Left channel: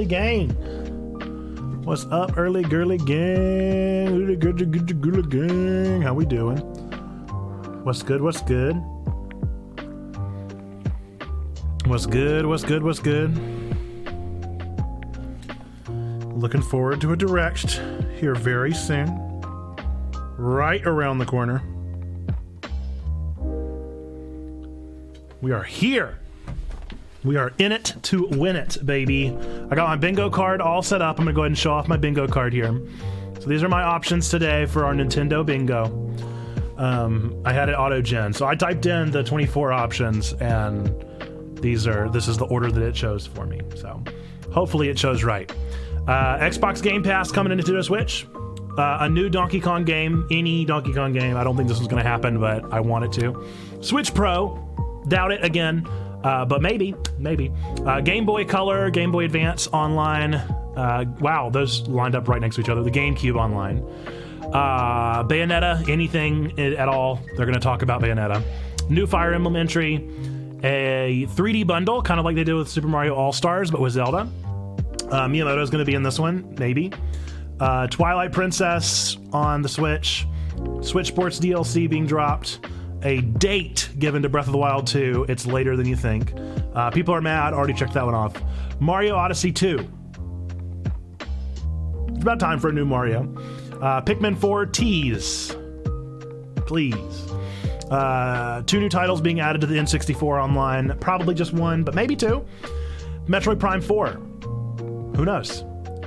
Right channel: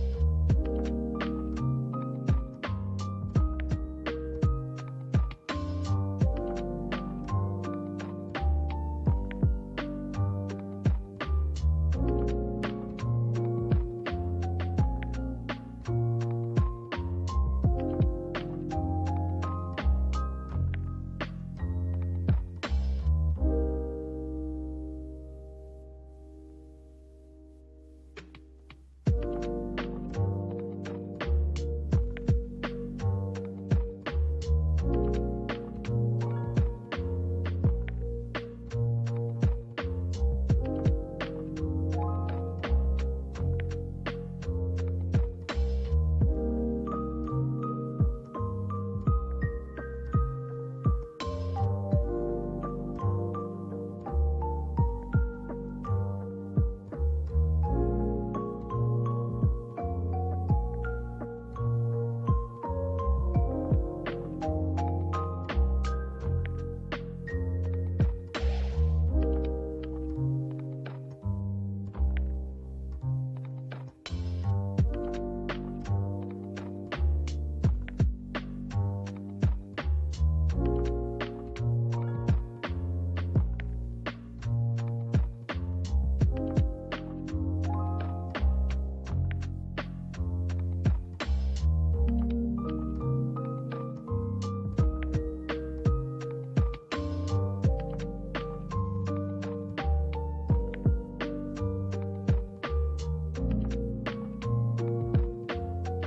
early gang? What's up, early girly gang? Girly gang. How we doing? What's good? What's good? What's good? What's good? What's good? Looking forward to a direct here very soon. Right around the corner. We are here. We are in it to win it, baby. I got my bingo card all set up. I'm gonna go ahead and show off my bingo card here. So these are my options today for our Nintendo bingo. I had it auto-gen, so I typed in the 24 options, and this is the order that it chose for me. So hopefully it chose right. Xbox Game Pass coming into Nintendo Switch. A new Donkey Kong game, any Donkey Kong game. I don't think this was going to happen, but I wanted to. Switch Pro, doubt it again, but maybe. Game Boy Color, Game Boy Advance online. Wow, those lined up right next to each other. The GameCube online. Bayonetta, anything at all. They're going to talk about Bayonetta. New Fire Emblem entry. A 3D bundle, kind of like they did with Super Mario All-Stars, but with Zelda. Miyamoto's going to be in this one, maybe. Twilight Princess on the Switch. Switch Sports DLC being dropped. A date given to Breath of the Wild 2. It's later than you think. People are mad. Already checked that one off. Mario Odyssey 2. It's about time for a new Mario. Pikmin 4 tease. Please. 2 new titles being added to the N64 online. Probably just 1, but maybe 2. Metroid Prime 4. Who knows?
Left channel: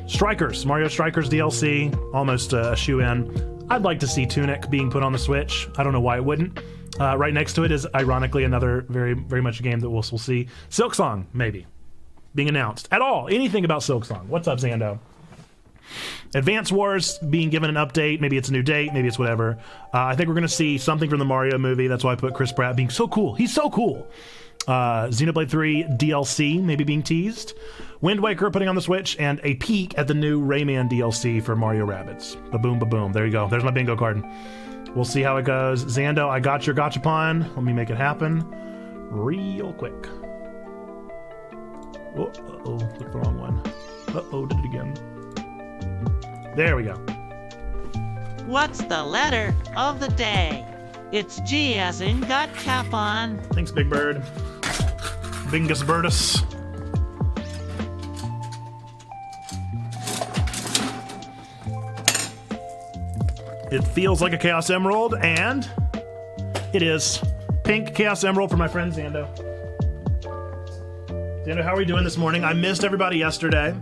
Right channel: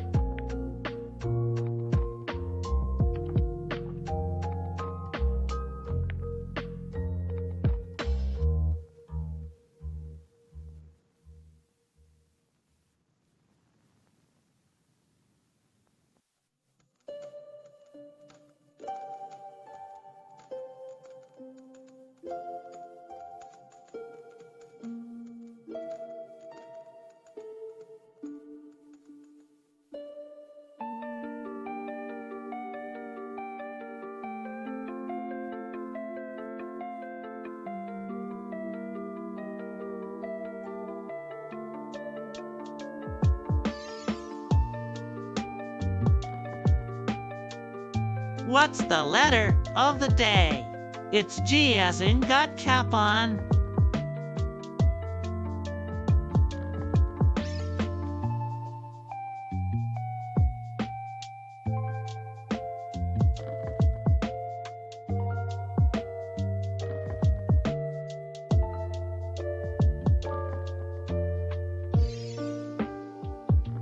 Strikers, Mario Strikers DLC, almost a shoe-in. I'd like to see Tunic being put on the Switch. I don't know why it wouldn't. Right next to it is, ironically, another very, very much a game that we'll see. Silksong, maybe, being announced. At all, anything about Silksong. What's up, Zando? Advance Wars being given an update. Maybe it's a new date, maybe it's whatever. I think we're going to see something from the Mario movie. That's why I put Chris Pratt being so cool. He's so cool. Xenoblade 3 DLC maybe being teased. Wind Waker putting on the Switch, and a peek at the new Rayman DLC for Mario Rabbids. Ba-boom, ba-boom. There you go. There's my bingo card. We'll see how it goes. Zando, I got your gachapon. Let me make it happen real quick. Oh, uh-oh, clicked the wrong one. Uh-oh, did it again. There we go. What's the letter of the day? It's G as in gachapon. Thanks, Big Bird. Bingus Birdus. It feels like a Chaos Emerald, and it is. Pink Chaos Emerald for my friend Zando. Zando, how are we doing this morning? I missed everybody yesterday.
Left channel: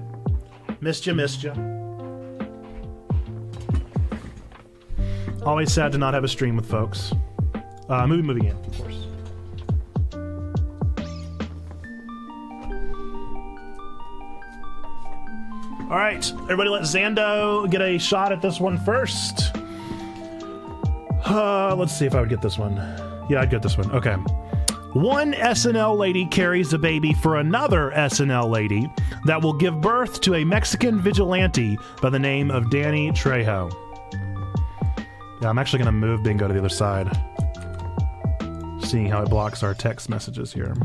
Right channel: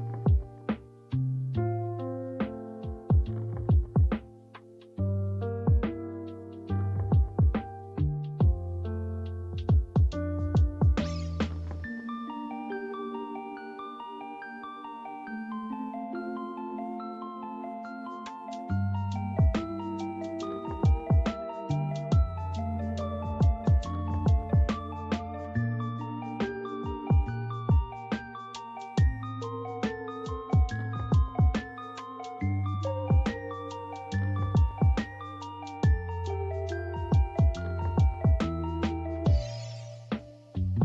Missed you. Always sad to not have a stream with folks. Movie game, of course. All right, everybody let Zando get a shot at this one first. Let's see if I would get this one. Yeah, I'd get this one. Okay. One SNL lady carries a baby for another SNL lady that will give birth to a Mexican vigilante by the name of Danny Trejo. Yeah, I'm actually going to move bingo to the other side. Seeing how it blocks our text messages here.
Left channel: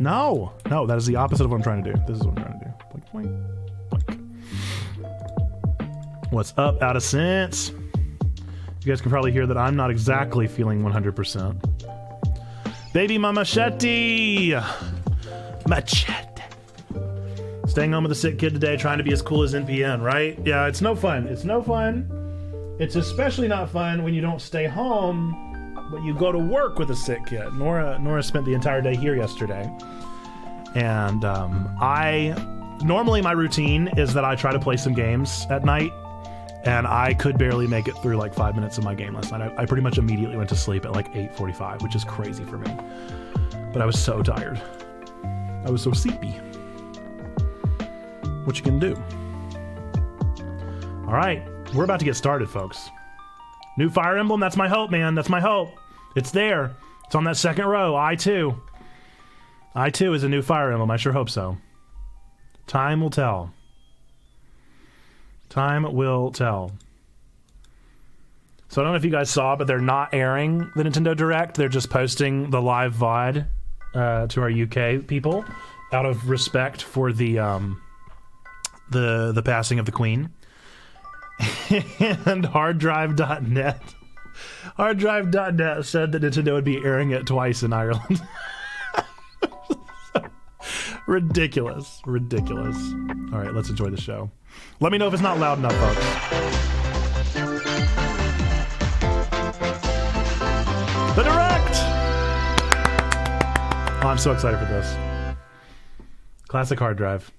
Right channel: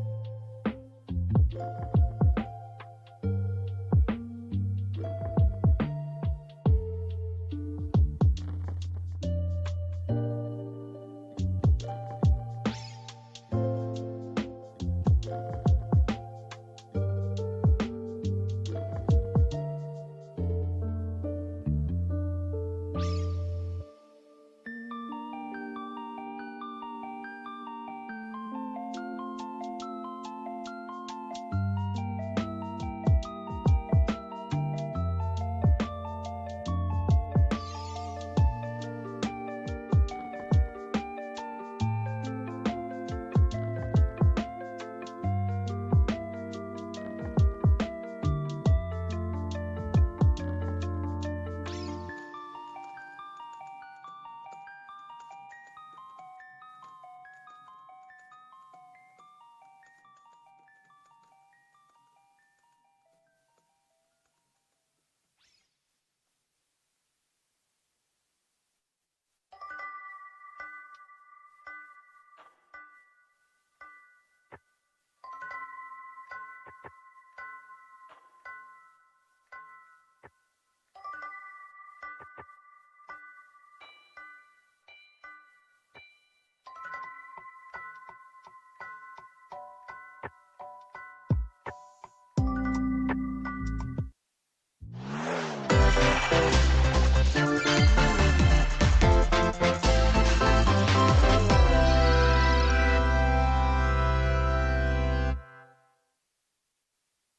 No, that is the opposite of what I'm trying to do. This is what I'm trying to do. Blink. What's up, Out of Sense? You guys can probably hear that I'm not exactly feeling 100%. Baby mama machete. Staying home with a sick kid today, trying to be as cool as NPN, right? Yeah, it's no fun. It's especially not fun when you don't stay home, but you go to work with a sick kid. Nora spent the entire day here yesterday. And normally my routine is that I try to play some games at night, and I could barely make it through like 5 minutes of my game last night. I pretty much immediately went to sleep at like 8:45, which is crazy for me. But I was so tired. I was so sleepy. What you can do? All right, we're about to get started, folks. New Fire Emblem, that's my hope, man. That's my hope. It's there. It's on that second row. I2 is a new Fire Emblem. I sure hope so. Time will tell. Time will tell. So I don't know if you guys saw, but they're not airing the Nintendo Direct. They're just posting the live VOD to our UK people. out of respect for the passing of the Queen. And harddrive.net said that Nintendo would be airing it twice in Ireland. Ridiculous. All right, let's enjoy the show. Let me know if it's not loud enough. The Direct! Oh, I'm so excited for this. Classic hard drive.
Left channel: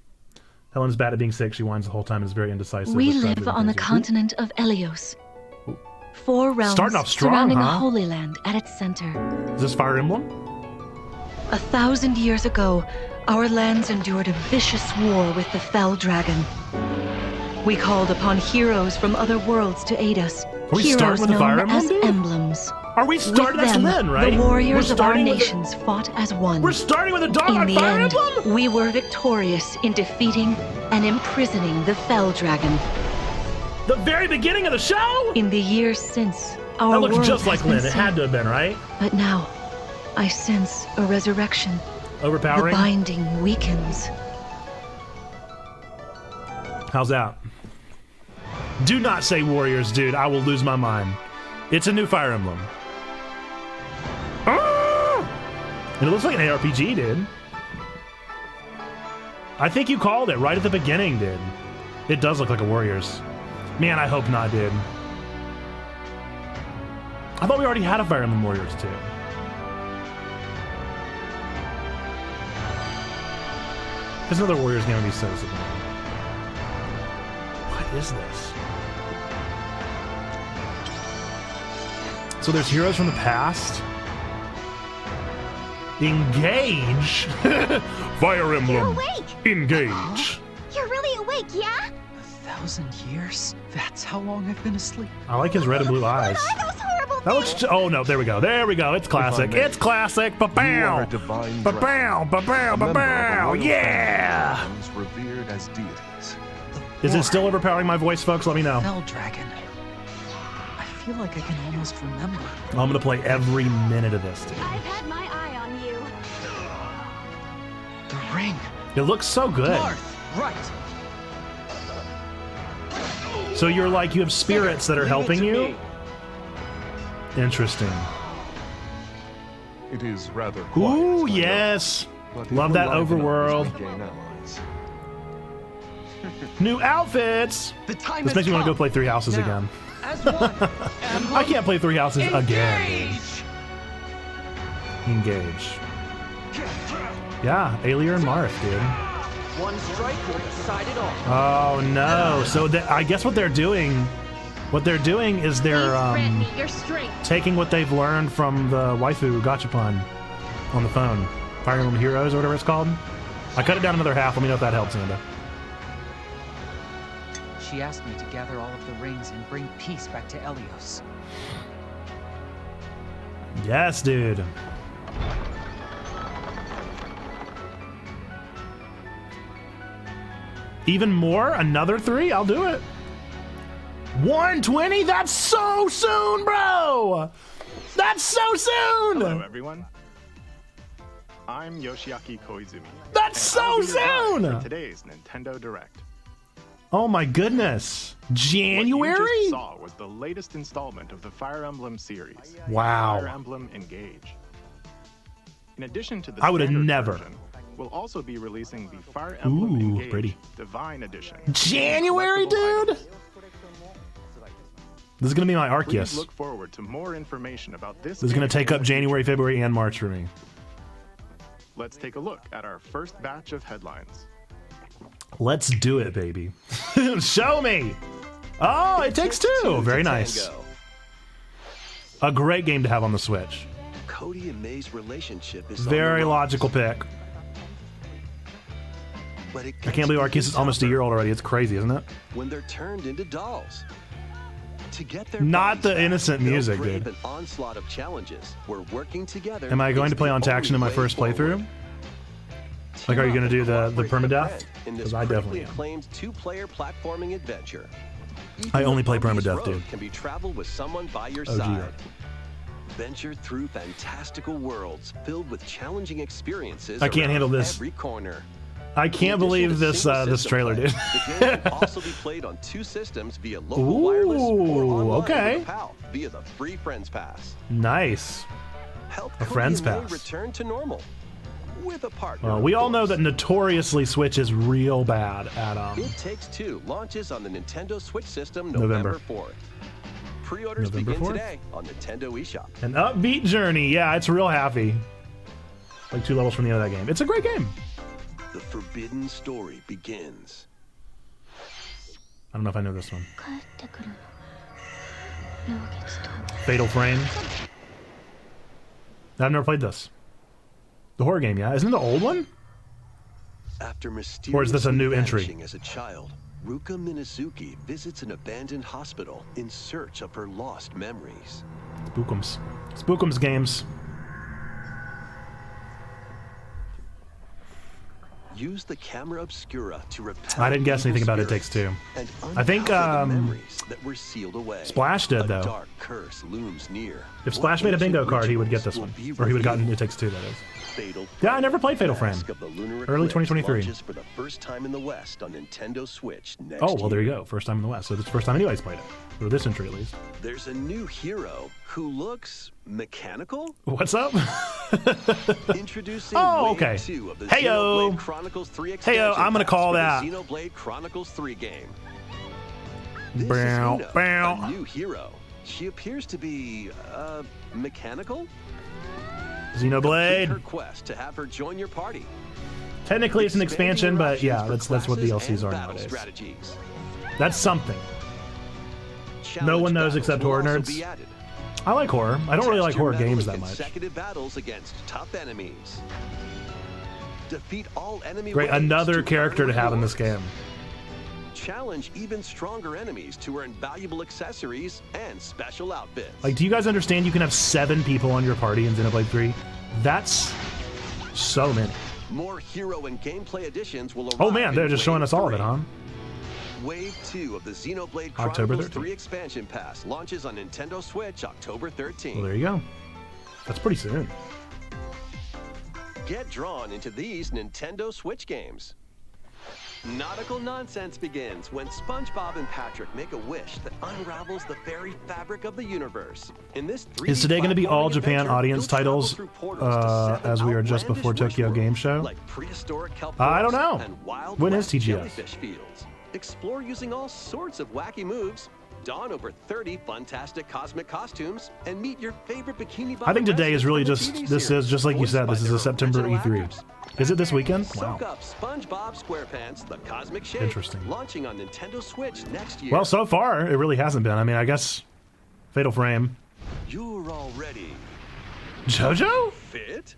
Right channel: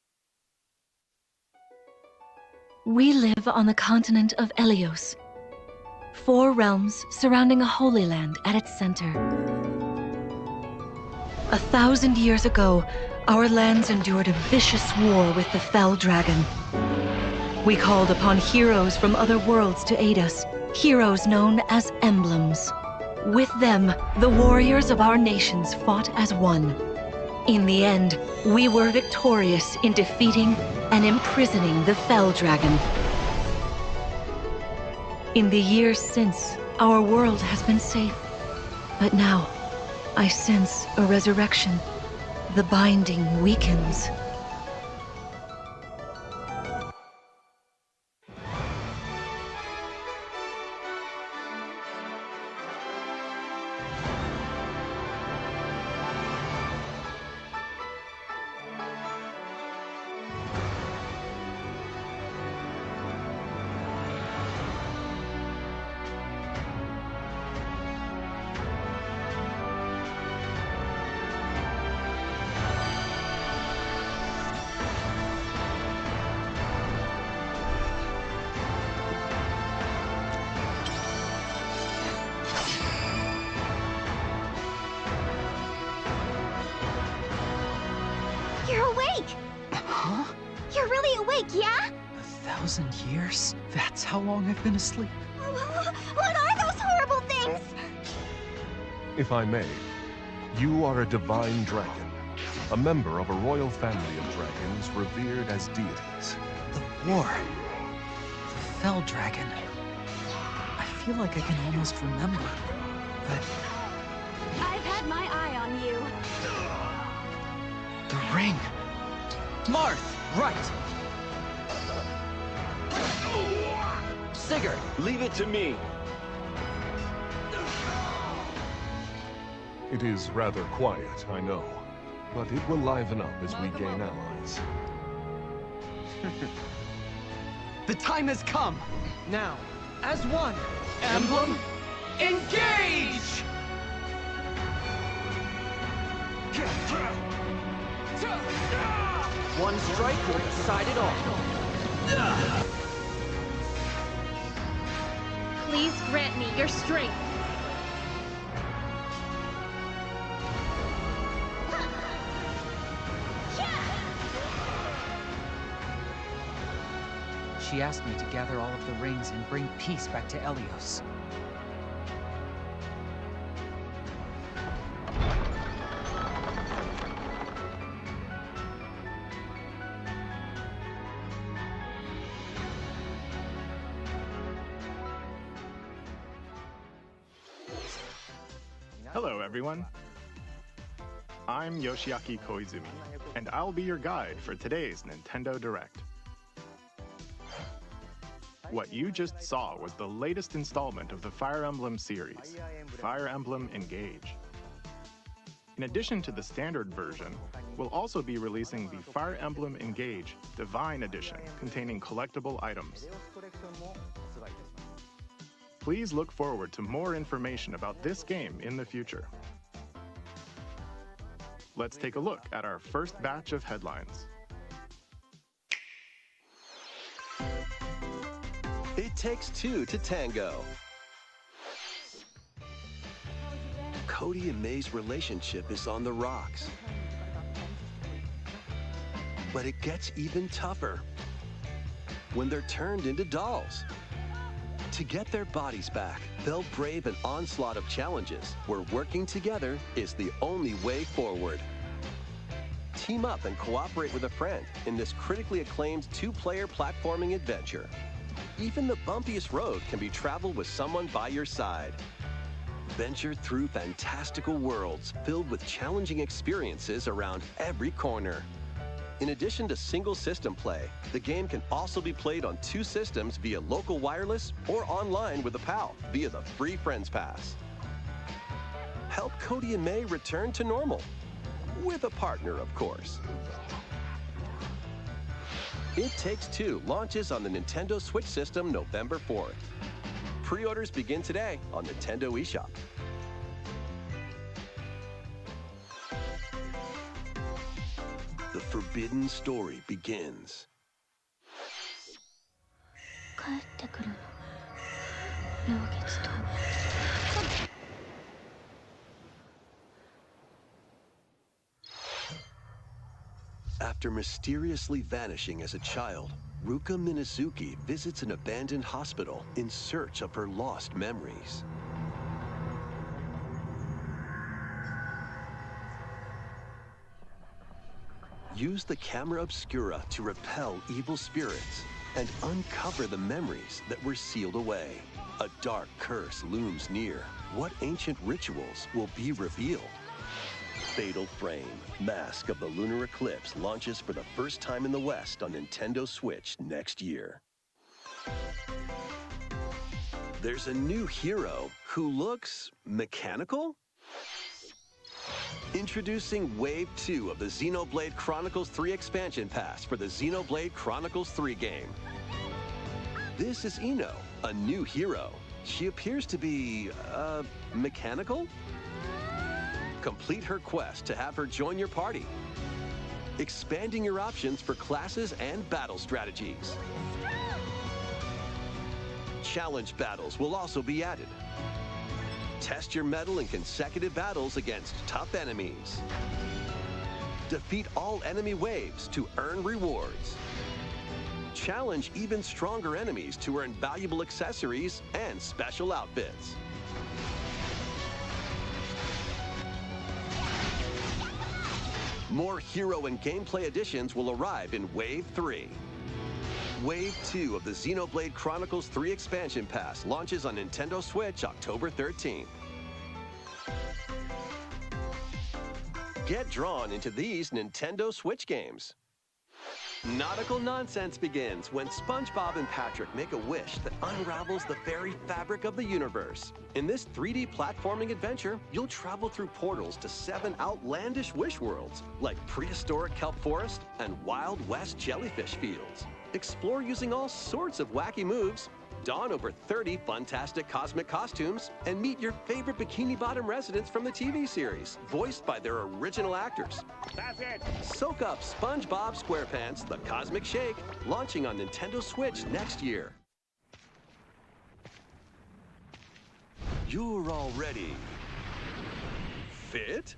Helen's bad at being sick. She whines the whole time and is very indecisive. We live on the continent of Elios. 4 realms surrounding a holy land at its center. Is this Fire Emblem? 1,000 years ago, our lands endured a vicious war with the Fell Dragon. We called upon heroes from other worlds to aid us. Heroes known as emblems. With them, the warriors of our nations fought as one. We're starting with a dog. In the end, we were victorious in defeating and imprisoning the Fell Dragon. The very beginning of the show? In the years since, our world has been saved. It had to have been, right? But now, I sense a resurrection. Overpowering? The binding weakens. How's that? Do not say warriors, dude. I will lose my mind. It's a new Fire Emblem. And it looks like an ARPG, dude. I think you called it right at the beginning, dude. It does look like a Warriors. Man, I hope not, dude. I thought we already had a Fire Emblem Warriors, too. There's another Warriors game we says. What is this? So there's heroes from the past. Engage. Fire Emblem. You're awake. Engage. You're really awake, yeah? 1,000 years? That's how long I've been asleep. I like his red and blue eyes. What are those horrible things? Oh no, there we go. It's classic. It's classic. You are a divine dragon, a member of a royal yeah. family of dragons revered as deities. Is it still overpowering my voice, folks? Let me know. Fell Dragon. I feel like I can almost remember. I'm gonna play every minute of this. I've had my eye on you. The ring. It looks so good. Marth, right. So you're like, you have spirits that are helping you? Interesting. It is rather quiet. Ooh, I know, yes. but it Love will that liven up overworld. as we gain allies. New outfits. The time This has makes me want to go come. play Three Houses Now, again. as one. I can't play Three Houses again. Engage! Engage. Yeah, Alier and Marth, dude. One strike will decide it all. Oh no! So I guess what they're doing is they're Please grant me your strength. taking what they've learned from the waifu gachapon on the phone, Fire Emblem Heroes or whatever it's called. I cut it down another half. Let me know if that helps, Amanda. She asked me to gather all of the rings and bring peace back to Elios. Yes, dude. Even more? Another 3? I'll do it. 120? That's so soon, bro! That's so soon! Hello, everyone. I'm Yoshiaki Koizumi. That's and so I'll be your guide soon! for today's Nintendo Direct. Oh my goodness. January? What you just saw was the latest installment of the Fire Emblem series. Wow. Fire Emblem Engage. In addition to the I would've standard never. version, we'll also be releasing the Fire Emblem Ooh, Engage pretty. Divine Edition. January, collectible dude? items. This is gonna be my Please Arceus. look forward to more information about this This is gonna game take in up the January, future. February, and March for me. Let's take a look at our first batch of headlines. Let's do it, baby. Show me! Oh, it takes two! Very nice. A great game to have on the Switch. Cody and May's relationship is Very on the logical pick. But it I can't believe Arceus is almost a year old already. It's crazy, isn't it? when they're turned into dolls. To get their Not bodies the back, innocent they'll music, brave dude. an onslaught of challenges. We're working together. Am I going is to play the on Taction in my only way first playthrough? forward. Like, are you Team gonna up do and the cooperate with a permadeath? friend in this 'Cause I critically definitely- acclaimed two-player platforming adventure. I Even only the play bumpiest permadeath, road dude. can be traveled with someone by your Oh, side. Adventure through fantastical worlds filled with challenging experiences I can't around handle this. every corner. I can't believe this this trailer, dude. The game can also be played on 2 systems via local wireless or online with a pal via the free Friends Pass. Nice. Help A Cody Friends and May Pass. return to normal with a partner. We of all know course. that notoriously Switch is real bad at It Takes Two launches on the Nintendo Switch system November 4th. Pre-orders begin 4th? today on Nintendo eShop. an upbeat journey. Yeah, it's real happy. Like 2 levels from the end of that game. It's a great game. The forbidden story begins. I don't know if I know this one. 帰ってくるの陽月と Fatal Frame. I've never played this. The horror game, yeah. Isn't it the old one? After Or is this a mysteriously new entry? vanishing as a child, Ruka Minazuki visits an abandoned hospital in search of her lost memories. Spookums. Spookums games. Use the camera obscura to repel I didn't guess evil anything about It spirits Takes Two. and I think, uncover the memories that were sealed away. Splash did, a though. dark curse looms near. If What Splash made a bingo ancient card, he would get rituals this one. will be Or he would have gotten revealed? It Takes Two, that is. Fatal Yeah, I never played Fatal Mask Frame. of the Lunar Early Eclipse 2023. launches for the first time in the West on Nintendo Switch next Oh, well, there you year. go. First time in the West. So it's the first time anybody's played it. Or this entry, at least. There's a new hero who looks mechanical. What's up? Introducing Oh, Wave okay. 2 of the Heyo. Xenoblade Chronicles 3 expansion I'm gonna pass call for that. the Xenoblade Chronicles 3 game. This is Bow, Ino, bow. a new hero. She appears to be, mechanical? Complete Xenoblade. her quest to have her join your party. Technically, it's an Expanding expansion, your but options yeah, for that's what classes DLCs and are. battle nowadays. strategies. That's something. Challenge one knows battles except will horror also nerds. be added. I like horror. I don't really Test like your horror mettle games in that much. consecutive battles against tough enemies. Defeat all enemy Great, waves another to character earn to have in this rewards. game. Challenge even stronger enemies to earn valuable accessories and special outfits. Like, do you guys understand you can have 7 people on your party in Xenoblade 3? That's so many. More hero and gameplay additions will arrive. Oh man, they're in just showing Wave us all of 3. it, huh? Wave 2 of the Xenoblade October Chronicles 13th. 3 expansion pass launches on Nintendo Switch October 13th. Well, there you go. That's pretty soon. Get drawn into these Nintendo Switch games. Nautical nonsense begins when SpongeBob and Patrick make a wish that unravels the very fabric of the universe. In this 3D Is today going to be all platforming Japan adventure, audience you'll travel titles through portals to 7 as we are just outlandish before wish Tokyo Game worlds, Show? like prehistoric kelp I don't forests know. and wild When is west TGS? jellyfish fields. Explore using all sorts of wacky moves, don over 30 fantastic cosmic costumes, and meet your favorite Bikini Bottom I think today is residents really from the just, TV this series, is just like you voiced said, by this is their a September original E3. actors. Is it this weekend? Soak Wow. up SpongeBob SquarePants: The Cosmic Shake, Interesting. launching on Nintendo Switch next year. Well, so far, it really hasn't been. I mean, I guess Fatal Frame. You're all ready. JoJo? Fit?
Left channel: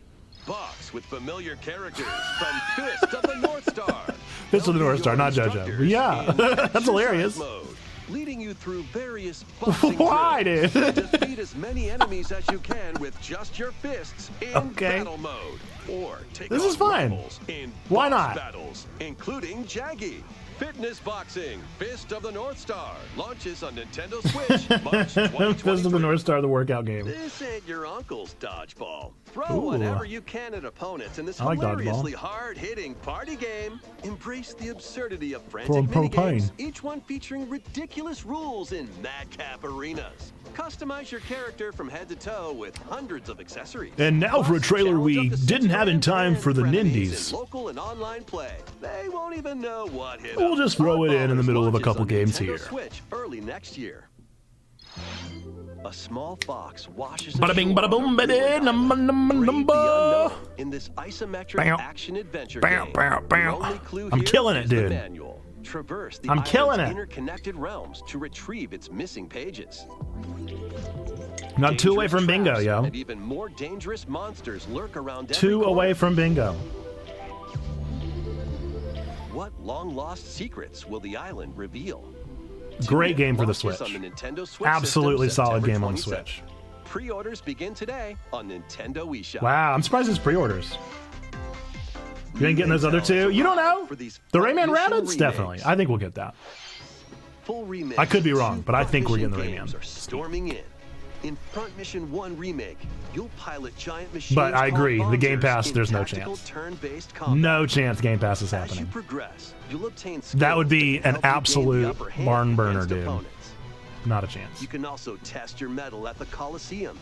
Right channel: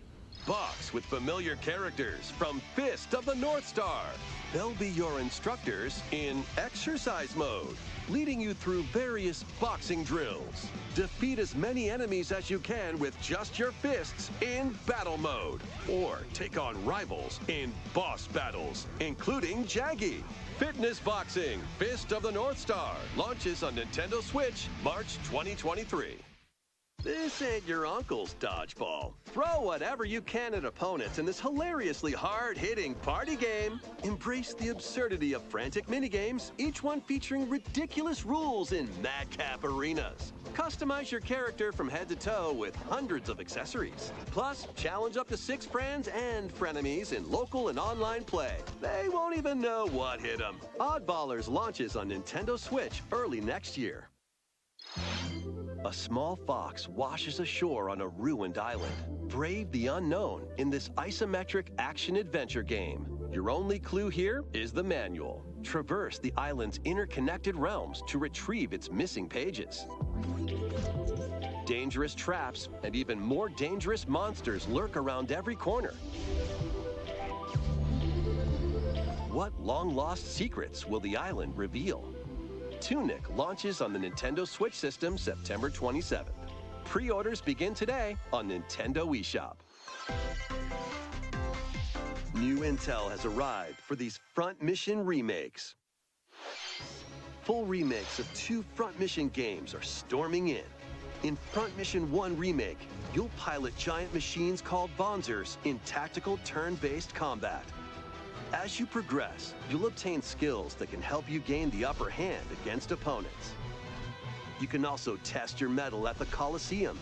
Box with familiar characters from Fist of the North Star. Fist of the They'll North be Star, your not JoJo. instructors Yeah, in that's exercise hilarious. Mode, leading you through various boxing Why, drills. dude? Defeat as many enemies as you can with just your fists in Okay. battle mode. Or take This on is fine. rivals in Why boss not? battles, including Jaggy. Fitness Boxing, Fist of the North Star, launches on Nintendo Switch March 2023. Fist of the North Star, the workout game. This ain't your uncle's dodgeball. Throw Ooh. whatever you can at opponents in this I like hilariously hard-hitting party game. Embrace the absurdity of frantic Well, minigames, propane. each one featuring ridiculous rules in madcap arenas. Customize your character from head to toe with hundreds of accessories. And now for a Plus, trailer challenge we up to 6 didn't have in friends time and for the frenemies Nindies. in local and online play. They won't even know what hit We'll 'em. just throw it in the Oddballers middle of a launches couple on games Nintendo here. Switch early next year. A small fox washes Bada bing, ashore bada boom, on a bada ruined dum, island. dum, dum, Brave the dum. unknown in this isometric Bow. action-adventure Bow, game. bow, bow. Your only clue I'm here killing it, is the dude. manual. Traverse the I'm killing island's it. interconnected realms to retrieve its missing pages. Not 2 away Dangerous from bingo, traps yo. And even more dangerous monsters lurk around every 2 corner. away from bingo. What long-lost secrets will the island reveal? Great Tune game In for the launches Switch. on the Nintendo Switch Absolutely system, solid September game on 27th. Switch. Pre-orders begin today on Nintendo eShop. Wow, I'm surprised it's pre-orders. You ain't getting those other 2? You don't know? For these The Front Rayman Mission Rabbits? remakes. Definitely. I think we'll get that. Full remakes I could be of wrong, 2 but I Front think we're Mission getting the games Rayman. are storming in. In Front Mission 1 Remake, you'll pilot giant machines But I agree, called the Game Bonzers Pass, in there's no tactical chance. turn-based combat. No chance Game Pass is As you happening. progress, you'll obtain skills That would be can an help you gain absolute the upper hand barn burner, against dude. opponents. Not a chance. You can also test your mettle at the Coliseum.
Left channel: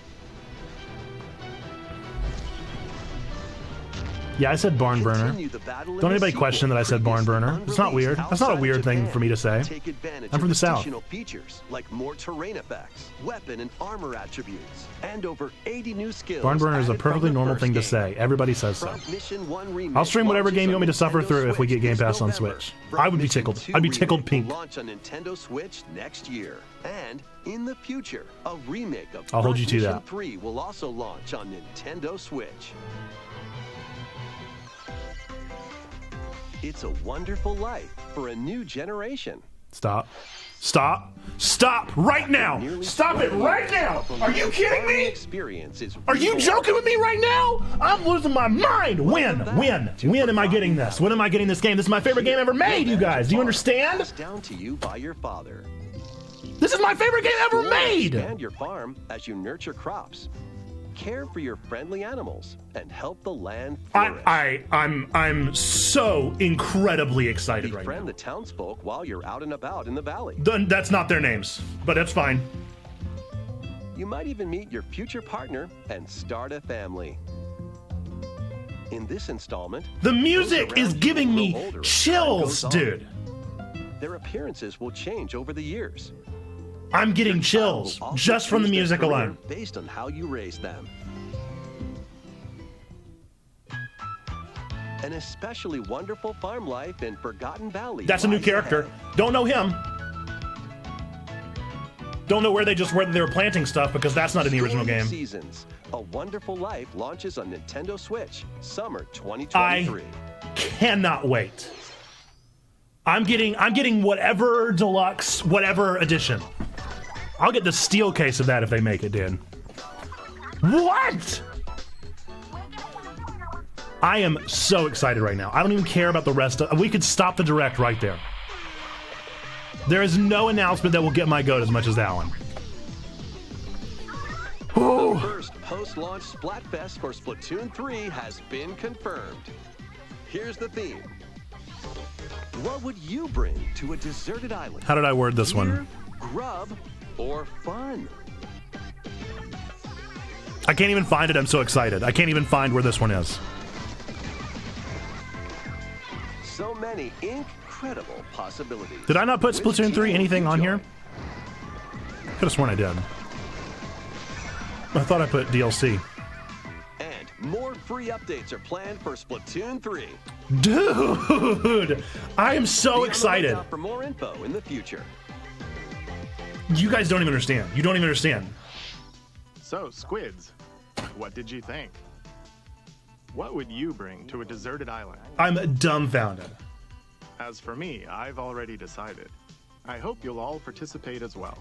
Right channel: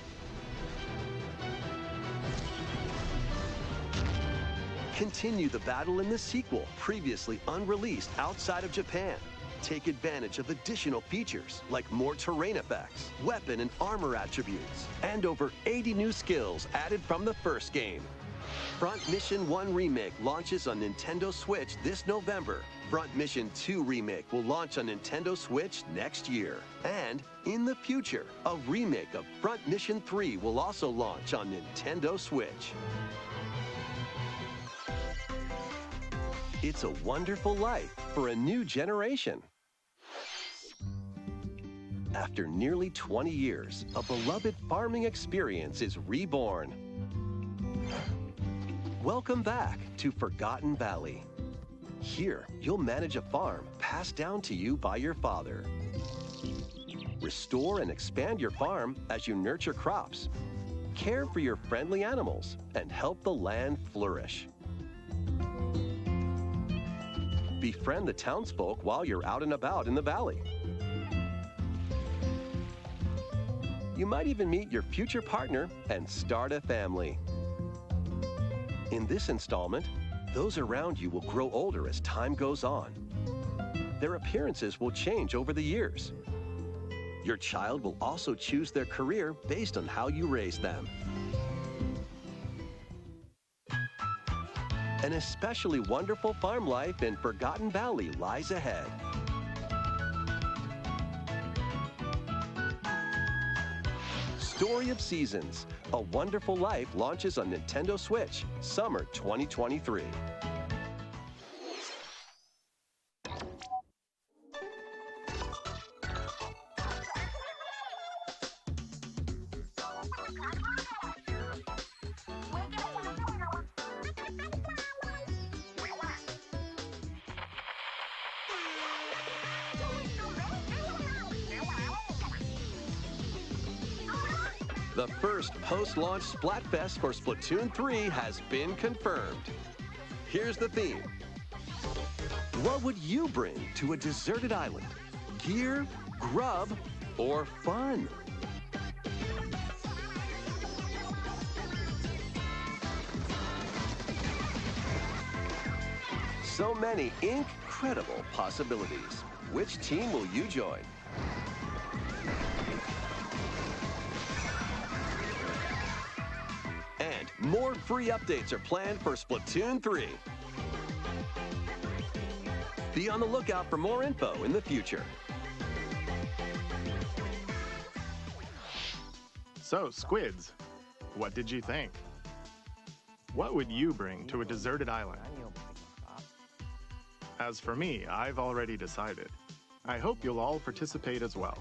Yeah, I said barn burner. Continue the battle in Don't the anybody sequel, question that I said barn previously burner. It's not unreleased weird. That's not a outside of weird thing Japan. for me to say. Take advantage I'm of from the South. additional features like more terrain effects, weapon and armor attributes, and over 80 new skills. Barn burner is a added from perfectly the normal first thing to game. say. Everybody says so. Front Mission 1 Remake I'll stream whatever launches game you want me on to suffer Nintendo through if we Switch get Game this Pass on November. Switch. Front I would be Mission tickled. 2 I'd be tickled Remake pink. will launch on Nintendo Switch next year. And in the future, a remake of I'll hold Front you to Mission that. 3 will also launch on Nintendo Switch. It's a wonderful life for a new generation. Stop. Stop. Stop right now. Nearly Stop it 20 right years, now. a Are beloved you kidding farming me? experience is Are you reborn. joking with me right now? I'm losing my mind. Welcome When? back When? to When am I Forgotten getting this? Valley. When am I getting this game? This is my favorite game ever made, you You'll manage guys. a Do you farm understand? Passed down to you by your father. This is my favorite game ever Explore and made. Expand your farm as you nurture crops, care for your friendly animals, and help the land flourish. I'm so incredibly excited right now. Befriend the townsfolk while you're out and about in the valley. That's not their names, but that's fine. You might even meet your future partner and start a family. In this installment, The those music around is you giving will me grow older as time chills, goes on. dude. Their appearances will change over the years. I'm getting Your child chills will also just from the choose their music career alone. based on how you raise them. An especially wonderful farm life in Forgotten Valley. That's a new lies character. ahead. Don't know him. Don't know where they were planting stuff because that's not in the original Storm of game. Seasons. A Wonderful Life launches on Nintendo Switch, summer 2023. Cannot wait. I'm getting whatever deluxe, whatever edition. I'll get the steel case of that if they make it, dude. What? I am so excited right now. I don't even care about the rest of. We could stop the direct right there. There is no announcement that will get my goat as much as that one. The first post-launch Splatfest for Splatoon 3 has been confirmed. Here's the theme. What would you bring to a deserted island? How did I word this Gear, one? grub, or fun? I can't even find it. I'm so excited. I can't even find where this one is. So many incredible possibilities. Did I not put Which Splatoon team 3 will anything you on join? here? Could have sworn I did. I thought I put DLC. And more free updates are planned for Splatoon 3. Dude, I am so Be on the excited. lookout for more info in the future. You guys don't even understand. You don't even understand. So, Squids, what did you think? What would you bring to a deserted island? I'm dumbfounded. As for me, I've already decided. I hope you'll all participate as well.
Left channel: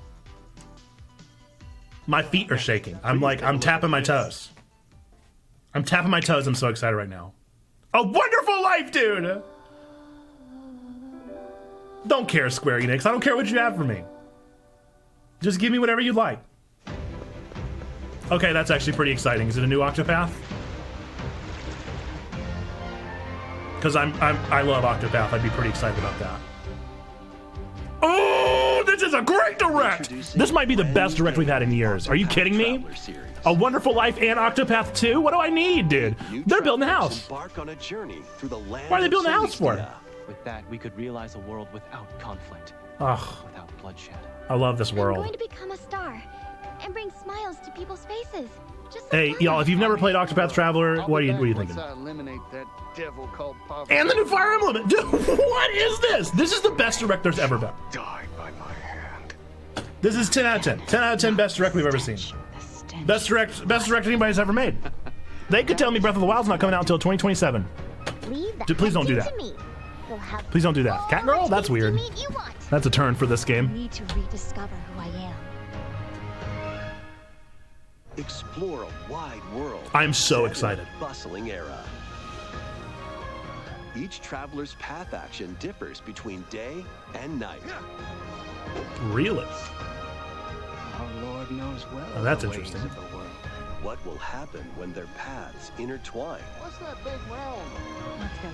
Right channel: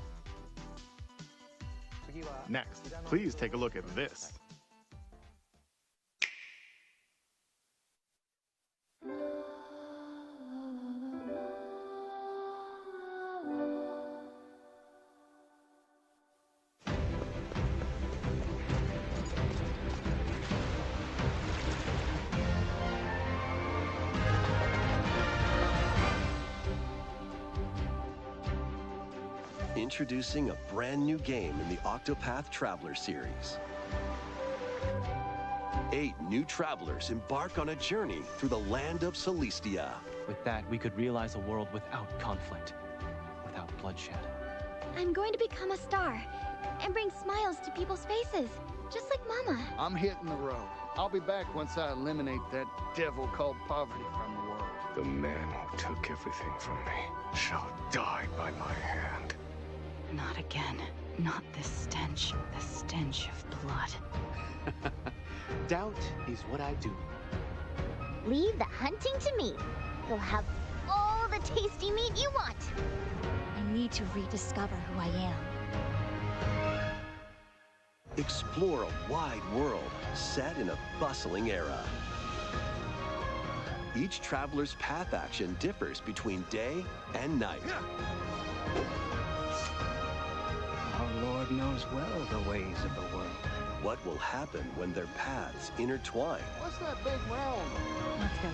My feet are shaking. I'm Please like, take a I'm look tapping at my this. toes. I'm tapping my toes. I'm so excited right now. A wonderful life, dude! Don't care, Square Enix. I don't care what you have for me. Just give me whatever you'd like. Okay, that's actually pretty exciting. Is it a new Octopath? Because I love Octopath. I'd be pretty excited about that. Oh, this is a great direct! Introducing This might be the a best brand direct new we've had in game, years. Are you Octopath kidding me? Traveler series. A Wonderful Life and Octopath 2? What do I need, dude? New They're building a travelers house. Embark on a journey through the land Why are they of building a house for? Celestia. With that, we could realize a world without conflict, Ugh, without bloodshed. I love this I'm world. going to become a star and bring smiles to people's faces. Just like Hey, Mama. y'all, if you've never played Octopath Traveler, what are you thinking? I eliminate that devil called poverty. And the new Fire Emblem! Dude, what is this? This is the best direct there's ever been. Die by my hand. This is 10 out of 10. 10 out of 10 best direct we've ever seen. Best direct anybody's ever made. They could tell me Breath of the Wild's not coming out until 2027. Leave the Dude, please don't do hunting that. to me. You'll have Please don't do that. all Cat girl? the That's tasty weird. meat you want. That's a turn for this I game. need to rediscover who I am. Explore a wide world. I'm so set in a excited. bustling era. Each traveler's path action differs between day and night. Really? Our Lord knows well that's the ways interesting. of the world. What will happen when their paths intertwine? What's that big round? Let's go,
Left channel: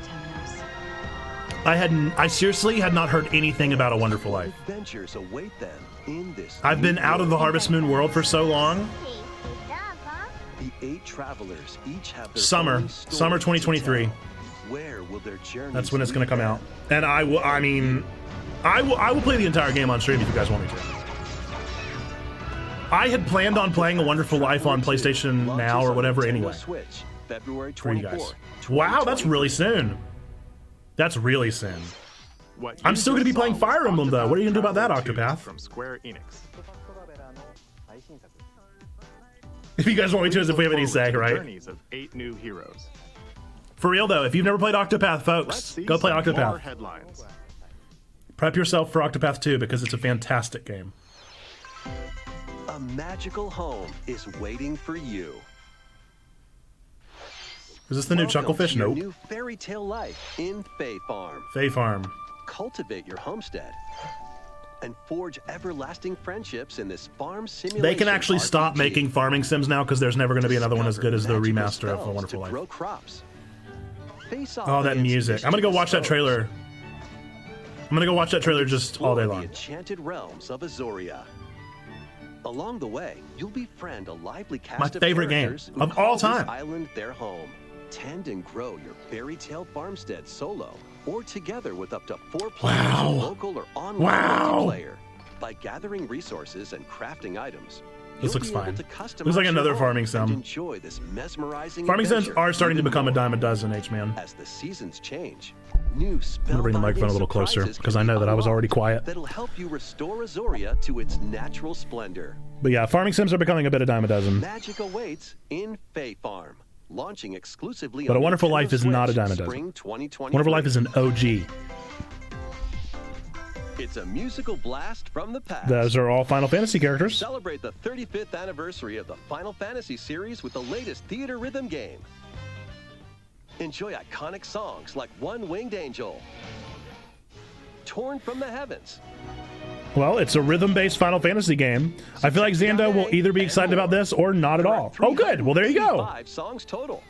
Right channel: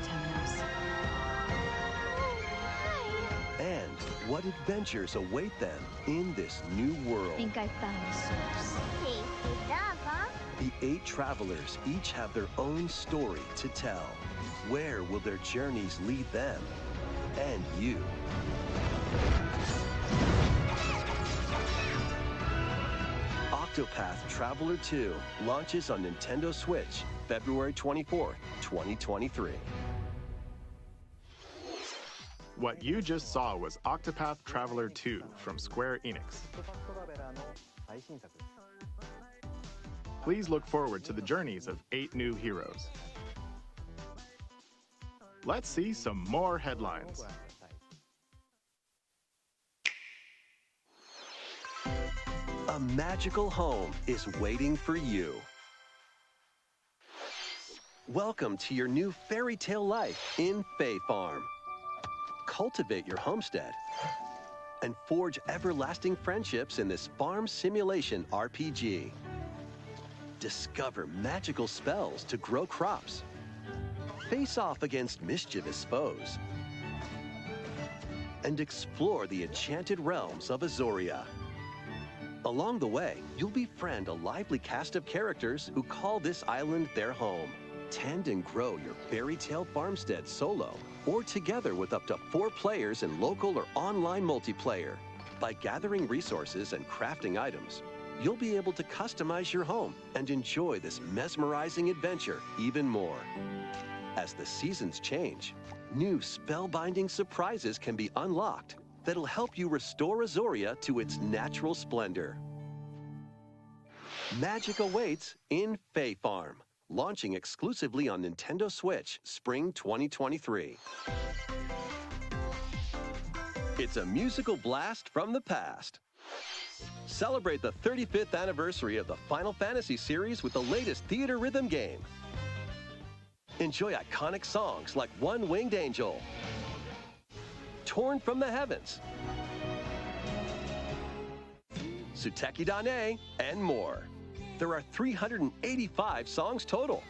Temenos. I seriously had not heard anything about A Wonderful What Life. adventures await them in this I've been new out of the world? Harvest Moon world for so long. The 8 travelers each have their Summer own story Summer to 2023. tell. Where will their journeys That's when it's lead going to come them? out. And I will play the entire game on stream if you guys want me to. I had planned on playing A Wonderful Life on Traveler 2 PlayStation launches Now or on whatever Nintendo anyway. Switch, February For you guys. 24th. Wow, that's really 2023. soon. That's really soon. What I'm you still gonna just be playing saw was Fire Emblem, though. What are you gonna do about that, Octopath Traveler 2 Octopath? From Square Enix. If you guys want me to, Please if we look have any forward say, to the right? journeys of 8 new heroes. For real though, if you've never played Octopath, Let's folks, see go play some more Octopath. headlines. Prep yourself for Octopath 2 because it's a fantastic game. A magical home is waiting for you. Is this the new Welcome Chucklefish? to your Nope. new fairy tale life in Fae Farm. Fae Farm. Cultivate your homestead and forge everlasting friendships in this farm simulation. They can actually stop RPG. making farming sims now because there's never going to be another one as good as the Discover remaster of A magical spells Wonderful to Life. grow crops. Face off Oh, that against music. I'm going to go watch that mischievous trailer. foes I'm going to go watch that and trailer just all day explore long. the enchanted realms of Azoria. Along the way, you'll befriend a lively cast of favorite game characters who of call all this time. island their home. Tend and grow your fairy tale farmstead solo or together with up to 4 players in local or online multiplayer. By gathering resources and crafting items, you'll looks be fine. able to customize Looks like your another home farming sim. and enjoy this mesmerizing Farming sims adventure are starting to even become a more. dime a dozen, H-Man. As the seasons change, new I'm gonna bring the spellbinding microphone a little closer surprises because can I be know that I was already unlocked quiet. that'll help you restore Azoria to its natural splendor. But yeah, farming sims are becoming a bit of dime a dozen. Magic awaits in Fae Farm, launching exclusively But on A Wonderful Nintendo Life is not a Switch, dime a dozen. Spring 2023. Wonderful Life is an OG. It's a musical blast from the past. Those are all Final Fantasy characters. Celebrate the 35th anniversary of the Final Fantasy series with the latest theater rhythm game. Enjoy iconic songs like One Winged Angel, Torn from the Heavens. Well, it's a rhythm-based Final Fantasy game. I feel like Xando will either be excited about this or not at There are all. Oh, good. Well, there you go. 385 songs total.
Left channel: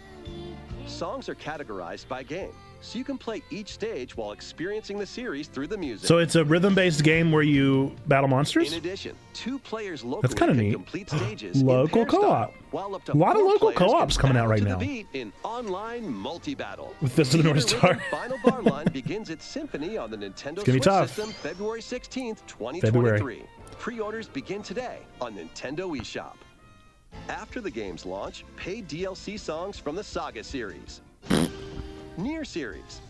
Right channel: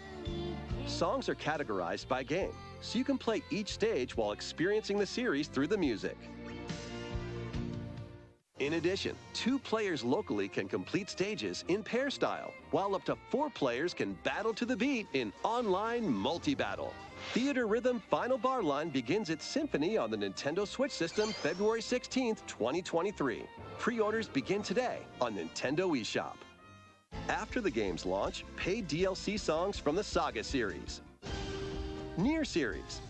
Songs are categorized by game, so you can play each stage while experiencing the series through the music. So it's a rhythm-based game where you battle monsters? In addition, 2 players locally kinda can neat. complete stages in Local pair co-op. style, while up to A lot of 4 local players co-ops can coming out battle right to now. the beat in online multi-battle. This doesn't Theater really Rhythm start. Final Bar Line begins its symphony on the Nintendo gonna be Switch tough. system February 16th, 2023. Pre-orders begin today on Nintendo eShop. After the game's launch, paid DLC songs from the Saga series, Nier series,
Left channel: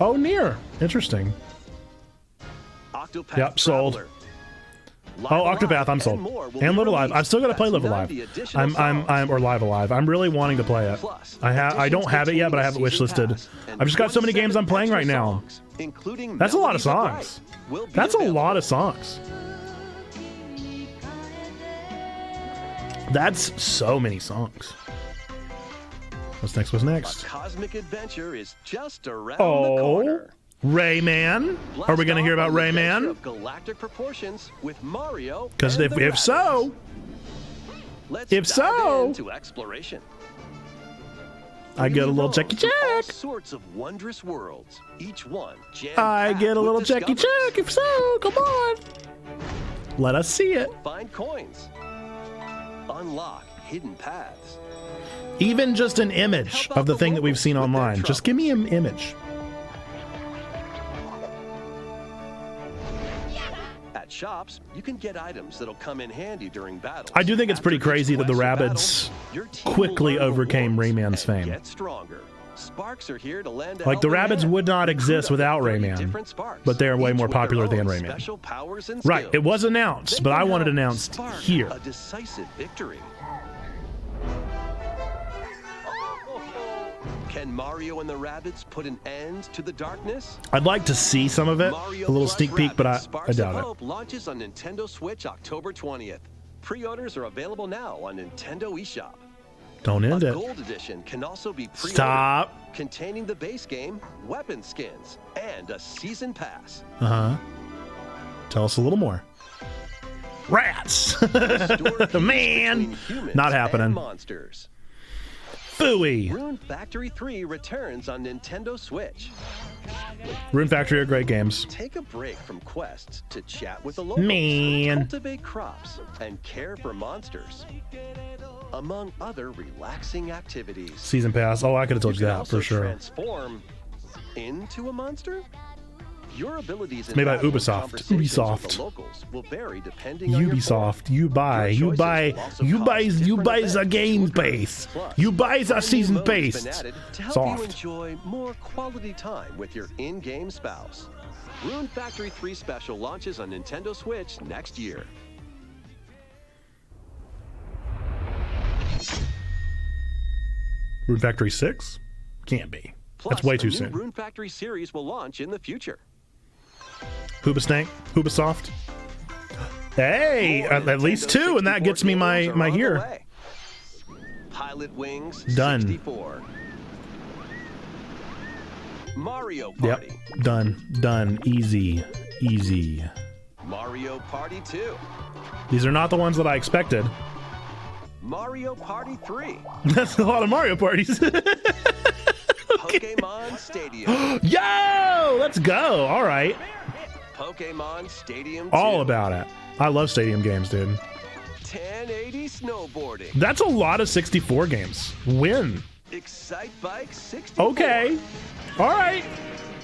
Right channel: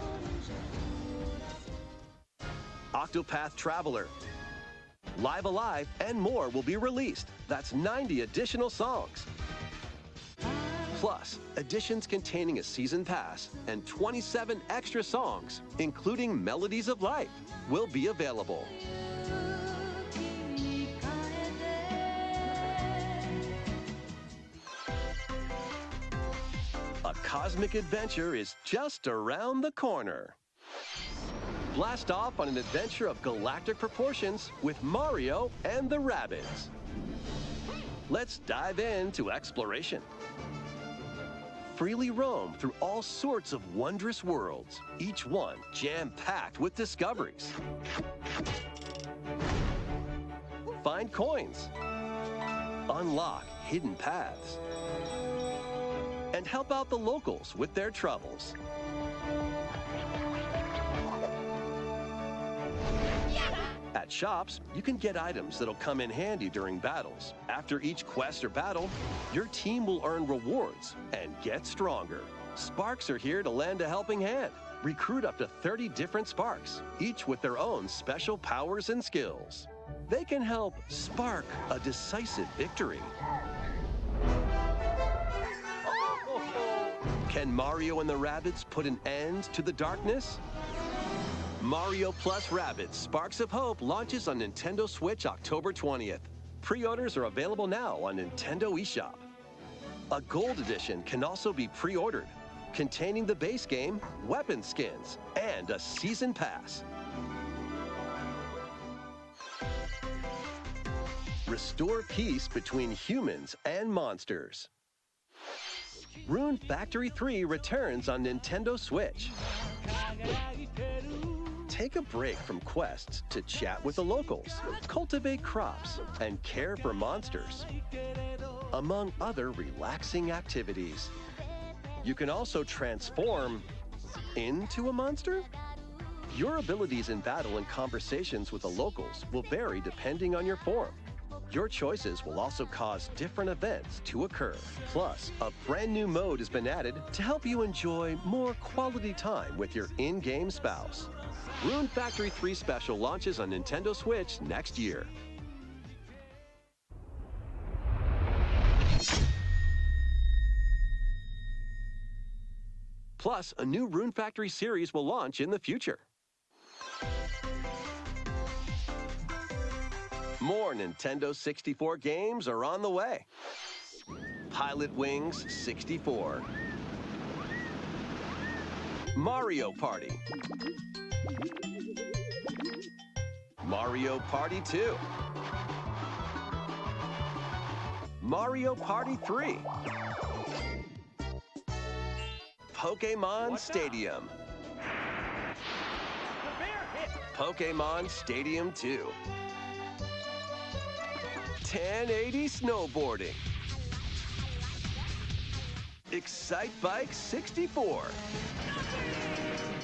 Oh, Nier. Interesting. Octopath Yep, sold. Traveler, Oh, Live Alive, Octopath, I'm sold. and more will And be Live Alive. released. I've still got to play That's Live Alive. 90 additional songs. Or Live Alive. I'm really wanting to play it. Plus, I don't have it yet, but I have it additions wishlisted. containing a season pass I've just got so many games I'm 27 playing right extra now. songs, including That's a lot of Melodies songs. Life, will be That's a lot available. of songs. That's so many songs. What's next? What's A next? cosmic adventure is just around the corner. Rayman. Blast Are we going to hear off about on an adventure Rayman? of galactic proportions with Mario Because and the if so, Rabbids. Let's if dive so- into exploration. I get a Freely little roam checky through all check. sorts of wondrous worlds, each one I jam-packed get a with little checky discoveries. check. If so, come on. Let us see it. Find coins. Unlock hidden paths. Even just an image help of out the the thing that we've locals seen with their online. Just give me an image. At shops, you can get items that'll come in handy during battles. I do think it's pretty After each crazy that the quest or battle, rabbits your team quickly will earn overcame rewards Rayman's and fame. Get stronger. Sparks are here to lend a Like, the helping rabbits hand. would not Recruit exist up to without 30 Rayman, different sparks, but they are way each more with their popular than own Rayman. Special powers and Right, skills. it was announced, They but can I want it help announced spark here. a decisive victory. Can Mario and the Rabbids put an end to the darkness? I'd like to see some of it, Mario a little plus sneak peek, but Rabbids I Sparks doubt of it. Hope launches on Nintendo Switch October 20th. Pre-orders are available now on Nintendo eShop. Don't end A it. gold edition can also be pre-ordered, Stop. containing the base game, weapon skins, and a season pass. Uh-huh. Tell us a little more. Rats. Restore peace Man, between humans not happening. and monsters. Phooey. Rune Factory 3 returns on Nintendo Switch. Rune Factory are great games. Take a break from quests to chat with the locals, Man. cultivate crops, and care for monsters, among other relaxing activities. Season pass. Oh, I could have You told you can that also for sure. transform into a monster. Your abilities in Made by battle and Ubisoft. conversations with Ubisoft. the locals will vary depending on your form. Ubisoft, you buy Your choices will also cause different the events game to occur. base. Plus, You buy the brand new season mode has base. been added to help you enjoy more quality time with your in-game spouse. Rune Factory 3 Special launches on Nintendo Switch next year. Rune Factory 6? Can't be. Plus, That's way a too new soon. Rune Factory series will launch in the future. Pooba Snake, Ubisoft. Hey, More at least Nintendo two, and that 64 gets me my games are my on the year. way. Pilot Wings Done. 64. Mario Party. Yep, done, easy. Mario Party 2. These are not the ones that I expected. Mario Party 3. That's a lot of Mario parties. Pokemon Stadium. Yo, let's go. All right, Pokemon Stadium 2. all about it. I love stadium games, dude. 1080 snowboarding. That's a lot of 64 games. Win. Excite Bike 64. Okay. All right.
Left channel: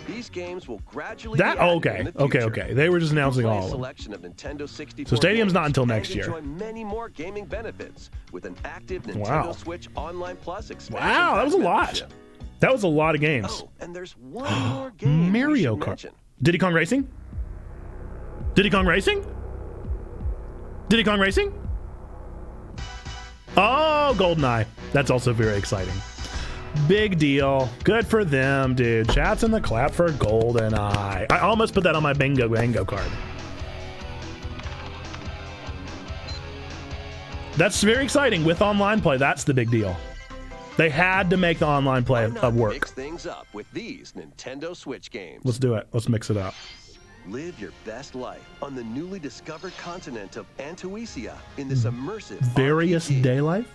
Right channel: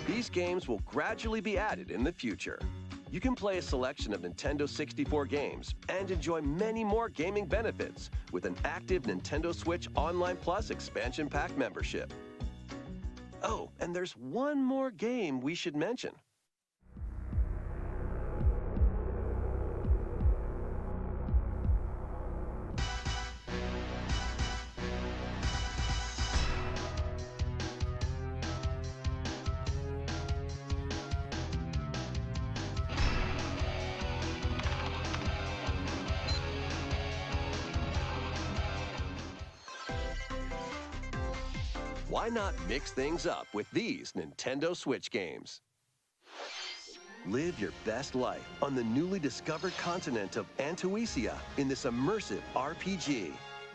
These games will gradually That be added okay. in the future. Okay. They were just You can announcing play all a of them. selection of Nintendo 64 So Stadium's games not until next and year. enjoy many more gaming benefits with an active Nintendo Wow. Switch Online Plus expansion Wow, that pack was a lot. membership. That was a lot of games. Oh, and there's one more game we Mario should Kart. mention. Diddy Kong Racing? Diddy Kong Racing? Diddy Kong Racing? Oh, GoldenEye. That's also very exciting. Big deal. Good for them, dude. Chats in the clap for GoldenEye. I almost put that on my bingo card. That's very exciting with online play. That's the big deal. They had to make the online play Why not of work. mix things up with these Nintendo Switch games? Let's do it. Let's mix it up. Live your best life on the newly discovered continent of Antuisia in this immersive Various RPG. day life?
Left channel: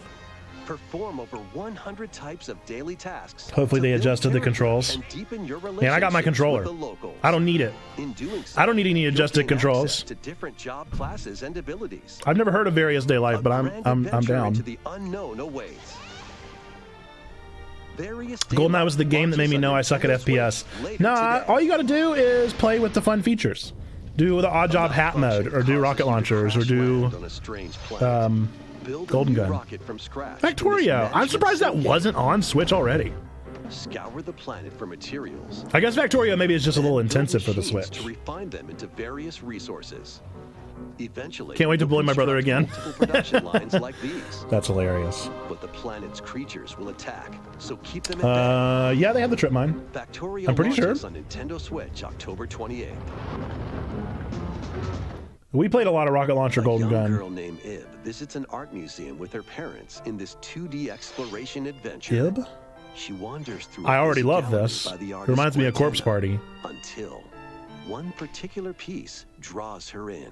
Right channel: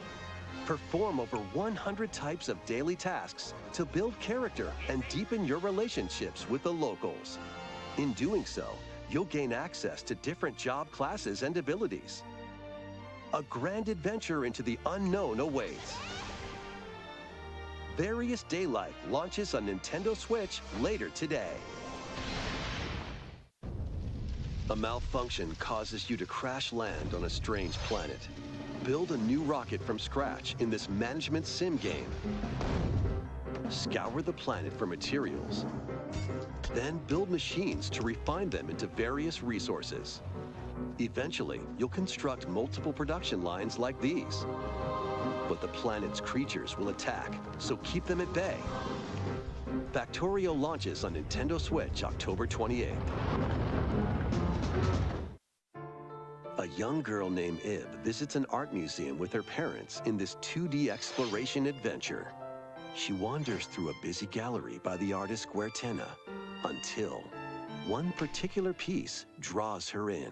Perform over 100 types of daily tasks. Hopefully to they build adjusted the character controls. And deepen your Man, I got my relationships controller. with the locals. I don't need it. In doing so, I don't need any you'll adjusted gain controls. access to different job classes and abilities. I've never heard of Various Day Life, A but grand I'm adventure down. into the unknown awaits. Various Day GoldenEye Life was the game that made me launches know on I suck at Nintendo FPS. Switch later No, today. all you got to do is play with the fun features. Do the odd job hat Malfunction mode, or do causes rocket you to launchers, or crash do land on a strange planet. Build a Golden new Gun. rocket from scratch. in this Factorio. I'm management surprised that sim wasn't game. on Switch already. Scour the planet for materials. I guess Factorio maybe is just a then little build intensive for the machines Switch. to refine them into various resources. Eventually, Can't wait to you'll bully my brother construct again. multiple production lines like these. That's hilarious. But the planet's creatures will attack, so keep them at bay. Yeah, they have the trip mine. Factorio I'm pretty launches sure. on Nintendo Switch October 28th. We played a lot of rocket launcher A Golden young Gun. girl named Ib visits an art museum with her parents in this 2D exploration adventure. Ib? She wanders through I a already busy love gallery this. by the It artist reminds me of Corpse Guertena, Party. until one particular piece draws her in.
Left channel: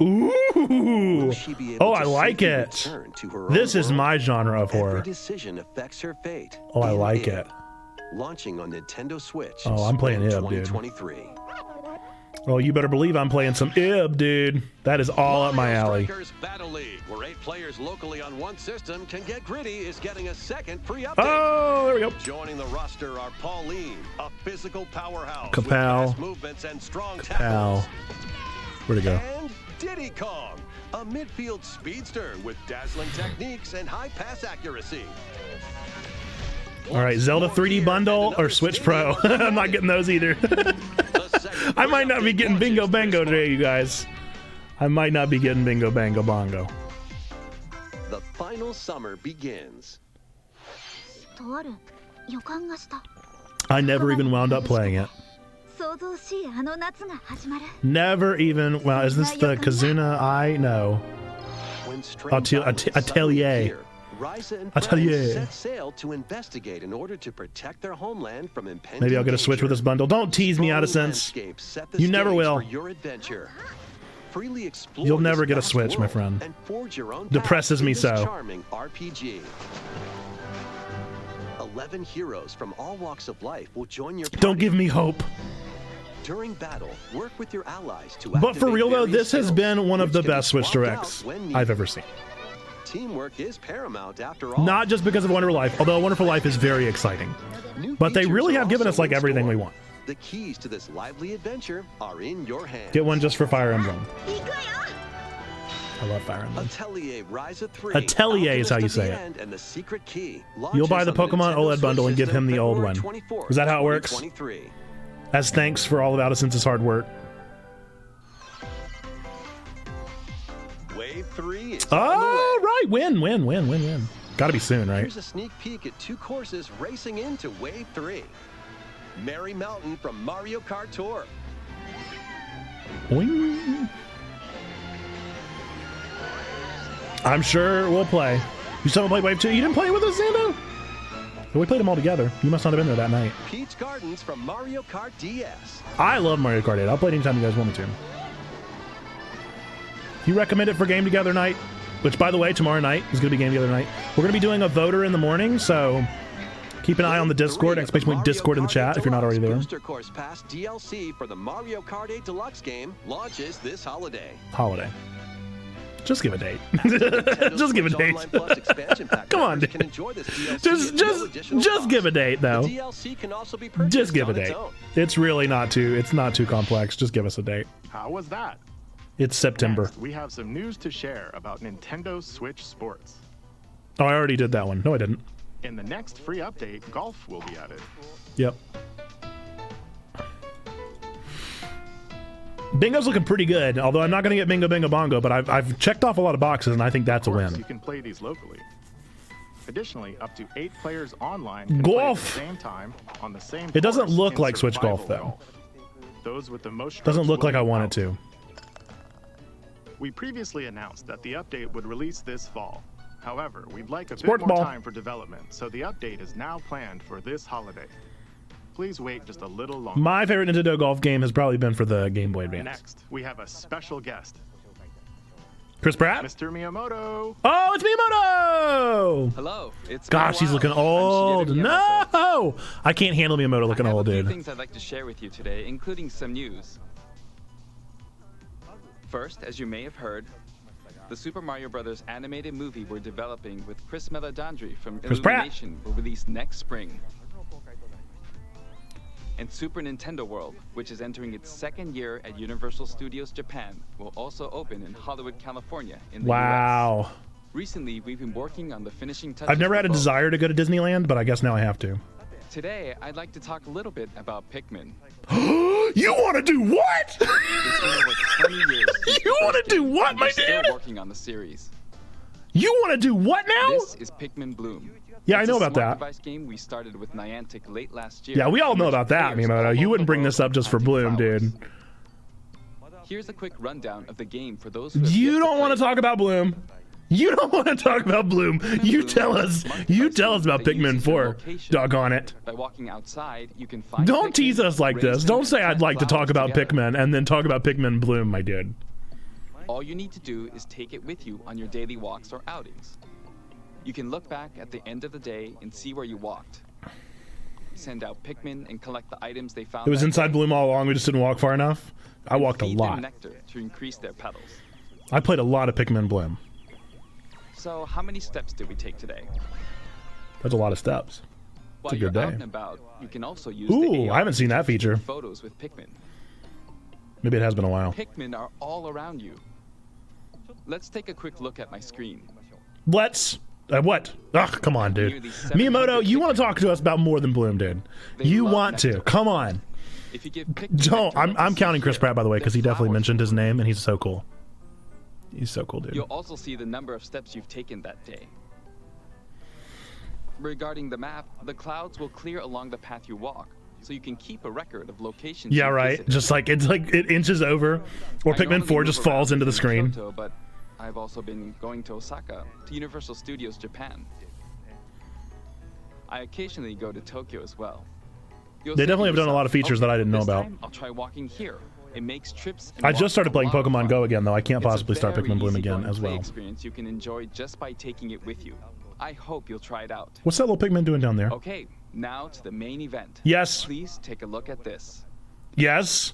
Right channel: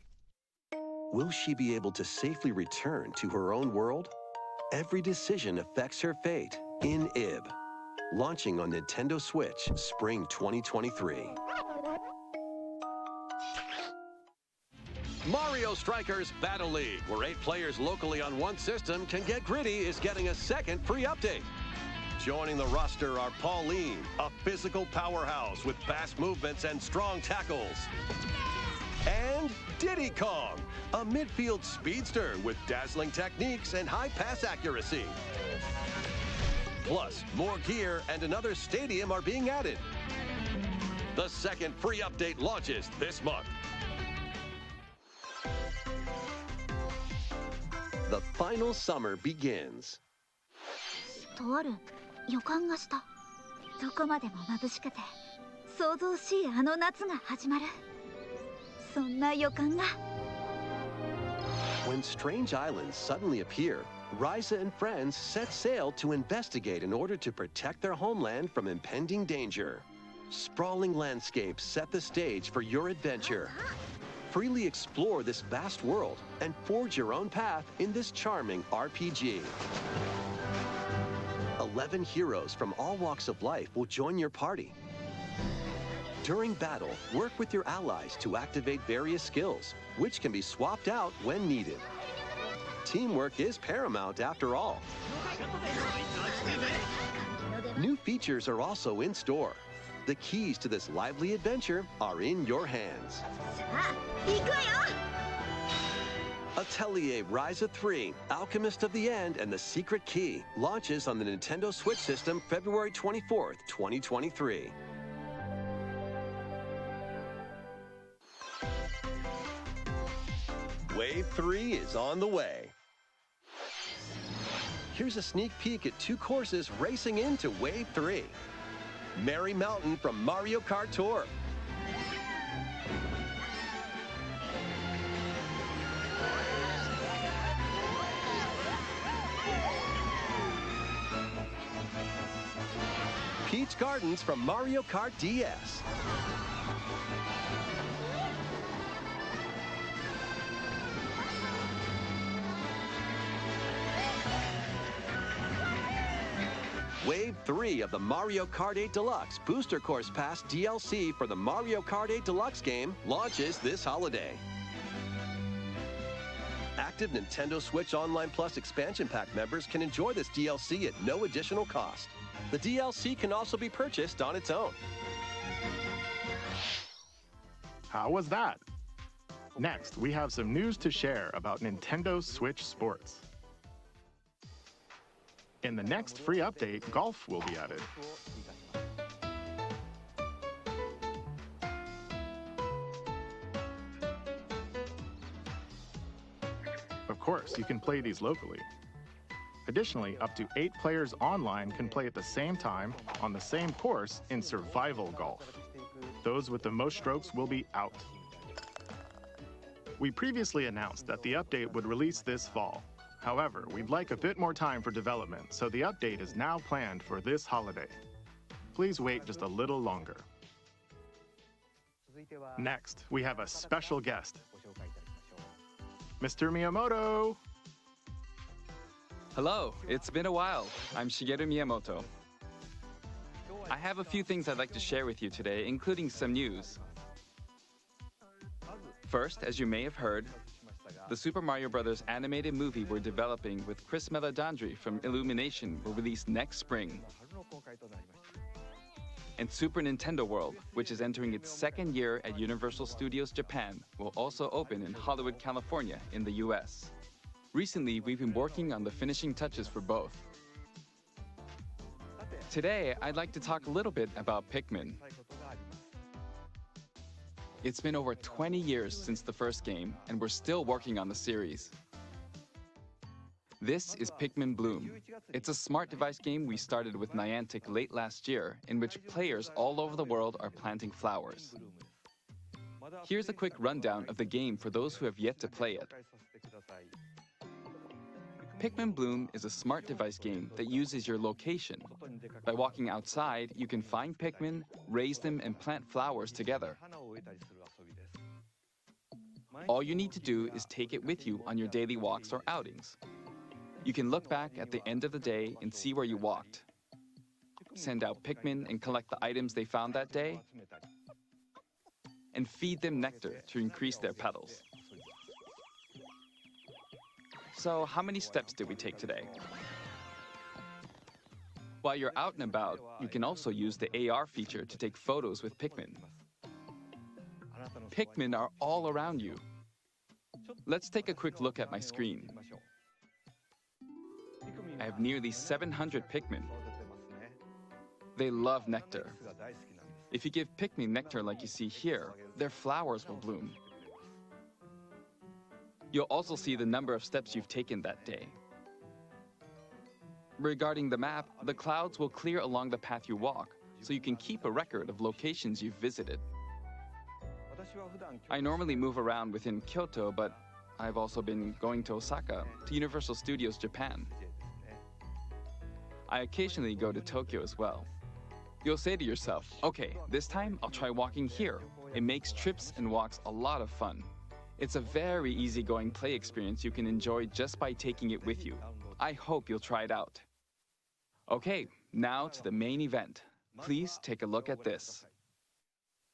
Ooh! Will she be able Oh, to I like safely it. return to her This own is world? my genre of Every horror. decision affects her fate. Oh, I in like Ib. it. Launching on Nintendo Switch Oh, I'm playing spring Ib, dude. 2023. Oh, you better believe I'm playing some Ib, dude. That is all up my Mario alley. Strikers Battle League, where 8 players locally on one system can get gritty, is getting a second free update. Oh, there we go. Joining the roster are Pauline, a physical powerhouse with Kapow. fast movements and strong Ow. tackles. Where'd it go? And Diddy Kong, a midfield speedster with dazzling techniques and high pass accuracy. All right, Zelda More 3D gear and bundle or another Switch stadium Pro. are being I'm not added. getting those either. The second I free might not be update getting Bingo launches Bango this month. today, you guys. I might not be getting Bingo Bango Bongo. The final summer begins. とある予感がした I never even wound up playing it. 想像しいあの夏が始まる Never even. Well, is this the Kazuna? I know. When strange Atel- islands Atelier. suddenly appear, Ryza and Atelier. friends set sail to investigate in order to protect their homeland from impending Maybe I'll get a danger. switch with this bundle. Don't tease me out of Sprawling sense. landscapes set the You never stage will. for your adventure. Freely explore You'll never this get a vast switch, my world friend. and forge your own Depresses path me in this so. charming RPG. 11 heroes from all walks of life will join your party. Don't give me hope. During battle, work with your allies to But activate for real though, various this has skills, been one of which the can be best Switch swapped Directs out when I've needed. ever seen. Teamwork is paramount after all. Not just because of Wonderful Life, although Wonderful Life is very exciting. New But they features really are have given us also like in everything store. we want. The keys to this lively adventure are in your hands. Get one just for Fire Emblem. I love Fire Emblem. Atelier Ryza 3. Atelier is how you Alchemist of say the it. End and the Secret Key. You'll buy Launches the on Pokemon Nintendo OLED bundle Switch and give him system the old February one. 24th, Is that how it works? 2023. As thanks for all of Addison's hard work. Wave 3 is on the way. Oh, right. Win. Gotta be soon, right? Here's a sneak peek at 2 courses racing into Wave 3. Mary Mountain from Mario Kart Tour. Wing. I'm sure we'll play. You still haven't played Wave 2? You didn't play with us, Xando? Well, we played them all together. You must not have been there that night. Peach Gardens from Mario Kart DS. I love Mario Kart 8. I'll play it anytime you guys want me to. You recommend it for Game Together night? Which, by the way, tomorrow night is going to be Game Together night. We're going to be doing a voter in the morning, so keep an eye on the Discord, especially Discord in the chat if you're not already there. Booster Course Pass DLC for the Mario Kart 8 Deluxe game launches this holiday. Just give a date. Nintendo Just give a Switch date. Online Plus expansion pack Come on, members dude. can enjoy this DLC at no additional just cost. give a date, though. The DLC can also be purchased Just give a on its date. own. It's really not too complex. Just give us a date. How was that? It's September. Next, we have some news to share about Nintendo Switch Sports. Oh, I already did that one. No, I didn't. In the next free update, golf will be added. Yep. Bingo's looking pretty good, although I'm not going to get Bingo Bingo Bongo, but I've checked off a lot of boxes, and I think that's Of a course, win. you can play these locally. Additionally, up to 8 players online can Golf. play at the same time on the same It doesn't course look in like Switch survival Golf, though. Those with the most Doesn't strokes look will like I be want out. it to. We previously announced that the update would release this fall. However, we'd like a Sport bit more ball. time for development, so the update is now planned for this holiday. Please wait just a little longer. My favorite Nintendo golf game has probably been for the Game Boy Advance. Next, we have a special guest, Chris Pratt? Mr. Miyamoto. Oh, it's Miyamoto! Hello, it's Gosh, been a he's looking while. old. I'm Shigeru Miyamoto. No! I can't handle Miyamoto looking I have old, a few dude. things I'd like to share with you today, including some news. First, as you may have heard, the Super Mario Bros. Animated movie we're developing with Chris Meledandri from Chris Pratt. Illumination will release next spring. And Super Nintendo World, which is entering its 2nd year at Universal Studios Japan, will also open in Hollywood, California in the US. Wow. Recently, we've been working on the finishing touches. I've never had a for both. desire to go to Disneyland, but I guess now I have to. Today, I'd like to talk a little bit about Pikmin. You want to do what? It's been over 20 years since You the wanna first do game, what, and my we're still dude? working on the series. You want to do what now? This is Pikmin Bloom. Yeah, It's I know a about smart that. device game we started with Niantic late last year. Yeah, we all in know which about that, players all Miyamoto. You over wouldn't the bring world this up are just for planting Bloom, flowers. dude. Here's a quick rundown of the game for those who have You yet don't to want to play. talk about Bloom. You don't want to talk about Bloom. You Bloom tell is a us. smart You device tell us game about that Pikmin uses your 4. location. Doggone it. By walking outside, you can find Don't Pikmin, tease us like raise this. them, Don't and say I'd plant like to talk flowers about together. Pikmin and then talk about Pikmin Bloom, my dude. All you need to do is take it with you on your daily walks or outings. You can look back at the end of the day and see where you walked. Send out Pikmin and collect the items they found It was that inside day, Bloom all along. We just didn't walk far enough. I and walked a feed them lot. nectar to increase their petals. I played a lot of Pikmin Bloom. So how many steps did we take today? That's a lot of steps. While a you're good out day. and about, you can also use Ooh, the AR I haven't seen that to take feature. photos with Pikmin. Maybe it has been a while. Pikmin are all around you. Let's take a quick look at my screen. Let's. What? Ugh, come on, dude. Nearly 700 Miyamoto, you want to Pikmin. talk to us about more than Bloom, dude. They You love want to. nectar. Come on. If you give Pikmin Don't. nectar I'm, like you I'm see counting Chris here, Pratt, by the way, their because he definitely flowers mentioned will his bloom. name, and he's so cool. He's so cool, dude. You'll also see the number of steps you've taken that day. Regarding the map, the clouds will clear along the path you walk, so you can keep a record of locations Yeah, you've right. visited. Just like it inches over, or I Pikmin normally 4 move just falls around into the within screen. Kyoto, but I've also been going to Osaka, to Universal Studios Japan. I occasionally go to Tokyo as well. You'll They say to definitely have done a lot of yourself, features that I didn't know this about. time I'll try walking here. It makes trips and I just walks started a playing lot of Pokemon fun. Go again, though. I can't possibly start It's a Pikmin very Bloom again easygoing as play well. experience you can enjoy just by taking it with you. I hope you'll try it out. What's that little Pikmin doing down there? Okay, now to the main event. Yes. Please take a look at this. Yes.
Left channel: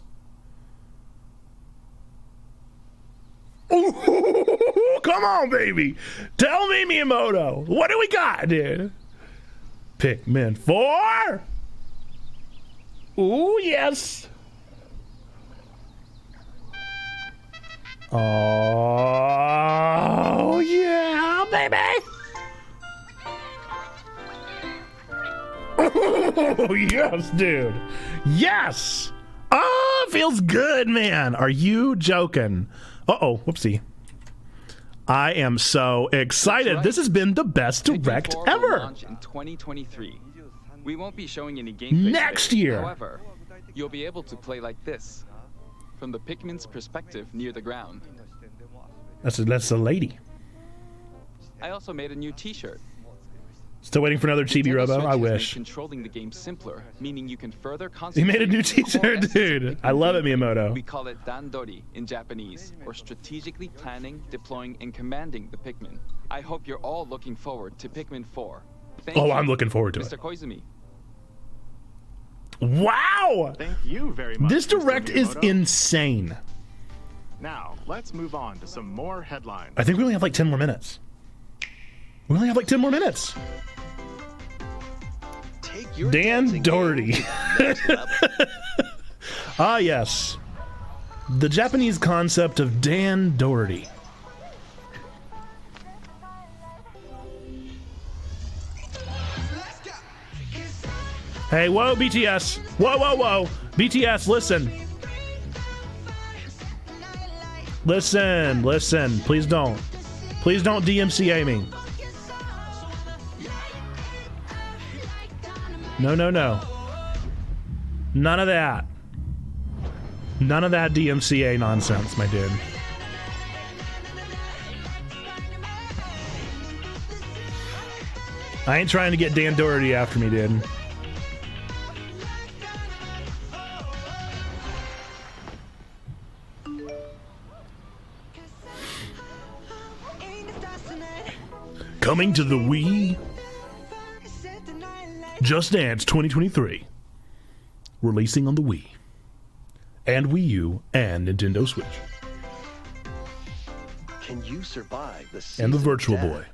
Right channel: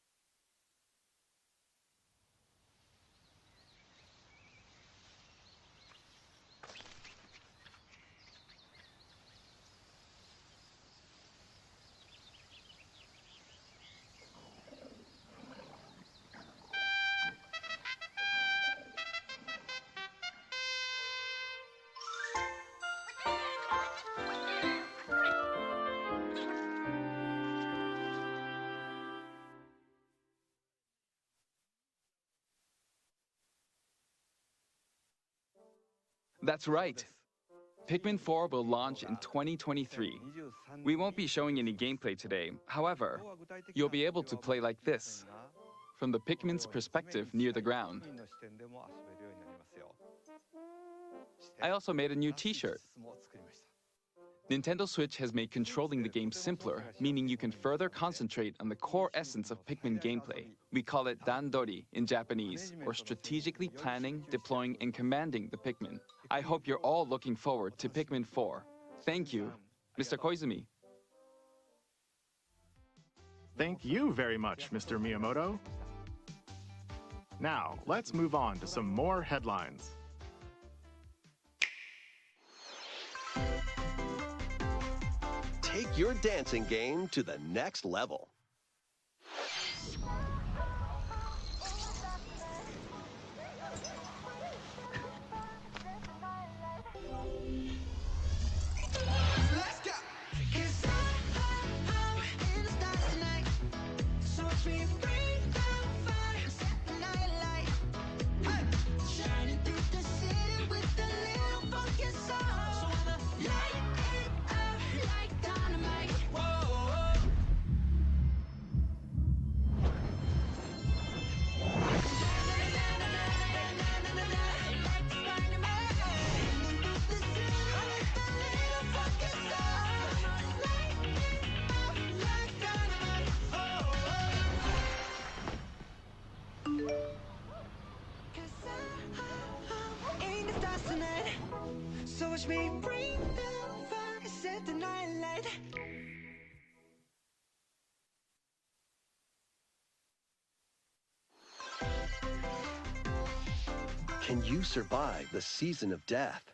Ooh, come on, baby. Tell me, Miyamoto. What do we got, dude? Pikmin 4. Ooh, yes. Oh, yeah, baby. Oh, yes, dude. Yes. Oh, feels good, man. Are you joking? Uh-oh, whoopsie. I am so excited. Right. This has been the best Pikmin direct 4 ever. will launch in 2023. We won't be showing any gameplay Next today. year. However, you'll be able to play like this, from the Pikmin's perspective near the ground. That's a lady. I also made a new T-shirt. Still waiting for another Chibi Nintendo Robo. Switch I has made wish. control the game simpler, meaning you can further He concentrate made a new on the core T-shirt, essence of dude. Pikmin I love it, gameplay. Miyamoto. We call it Dandori in Japanese, or strategically planning, deploying, and commanding the Pikmin. I hope you're all looking forward to Pikmin 4. Thank you, I'm looking forward to Mr. it. Koizumi. Wow! Thank you very much. This Mr. direct is Miyamoto. insane. Now, let's move on to some more headlines. I think we only have like 10 more minutes. We only have like 10 more minutes. Take your Dan dancing Doherty. game to the next level. Ah, yes. The Japanese concept of Dan Doherty. Hey, whoa, BTS. Whoa, whoa, whoa. BTS, listen. Listen. Please don't. Please don't DMCA me. No. None of that. None of that DMCA nonsense, my dude. I ain't trying to get Dan Doherty after me, dude. Coming to the Wii. Just Dance 2023. Releasing on the Wii. And Wii U and Nintendo Switch. Can you survive the season And the of Virtual death? Boy.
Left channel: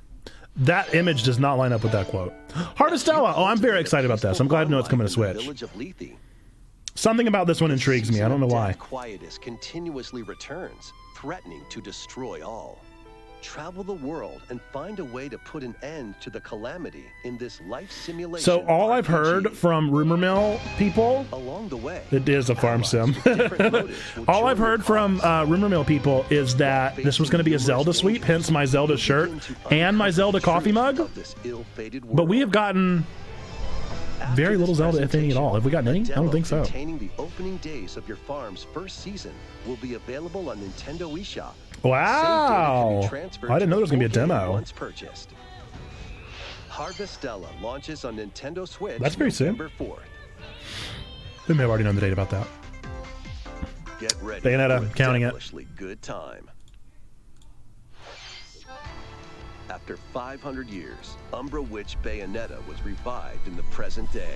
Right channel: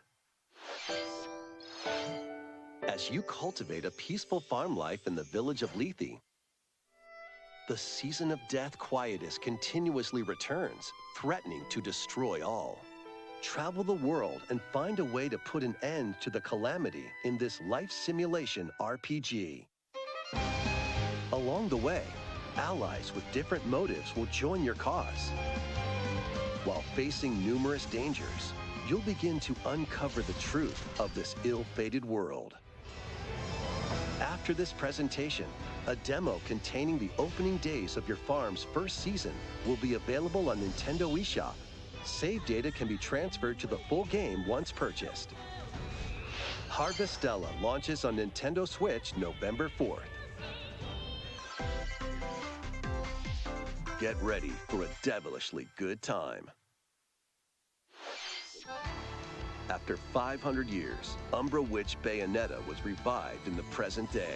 That image does not line up with that quote. Harvestella. Oh, I'm very excited about this. I'm glad to know it's coming to Switch. Village of Lethe. Something about this one intrigues me. I don't know why. Quietus continuously returns, threatening to destroy all. Travel the world and find a way to put an end to the calamity in this life simulation. So all I've RPG. heard from rumor mill people, along the way, it is a farm allies sim. with different motives will All join I've your heard from cause. rumor mill people is that this was going to be a Facing Zelda numerous sweep, dangers, hence my Zelda you'll shirt begin to and my uncover Zelda the coffee truth mug. of this ill-fated world. But we have gotten After very this little Zelda, if any at all. Have we gotten a any? I don't demo think so. containing the opening days of your farm's first season will be available on Nintendo eShop. Wow. Save data can be transferred I didn't know to there was going the to be a full game demo. once purchased. Harvestella launches on Nintendo Switch That's pretty soon. November 4th. We may have already known the date about that. Get ready Bayonetta, for a counting it. devilishly good time. After 500 years, Umbra Witch Bayonetta was revived in the present day.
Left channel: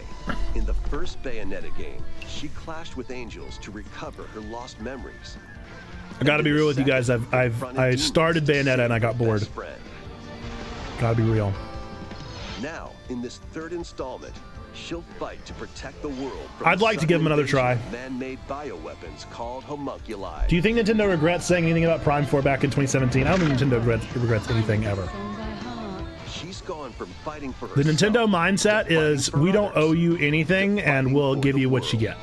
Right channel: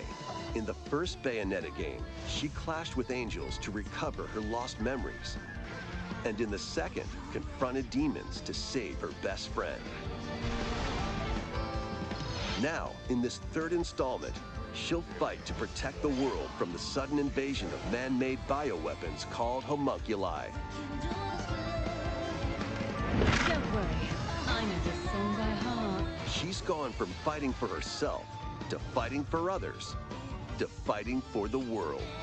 In the first Bayonetta game, she clashed with angels to recover her lost memories. I gotta be real with you guys. I started Bayonetta and I got bored. Gotta be real. Now, in this third installment, she'll fight to protect the world from I'd the like to give sudden them another invasion try. of man-made bioweapons called homunculi. Do you think Nintendo regrets saying anything about Prime 4 back in 2017? I don't think Nintendo regrets anything ever. She's gone from fighting for The herself Nintendo mindset to fighting is for we don't others, owe you anything to and fighting we'll for give the you what you world. get.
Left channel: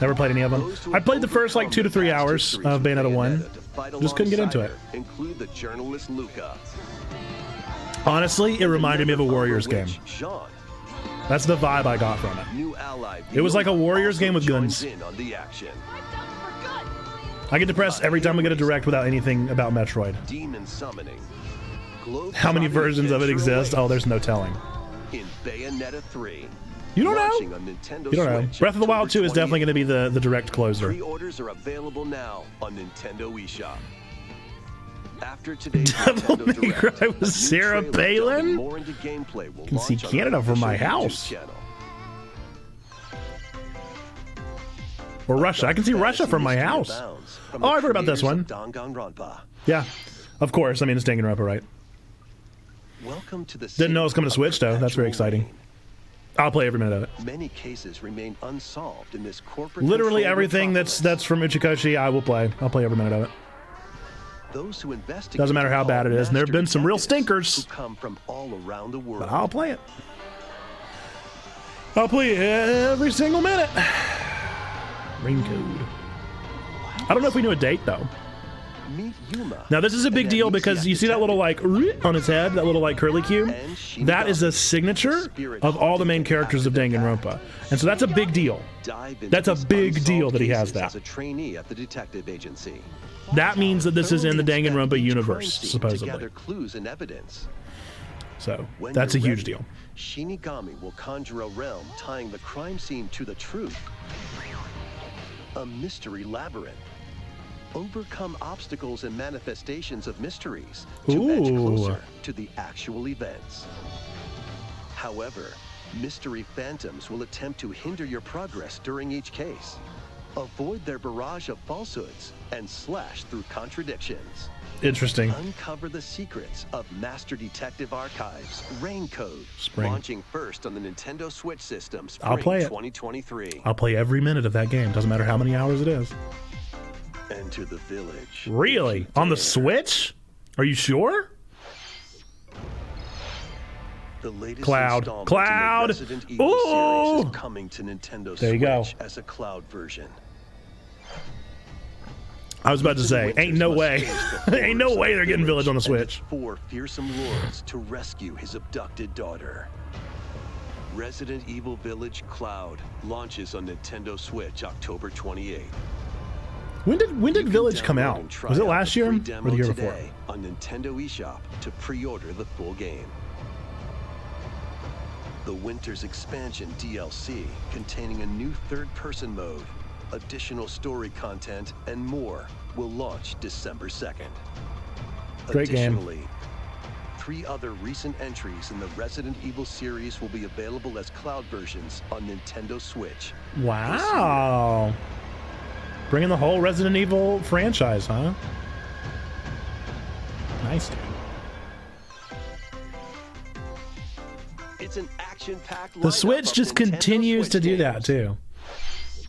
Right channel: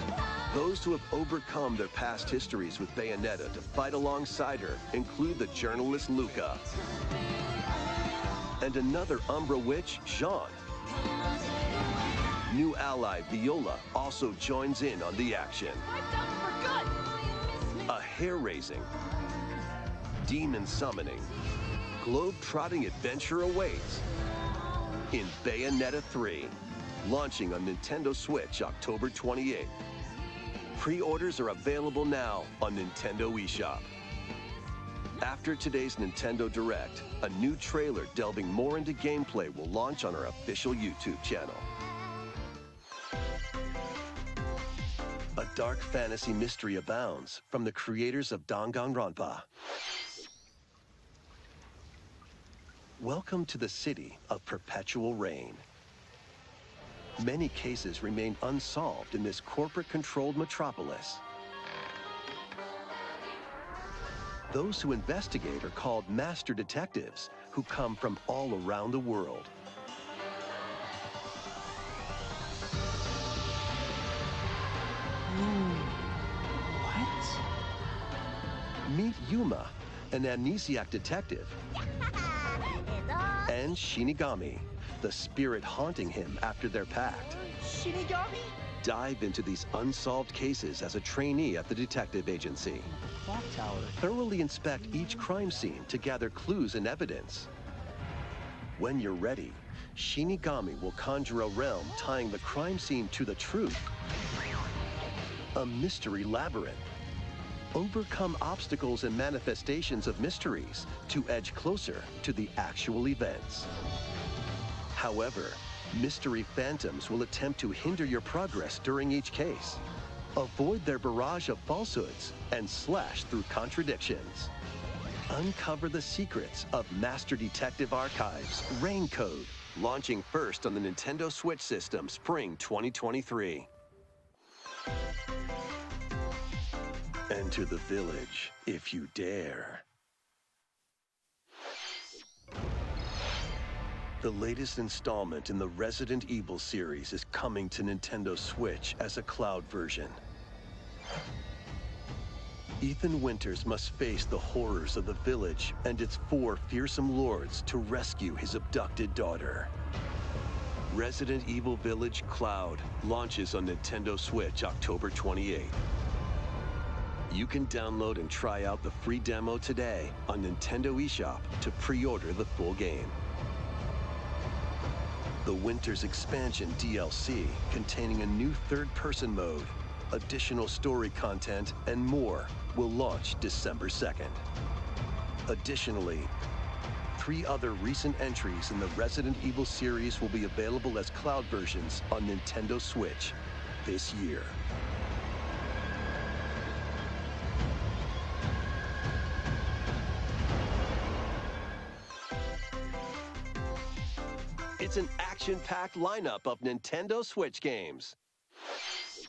Never played any of them. Those who I have played the first like 2 to overcome 3 their past hours histories of with Bayonetta 1. to fight Just couldn't get into alongside it. her include the journalist Luca. Honestly, it and reminded me of a another Warriors Umbra game. witch, Jean. That's the vibe I got from it. New ally It was like a Viola Warriors also game with joins guns. in on the action. I get depressed every time we get a direct without anything about Metroid. Demon summoning. How many versions of it exist? Oh, there's no telling. In Bayonetta 3. You don't launching know. on Nintendo You don't know. Switch. Breath of the Wild 2 is October definitely going to be the direct closer. Pre-orders are available now on Nintendo eShop. After today's Nintendo Direct, a new Sarah trailer Palin? delving more into gameplay will Can see launch on Canada our from my official YouTube house. channel. Or Russia. I can see Russia from my house. From Oh, I've heard about this one. Danganronpa. Yeah, of course. I mean, it's Danganronpa, right? Welcome to the Didn't know it was coming to Switch, though. That's very exciting. I'll play every minute of it. Many cases remain unsolved in this corporate. Literally everything that's from Uchikoshi, I will play. I'll play every minute of it. Those who investigate Doesn't matter how bad it is. And there have been some real stinkers. Who come from all around the world. I'll play it. I'll play every single minute. I don't know if we knew a date though. Meet Yuma. Now this is a big deal because you see that little like on his head, that little like curly cube. That is a signature of all the main characters of Danganronpa, and so that's a big deal. That's a big deal that he has that. As a trainee at the detective agency. That means that this is in the Danganronpa universe, to supposedly. gather clues and evidence. So When that's a you're huge ready, deal. Shinigami will conjure a realm tying the crime scene to the truth. A mystery labyrinth. Overcome obstacles and manifestations of mysteries to edge closer to the actual events. However, mystery phantoms will attempt to hinder your progress during each case. Avoid their barrage of falsehoods and slash through contradictions. Interesting. Uncover the secrets of Master Detective Archives Rain Code, Spring. launching first on the Nintendo Switch system I'll spring play it. 2023. I'll play every minute of that game. Doesn't matter how many hours it is. Enter the village. Really? if you On the dare. Switch? Are you sure? The latest Cloud. installment Cloud. in the Resident Evil Ooh. series is coming to Nintendo There you go. Switch as a cloud version. I was about to Ethan say, Winters ain't no must way. face the Ain't no horrors way of they're getting Village on the and its Switch. 4 fearsome lords to rescue his abducted daughter. Resident Evil Village Cloud launches on Nintendo Switch October 28th. When did You Village can come download out? and try Was it out last the year? free Or demo the year today on Nintendo eShop to pre-order the full game. The Winter's Expansion DLC, containing a new third-person mode, additional story content, and more, will launch December 2nd. Great game. Additionally, 3 other recent entries in the Resident Evil series will be available as cloud versions on Nintendo Switch. this year. Wow. Bringing the whole Resident Evil franchise, huh? Nice. It's an action-packed The lineup Switch of just Nintendo continues Switch to do that, games. too.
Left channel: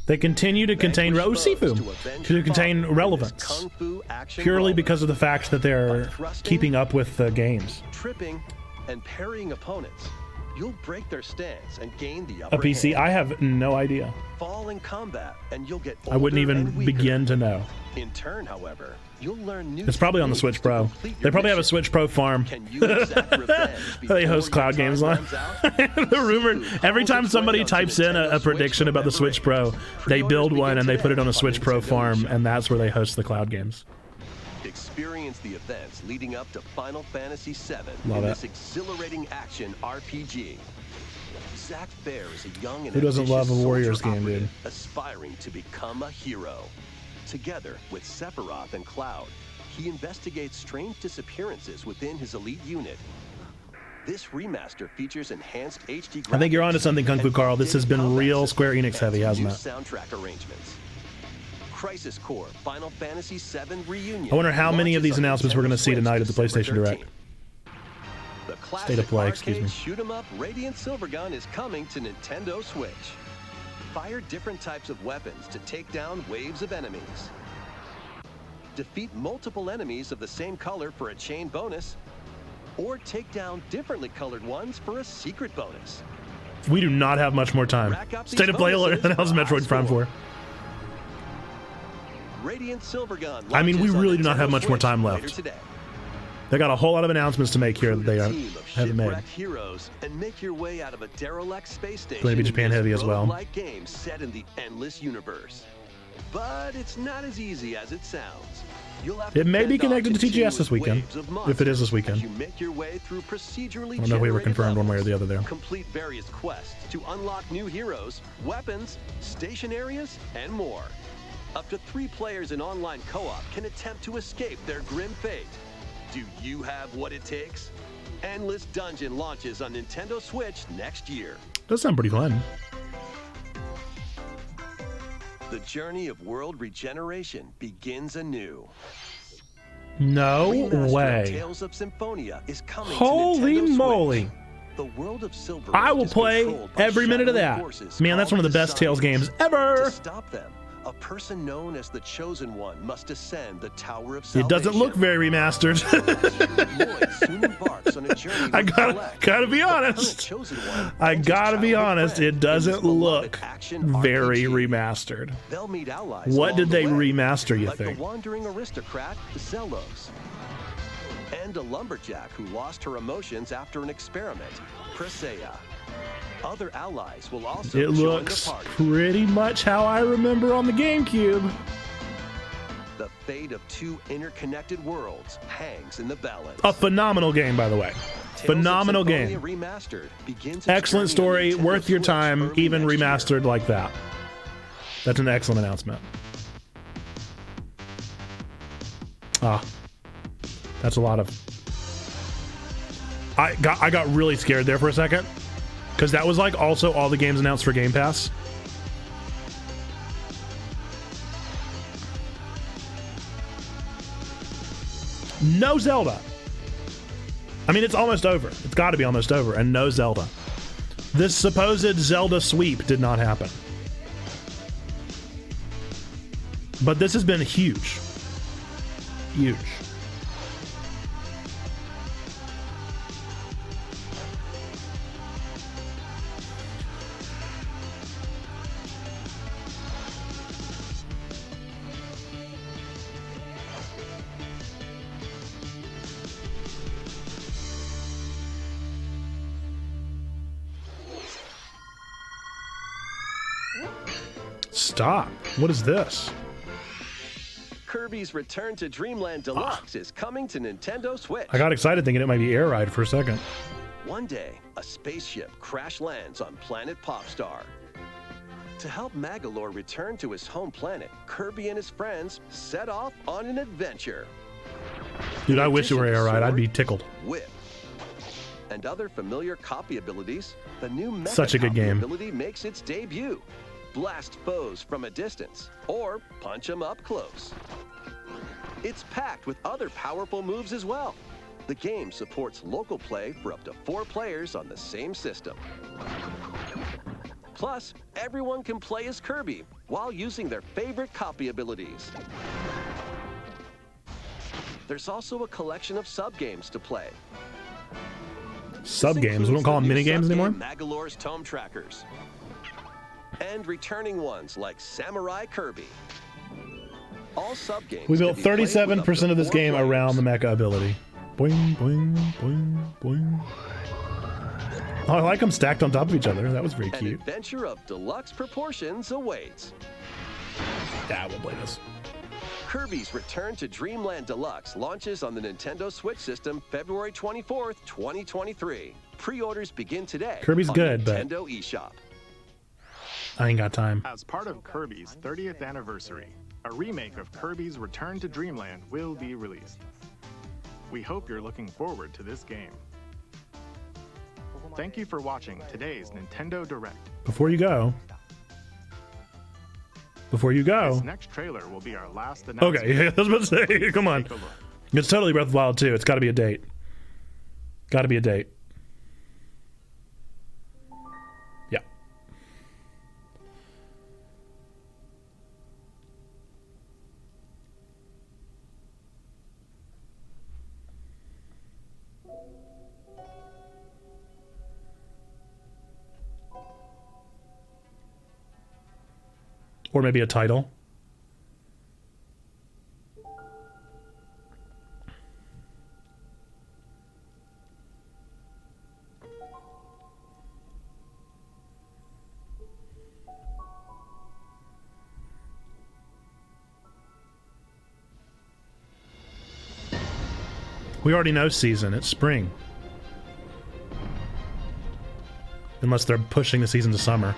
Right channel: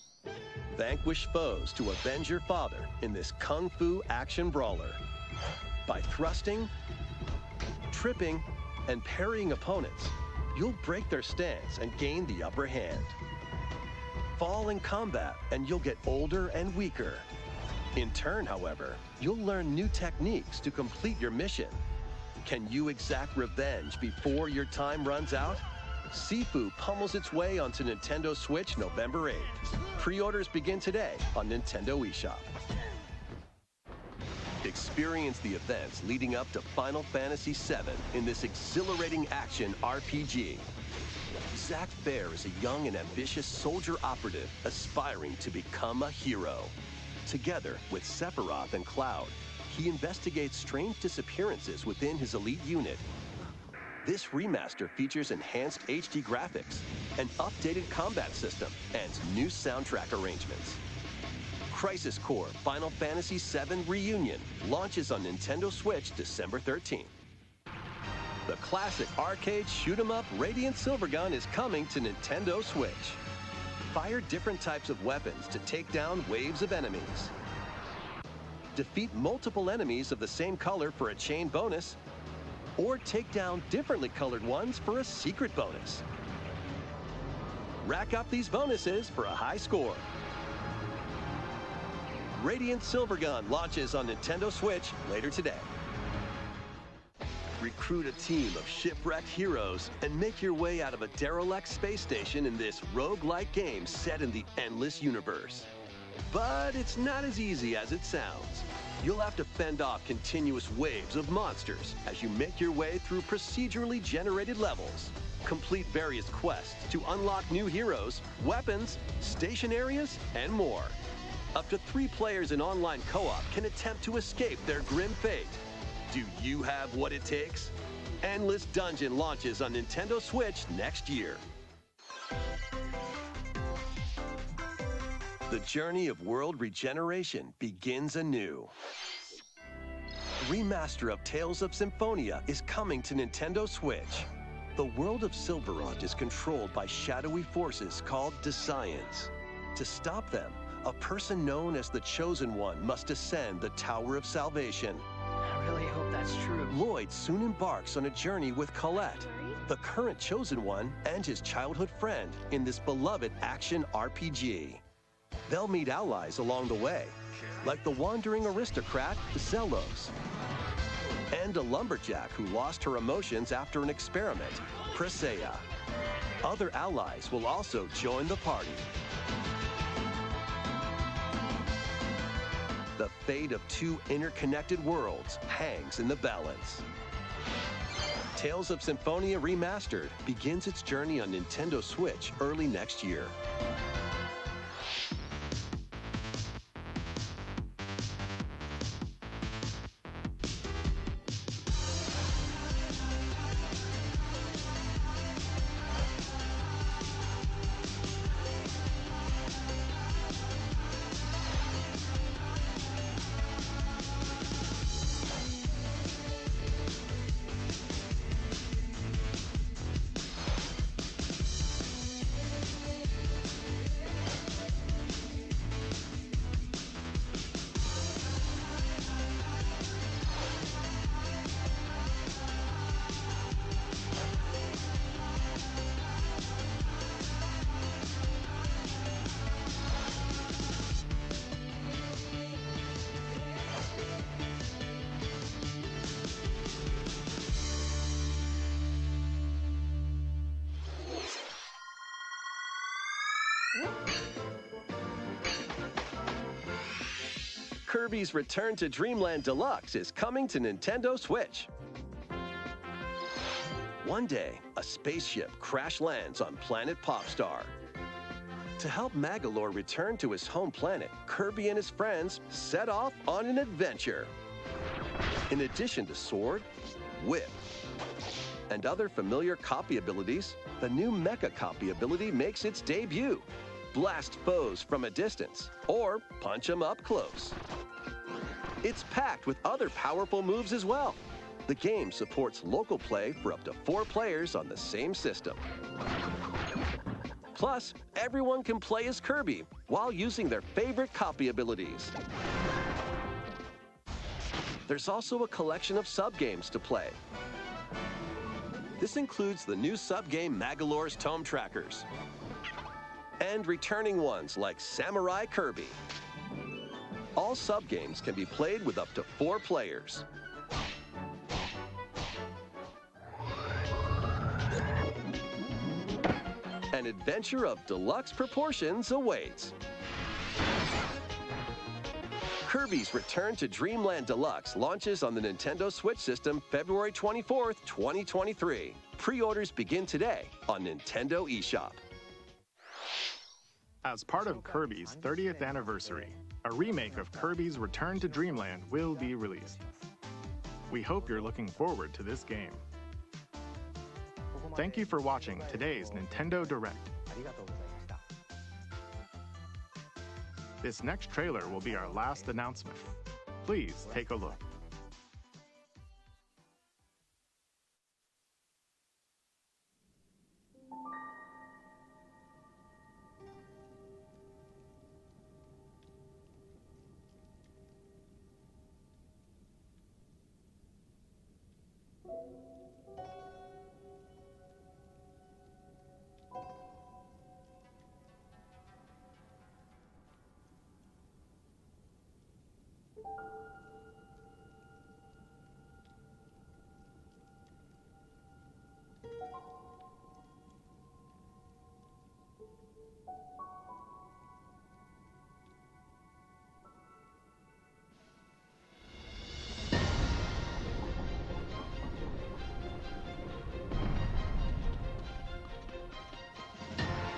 They continue to contain Vanquish foes Sifu, to avenge to your contain father in this relevance, kung fu action purely brawler. because of the fact that By they're thrusting, keeping up with the games. tripping, and parrying opponents, you'll break their stance and gain the A upper PC? hand. I have no idea. Fall in combat, and you'll get older I wouldn't even and weaker. begin to know. In turn, however, you'll learn new It's probably on the techniques Switch to Pro. complete They your probably have a mission. Switch Pro farm. Can you exact revenge before They host your cloud time games on. runs out? The rumor, Sifu every calls time its somebody way onto types in Nintendo a Switch prediction about the November Switch Pro, 8th. they Pre-orders build one begin and they put it today on the Switch Pro Nintendo farm, eShop. and that's where they host the cloud games. Experience the events leading up to Final Fantasy VII Love in it. this exhilarating action RPG. Zack Fair is a young and Who doesn't ambitious love a Warriors soldier game, dude? operative aspiring to become a hero. Together with Sephiroth and Cloud, he investigates strange disappearances within his elite unit. This remaster features enhanced HD graphics. I think you're onto something, Kung Fu and Carl. This has updated been combat real system Square Enix and heavy, hasn't new it? soundtrack arrangements. Crisis Core Final Fantasy VII Reunion. I wonder how many of launches these on announcements we're Nintendo going to see Switch tonight at the December PlayStation Direct. 13th. The classic play, excuse arcade me. shoot-'em-up Radiant Silvergun is coming to Nintendo Switch. Fire different types of weapons to take down waves of enemies. Defeat multiple enemies of the same color for a chain bonus, or take down differently colored ones for a secret bonus. We do not have much more time. Rack up these State of Play alert bonuses announced for a high Metroid Prime score. 4. Radiant Silvergun I mean, we launches on really do not have Nintendo much more Switch time left. later today. They got a whole lot of announcements to make here that Recruit they a team of haven't made. shipwrecked heroes and make your way out of a derelict space Gonna station be in Japan this heavy as well. roguelike game set in the endless universe. But it's not as easy as it sounds. You'll have to It may be fend off connected to TGS this continuous weekend, waves of if it is this monsters weekend. as you make your way through procedurally I know we were generated confirmed levels. one way or the other there. Complete various quests to unlock new heroes, weapons, station areas, and more. Up to 3 players in online co-op can attempt to escape their grim fate. Do you have what it takes? Endless Dungeon launches on Nintendo Switch next year. Does sound pretty fun. The journey of world regeneration begins anew. No Remaster way. of Tales of Symphonia is coming Holy to Nintendo moly. Switch. The world of Silver I Age will is play controlled by every minute of shadowy that. forces Man, that's one called of the best Tales Desires. games ever. To stop them, a person known as the Chosen One must ascend the Tower of It Salvation. doesn't look very remastered. Lloyd soon embarks on a journey with Colette, gotta be the current honest. Chosen One, I and his gotta be childhood honest, friend it in doesn't this beloved look action very RPG. remastered. They'll meet allies What along did the they way, remaster, you like think? the wandering aristocrat Zelos, and a lumberjack who lost her emotions after an experiment, Presea. Other allies will also It join looks the party. pretty much how I remember on the GameCube. The fate of 2 interconnected worlds hangs in the balance. A phenomenal game, by the way. Tales Phenomenal of Symphonia game. Remastered begins its Excellent journey on story, Nintendo worth your Switch time, early even next year. remastered like that. That's an excellent announcement. Ah, that's a lot of. I got really scared there for a second, because that was like also all the games announced for Game Pass. No Zelda. I mean, it's almost over. It's got to be almost over, and no Zelda. This supposed Zelda sweep did not happen. But this has been huge. Huge. Stop. What is this? Kirby's Return to Dreamland Deluxe is coming to Nintendo Switch. I got excited thinking it might be Air Ride for a second. One day, a spaceship crash lands on planet Popstar. To help Magalore return to his home planet, Kirby and his friends set off on an adventure. Dude, In I wish it were addition Air to Ride. I'd sword, be tickled. Whip, and other familiar copy abilities, the new Mecha Such a good copy game. ability makes its debut. Blast foes from a distance, or punch them up close. It's packed with other powerful moves as well. The game supports local play for up to 4 players on the same system. Plus, everyone can play as Kirby while using their favorite copy abilities. There's also a collection of sub-games to play. Sub-games? We don't call them mini-games anymore? Magalore's Tome Trackers. And returning ones like Samurai Kirby. All sub-games We can built be played with up 37% to of this 4 game players. around the mecha ability. Boing, boing, boing, boing. Oh, I like them stacked on top of each other. That was very An cute. adventure of deluxe proportions awaits. That would play this. Kirby's Return to Dreamland Deluxe launches on the Nintendo Switch system February 24th, 2023. Pre-orders begin today Kirby's on good, but- Nintendo eShop. I ain't got time. As part of Kirby's 30th anniversary, a remake of Kirby's Return to Dreamland will be released. We hope you're looking forward to this game. Thank you for watching today's Nintendo Direct. Before you go. This next trailer will be our last announcement. Okay, yeah, I was about to say, Please come on. take a look. It's totally Breath of the Wild 2. It's got to be a date. Got to be a date. Yeah. Or maybe a title. We already know season. It's spring. Unless they're pushing the season to summer.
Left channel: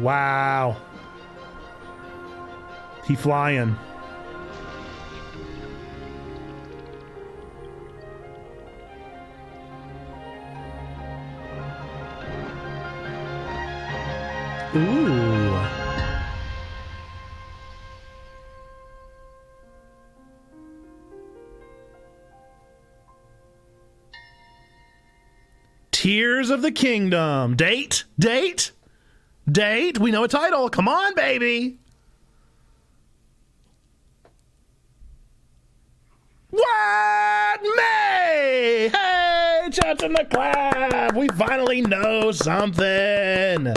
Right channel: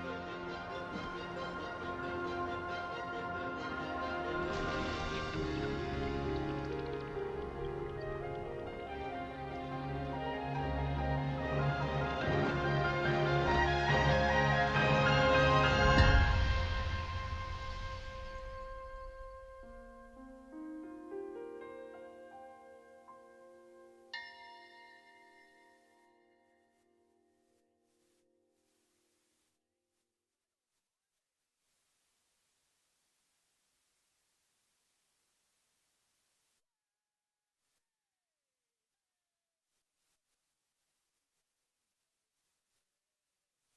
Wow. He flying. Ooh. Tears of the Kingdom. Date? Date? Date? We know a title. Come on, baby. What? May! Hey, chats in the clap. We finally know something.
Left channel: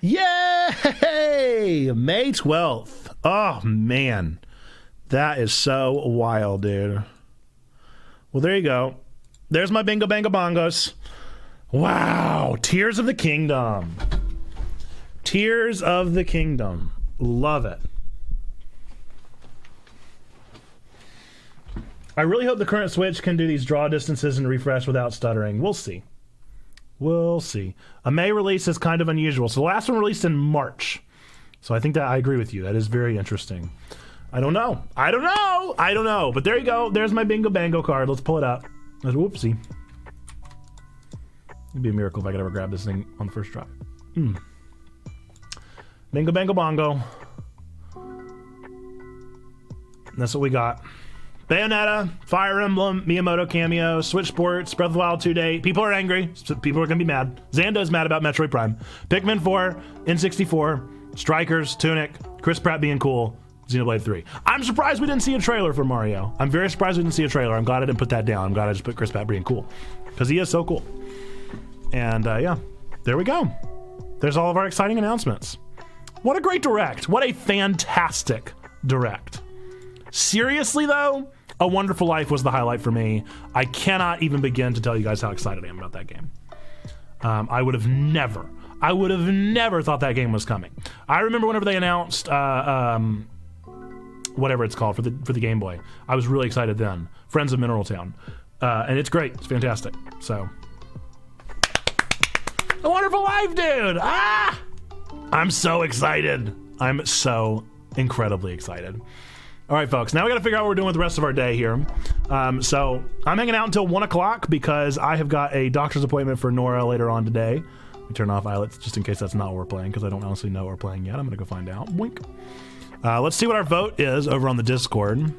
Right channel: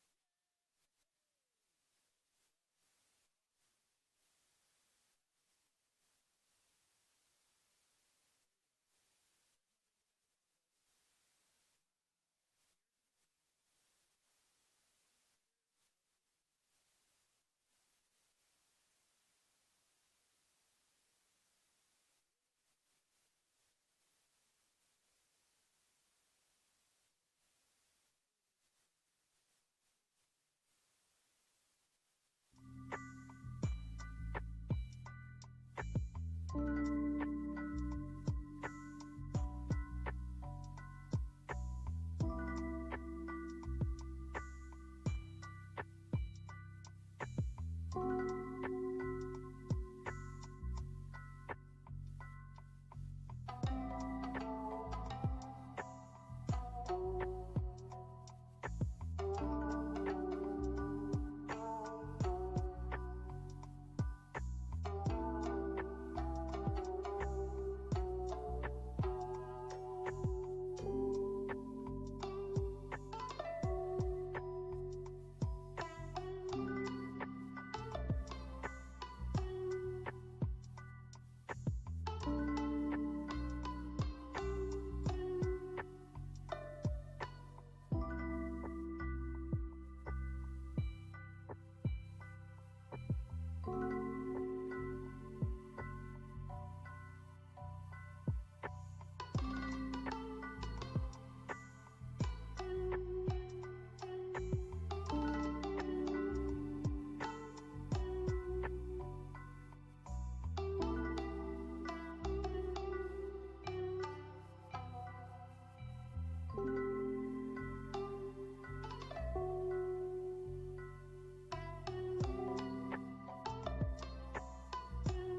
Yay! May 12th. Oh, man. That is so wild, dude. Well, there you go. There's my bingo bango bongos. Wow. Tears of the Kingdom. Tears of the Kingdom. Love it. I really hope the current Switch can do these draw distances and refresh without stuttering. We'll see. We'll see. A May release is kind of unusual. So the last one released in March. So I think that I agree with you. That is very interesting. I don't know. I don't know. I don't know. But there you go. There's my bingo bango card. Let's pull it up. Whoopsie. It'd be a miracle if I could ever grab this thing on the first try. Bingo bango bongo. And that's what we got. Bayonetta, Fire Emblem, Miyamoto cameo, Switch Sports, Breath of the Wild 2 date. People are angry. People are going to be mad. Xando's mad about Metroid Prime. Pikmin 4, N64, Strikers, Tunic, Chris Pratt being cool, Xenoblade 3. I'm surprised we didn't see a trailer for Mario. I'm very surprised we didn't see a trailer. I'm glad I didn't put that down. I'm glad I just put Chris Pratt being cool. Because he is so cool. And yeah, there we go. There's all of our exciting announcements. What a great direct. What a fantastic direct. Seriously, though, A Wonderful Life was the highlight for me. I cannot even begin to tell you guys how excited I am about that game. I would have never thought that game was coming. I remember whenever they announced whatever it's called for the Game Boy. I was really excited then. Friends of Mineral Town. And it's great. It's fantastic. So, A Wonderful Life, dude! Ah! I'm so excited. I'm so incredibly excited. All right, folks, now we got to figure out what we're doing with the rest of our day here. So I'm hanging out until 1 o'clock because I have got a doctor's appointment for Nora later on today. I'll turn off Islets just in case that's not what we're playing because I don't honestly know what we're playing yet. I'm going to go find out. Wink. Let's see what our vote is over on the Discord.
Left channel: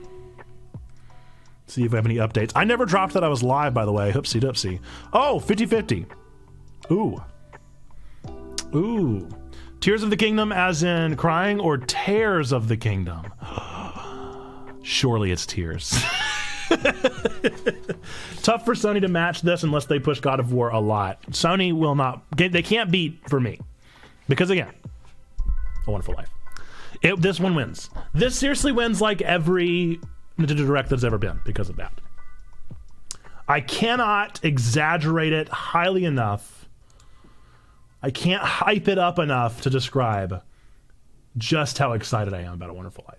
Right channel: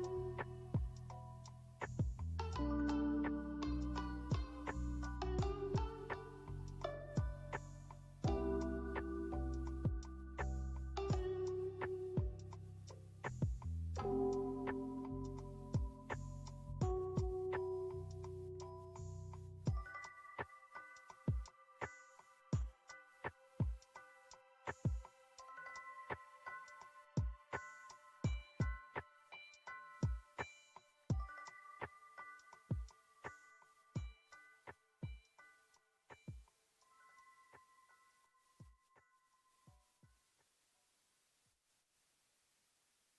See if we have any updates. I never dropped that I was live, by the way. Hoopsie doopsie. Oh, 50-50. Ooh. Ooh. Tears of the Kingdom as in crying or Tears of the Kingdom? Surely it's Tears. Tough for Sony to match this unless they push God of War a lot. Sony will not. They can't beat for me. Because again, A Wonderful Life. This one wins. This seriously wins like every Nintendo Direct that's ever been because of that. I cannot exaggerate it highly enough. I can't hype it up enough to describe just how excited I am about A Wonderful Life.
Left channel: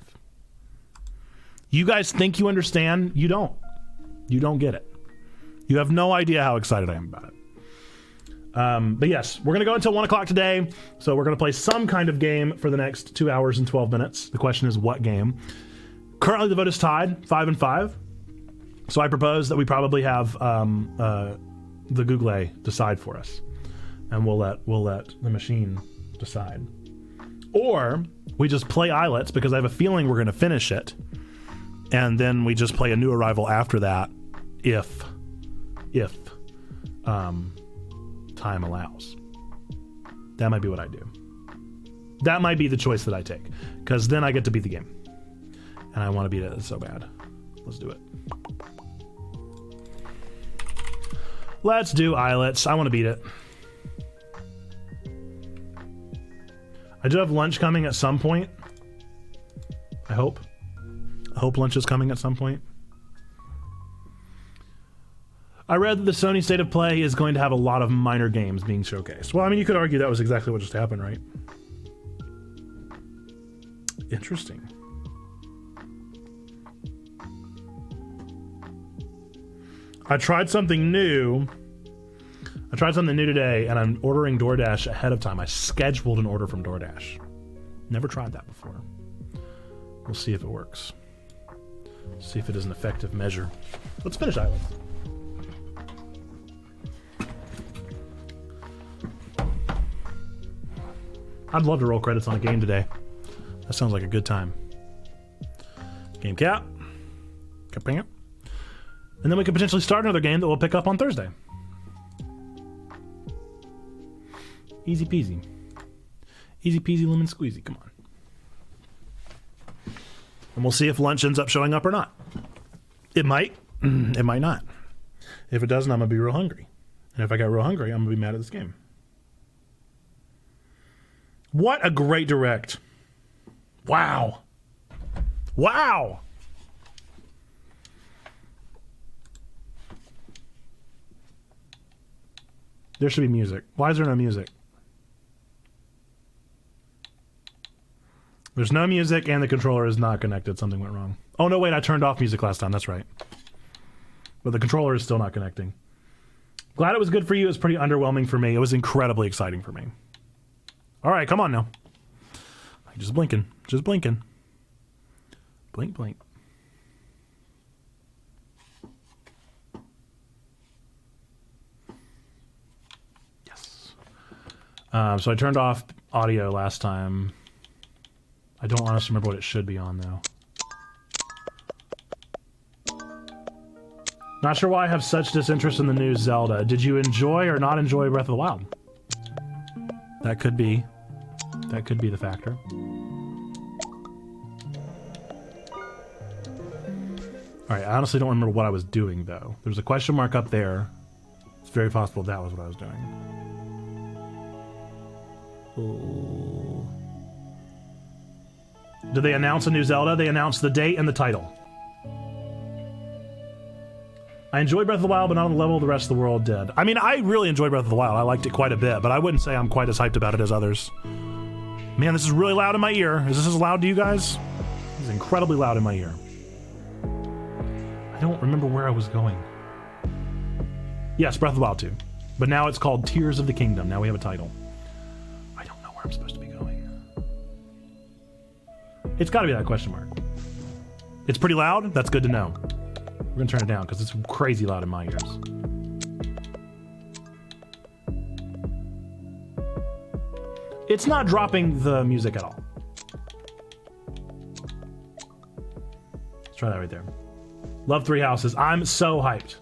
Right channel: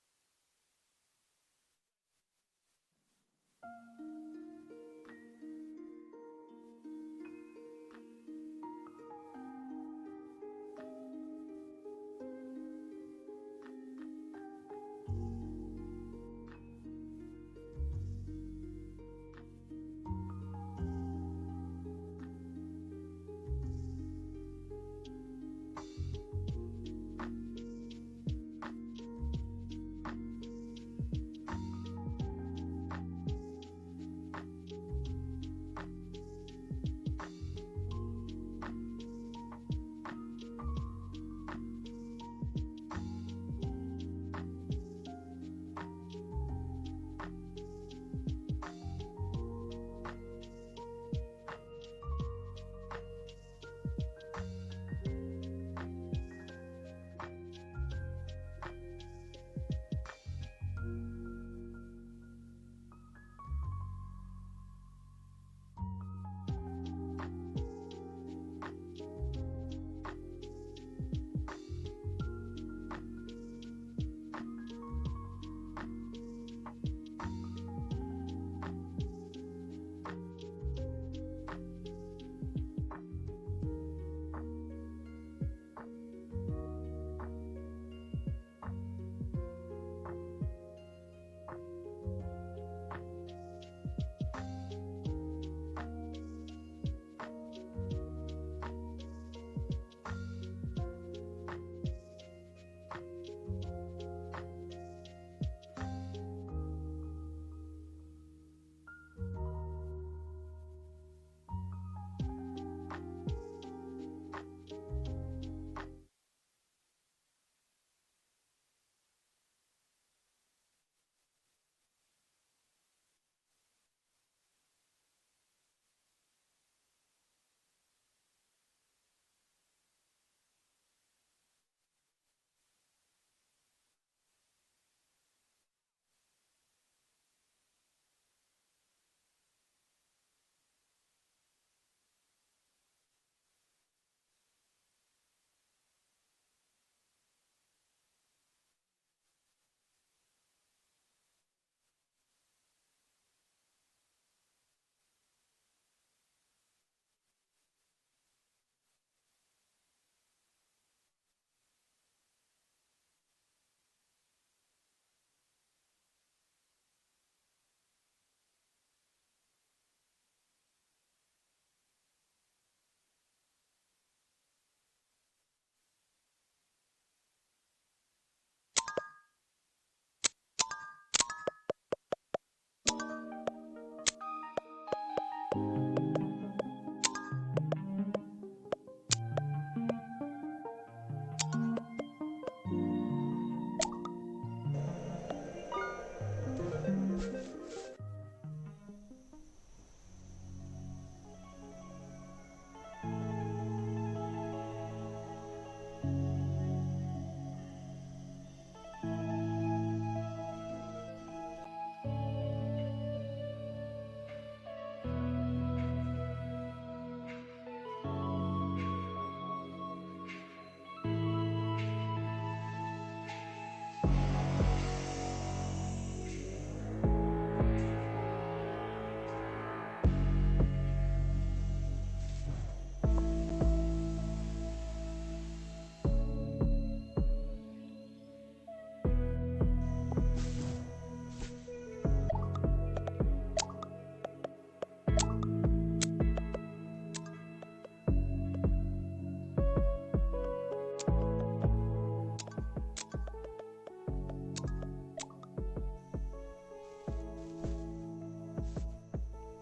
You guys think you understand? You don't. You don't get it. You have no idea how excited I am about it. But yes, we're going to go until 1 o'clock today. So we're going to play some kind of game for the next 2 hours and 12 minutes. The question is what game? Currently the vote is tied 5-5. So I propose that we probably have the Google decide for us. And we'll let the machine decide. Or we just play Islets because I have a feeling we're going to finish it. And then we just play a new arrival after that if time allows. That might be what I do. That might be the choice that I take. Because then I get to beat the game. And I want to beat it so bad. Let's do it. Let's do Islets. I want to beat it. I do have lunch coming at some point. I hope lunch is coming at some point. I read that the Sony State of Play is going to have a lot of minor games being showcased. Well, I mean, you could argue that was exactly what just happened, right? Interesting. I tried something new. I tried something new today, and I'm ordering DoorDash ahead of time. I scheduled an order from DoorDash. Never tried that before. We'll see if it works. See if it is an effective measure. Let's finish Islets. I'd love to roll credits on a game today. That sounds like a good time. Game cap. Caping it. And then we could potentially start another game that we'll pick up on Thursday. Easy peasy. Easy peasy lemon squeezy. Come on. And we'll see if lunch ends up showing up or not. It might. It might not. If it doesn't, I'm going to be real hungry. And if I get real hungry, I'm going to be mad at this game. What a great direct. Wow. Wow. There should be music. Why is there no music? There's no music and the controller is not connected. Something went wrong. Oh, no, wait. I turned off music last time. That's right. But the controller is still not connecting. Glad it was good for you. It was pretty underwhelming for me. It was incredibly exciting for me. All right, come on now. Just blinking. Just blinking. Blink, blink. Yes. So I turned off audio last time. I don't honestly remember what it should be on, though. Not sure why I have such disinterest in the new Zelda. Did you enjoy or not enjoy Breath of the Wild? That could be. That could be the factor. Alright, I honestly don't remember what I was doing, though. There's a question mark up there. It's very possible that was what I was doing. Did they announce a new Zelda? They announced the date and the title. I enjoyed Breath of the Wild, but not on the level the rest of the world did. I mean, I really enjoyed Breath of the Wild. I liked it quite a bit, but I wouldn't say I'm quite as hyped about it as others. Man, this is really loud in my ear. Is this as loud to you guys? It's incredibly loud in my ear. I don't remember where I was going. Yes, Breath of the Wild 2. But now it's called Tears of the Kingdom. Now we have a title. I don't know where I'm supposed to be going. It's got to be that question mark. It's pretty loud? That's good to know. We're going to turn it down because it's crazy loud in my ears. It's not dropping the music at all. Let's try that right there. Love Three Houses. I'm so hyped.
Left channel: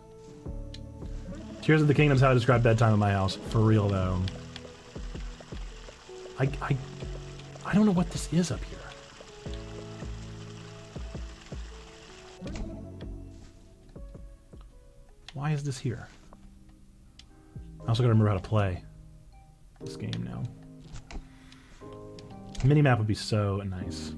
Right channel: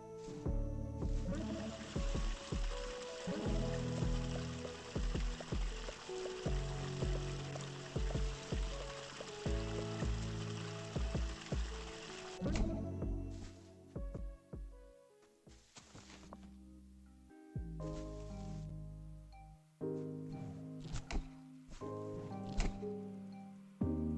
Tears of the Kingdom is how I describe bedtime in my house. For real, though. I don't know what this is up here. Why is this here? I also gotta remember how to play this game now. Minimap would be so nice.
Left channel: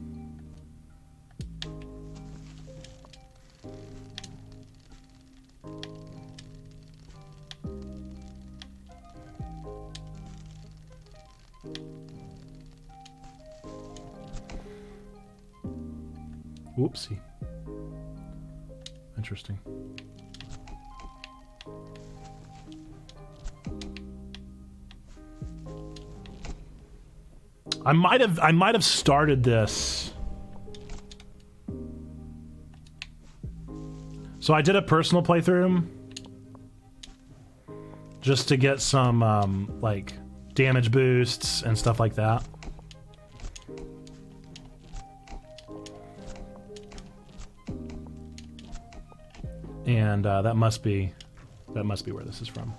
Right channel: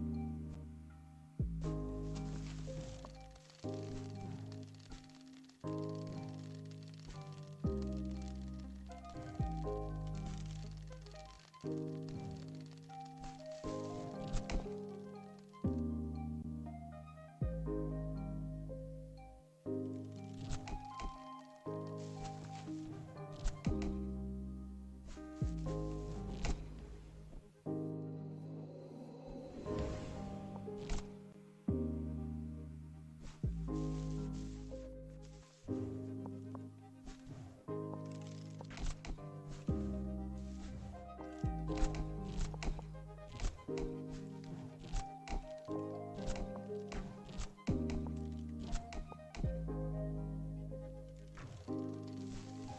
Whoopsie. Interesting. I might have started this. So I did a personal playthrough just to get some like damage boosts and stuff like that. And that must be where this is from.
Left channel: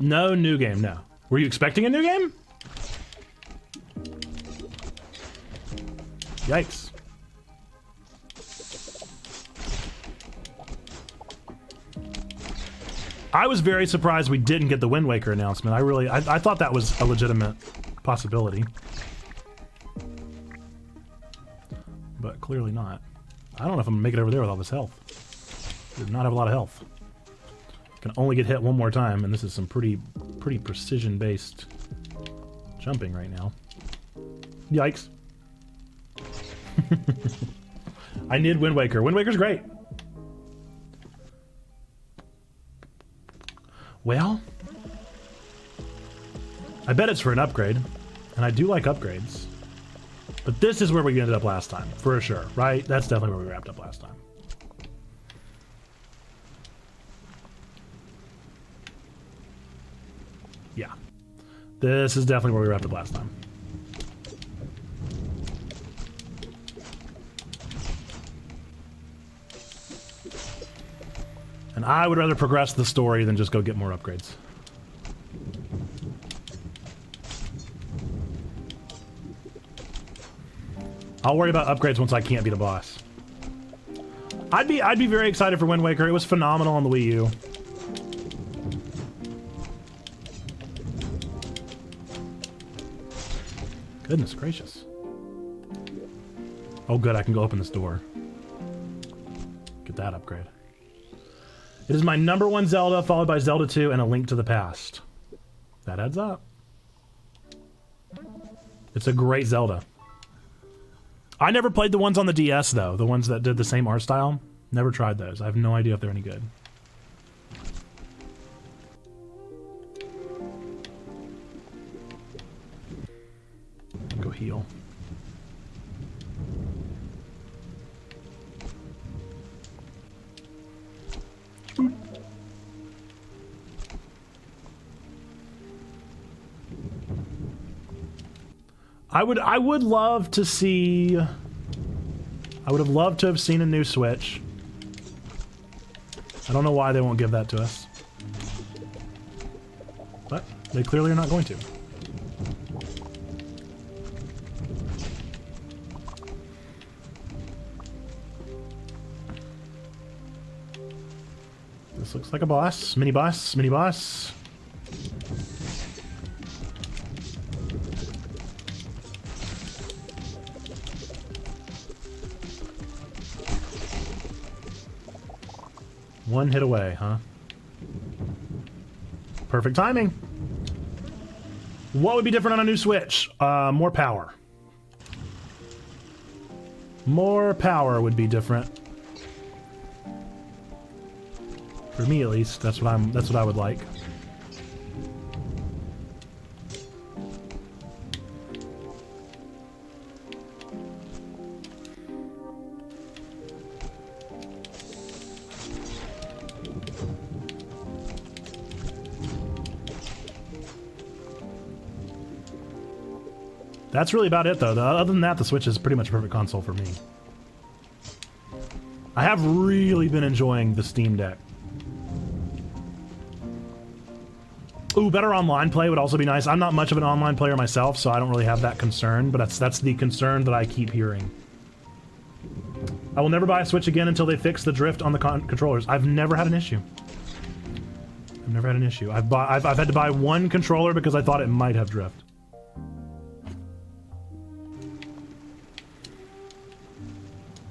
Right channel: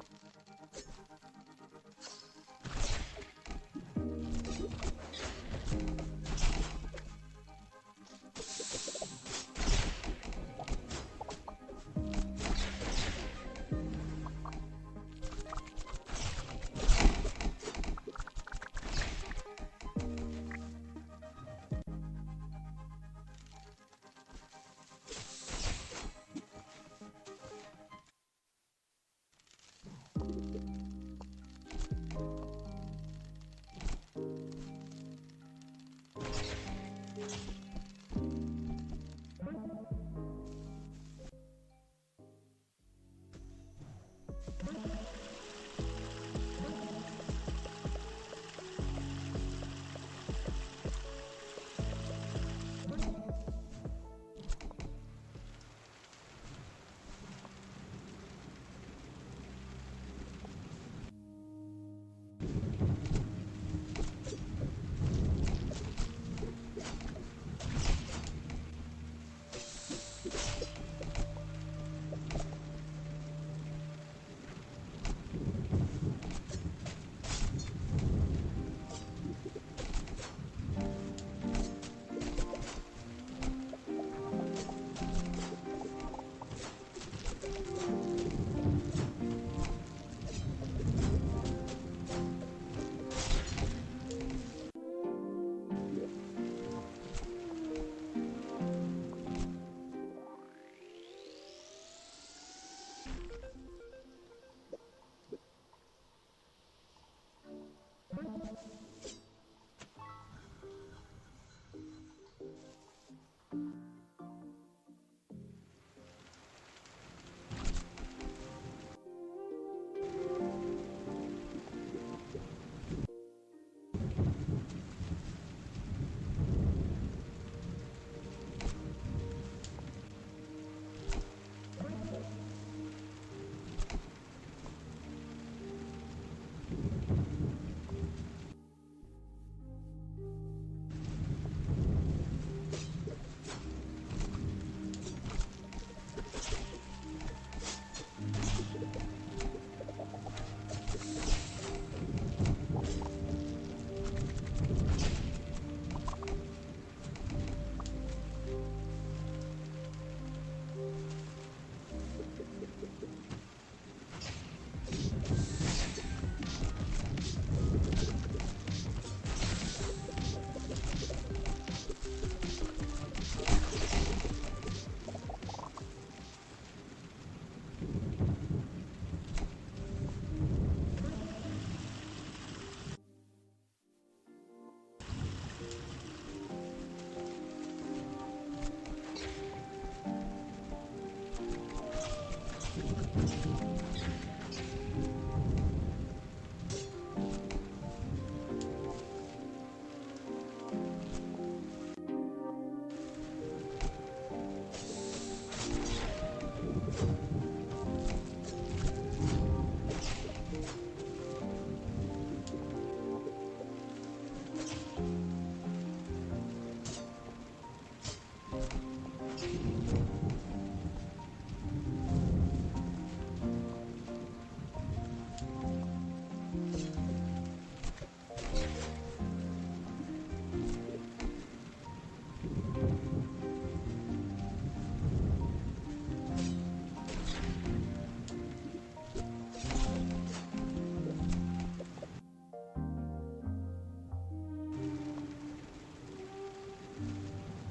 No new game, no. Were you expecting a new game? Yikes. I was very surprised we didn't get the Wind Waker announcement. I thought that was a legitimate possibility. But clearly not. I don't know if I'm gonna make it over there with all this health. I do not have a lot of health. Can only get hit one more time, and this is some pretty precision-based jumping right now. Yikes. I need Wind Waker. Wind Waker's great. Well, I bet it's for an upgrade, and I do like upgrades. But this is where we ended up last time, for sure, right? That's definitely where we wrapped up last time. Yeah. This is definitely where we wrapped up last time. And I would rather progress the story than just go get more upgrades. I'll worry about upgrades once I can't beat a boss. I'd be very excited for Wind Waker. It was phenomenal on the Wii U. Goodness gracious. Oh good, I can go open this door. Get that upgrade. It is my #1 Zelda, followed by Zelda 2 and A Link to the Past. That adds up. It's a great Zelda. I never played the ones on the DS, though. The ones that did the same art style. Never tried those. I have no idea if they're any good. Go heal. I would love to see. I would have loved to have seen a new Switch. I don't know why they won't give that to us, but they clearly are not going to. This looks like a boss, mini boss, mini boss. One hit away, huh? Perfect timing. What would be different on a new Switch? More power. More power would be different. For me, at least, that's what I would like. That's really about it, though. Other than that, the Switch is pretty much a perfect console for me. I have really been enjoying the Steam Deck. Ooh, better online play would also be nice. I'm not much of an online player myself, so I don't really have that concern, but that's the concern that I keep hearing. I will never buy a Switch again until they fix the drift on the controllers. I've never had an issue. I've never had an issue. I've had to buy one controller because I thought it might have drift.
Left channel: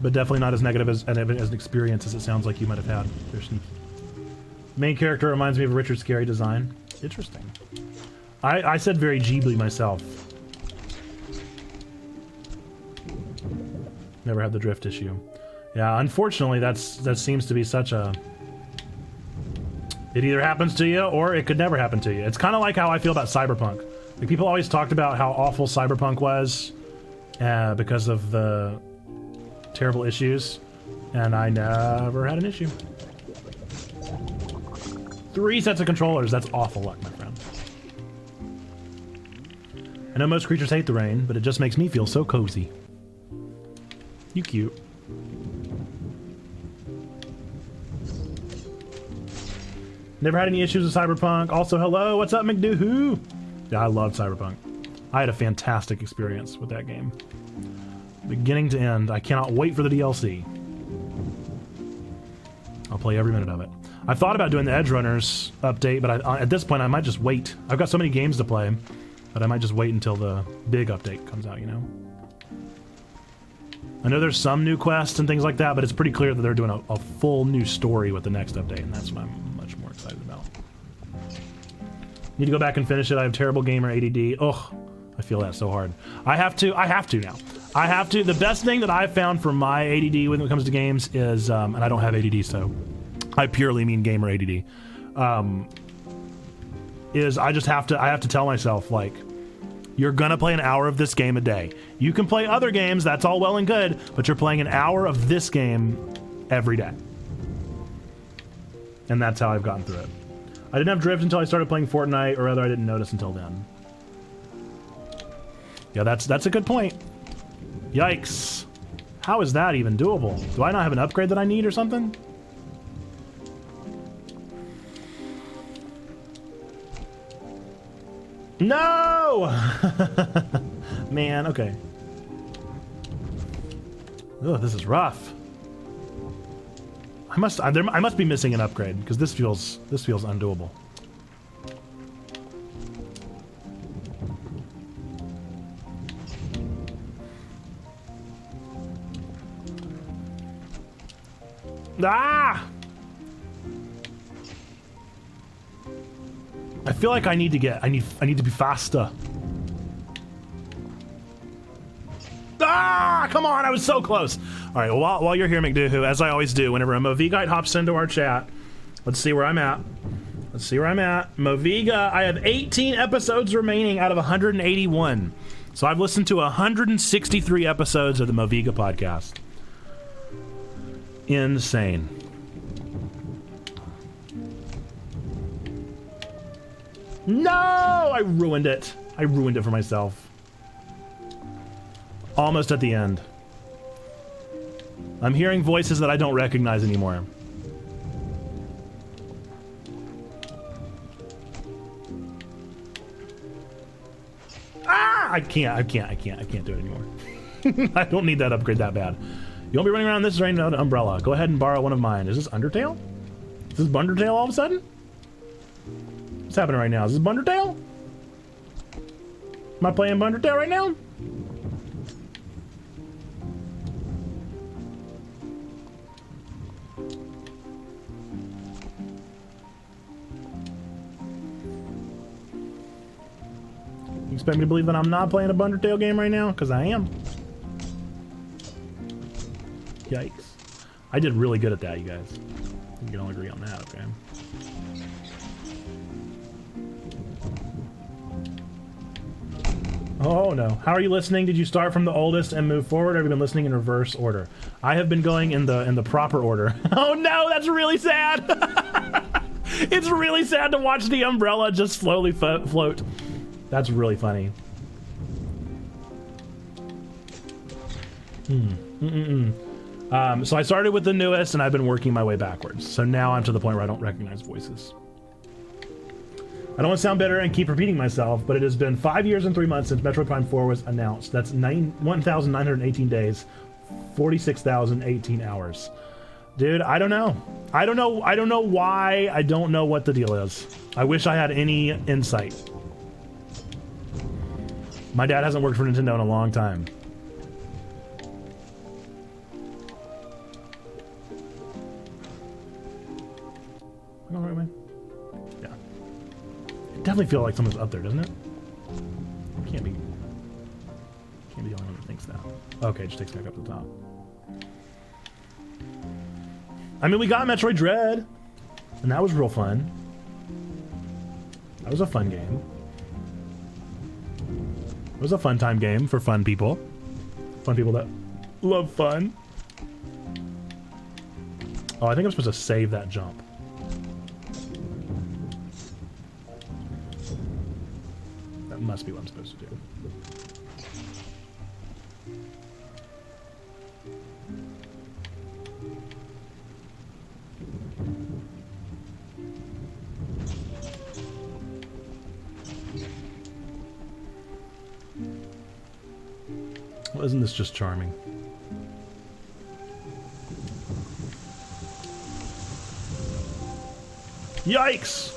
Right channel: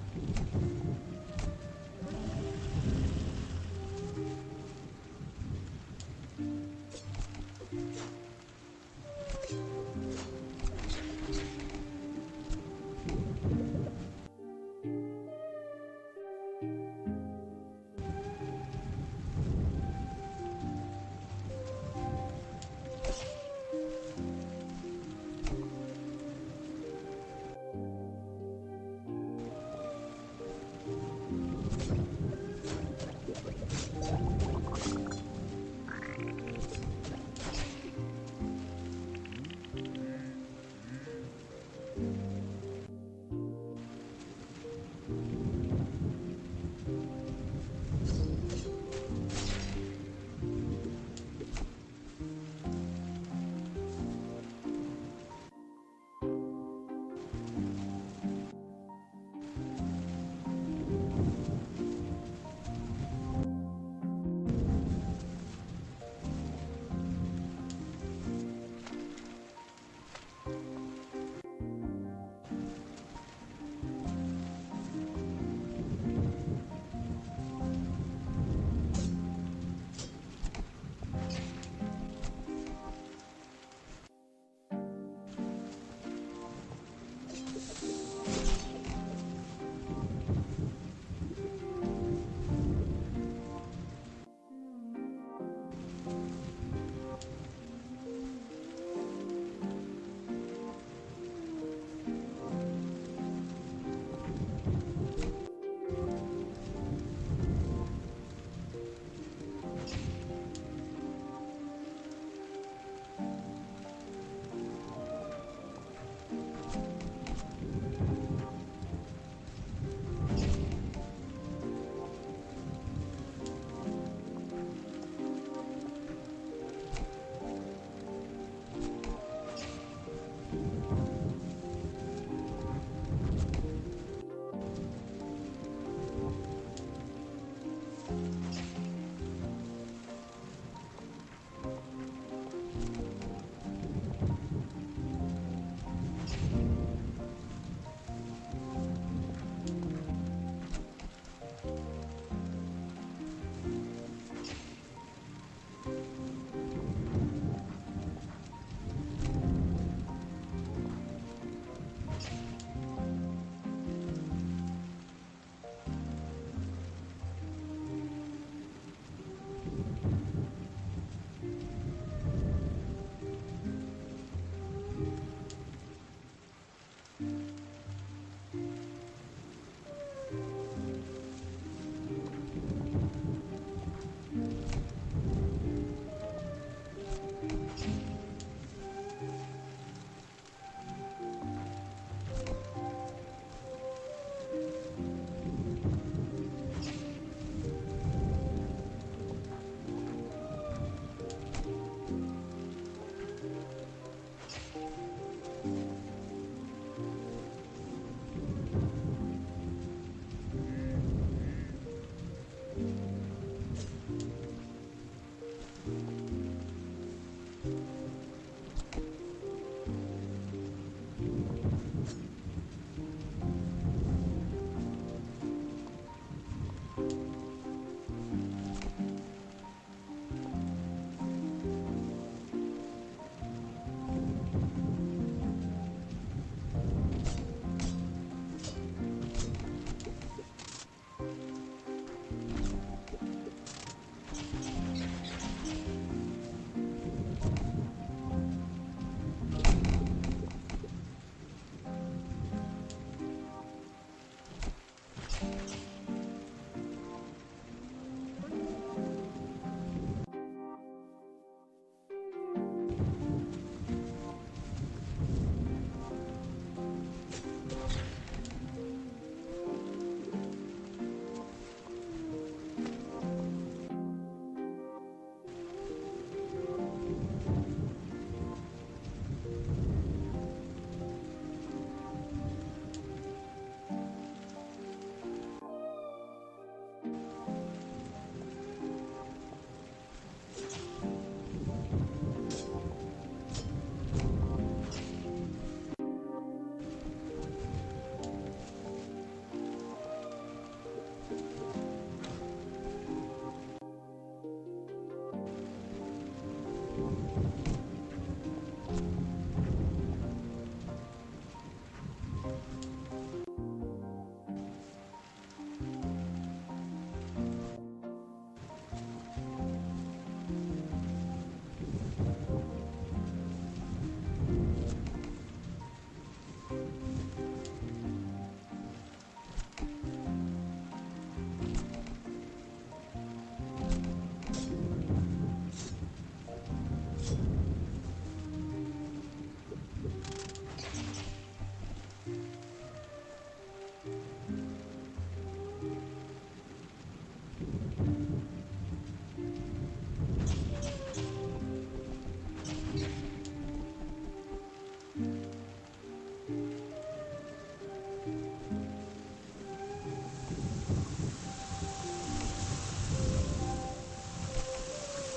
But definitely not as negative as an experience as it sounds like you might have had. Main character reminds me of a Richard Scarry design. Interesting. I said very Ghibli myself. Never had the drift issue. Yeah, unfortunately, that seems to be such a... It either happens to you or it could never happen to you. It's kind of like how I feel about Cyberpunk. Like, people always talked about how awful Cyberpunk was because of the terrible issues, and I never had an issue. 3 sets of controllers, that's awful luck, my friend. I know most creatures hate the rain, but it just makes me feel so cozy. You cute. Never had any issues with Cyberpunk. Also, hello, what's up, McDoohoo? Yeah, I love Cyberpunk. I had a fantastic experience with that game. Beginning to end. I cannot wait for the DLC. I'll play every minute of it. I've thought about doing the Edge Runners update, but at this point I might just wait. I've got so many games to play, but I might just wait until the big update comes out, you know? I know there's some new quests and things like that, but it's pretty clear that they're doing a full new story with the next update, and that's what I'm much more excited about. Need to go back and finish it. I have terrible gamer ADD. Ugh, I feel that so hard. I have to now. I have to. The best thing that I've found for my ADD when it comes to games is, and I don't have ADD, so I purely mean gamer ADD. Is I have to tell myself, like, you're gonna play an hour of this game a day. You can play other games, that's all well and good, but you're playing an hour of this game every day. And that's how I've gotten through it. I didn't have drift until I started playing Fortnite, or rather I didn't notice until then. Yeah, that's a good point. Yikes. How is that even doable? Do I not have an upgrade that I need or something? No! Man, okay. Oh, this is rough. I must be missing an upgrade because this feels undoable. Ah! I feel like I need to be faster. Ah! Come on, I was so close. All right, well, while you're here, McDoohoo, as I always do, whenever a Movigite hops into our chat, let's see where I'm at. Moviga, I have 18 episodes remaining out of 181. So I've listened to 163 episodes of the Moviga podcast. Insane. No! I ruined it. I ruined it for myself. Almost at the end. I'm hearing voices that I don't recognize anymore. Ah! I can't do it anymore. I don't need that upgrade that bad. You won't be running around this rain without an umbrella. Go ahead and borrow one of mine. Is this Undertale? Is this Bundertale all of a sudden? What's happening right now? Is this Bundertale? Am I playing Bundertale right now? You expect me to believe that I'm not playing a Bundertale game right now? Because I am. Yikes. I did really good at that, you guys. We can all agree on that, okay? Oh no. How are you listening? Did you start from the oldest and move forward, or have you been listening in reverse order? I have been going in the proper order. Oh no, that's really sad! It's really sad to watch the umbrella just slowly float. That's really funny. So I started with the newest, and I've been working my way backwards. So now I'm to the point where I don't recognize voices. I don't want to sound bitter and keep repeating myself, but it has been 5 years and 3 months since Metroid Prime 4 was announced. That's 1,918 days, 46,018 hours. Dude, I don't know. I don't know why. I don't know what the deal is. I wish I had any insight. My dad hasn't worked for Nintendo in a long time. Definitely feel like someone's up there, doesn't it? Can't be the only one that thinks that. Okay, it just takes me back up the top. I mean, we got Metroid Dread, and that was real fun. That was a fun game. It was a fun time game for fun people. Fun people that love fun. Oh, I think I'm supposed to save that jump. Must be what I'm supposed to do. Well, isn't this just charming? Yikes!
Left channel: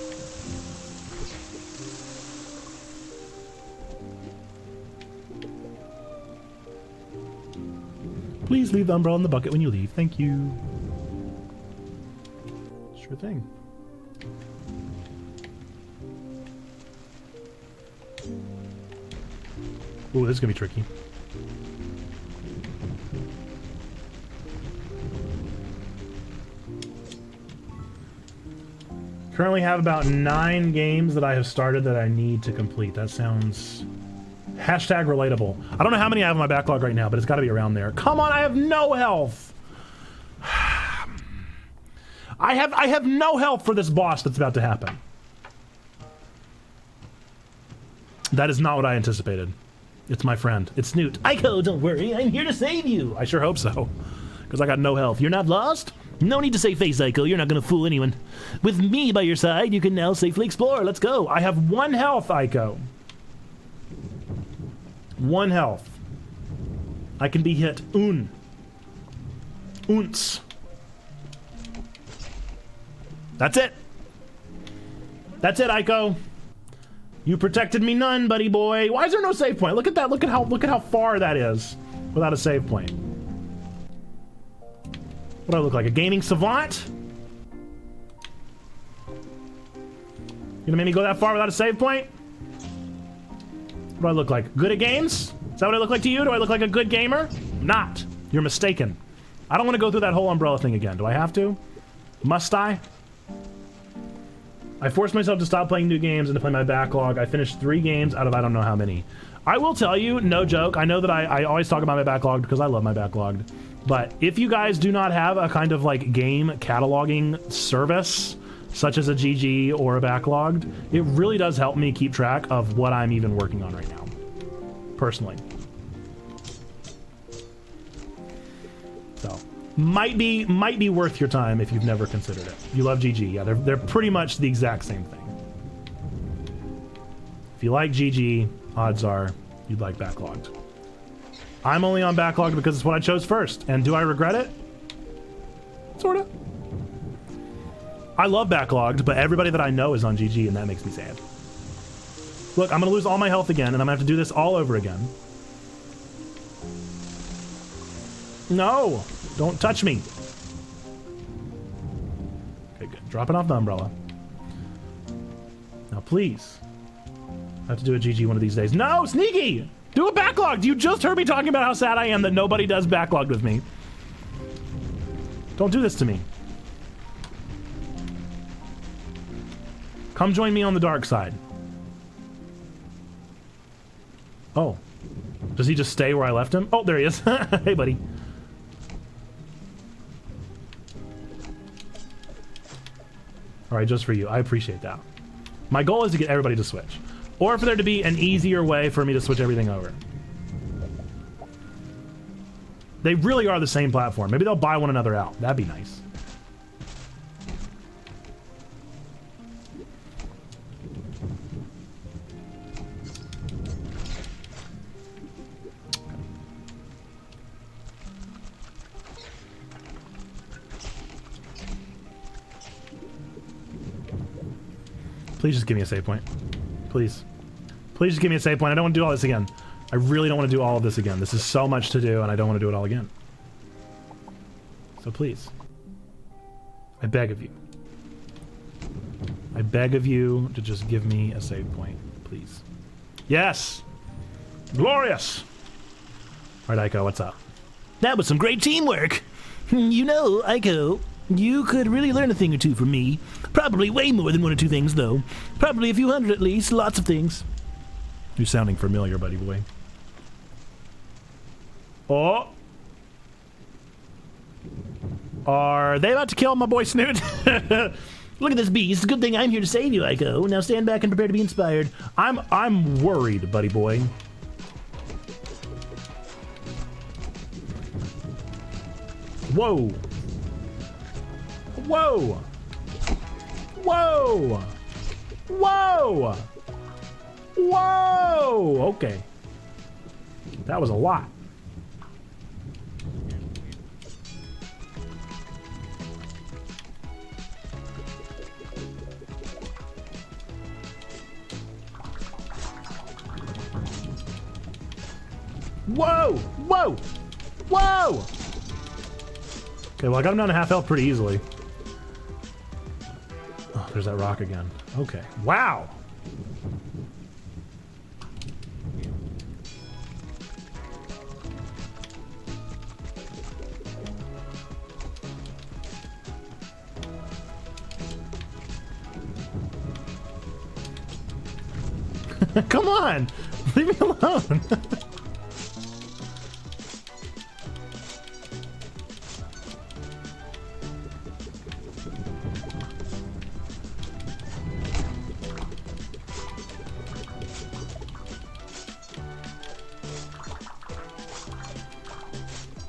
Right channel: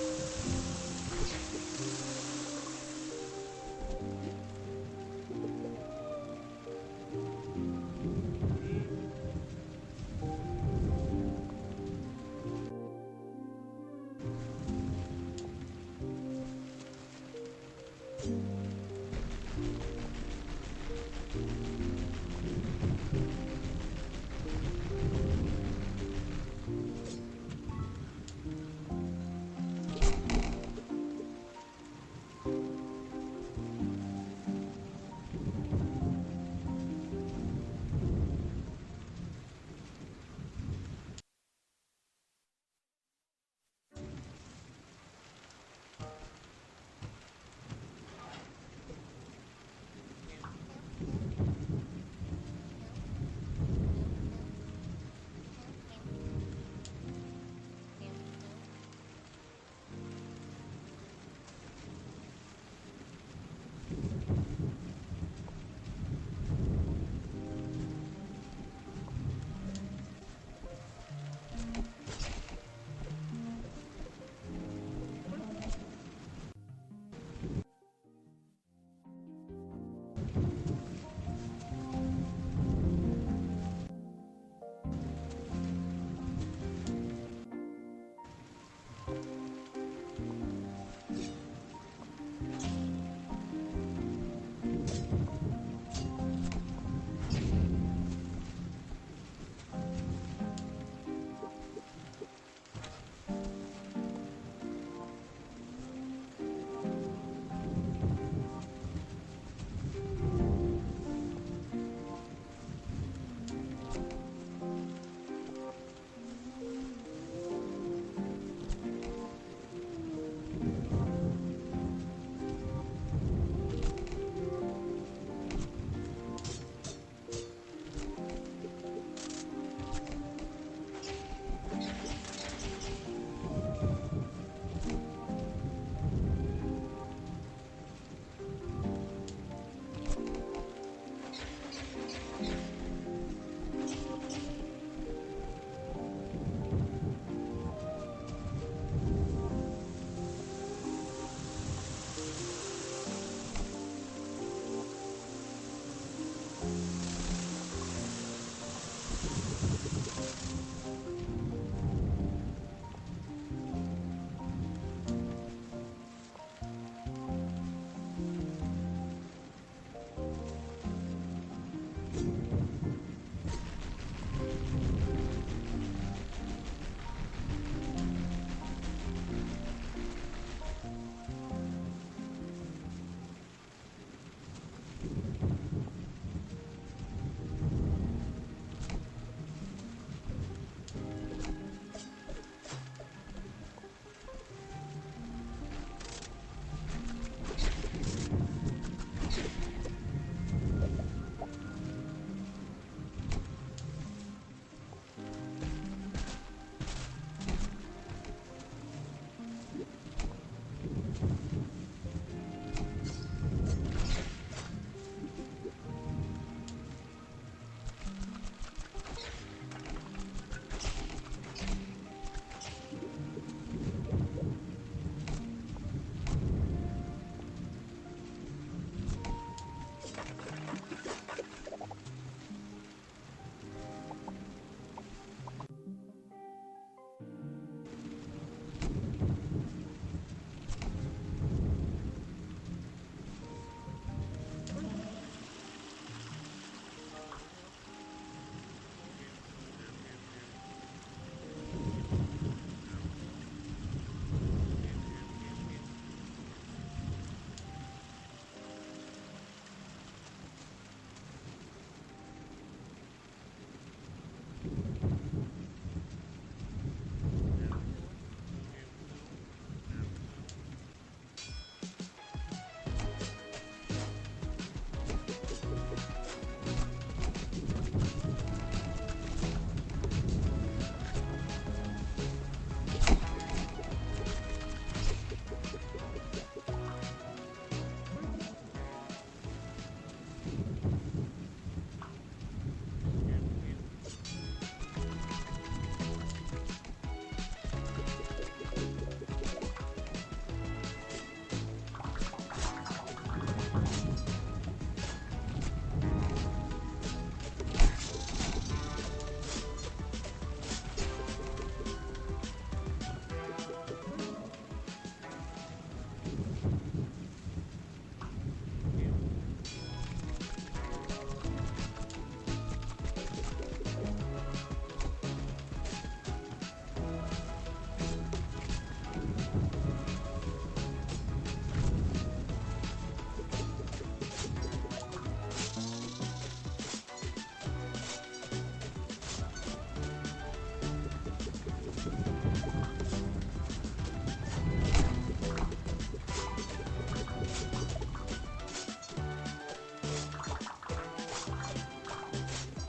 Please leave the umbrella in the bucket when you leave. Thank you. Sure thing. Ooh, this is gonna be tricky. Currently have about 9 games that I have started that I need to complete. That sounds... Hashtag relatable. I don't know how many I have in my backlog right now, but it's got to be around there. Come on, I have no health. I have no health for this boss that's about to happen. That is not what I anticipated. It's my friend. It's Snoot. Ico, don't worry. I'm here to save you. I sure hope so. Because I got no health. You're not lost? No need to save face, Ico. You're not going to fool anyone. With me by your side, you can now safely explore. Let's go. I have 1 health, Ico. 1 health. I can be hit. Unce. That's it. That's it, Ico. You protected me none, buddy boy. Why is there no save point? Look at that. Look at how far that is without a save point. What do I look like? A gaming savant? You gonna make me go that far without a save point? What do I look like? Good at games? Is that what I look like to you? Do I look like a good gamer? Not. You're mistaken. I don't want to go through that whole umbrella thing again. Do I have to? Must I? I forced myself to stop playing new games and to play my backlog. I finished 3 games out of I don't know how many. I will tell you, no joke, I know that I always talk about my backlog because I love my backlog. But if you guys do not have a kind of like game cataloging service, such as a GG or a backlogged, it really does help me keep track of what I'm even working on right now, personally. So, might be worth your time if you've never considered it. You love GG, yeah, they're pretty much the exact same thing. If you like GG, odds are you'd like backlogged. I'm only on backlogged because it's what I chose first, and do I regret it? Sorta. I love backlogged, but everybody that I know is on GG, and that makes me sad. Look, I'm gonna lose all my health again, and I'm gonna have to do this all over again. No! Don't touch me! Okay, good. Dropping off the umbrella. Now, please. I have to do a GG one of these days. No! Sneaky! Do a backlogged! You just heard me talking about how sad I am that nobody does backlogged with me. Don't do this to me. Come join me on the dark side. Oh. Does he just stay where I left him? Oh, there he is. Hey, buddy. All right, just for you. I appreciate that. My goal is to get everybody to switch. Or for there to be an easier way for me to switch everything over. They really are the same platform. Maybe they'll buy one another out. That'd be nice. Please just give me a save point. Please. Please just give me a save point. I don't want to do all this again. I really don't want to do all of this again. This is so much to do, and I don't want to do it all again. So please. I beg of you. I beg of you to just give me a save point, please. Yes! Glorious! Alright, Ico, what's up? That was some great teamwork. You know, Ico, you could really learn a thing or two from me. Probably way more than 1 or 2 things, though. Probably a few hundred at least. Lots of things. You're sounding familiar, buddy boy. Oh! Are they about to kill my boy Snoot? Look at this beast. Good thing I'm here to save you, Ico. Now stand back and prepare to be inspired. I'm worried, buddy boy. Whoa! Whoa! Whoa! Whoa! Whoa! Okay. That was a lot. Whoa! Whoa! Whoa! Okay, well, I got him down to half health pretty easily. Oh, there's that rock again. Okay. Wow! Come on! Leave me alone!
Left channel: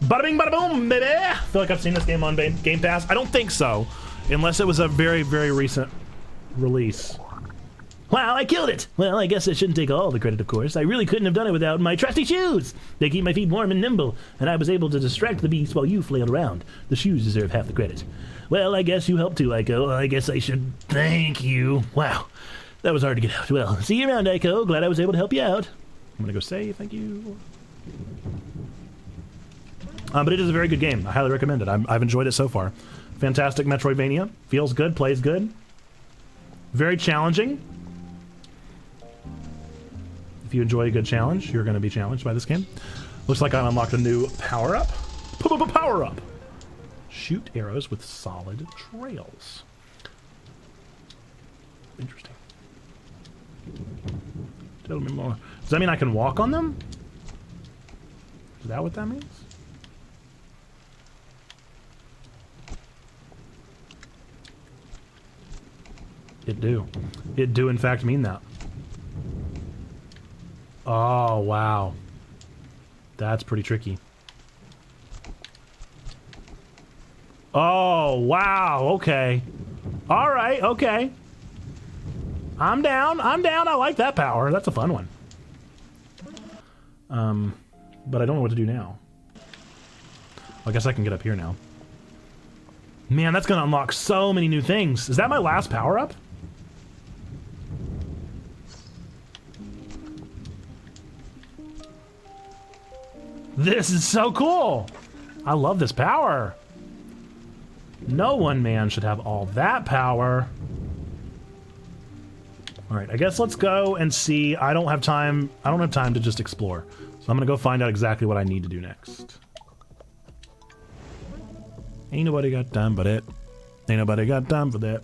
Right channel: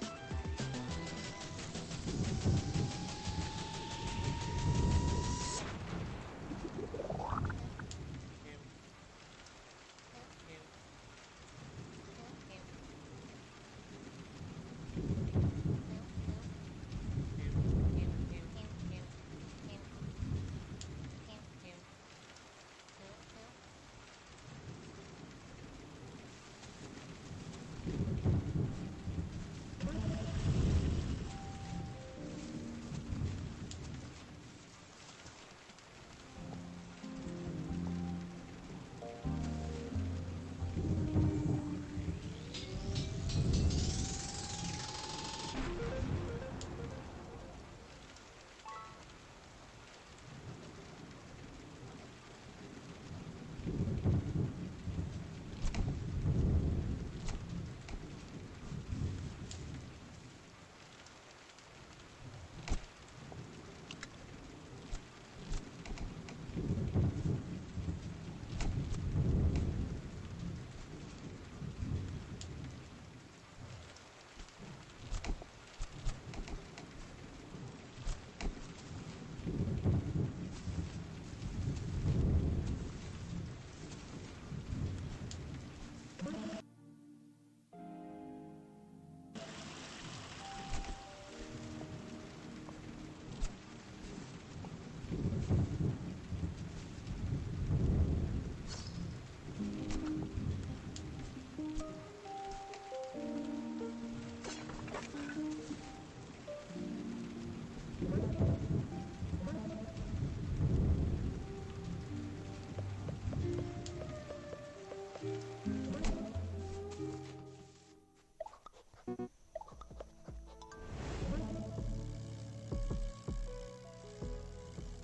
Bada bing, bada boom, baby! I feel like I've seen this game on Game Pass. I don't think so, unless it was a very, very recent release. Wow, I killed it! Well, I guess I shouldn't take all the credit, of course. I really couldn't have done it without my trusty shoes! They keep my feet warm and nimble, and I was able to distract the beast while you flailed around. The shoes deserve half the credit. Well, I guess you helped too, Aiko. I guess I should thank you. Wow, that was hard to get out. Well, see you around, Aiko. Glad I was able to help you out. I'm gonna go say thank you. But it is a very good game. I highly recommend it. I've enjoyed it so far. Fantastic Metroidvania. Feels good, plays good. Very challenging. If you enjoy a good challenge, you're going to be challenged by this game. Looks like I unlocked a new power-up. Power-up! Shoot arrows with solid trails. Interesting. Tell me more. Does that mean I can walk on them? Is that what that means? It do. It do in fact mean that. Oh, wow. That's pretty tricky. Oh, wow. Okay. All right. Okay. I'm down. I'm down. I like that power. That's a fun one. But I don't know what to do now. I guess I can get up here now. Man, that's going to unlock so many new things. Is that my last power-up? This is so cool! I love this power. No one man should have all that power. Alright, I guess let's go and see. I don't have time to just explore. So I'm gonna go find out exactly what I need to do next. Ain't nobody got time but it. Ain't nobody got time for that.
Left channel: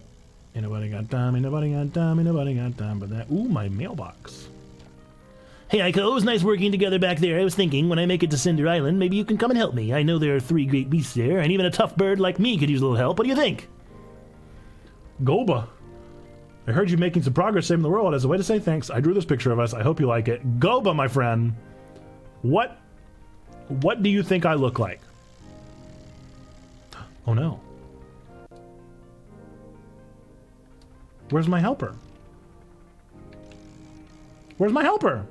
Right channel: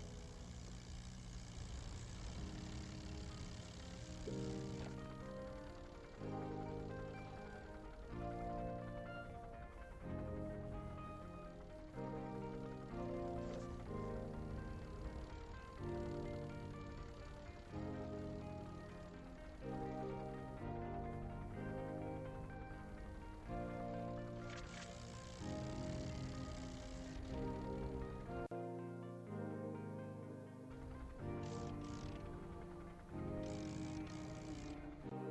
Ain't nobody got time, ain't nobody got time, ain't nobody got time for that. Ooh, my mailbox. Hey, Aiko, it was nice working together back there. I was thinking, when I make it to Cinder Island, maybe you can come and help me. I know there are 3 great beasts there, and even a tough bird like me could use a little help. What do you think? Goba. I heard you making some progress saving the world. As a way to say thanks, I drew this picture of us. I hope you like it. Goba, my friend. What do you think I look like? Oh, no. Where's my helper? Where's my helper?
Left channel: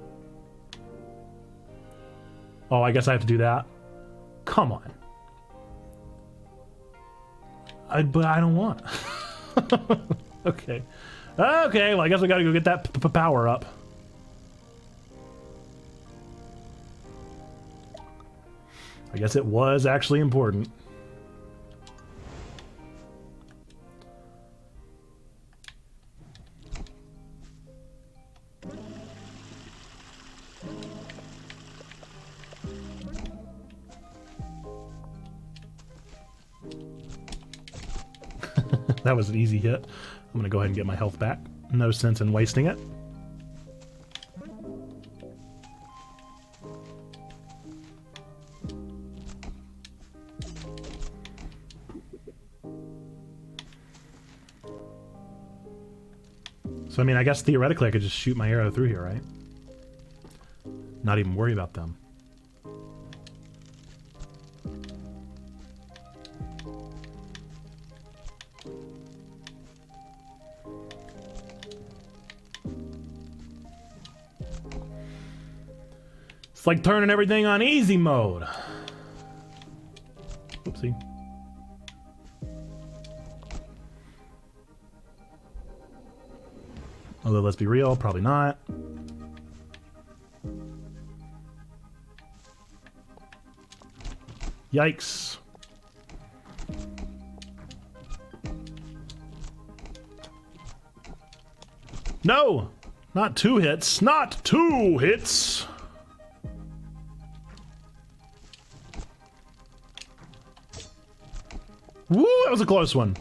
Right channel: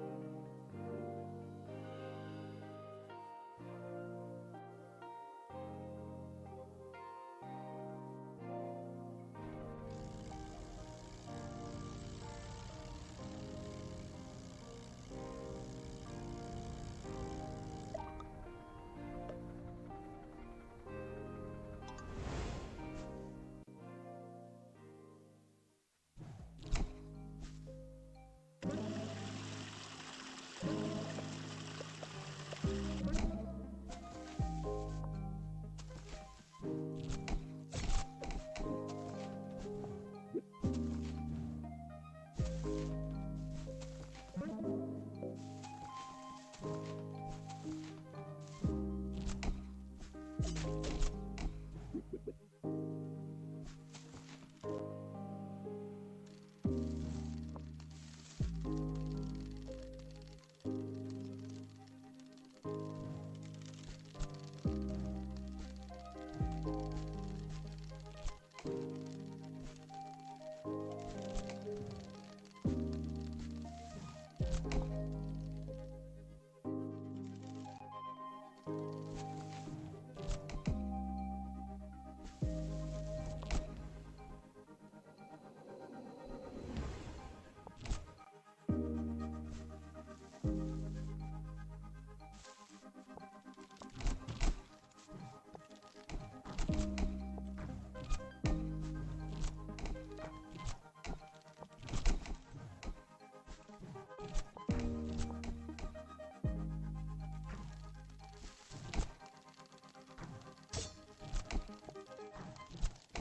Oh, I guess I have to do that. Come on. But I don't want. Okay. Okay, well, I guess we gotta go get that power up. I guess it was actually important. That was an easy hit. I'm gonna go ahead and get my health back. No sense in wasting it. So I mean, I guess theoretically I could just shoot my arrow through here, right? Not even worry about them. It's like turning everything on easy mode. Oopsie. Although, let's be real, probably not. Yikes. No! Not 2 hits. Not 2 hits! Woo, that was a close one.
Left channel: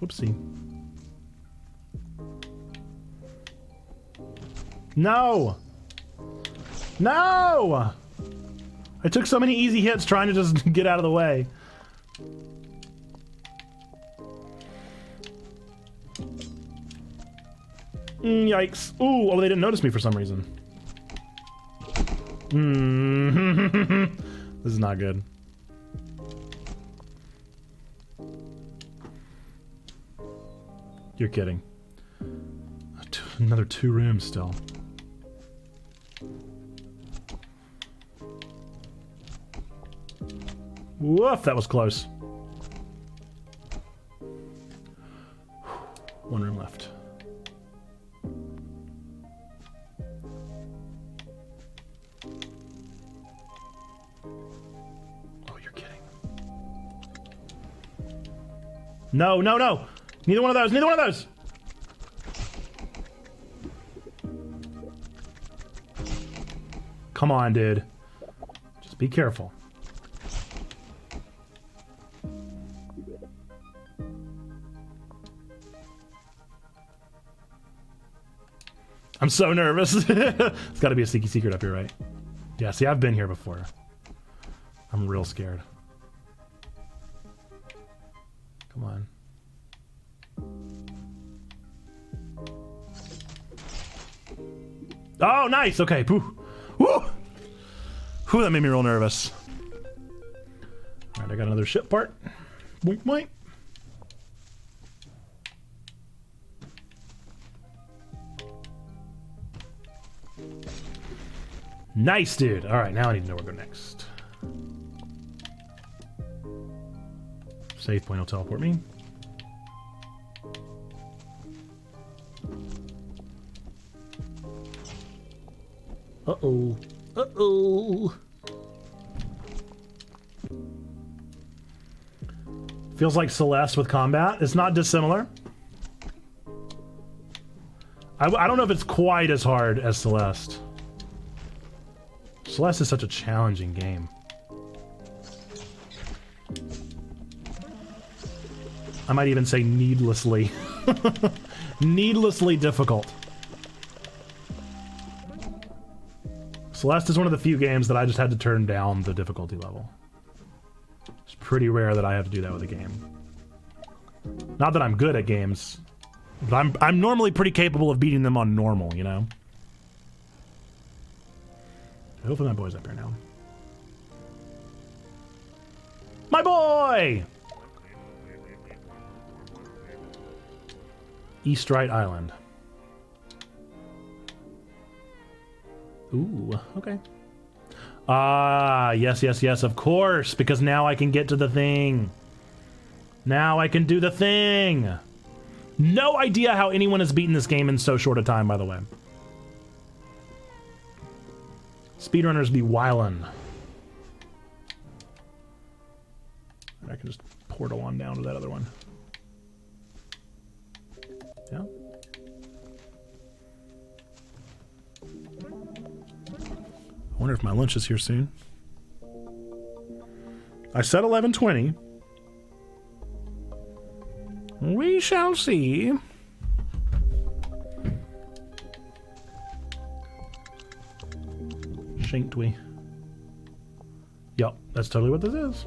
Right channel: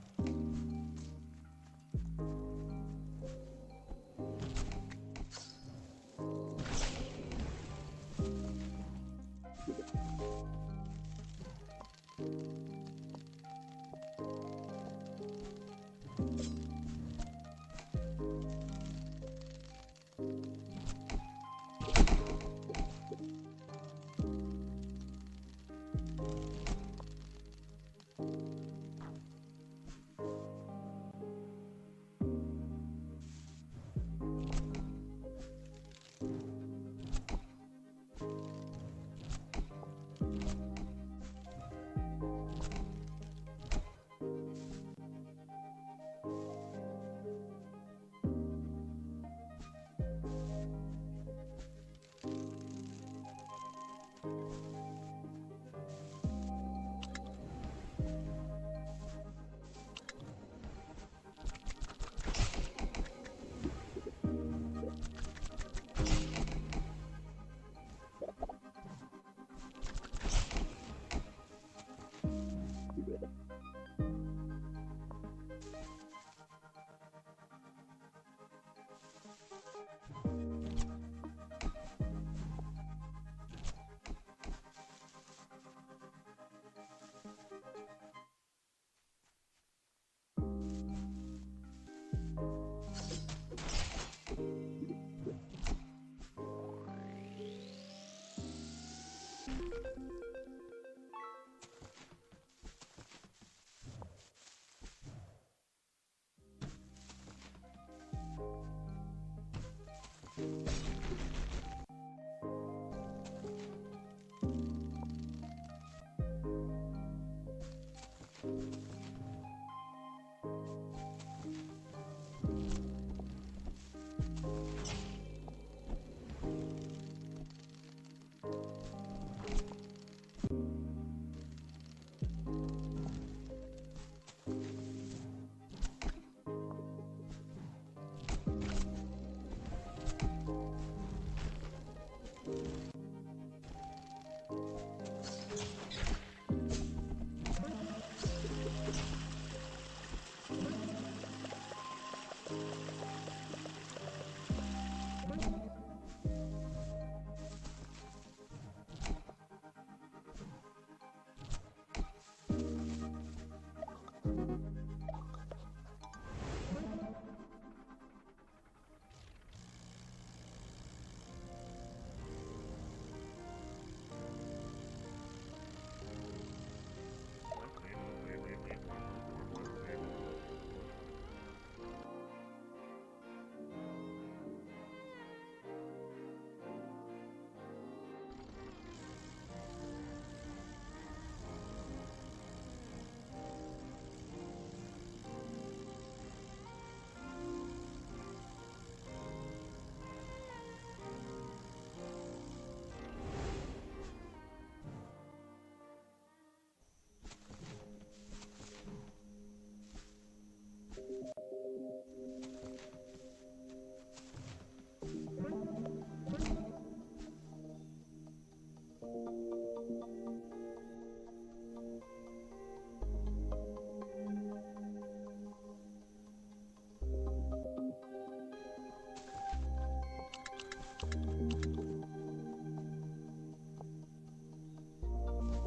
Whoopsie. No! No! I took so many easy hits trying to just get out of the way. Yikes. Ooh, oh, they didn't notice me for some reason. This is not good. You're kidding. Another 2 rooms still. Woof, that was close. 1 room left. Oh, you're kidding. No, no, no! Neither one of those, neither one of those! Come on, dude. Just be careful. I'm so nervous. It's gotta be a sneaky secret up here, right? Yeah, see, I've been here before. I'm real scared. Come on. Oh, nice! Okay, pooh. Woo! Whew, that made me real nervous. Alright, I got another ship part. Boink, boink. Nice, dude. Alright, now I need to know where to go next. Save point will teleport me. Uh-oh. Uh-oh. Feels like Celeste with combat. It's not dissimilar. I don't know if it's quite as hard as Celeste. Celeste is such a challenging game. I might even say needlessly. Needlessly difficult. Celeste is one of the few games that I just had to turn down the difficulty level. It's pretty rare that I have to do that with a game. Not that I'm good at games, but I'm normally pretty capable of beating them on normal, you know? Hopefully my boy's up here now. My boy! Eastrite Island. Ooh, okay. Ah, yes, yes, yes, of course, because now I can get to the thing. Now I can do the thing. No idea how anyone has beaten this game in so short a time, by the way. Speedrunners be wildin'. I can just portal on down to that other one. Yeah. I wonder if my lunch is here soon. I said 11:20. We shall see. Shanked we? Yup, that's totally what this is.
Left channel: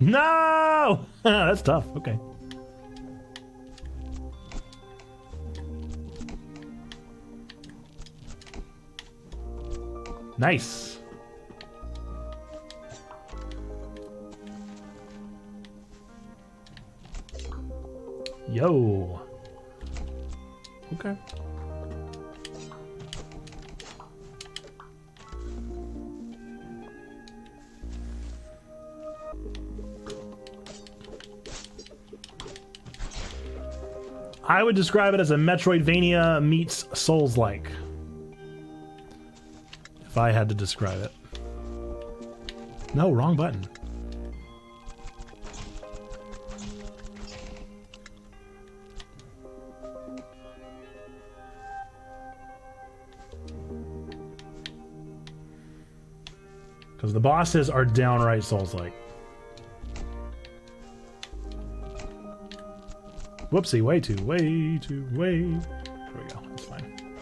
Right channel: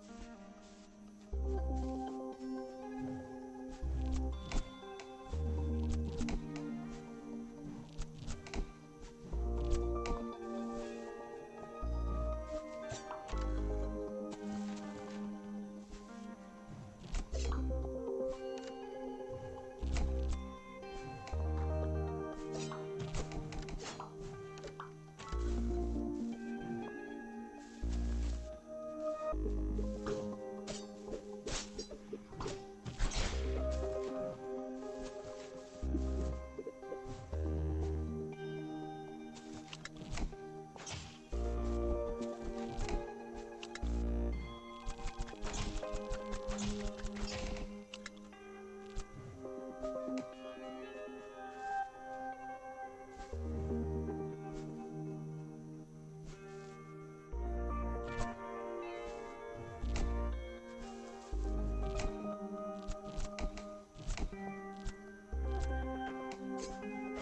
No! That's tough. Okay. Nice. Yo. Okay. I would describe it as a Metroidvania meets Souls-like. If I had to describe it. No, wrong button. Because the bosses are downright Souls-like. Whoopsie, way too. There we go, that's fine.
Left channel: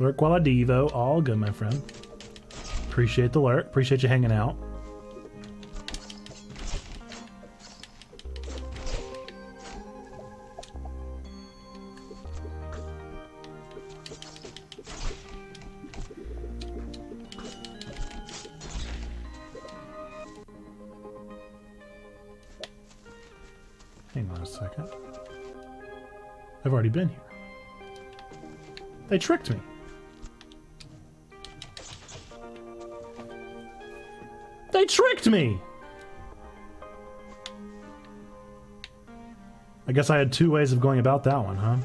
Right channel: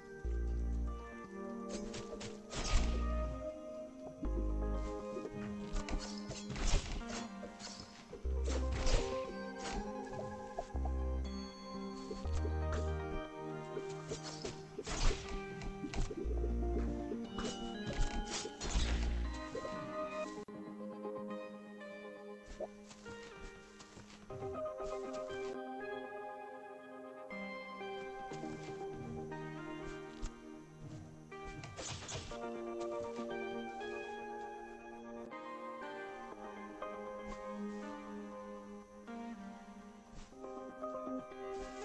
Lurk while I devo, all good, my friend. Appreciate the lurk, appreciate you hanging out. Hang on a second. I've already been here. They tricked me. They tricked me! I guess I had two ways of going about that one, huh?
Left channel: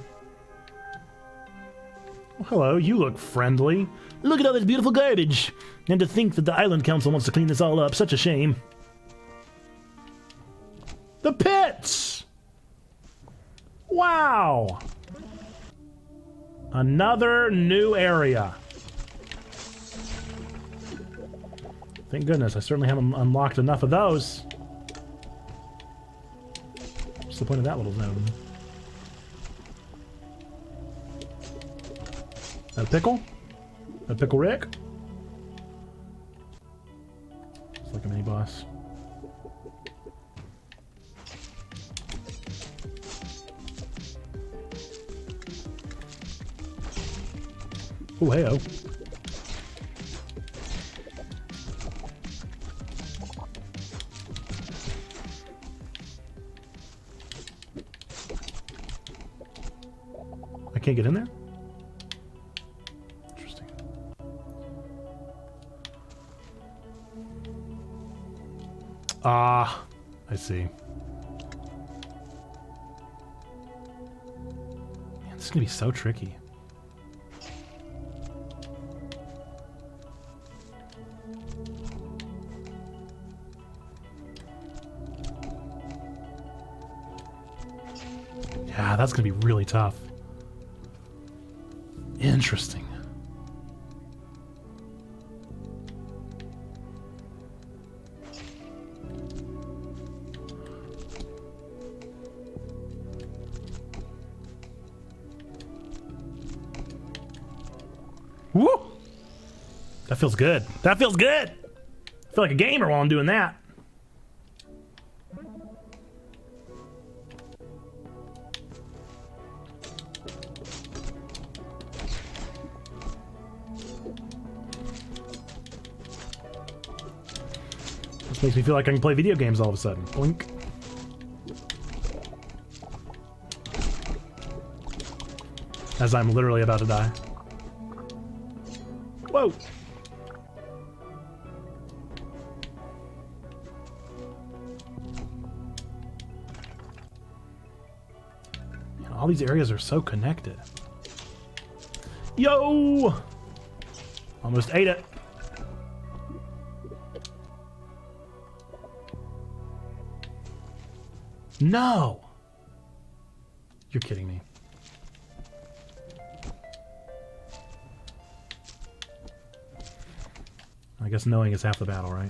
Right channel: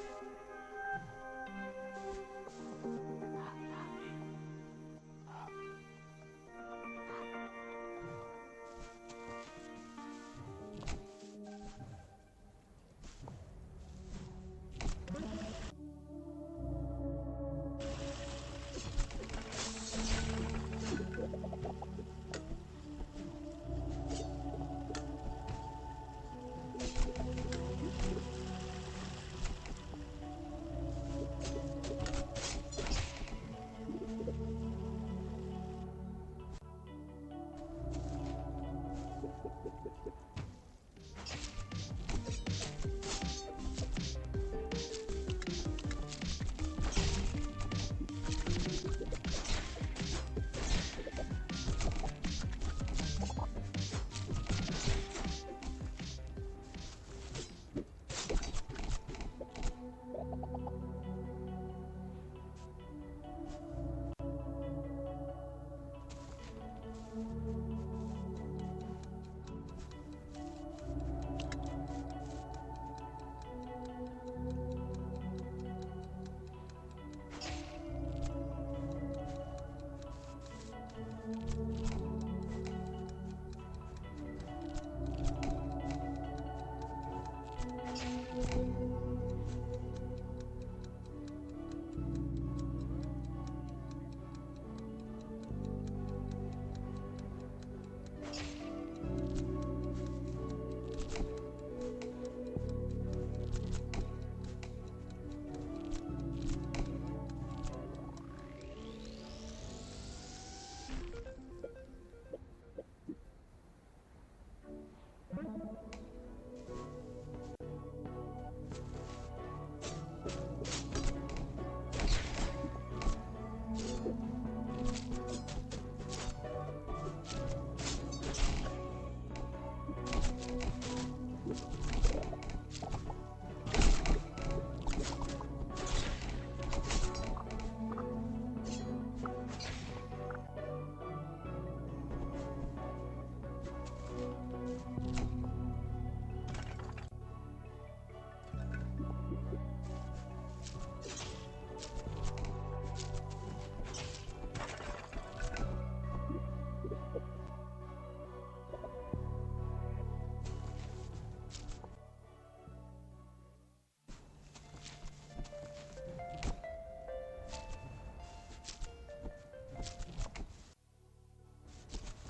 Well, hello, you look friendly. Look at all this beautiful garbage. And to think that the Island Council wants to clean this all up. Such a shame. The pits! Wow! Another new area. Thank goodness, I certainly haven't unlocked enough of those. What's the point of that little zone? A pickle? A pickle Rick? It's like a mini boss. Oh, hey-oh. I can't get in there? Interesting. Ah, I see. Man, this is gonna be so tricky. Yeah, that's gonna be really tough. Interesting. Woo! That feels good. That feels good! I feel like a gamer while I'm doing that. Makes me feel like I can play video games all of a sudden. Blink. As I'm literally about to die. Whoa! All these areas are so connected. Yo! Almost ate it. No! You're kidding me. I guess knowing is half the battle, right?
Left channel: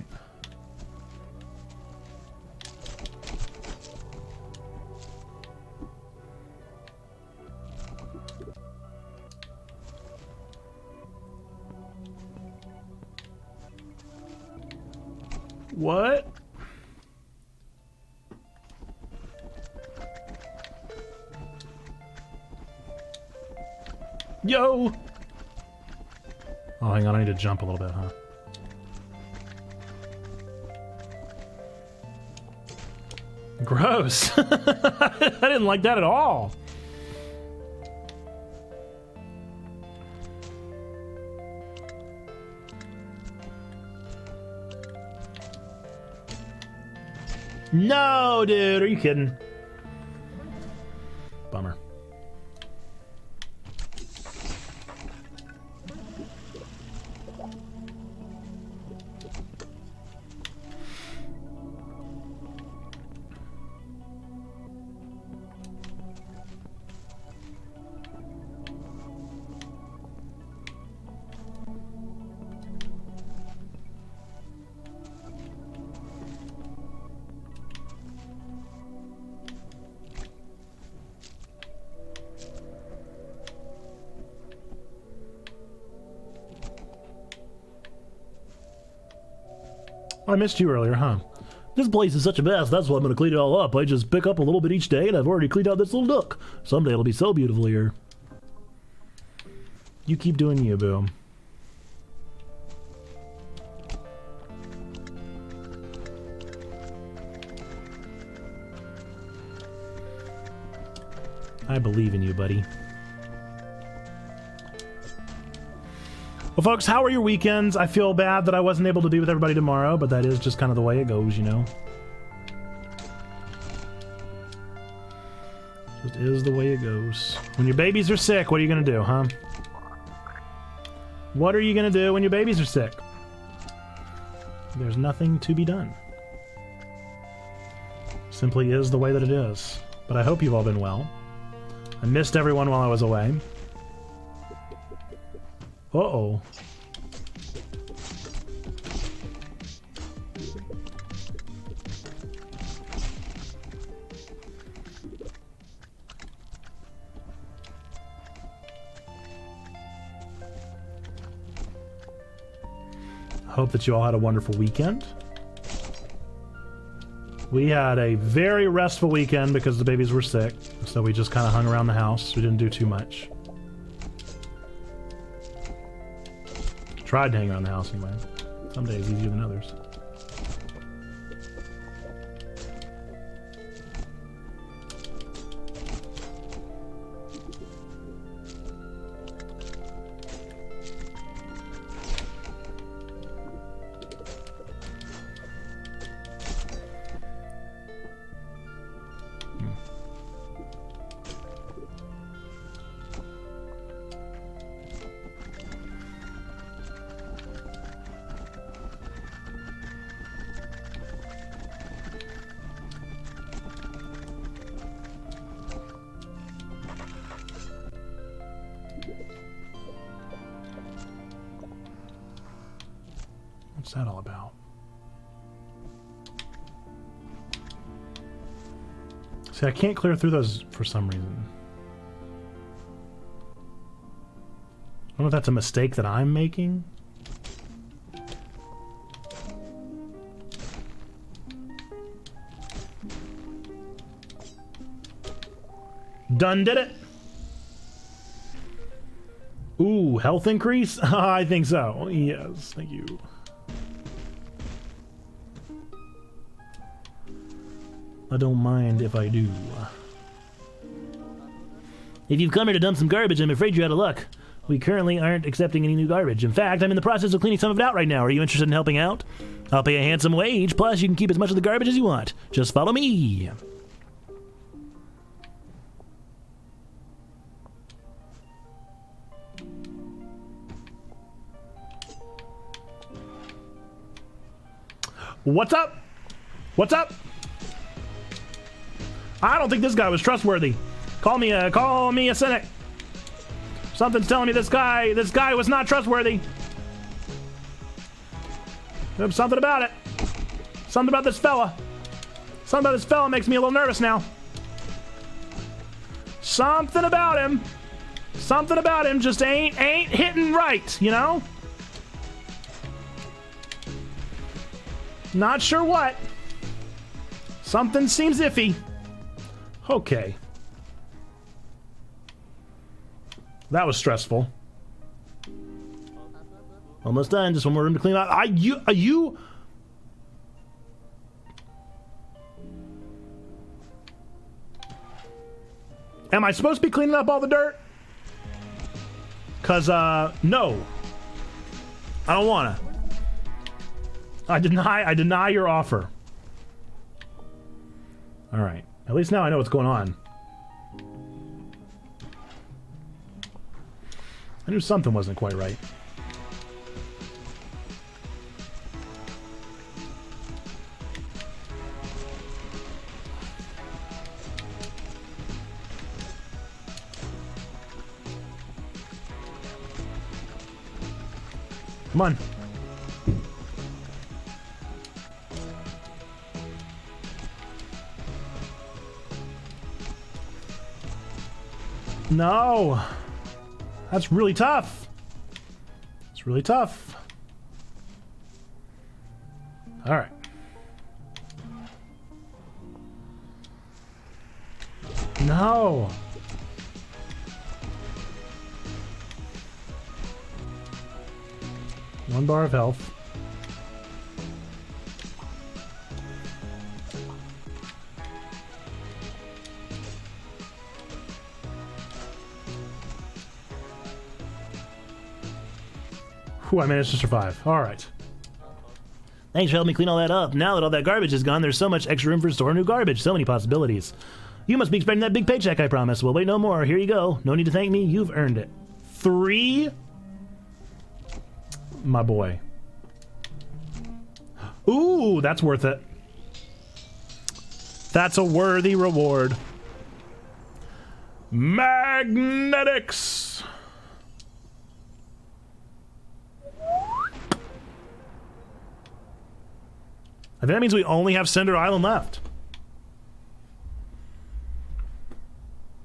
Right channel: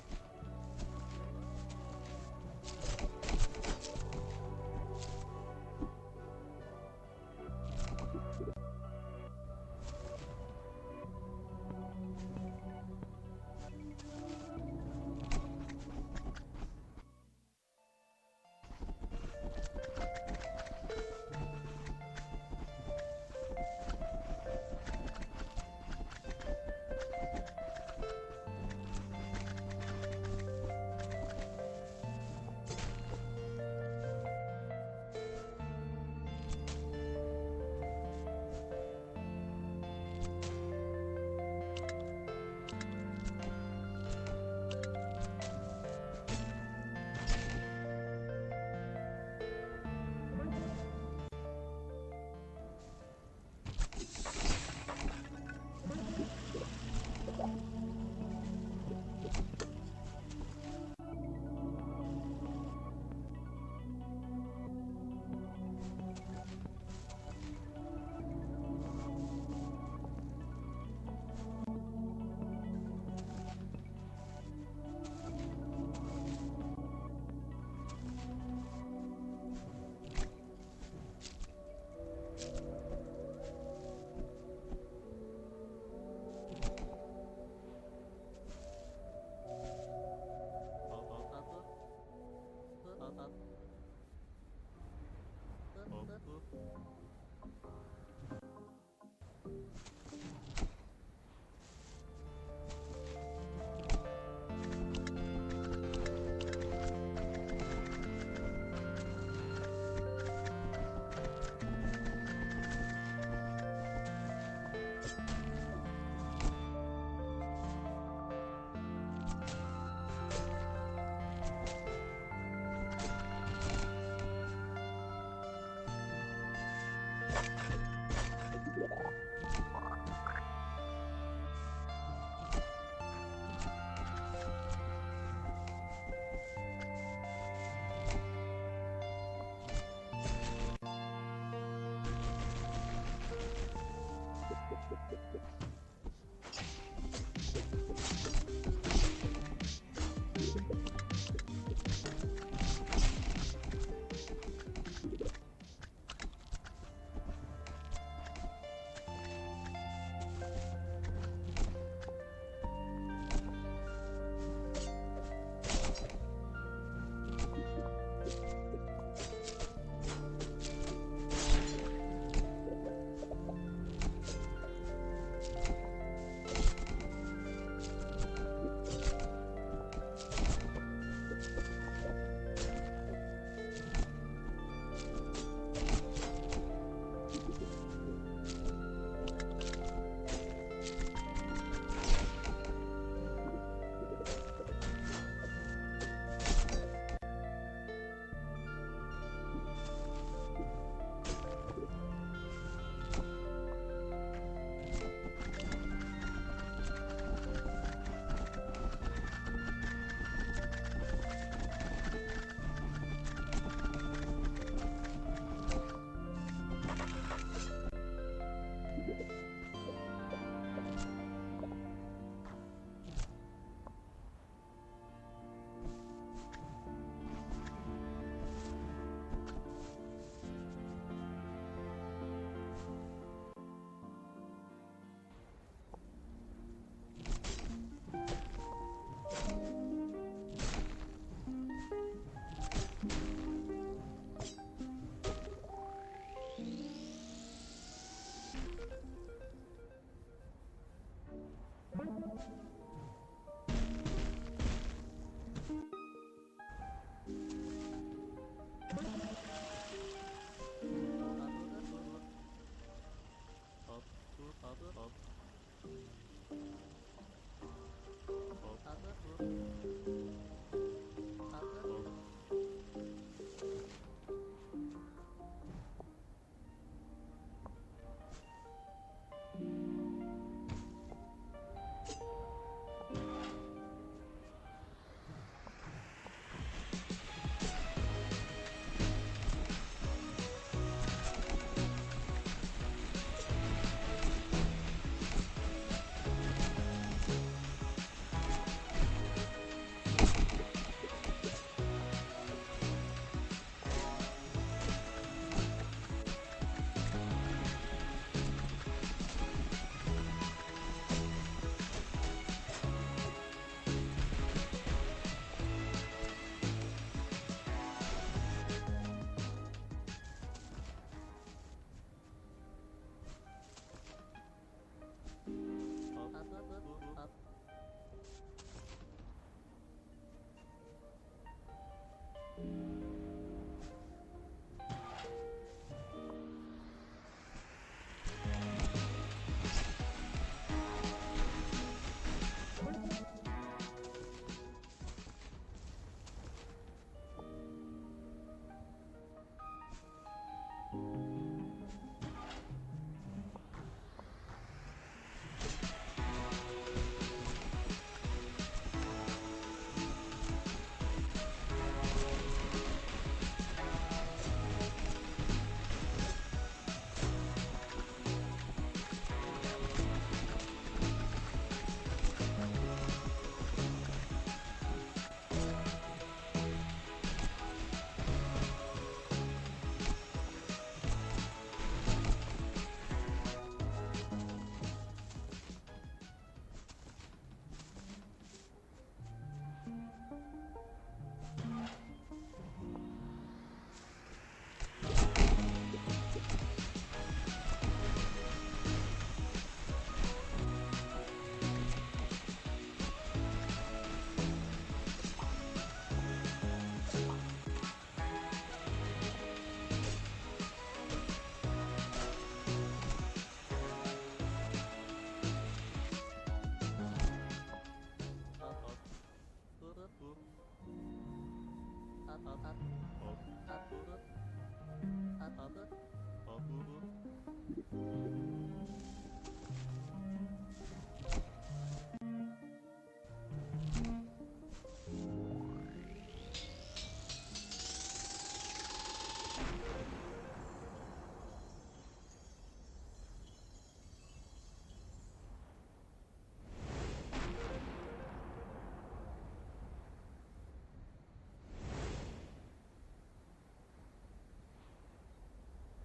What? Yo! Oh, hang on, I need to jump a little bit, huh? Gross! I didn't like that at all! No, dude, are you kidding? Bummer. I missed you earlier, huh? This place is such a mess, that's why I'm gonna clean it all up. I just pick up a little bit each day, and I've already cleaned out this little nook. Someday it'll be so beautiful here. You keep doing you, boo. I believe in you, buddy. Well, folks, how are your weekends? I feel bad that I wasn't able to be with everybody tomorrow, but that is just kind of the way it goes, you know? It is the way it goes. When your babies are sick, what are you gonna do, huh? What are you gonna do when your babies are sick? There's nothing to be done. Simply is the way that it is. But I hope you've all been well. I missed everyone while I was away. Uh-oh. Hope that you all had a wonderful weekend. We had a very restful weekend because the babies were sick, so we just kind of hung around the house. We didn't do too much. Tried to hang around the house anyway. Some days easier than others. What's that all about? See, I can't clear through those for some reason. I don't know if that's a mistake that I'm making. Done did it. Ooh, health increase? I think so. Yes, thank you. I don't mind if I do. If you've come here to dump some garbage, I'm afraid you're out of luck. We currently aren't accepting any new garbage. In fact, I'm in the process of cleaning some of it out right now. Are you interested in helping out? I'll pay a handsome wage, plus you can keep as much of the garbage as you want. Just follow me. What's up? What's up? I don't think this guy was trustworthy. Call me a cynic. Something's telling me this guy was not trustworthy. There's something about it. Something about this fella. Something about this fella makes me a little nervous now. Something about him. Something about him just ain't hitting right, you know? Not sure what. Something seems iffy. Okay. That was stressful. Almost done. Just one more room to clean out. Are you? Am I supposed to be cleaning up all the dirt? Cause no. I don't wanna. I deny your offer. All right. At least now I know what's going on. I knew something wasn't quite right. Come on. No. That's really tough. It's really tough. All right. No. One bar of health. Whew, I managed to survive. All right. Thanks for helping me clean all that up. Now that all that garbage is gone, there's so much extra room for storing new garbage. So many possibilities. You must be expecting that big paycheck, I promise. Well, wait no more. Here you go. No need to thank me. You've earned it. 3. My boy. Ooh, that's worth it. That's a worthy reward. Magnetics. I think that means we only have Cinder Island left.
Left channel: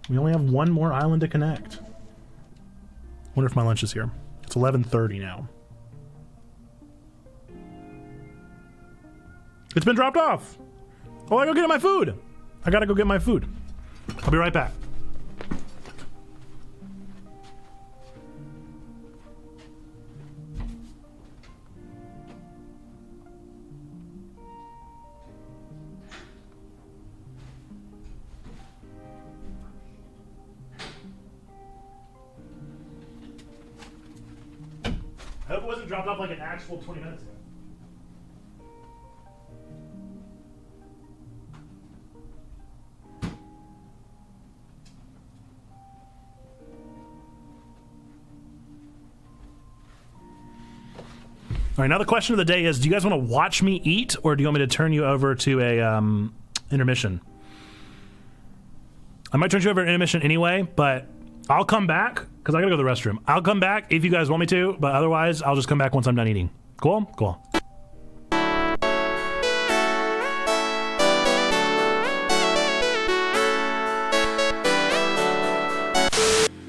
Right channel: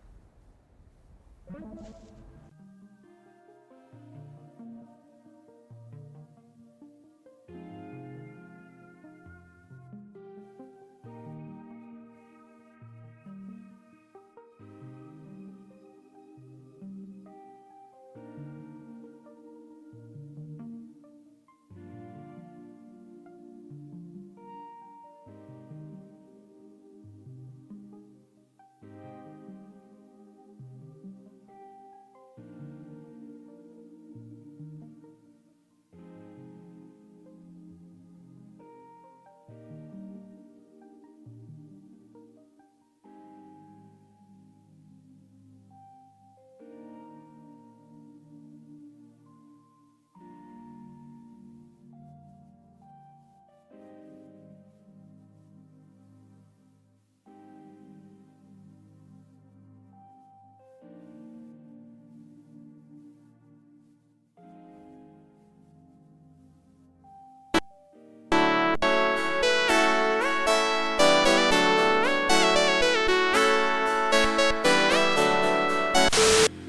We only have one more island to connect. Wonder if my lunch is here. It's 11:30 now. It's been dropped off. Oh, I gotta go get my food. I gotta go get my food. I'll be right back. I hope it wasn't dropped off like an actual 20 minutes ago. All right, now the question of the day is, do you guys want to watch me eat, or do you want me to turn you over to a intermission? I might turn you over to intermission anyway, but I'll come back, because I gotta go to the restroom. I'll come back if you guys want me to, but otherwise, I'll just come back once I'm done eating. Cool? Cool.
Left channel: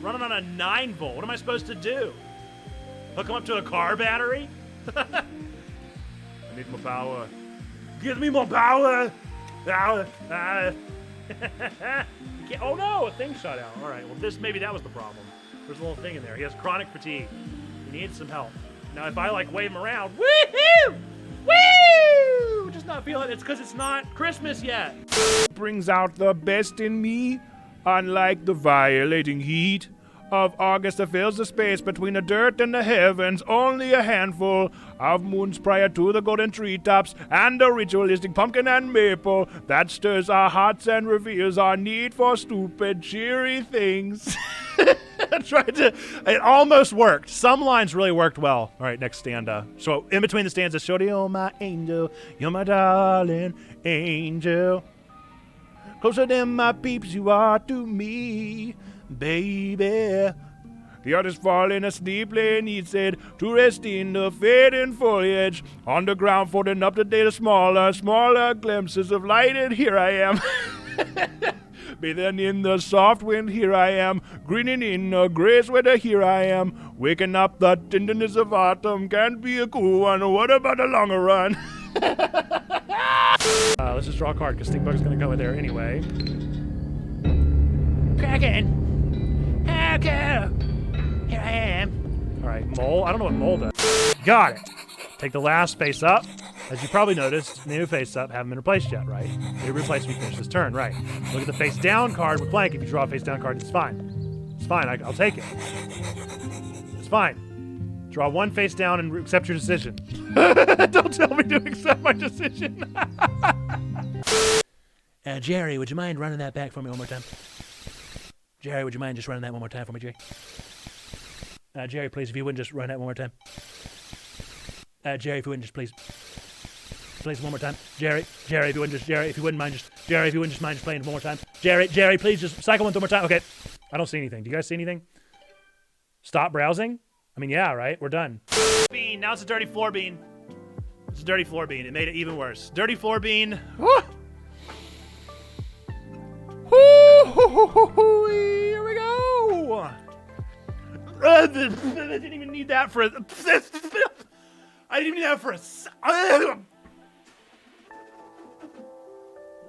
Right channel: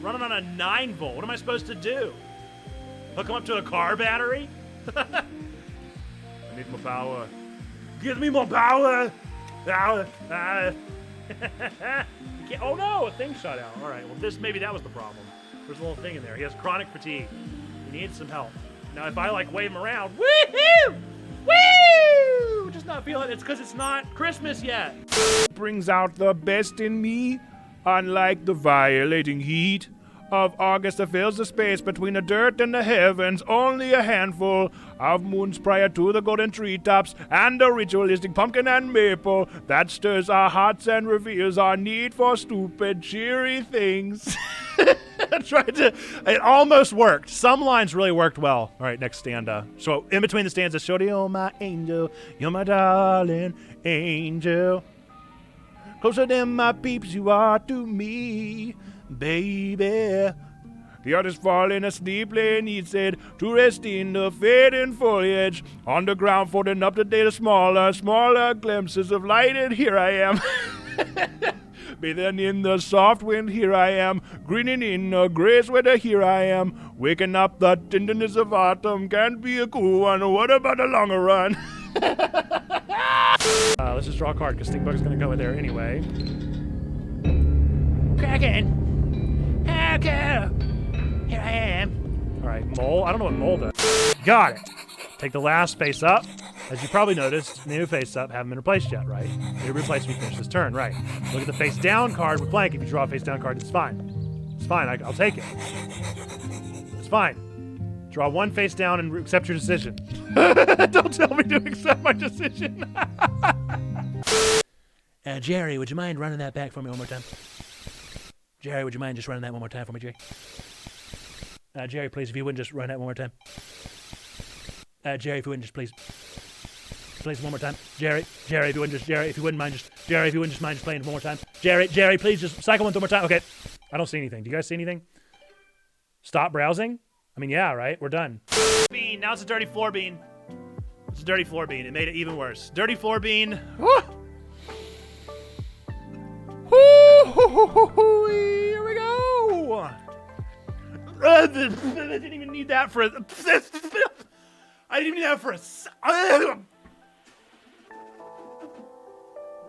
Running on a 9-volt. What am I supposed to do? Hook him up to a car battery? I need more power. Give me more power! Power! Oh no, a thing shot out. All right, well maybe that was the problem. There's a little thing in there. He has chronic fatigue. He needs some help. Now if I like wave him around, woohoo! Woo! Just not feeling it. It's because it's not Christmas yet. Brings out the best in me, unlike the violating heat of August that fills the space between the dirt and the heavens. Only a handful of moons prior to the golden treetops and the ritualistic pumpkin and maple that stirs our hearts and reveals our need for stupid, cheery things. I tried to. It almost worked. Some lines really worked well. All right, next stanza. So in between the stanzas, Shorty, you're my angel, you're my darling angel. Closer than my peeps you are to me, baby. The artist falling asleep, laying he said, to rest in the fading foliage. On the ground, folding up the data, smaller glimpses of light, and here I am. Bathing in the soft wind, here I am. Grinning in the grace weather, here I am. Waking up the tenderness of autumn, can't be a cool one. What about the longer run? Let's just draw a card, because Stinkbug's going to go in there anyway. Kraken! Okay. Here I am. All right, Mole. I don't know what Mole does. Got it. Take the last face up. As you probably noticed, new face up haven't been replaced yet, right? They replaced when we finish this turn, right? Look at the face down card with blank. If you draw a face down card, it's fine. It's fine. I'll take it. It's fine. Draw one face down and accept your decision. Don't tell me to accept my decision. Jerry, would you mind running that back for me one more time? Jerry, would you mind just running that one more time for me, Jerry? Jerry, please, if you wouldn't just run that one more time. Jerry, if you wouldn't just please one more time. Jerry, if you wouldn't just, Jerry, if you wouldn't mind just, Jerry, if you wouldn't just mind just playing one more time. Jerry, please just cycle one more time. Okay. I don't see anything. Do you guys see anything? Stop browsing? I mean, yeah, right? We're done. Bean. Now it's a dirty floor bean. It's a dirty floor bean. It made it even worse. Dirty floor bean. Woo! Woo! Here we go. I didn't even need that for a... I didn't even need that for a...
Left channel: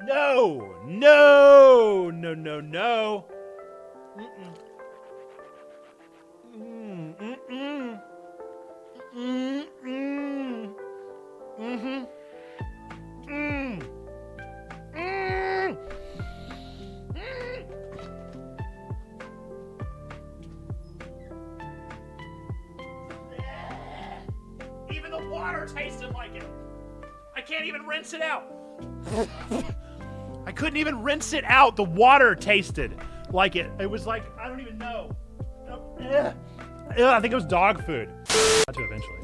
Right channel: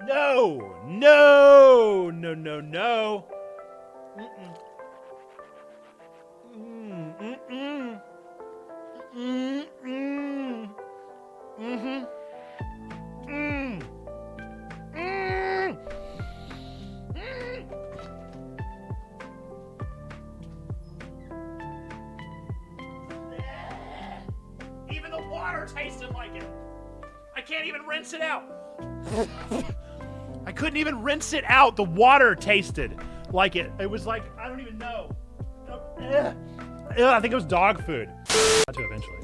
No! No! No, no, no. Mm-mm. Mm-mm. Mm-mm. Mm-hmm. Mm. Mm. Mm. Even the water tasted like it. I can't even rinse it out. I couldn't even rinse it out. The water tasted like it. It was like, I don't even know. I think it was dog food. Got to eventually.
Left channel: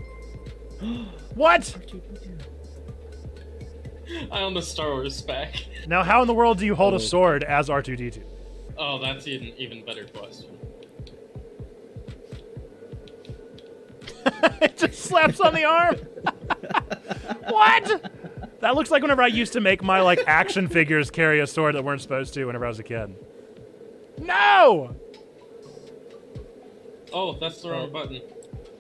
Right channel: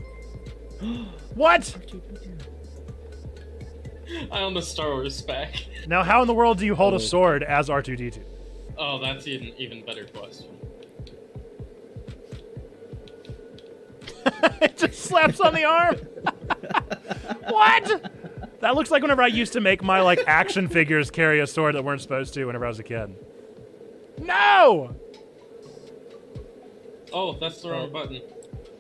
What? I own the Star Wars spec. Now, how in the world do you hold a sword as R2-D2? Oh, that's an even better question. It just slaps on the arm. What? That looks like whenever I used to make my like action figures carry a sword that weren't supposed to whenever I was a kid. No! Oh, that's the wrong button.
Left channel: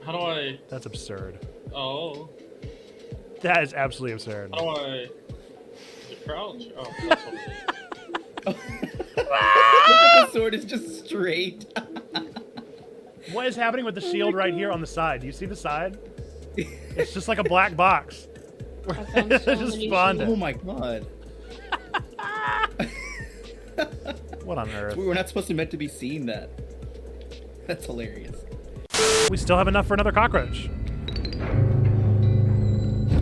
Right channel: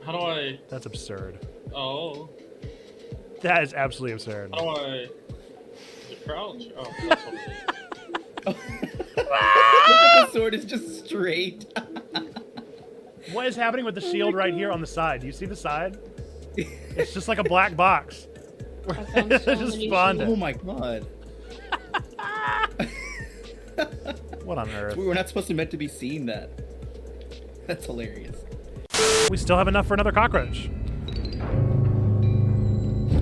How do I... That's absurd. Oh. That is absolutely absurd. How do I... The crouch? Oh, that's what it is. The sword is just straight. What is happening with the shield right here on the side? Do you see the side? It's just like a black box. It just spawned it. Oh my god. What on earth? We were not supposed to meant to be seeing that. That's hilarious. We still have enough for another cockroach.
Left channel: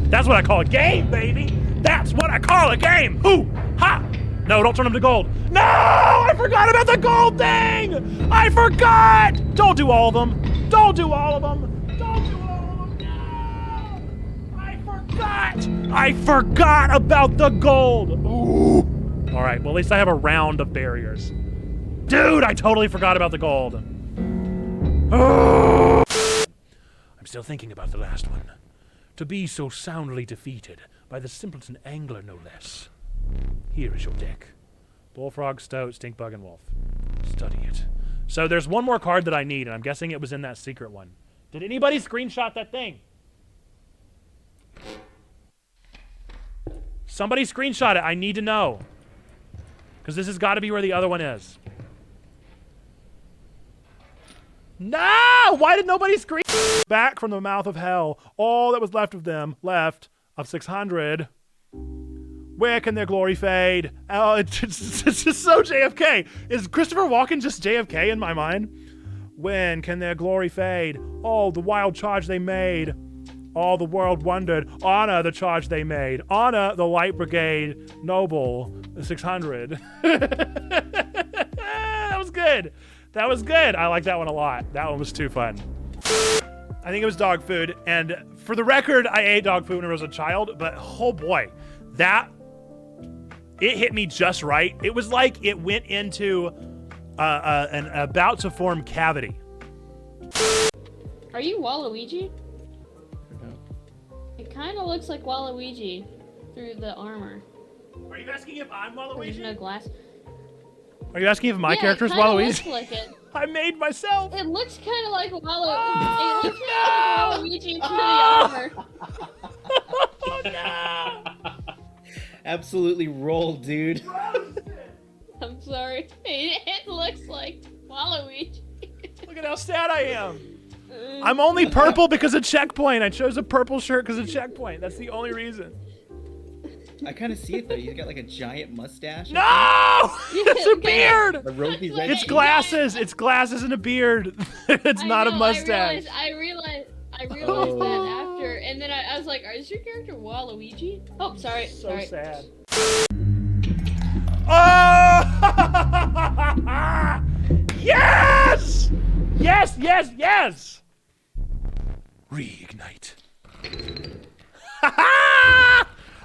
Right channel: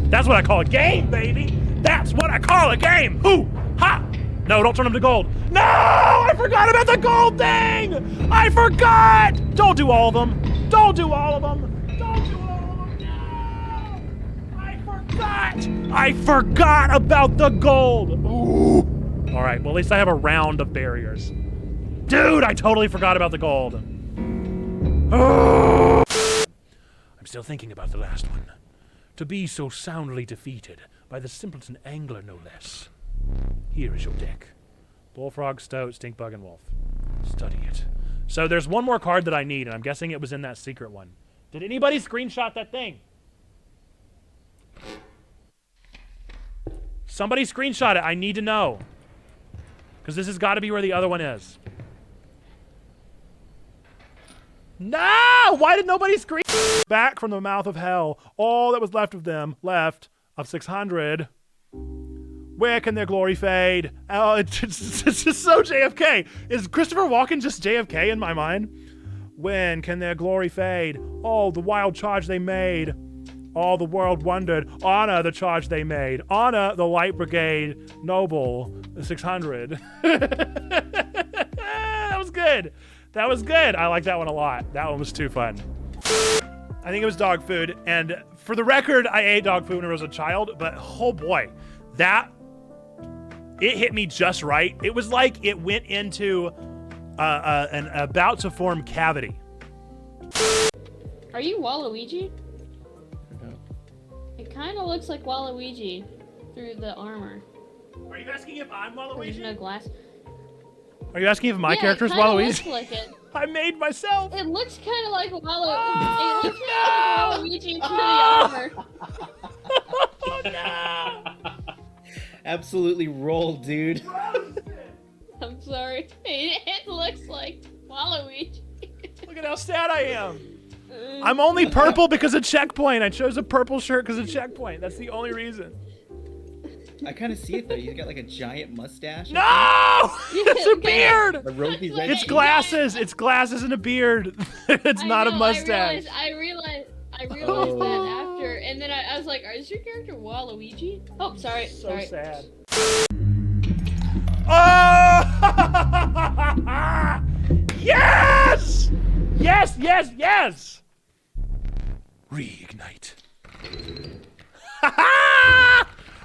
That's what I call a game, baby! That's what I call a game! Hoo! Ha! No, don't turn them to gold. No! I forgot about the gold thing! I forgot! Don't do all of them. Don't do all of them. Don't do all of them. No! I forgot! I forgot about the gold! Ooh! Alright, well at least I have a round of barriers. Dude, I totally forgot about the gold. I'm still thinking about the last one. To be so soundly defeated by the simpleton angler, no less. Here is your deck. Bullfrog, Stoat, Stinkbug, and Wolf. Study it. So there's one more card that I need, and I'm guessing it was in that secret one. Did anybody screenshot that thing? Somebody screenshot it. I need to know. Because this has got to be where the other one is. No! Why did nobody scream? Back from the mouth of hell, all that was left of them, of 600. Where can their glory fade? Oh, it's just so JFK. Is Christopher Walken just JFK in my mind? When can their glory fade? Oh, the wild charge they made. All the world wondered. Honor the charge they made. Honor the Light Brigade. Noble 600. That was good. That was good. I like that one a lot. That one was too fun. I think it was dog food. And for the record, I ate dog food when I was a child. But oh boy, it hit me just right. It was like it went into an about to form cavity. Are you Waluigi? No. It kind of looks like Waluigi through the armor. Are you asking if I'm Waluigi? There's no glass. Are you asking if my character is it kinda Waluigi? looks like it. I made myself. It looks kind of like Oh, it looks kind of like Waluigi through the armor. Oh no! Absolutely rolled, dude. I'm sorry. It looks like Waluigi. Look at how sad I am. I'm only purple because of checkpoint. I chose a purple shirt because of checkpoint. That's the only reason. I kind of see it though. He's got like a giant mustache. No! It's a beard! The rosy red. It's glasses. It's glasses and a beard. It's not a mustache. I realized that after, and then I was like, "Is your character Waluigi?" Oh, sorry. So sorry. sad. Oh! Yes! Yes, yes, yes! Reignite.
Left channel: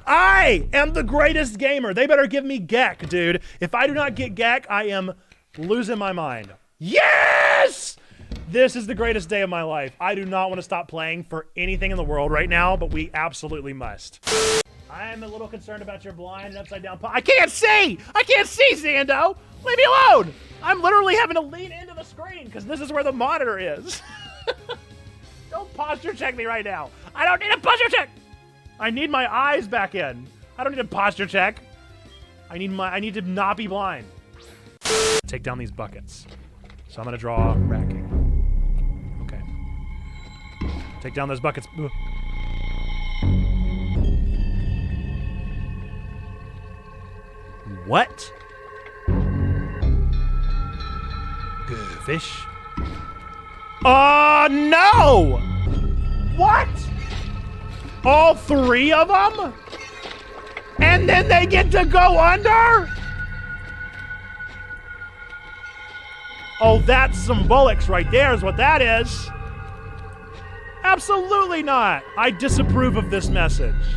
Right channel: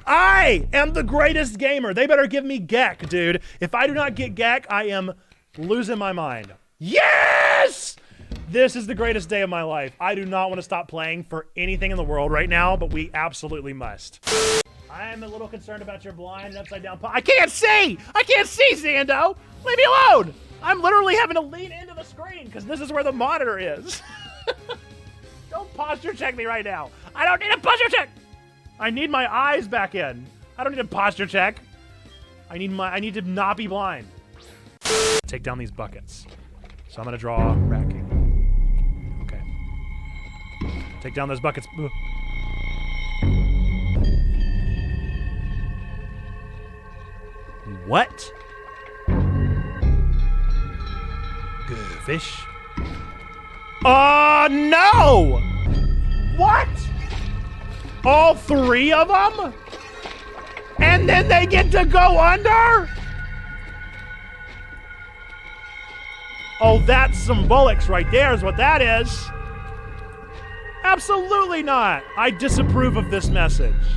I am the greatest gamer. They better give me Gek, dude. If I do not get Gek, I am losing my mind. Yes! This is the greatest day of my life. I do not want to stop playing for anything in the world right now, but we absolutely must. I am a little concerned about your blind and upside down I can't see! I can't see, Zando! Leave me alone! I'm literally having to lean into the screen because this is where the monitor is. Don't posture check me right now. I don't need a posture check! I need my eyes back in. I don't need a posture check. I need to not be blind. Take down these buckets. So I'm gonna draw racking. Okay. Take down those buckets. Ugh. What? Good fish. No! What? All 3 of them? And then they get to go under? Oh, that's some bullocks right there is what that is. Absolutely not. I disapprove of this message.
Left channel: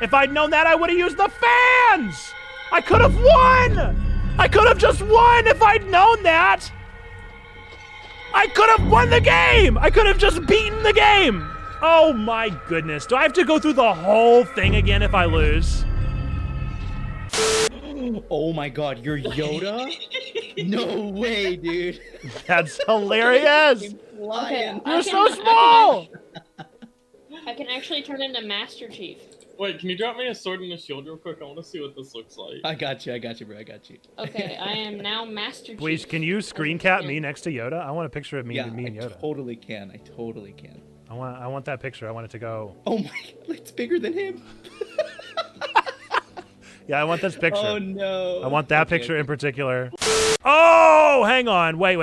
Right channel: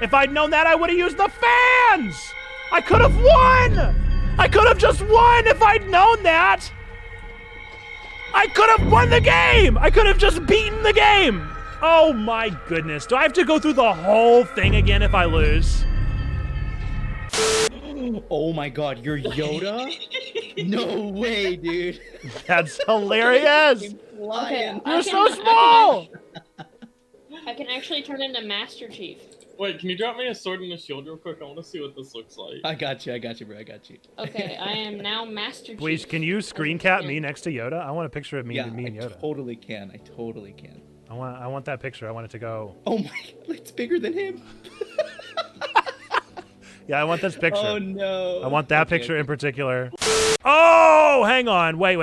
If I'd known that, I would have used the fans. I could have won. I could have just won if I'd known that. I could have won the game. I could have just beaten the game. Oh my goodness. Do I have to go through the whole thing again if I lose? Oh my god, you're Yoda? No way, dude. That's hilarious. Okay, You're so small. I can actually turn into Master Chief. Wait, can you drop me a sword and a shield real quick? I want to see what this looks like. I got you, bro. I got you. Okay, I am now Master Chief. Please, can you screen cap me next to Yoda? I want a picture of me, Yeah, me and Yoda. I totally can. I want that picture. I want it to go. Oh my god, it's bigger than him. Yeah, I want this picture. Oh no. I want that picture in particular. Oh, hang on. Wait.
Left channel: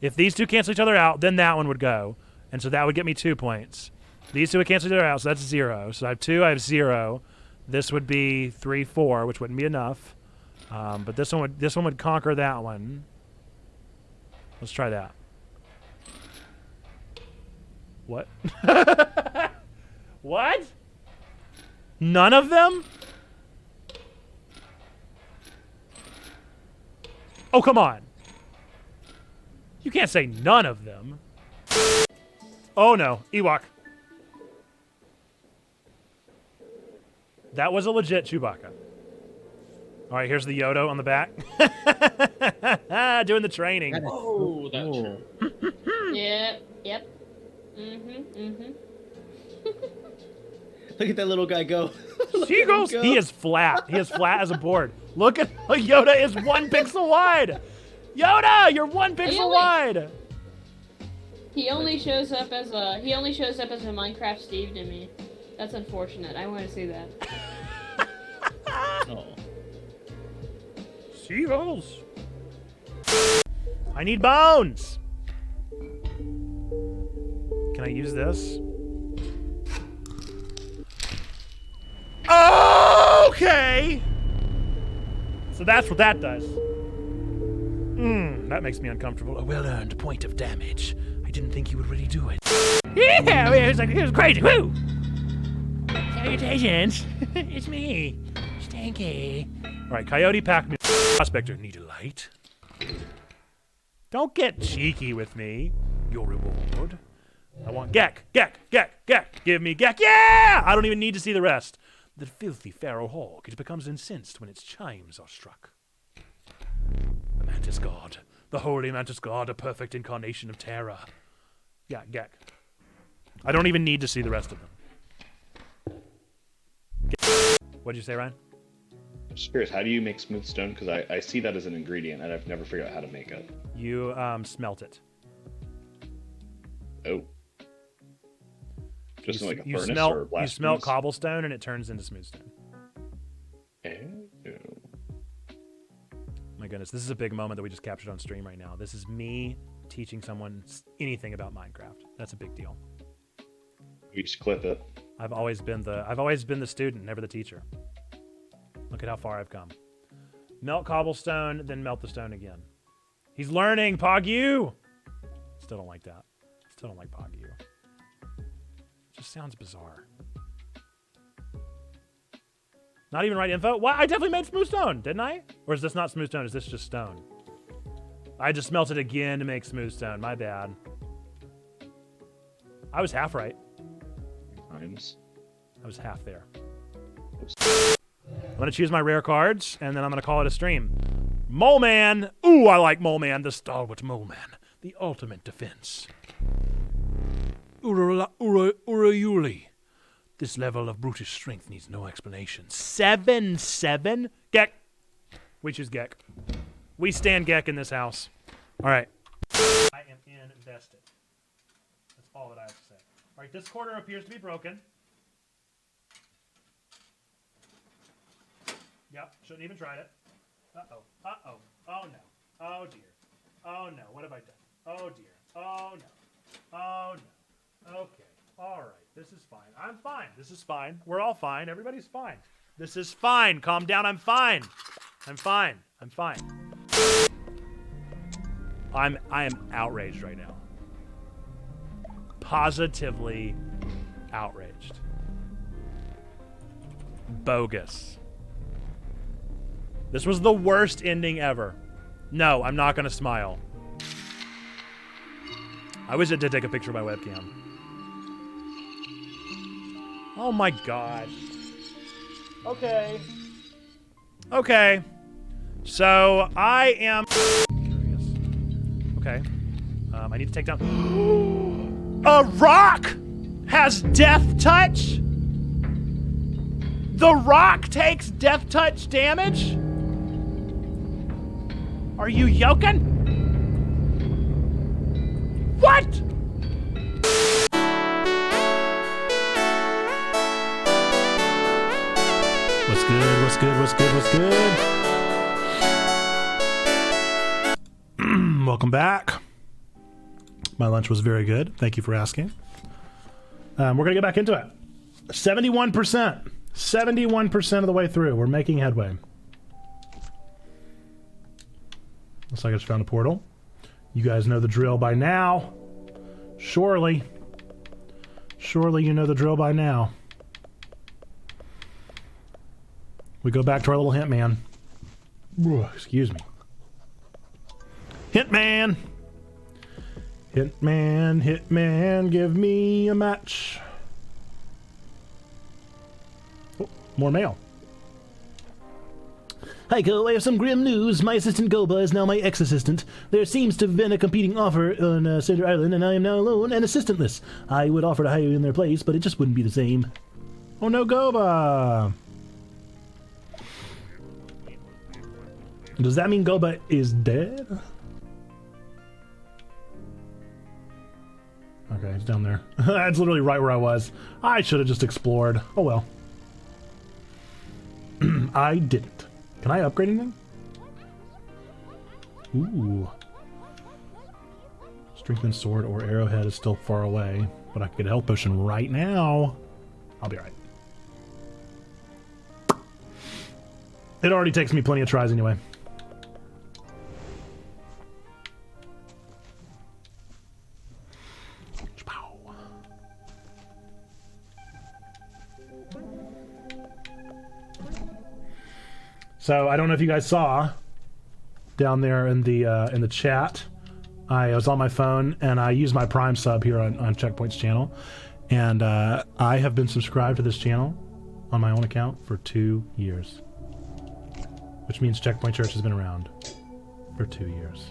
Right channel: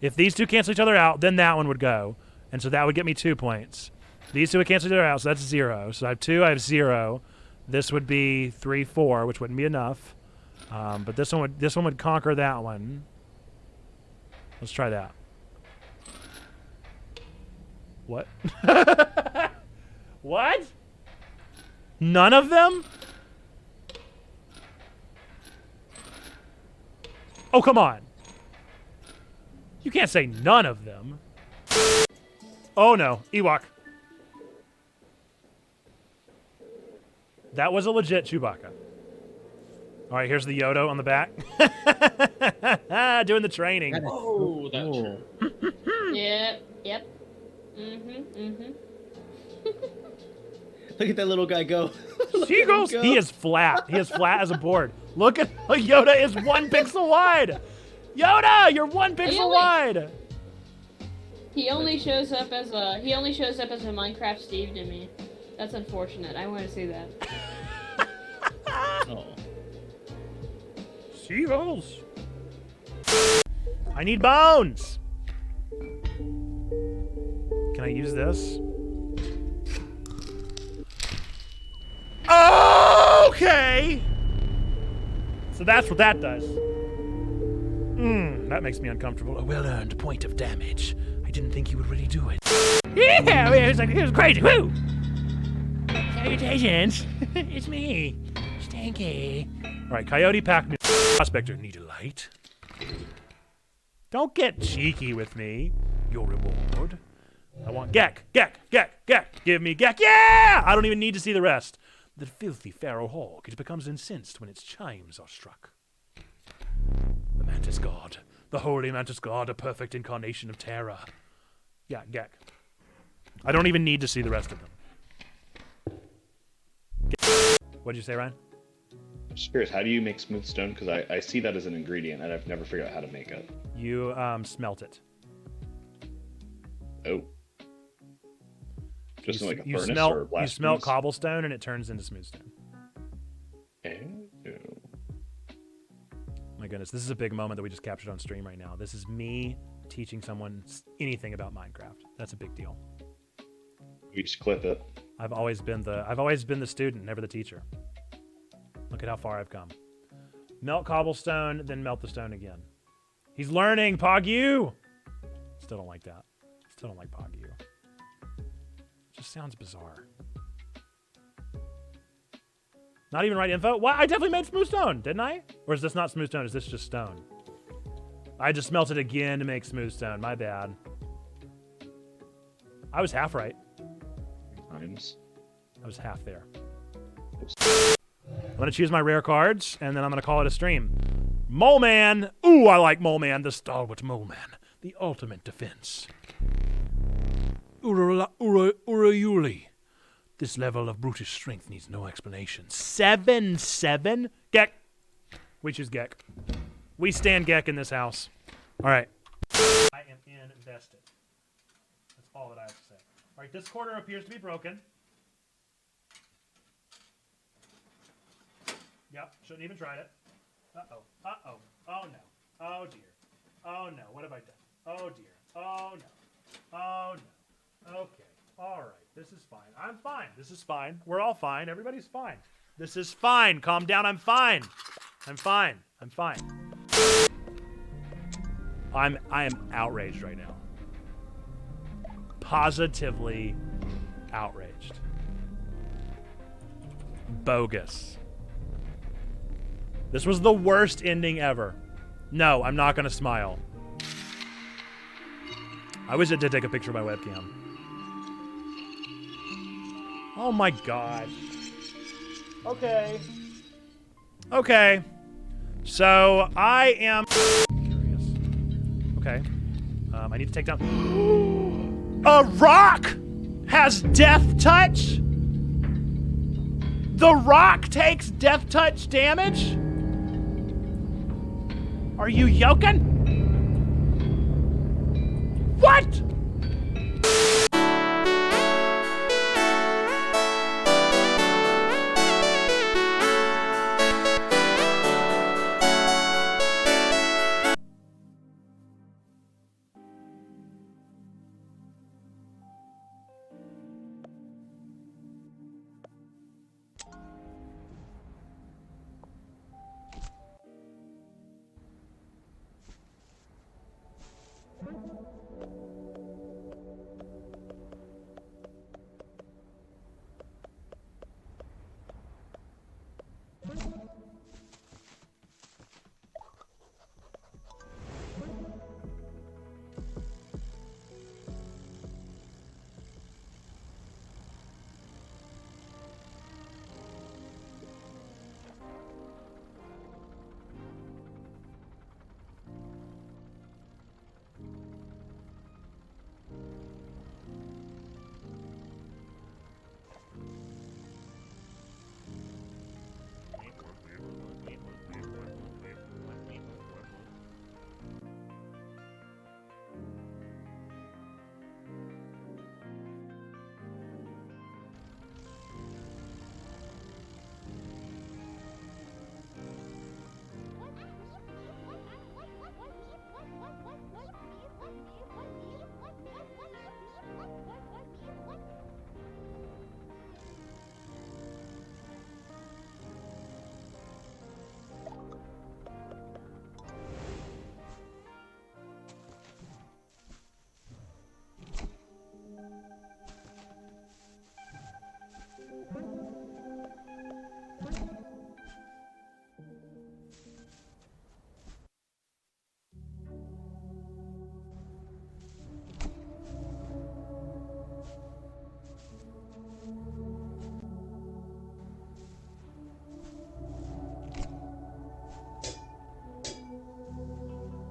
If these two cancel each other out, then that one would go. And so that would get me 2 points. These two would cancel each other out, so that's 0. So I have 2, I have 0. This would be 3, 4, which wouldn't be enough. But this one would conquer that one. Let's try that. What? What? None of them? Oh, come on. You can't say none of them. Oh no, Ewok. That was a legit Chewbacca. All right, here's the Yoda on the back. Doing the training. Oh, that's true. Yep. Look at that little guy go. Seagulls. He is flat. He is flat as a board. Look at Yoda is 1 pixel wide. Yoda, you're 1 pixel wide. He only shows up as a Minecraft Steve to me. That's unfortunate. I want to see that. Oh. Seagulls. I need bones. Can I use this? Okay. So that's what that does. That makes me uncomfortable. A well-earned point of damage. I didn't think you would really do it. Yeah, it was crazy. Woo! Salutations. It's me, Stanky. All right, Coyote Pack me. Prospector, need a light? Don't get cheeky with me. Your reward. I want Gek. Give me Gek. Yeah! I don't even need to see the rest. The filthy pharaoh hawk, it becomes incensed when its chimes are struck. The mantis god, the holy mantis god, a perfect incarnation of terror. Yeah, Gek. I don't even need to see the rest of them. What'd you say, Ryan? I'm just curious, how do you make smooth stone? Because I see that as an ingredient, and I've never figured out how to make it. You smelt it. Oh. Just in like a furnace smelt, or blast you smelt furnace? cobblestone, and it turns into smooth stone. Oh. My goodness, this is a big moment that we just captured on stream right now. This is me teaching someone anything about Minecraft. That's a big deal. You just clip it. I've always been the student, never the teacher. Look at how far I've come. Melt cobblestone, then melt the stone again. He's learning, Pog-U! Still don't like that. Still don't like Pog-U. Just sounds bizarre. Not even right info? What? I definitely made smooth stone, didn't I? Or is this not smooth stone? Is this just stone? I just smelted again to make smooth stone. My bad. I was half right. I was half there. I'm going to choose my rare cards, and then I'm going to call it a stream. Mole Man. Ooh, I like Mole Man. The stalwart Mole Man. The ultimate defense. Urayuli. This level of brutish strength needs no explanation. 7-7? Gek. We choose Gek. We stand Gek in this house. All right. I am invested. That's all that I have to say. All right, this quarter appears to be broken. Yep, shouldn't even tried it. Uh-oh. Uh-oh. Oh, no. Oh, dear. Oh, no. What have I done? Oh, dear. Oh, no. Oh, no. Okay. All right. This is fine. I'm fine. This is fine. We're all fine. Everybody's fine. This is fine. Calm down. I'm fine. I'm fine. I'm fine. I am outraged right now. Positively outraged. Bogus. This was the worst ending ever. No, I'm not gonna smile. I wish I did take a picture of my webcam. Oh my god. Okay. Okay. So, I am curious. Okay. I need to take down... A rock has death touch? The rock takes death touch damage? Are you yoking? What? Welcome back. My lunch was very good. Thank you for asking. We're going to get back into it. 71%. 71% of the way through. We're making headway. Looks like I just found a portal. You guys know the drill by now. Surely. Surely you know the drill by now. We go back to our little hint man. Ooh, excuse me. Hitman! Hitman, Hitman, give me a match. Oh, more mail. Hi, Co. I have some grim news. My assistant Goba is now my ex-assistant. There seems to have been a competing offer on Cinder Island, and I am now alone and assistantless. I would offer to hire you in their place, but it just wouldn't be the same. Oh no, Goba! Does that mean Goba is dead? Okay, he's down there. That's literally right where I was. I should have just explored. Oh well. I didn't. Can I upgrade him? Ooh. Strengthened sword or arrowhead is still far away, but I can get a health potion right now. I'll be alright. It already takes me plenty of tries anyway. So I don't know if you guys saw down there in the chat. I was on my phone and I used my Prime sub here on Checkpoint's channel, and I have been subscribed to this channel on my own account for 2 years, which means Checkpoint Church has been around for 2 years.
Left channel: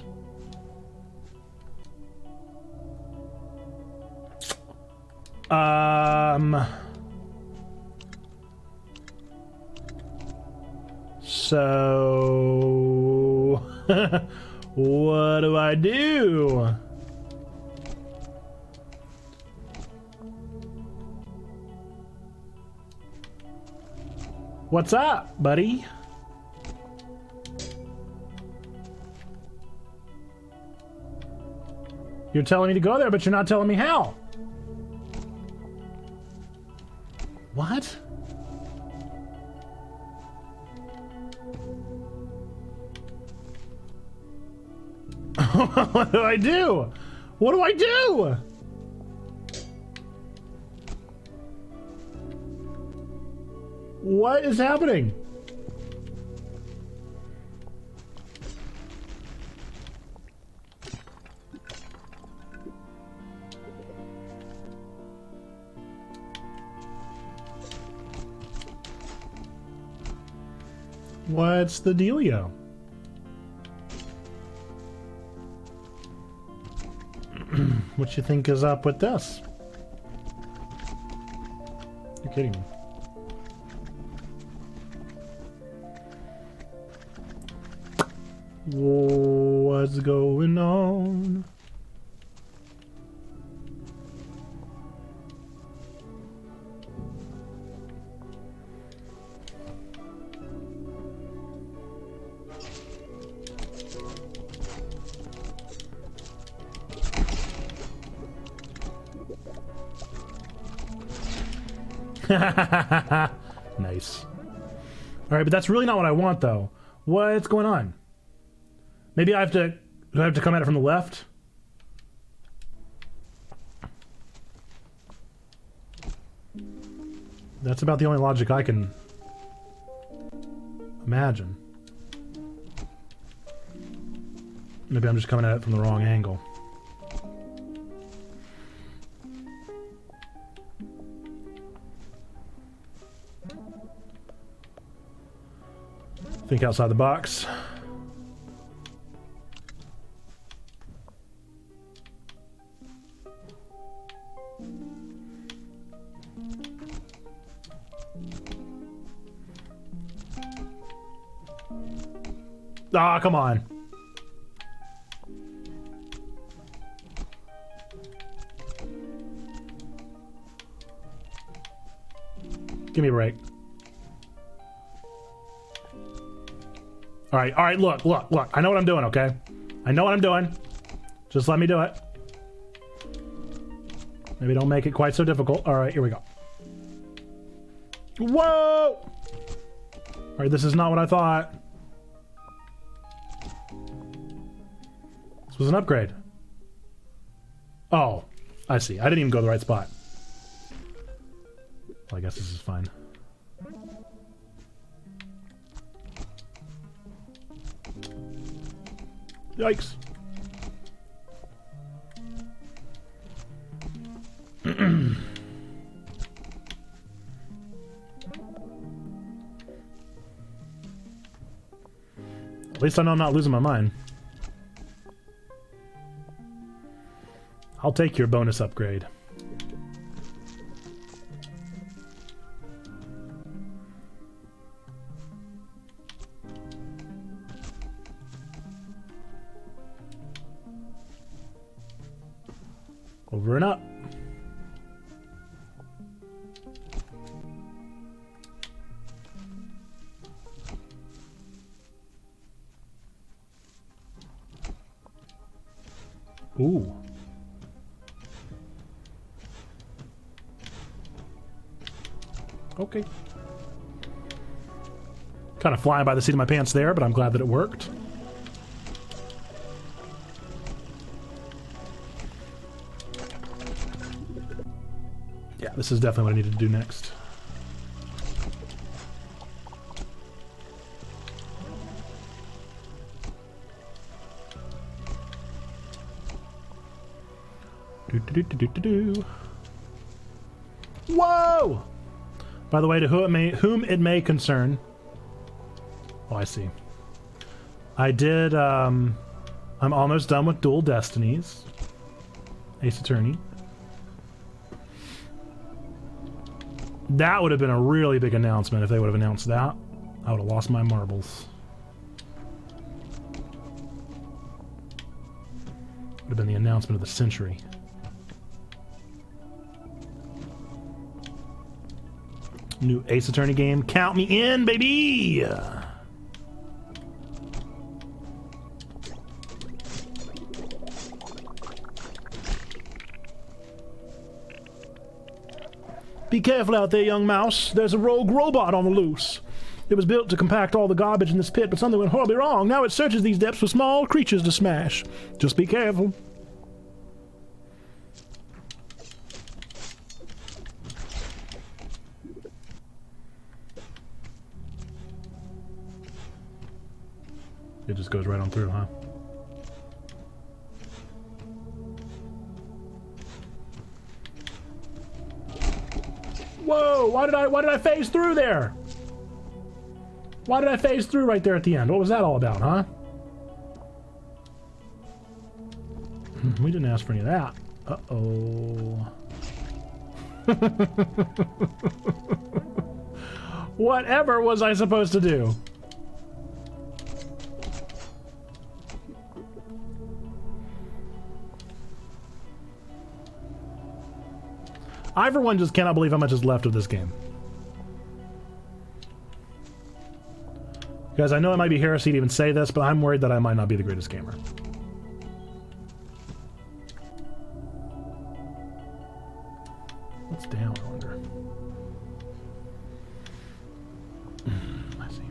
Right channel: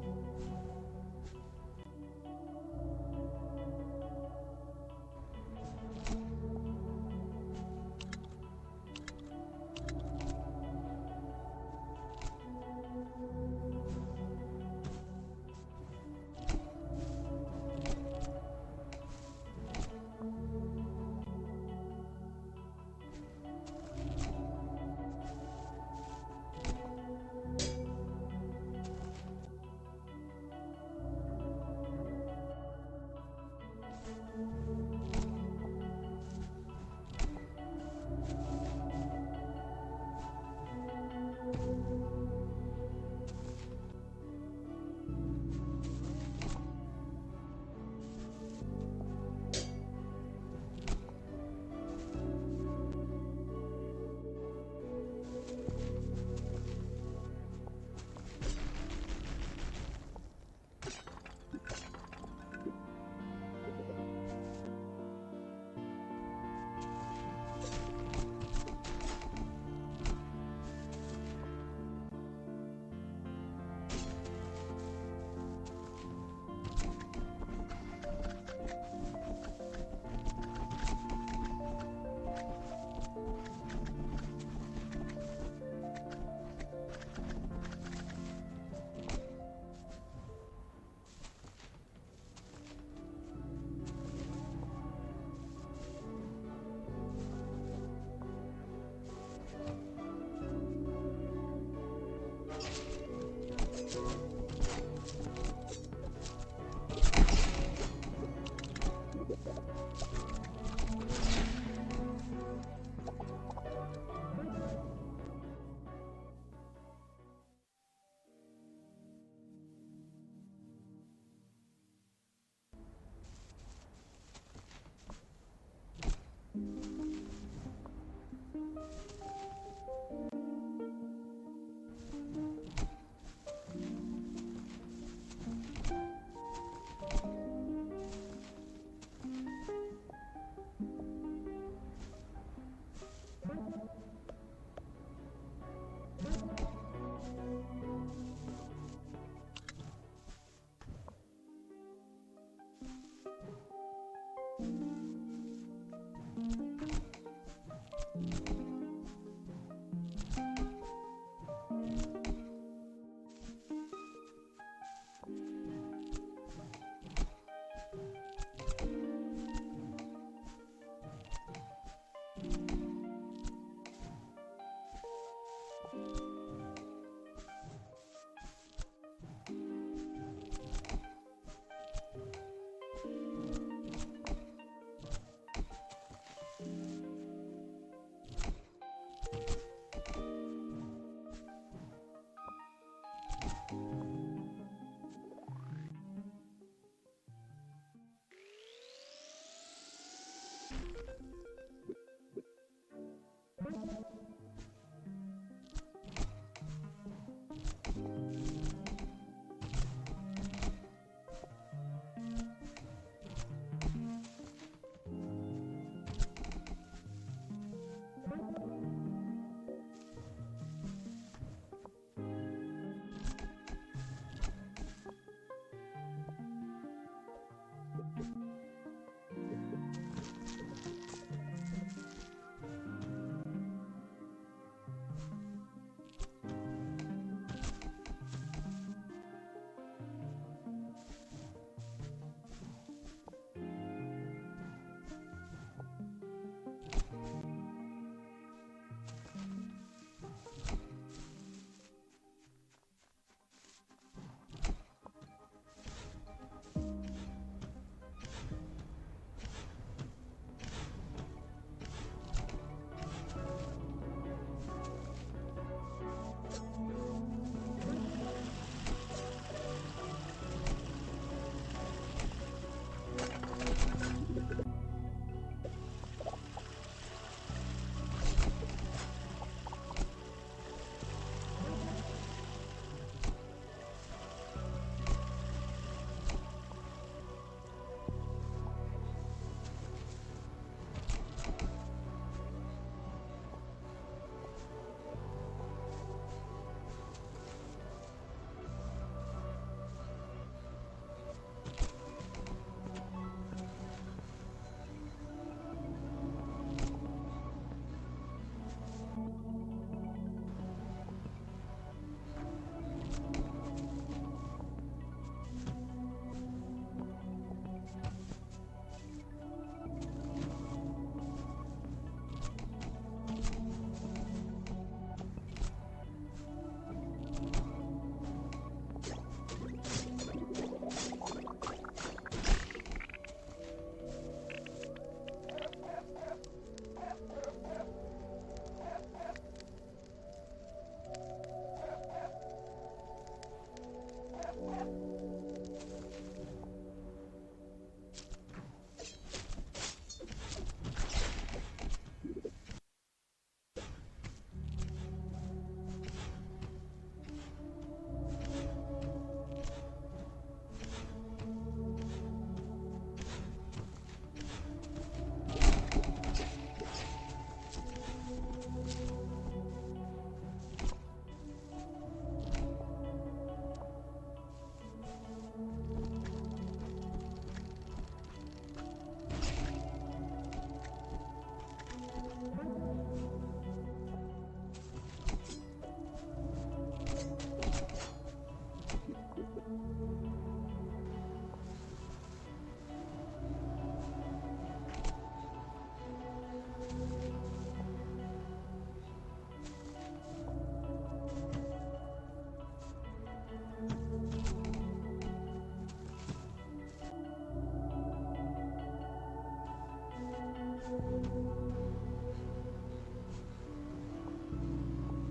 So, what do I do? What's up, buddy? You're telling me to go there, but you're not telling me how. What? What do I do? What do I do? What is happening? What's the dealio? What you think is up with this? kidding me? What's going on? Nice. All right, but that's really not what I want, though. What's going on? Maybe I have to. Do I have to come at it from the left? That's about the only logic I can imagine. Maybe I'm just coming at it from the wrong angle. Think outside the box. Ah, come on. Give me a break. All right, look. I know what I'm doing, okay? I know what I'm doing. Just let me do it. Maybe don't make it quite so difficult. All right, here we go. Whoa! All right, this is not what I thought. This was an upgrade. Oh, I see. I didn't even go to the right spot. Well, I guess this is fine. Yikes. At least I know I'm not losing my mind. I'll take your bonus upgrade. Over and up. Ooh. Okay. Kind of flying by the seat of my pants there, but I'm glad that it worked. Yeah, this is definitely what I needed to do next. Whoa! By the way, to whom it may concern. Oh, I see. I did, I'm almost done with Dual Destinies. Ace Attorney. That would have been a really big announcement if they would have announced that. I would have lost my marbles. Would have been the announcement of the century. New Ace Attorney game. Count me in, baby! Be careful out there, young mouse. There's a rogue robot on the loose. It was built to compact all the garbage in this pit, but something went horribly wrong. Now it searches these depths for small creatures to smash. Just be careful. It just goes right on through, huh? Whoa! Why did I phase through there? Why did I phase through right there at the end? What was that all about, huh? We didn't ask for any of that. Uh-oh. Whatever was I supposed to do? I, for one, just cannot believe how much is left of this game. Guys, I know it might be heresy to even say this, but I'm worried that I might not be the greatest gamer. What's down under? I see.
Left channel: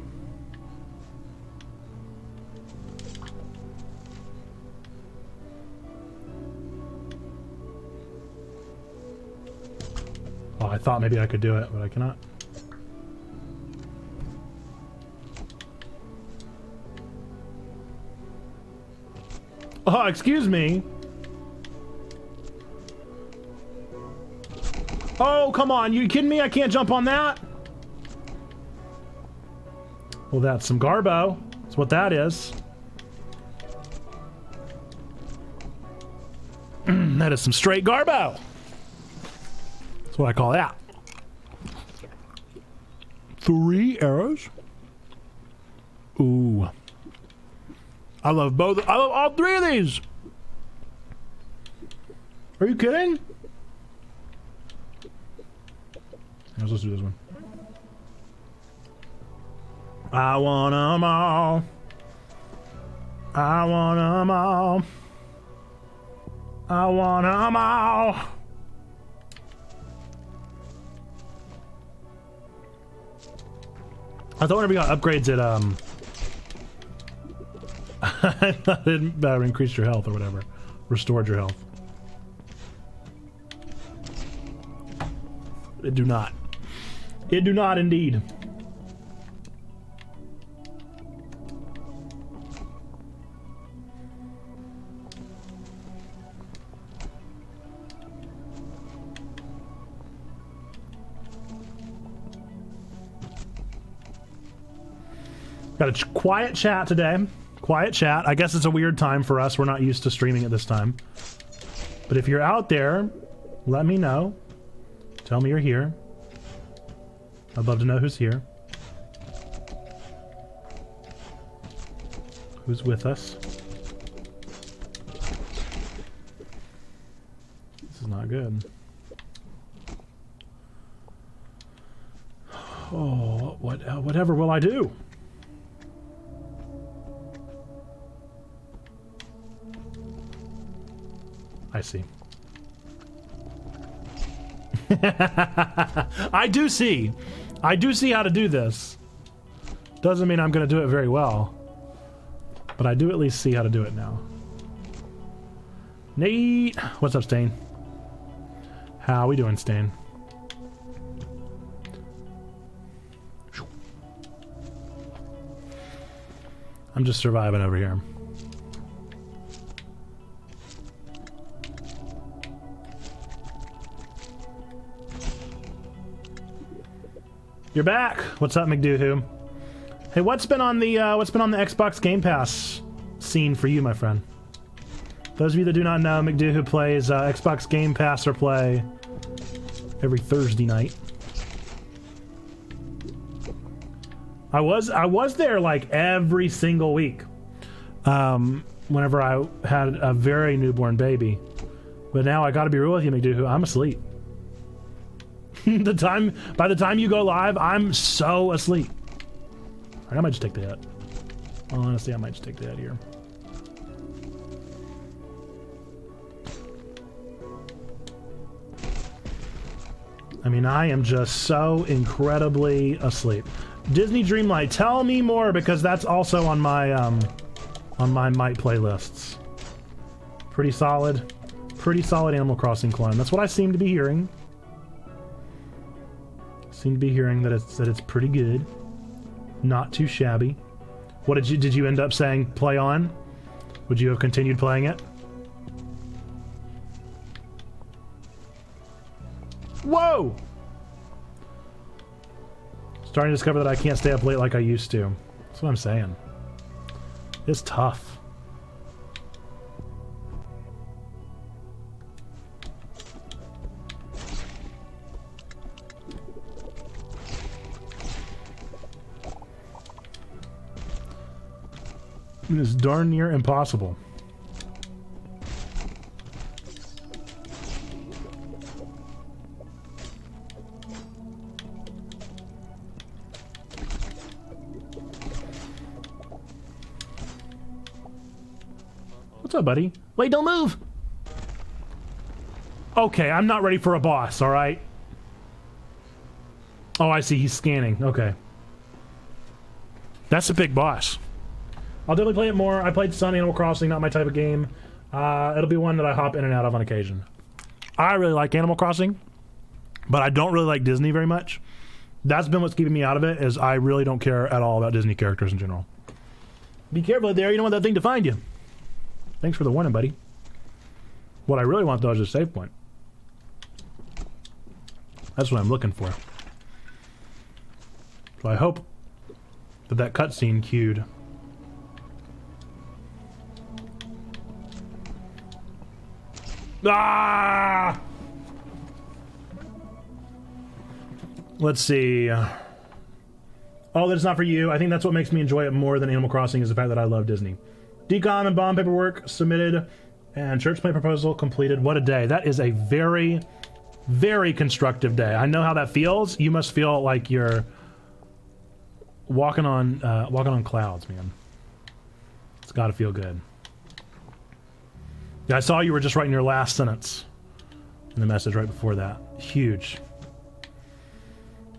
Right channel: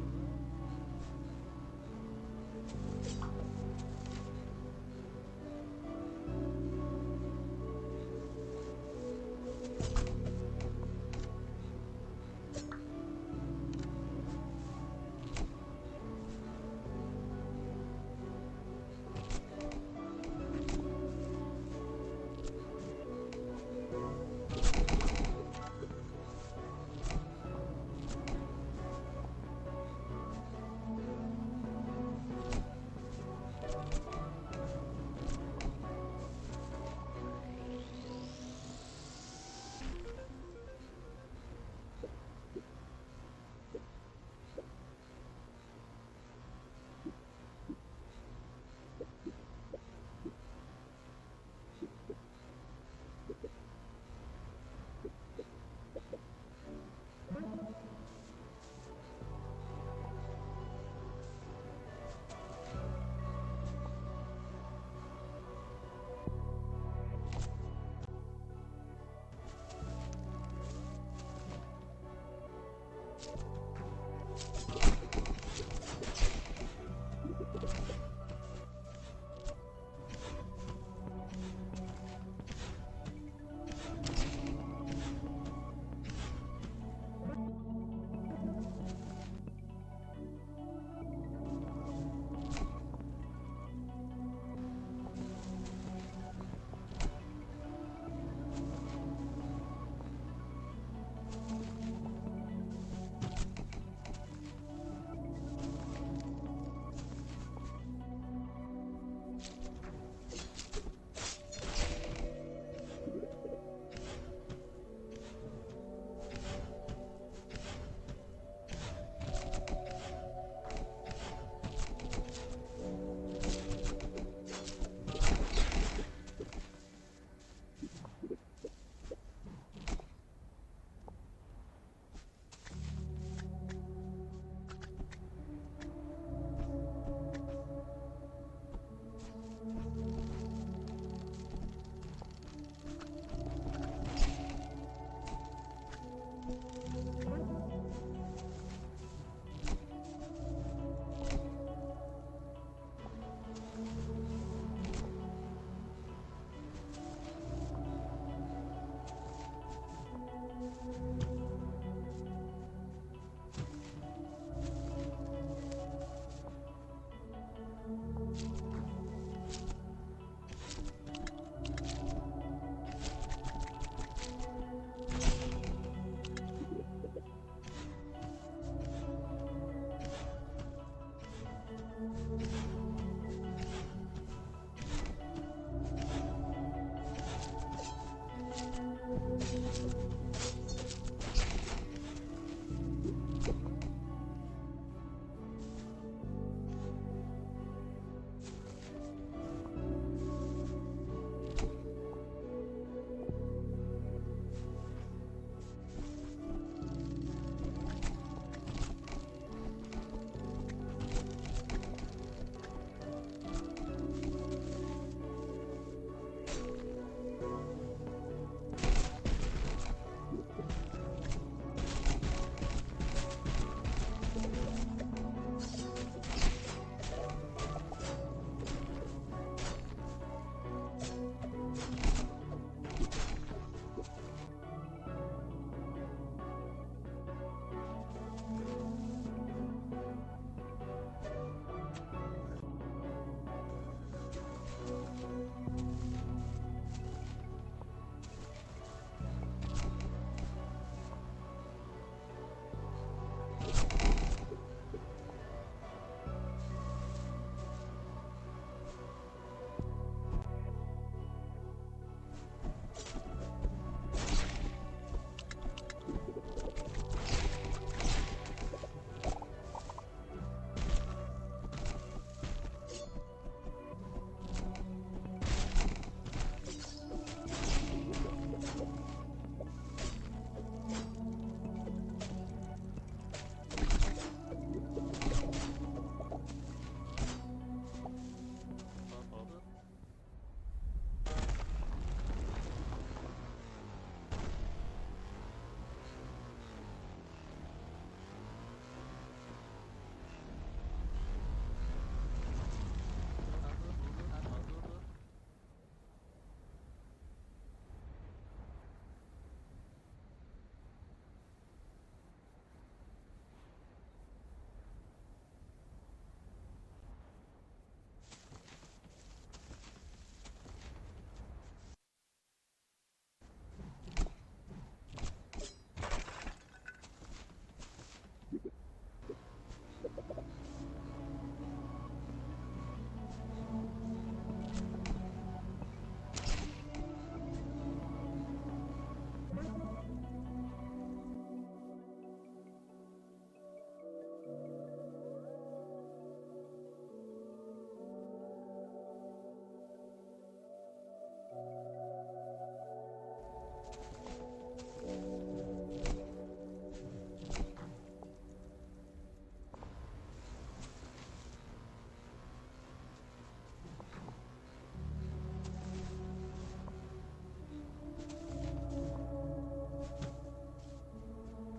Oh, I thought maybe I could do it, but I cannot. Oh, excuse me. Oh, come on. You kidding me? I can't jump on that? Well, that's some garbo. That's what that is. That is some straight garbo. That's what I call that. 3 arrows. Ooh. I love both. I love all 3 of these. Are you kidding? Let's do this one. I want 'em all. I want 'em all. I want 'em all. I thought whenever we got upgrades it I thought it increased your health or whatever. Restored your health. It do not. It do not indeed. Got a quiet chat today. Quiet chat. I guess it's a weird time for us. We're not used to streaming at this time. But if you're out there, let me know. Tell me you're here. I'd love to know who's here. Who's with us? This is not good. Oh, whatever will I do? I see. I do see. I do see how to do this. Doesn't mean I'm going to do it very well. But I do at least see how to do it now. Nate! What's up, Stain? How we doing, Stain? I'm just surviving over here. You're back. What's up, McDoohoo? Hey, what's been on the Xbox Game Pass scene for you, my friend? Those of you that do not know, McDoohoo plays Xbox Game Pass or Play every Thursday night. I was there like every single week. Whenever I had a very newborn baby, but now I got to be real with you, McDoohoo. I'm asleep. By the time you go live, I'm so asleep. I might just take the hit. Honestly, I might just take the hit here. I mean, I am just so incredibly asleep. Disney Dreamlight, tell me more, because that's also on my might playlists. Pretty solid Animal Crossing clone. That's what I seem to be hearing. That it's pretty good, not too shabby. What did you end up saying? Play on? Would you have continued playing it? Whoa! Starting to discover that I can't stay up late like I used to. That's what I'm saying. It's tough. It is darn near impossible. What's up, buddy? Wait, don't move! Okay, I'm not ready for a boss, alright? Oh, I see. He's scanning. Okay. That's a big boss. I'll definitely play it more. I played some Animal Crossing, not my type of game. It'll be one that I hop in and out of on occasion. I really like Animal Crossing, but I don't really like Disney very much. That's been what's keeping me out of it, is I really don't care at all about Disney characters in general. Be careful there, you don't want that thing to find you. Thanks for the warning, buddy. What I really want, though, is a save point. That's what I'm looking for. So I hope that cutscene queued. Ah! Let's see. Oh, that's not for you. I think that's what makes me enjoy it more than Animal Crossing, is the fact that I love Disney. Decom and bond paperwork submitted, and church plan proposal completed. What a day. That is a very, very constructive day. I know how that feels. You must feel like you're walking on clouds, man. It's got to feel good. Yeah, I saw you were just writing your last sentence in the message right before that. Huge.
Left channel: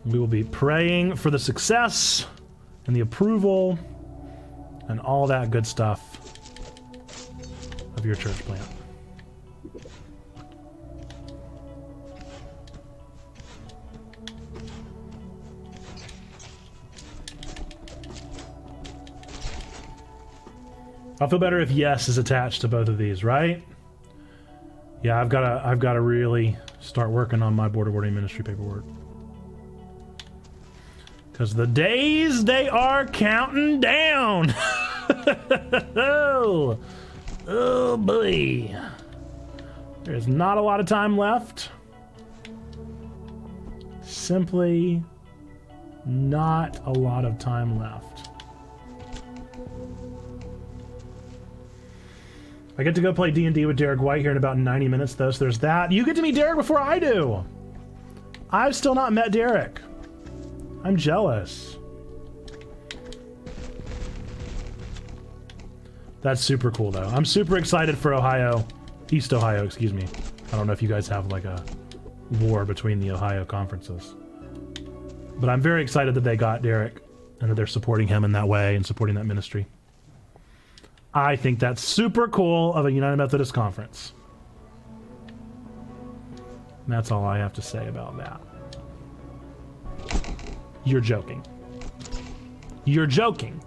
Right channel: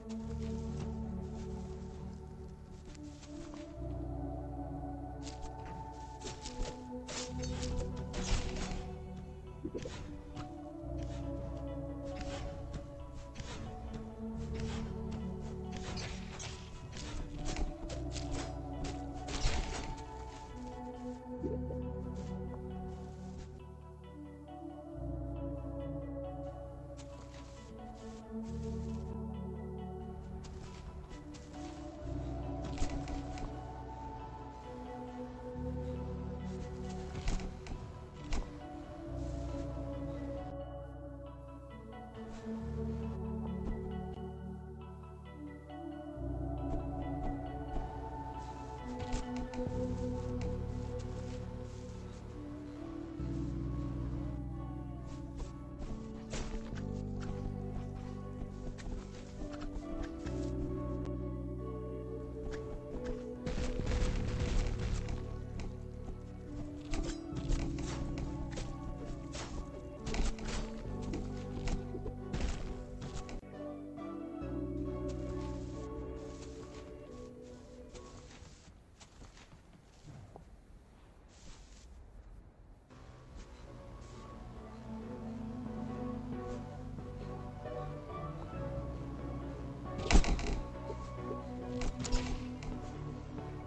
We will be praying for the success and the approval and all that good stuff of your church plan. I'll feel better if yes is attached to both of these, right? Yeah, I've got to really start working on my border ministry paperwork. Because the days, they are counting down. Oh boy. There's not a lot of time left. Simply not a lot of time left. I get to go play D&D with Derek White here in about 90 minutes, though, so there's that. You get to meet Derek before I do. I've still not met Derek. I'm jealous. That's super cool, though. I'm super excited for Ohio. East Ohio, excuse me. I don't know if you guys have, like, a war between the Ohio conferences. But I'm very excited that they got Derek and that they're supporting him in that way and supporting that ministry. I think that's super cool of a United Methodist Conference. And that's all I have to say about that. You're joking. You're joking.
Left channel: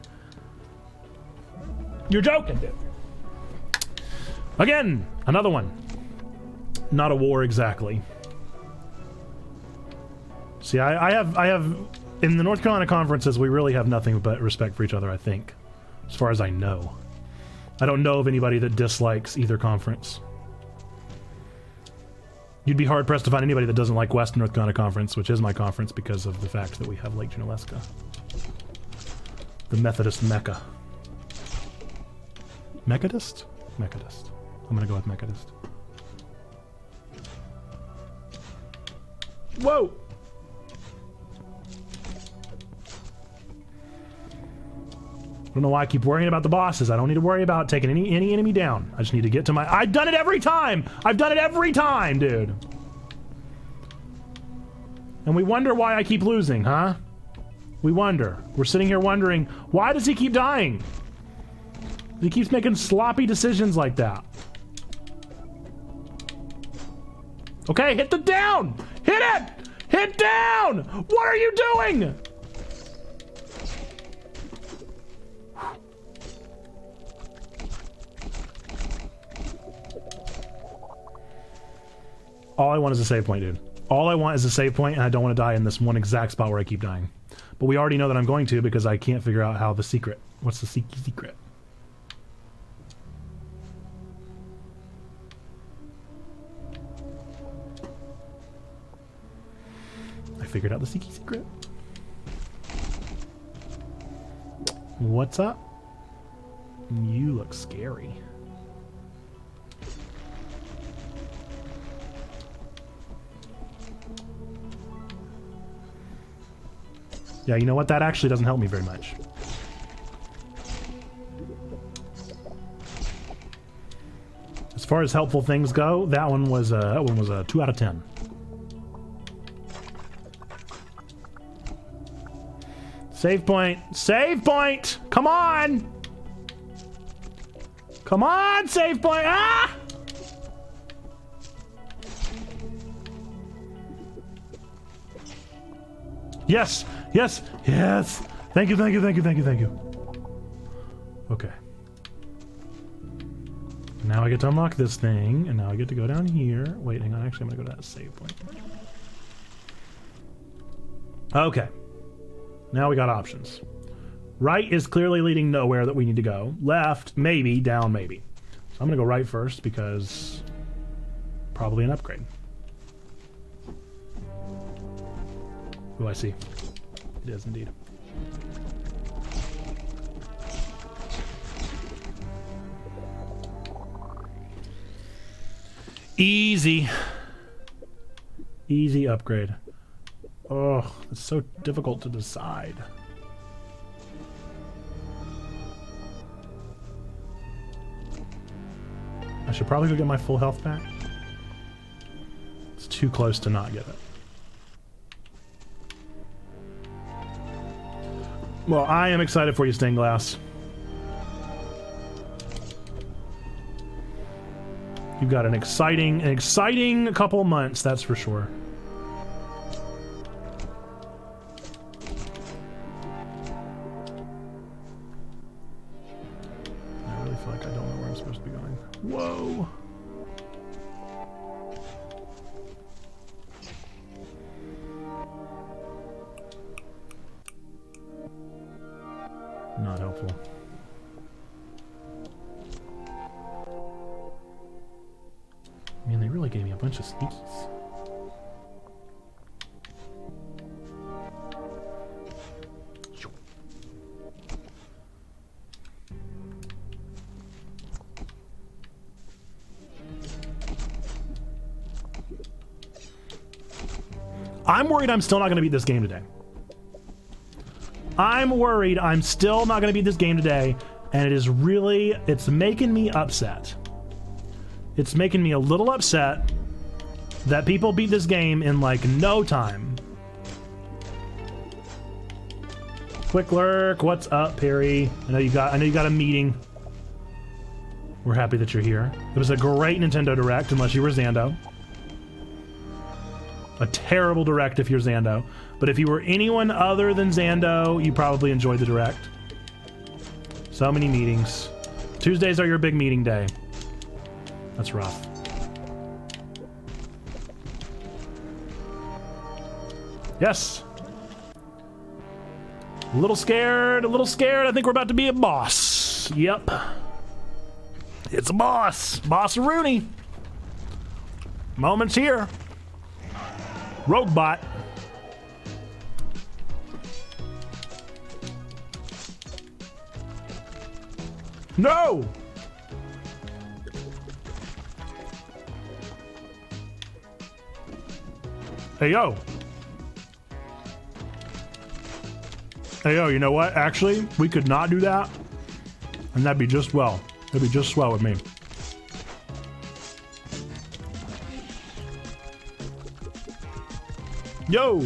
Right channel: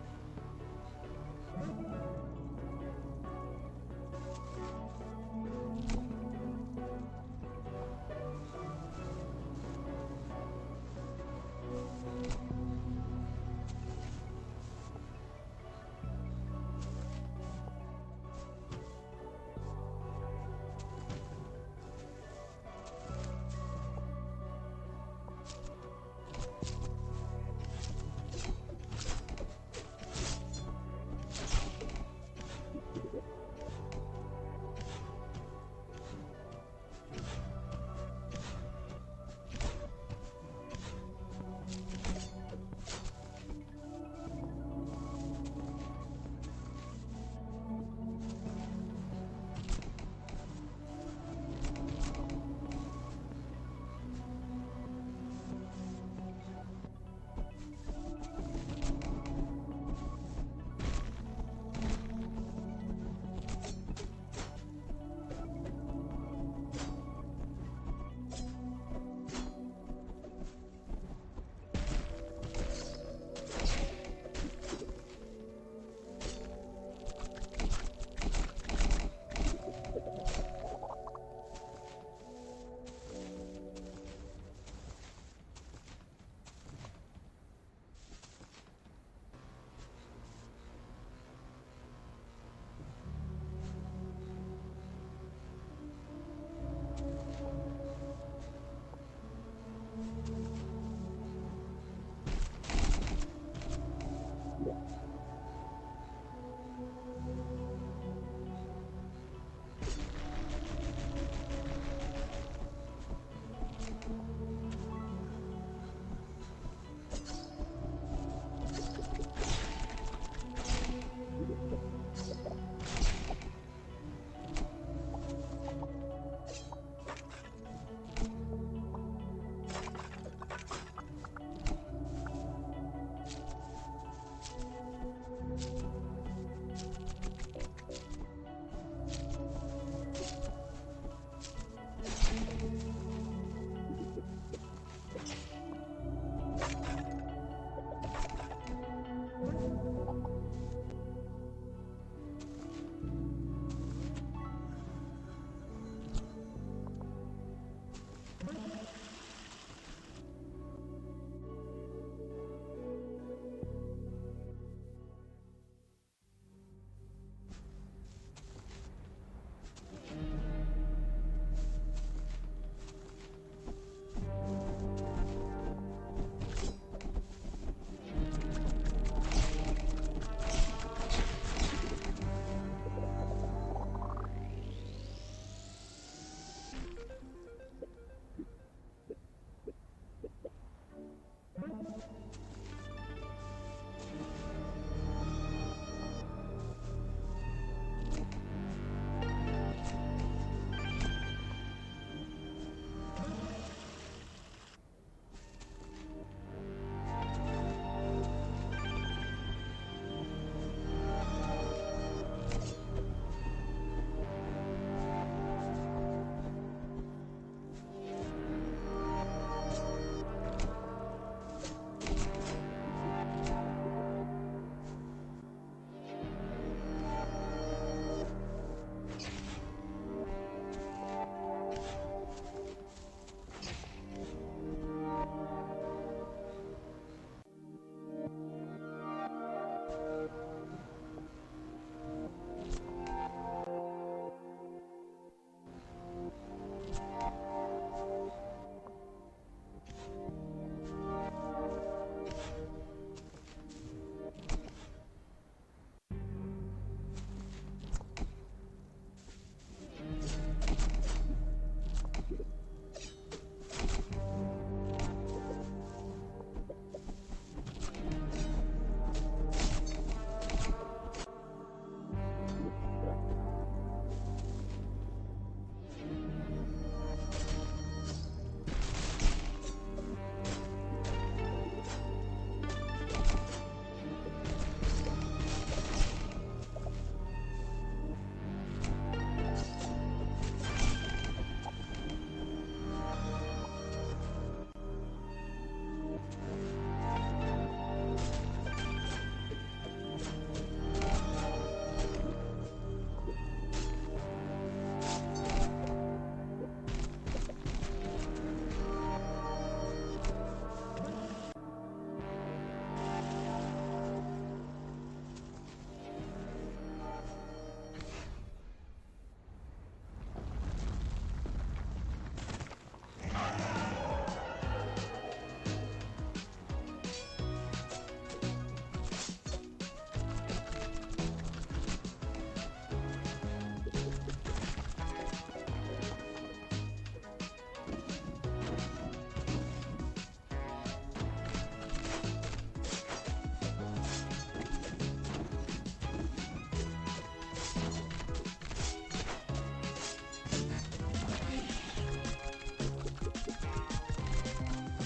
You're joking, dude. Again, another one. Not a war exactly. See, I have in the North Carolina conferences, we really have nothing but respect for each other, I think. As far as I know. I don't know of anybody that dislikes either conference. You'd be hard-pressed to find anybody that doesn't like Western North Carolina Conference, which is my conference because of the fact that we have Lake Junaluska. The Methodist Mecca. Methodist? Methodist. I'm gonna go with Methodist. Whoa! I don't know why I keep worrying about the bosses. I don't need to worry about taking any enemy down. I just need to get to my... I've done it every time! I've done it every time, dude! And we wonder why I keep losing, huh? We wonder. We're sitting here wondering, why does he keep dying? He keeps making sloppy decisions like that. Okay, hit the down! Hit it! Hit down! What are you doing? All I want is a save point, dude. All I want is a save point, and I don't want to die in this one exact spot where I keep dying. But we already know that I'm going to because I can't figure out how the secret. What's the secret? I figured out the secret. What's up? You look scary. Yeah, you know what? That actually doesn't help me very much. As far as helpful things go, that one was a 2 out of 10. Save point! Save point! Come on! Come on, save point! Ah! Yes! Yes! Yes! Thank you, thank you, thank you, thank you, thank you. Okay. Now I get to unlock this thing, and now I get to go down here. Wait, hang on. Actually, I'm gonna go to that save point. Okay. Now we got options. Right is clearly leading nowhere that we need to go. Left, maybe. Down, maybe. So I'm gonna go right first because probably an upgrade. Who I see? It is indeed. Easy. Easy upgrade. Oh, it's so difficult to decide. I should probably go get my full health back. It's too close to not get it. Well, I am excited for you, Stained Glass. You've got an exciting couple months, that's for sure. Whoa. Not helpful. I mean, they really gave me a bunch of speeches. I'm worried I'm still not going to beat this game today. I'm worried I'm still not going to beat this game today, and it is really, it's making me upset. It's making me a little upset that people beat this game in like no time. Quick lurk, what's up, Perry? I know you got a meeting. We're happy that you're here. It was a great Nintendo Direct, unless you were Zando. A terrible Direct if you're Zando. But if you were anyone other than Zando, you probably enjoyed the Direct. So many meetings. Tuesdays are your big meeting day. That's rough. Yes. A little scared, a little scared. I think we're about to be a boss. Yep. It's a boss. Boss Rooney. Moment's here. Roguebot. No! Hey, yo. Hey, yo, you know what? Actually, we could not do that, and that'd be just well. That'd be just swell with me. Yo!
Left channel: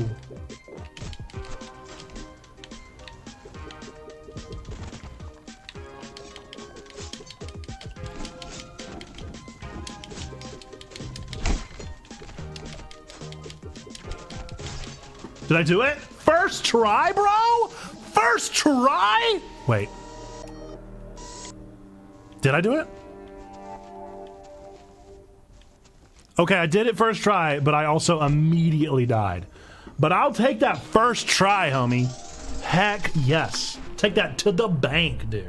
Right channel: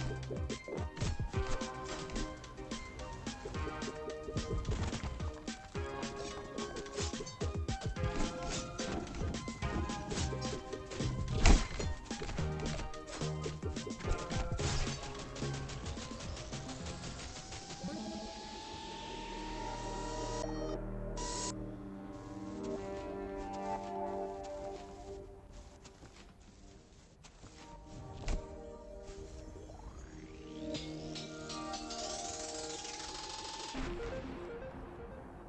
Did I do it? First try, bro? First try? Wait. Did I do it? Okay, I did it first try, but I also immediately died. But I'll take that first try, homie. Heck yes. Take that to the bank, dude.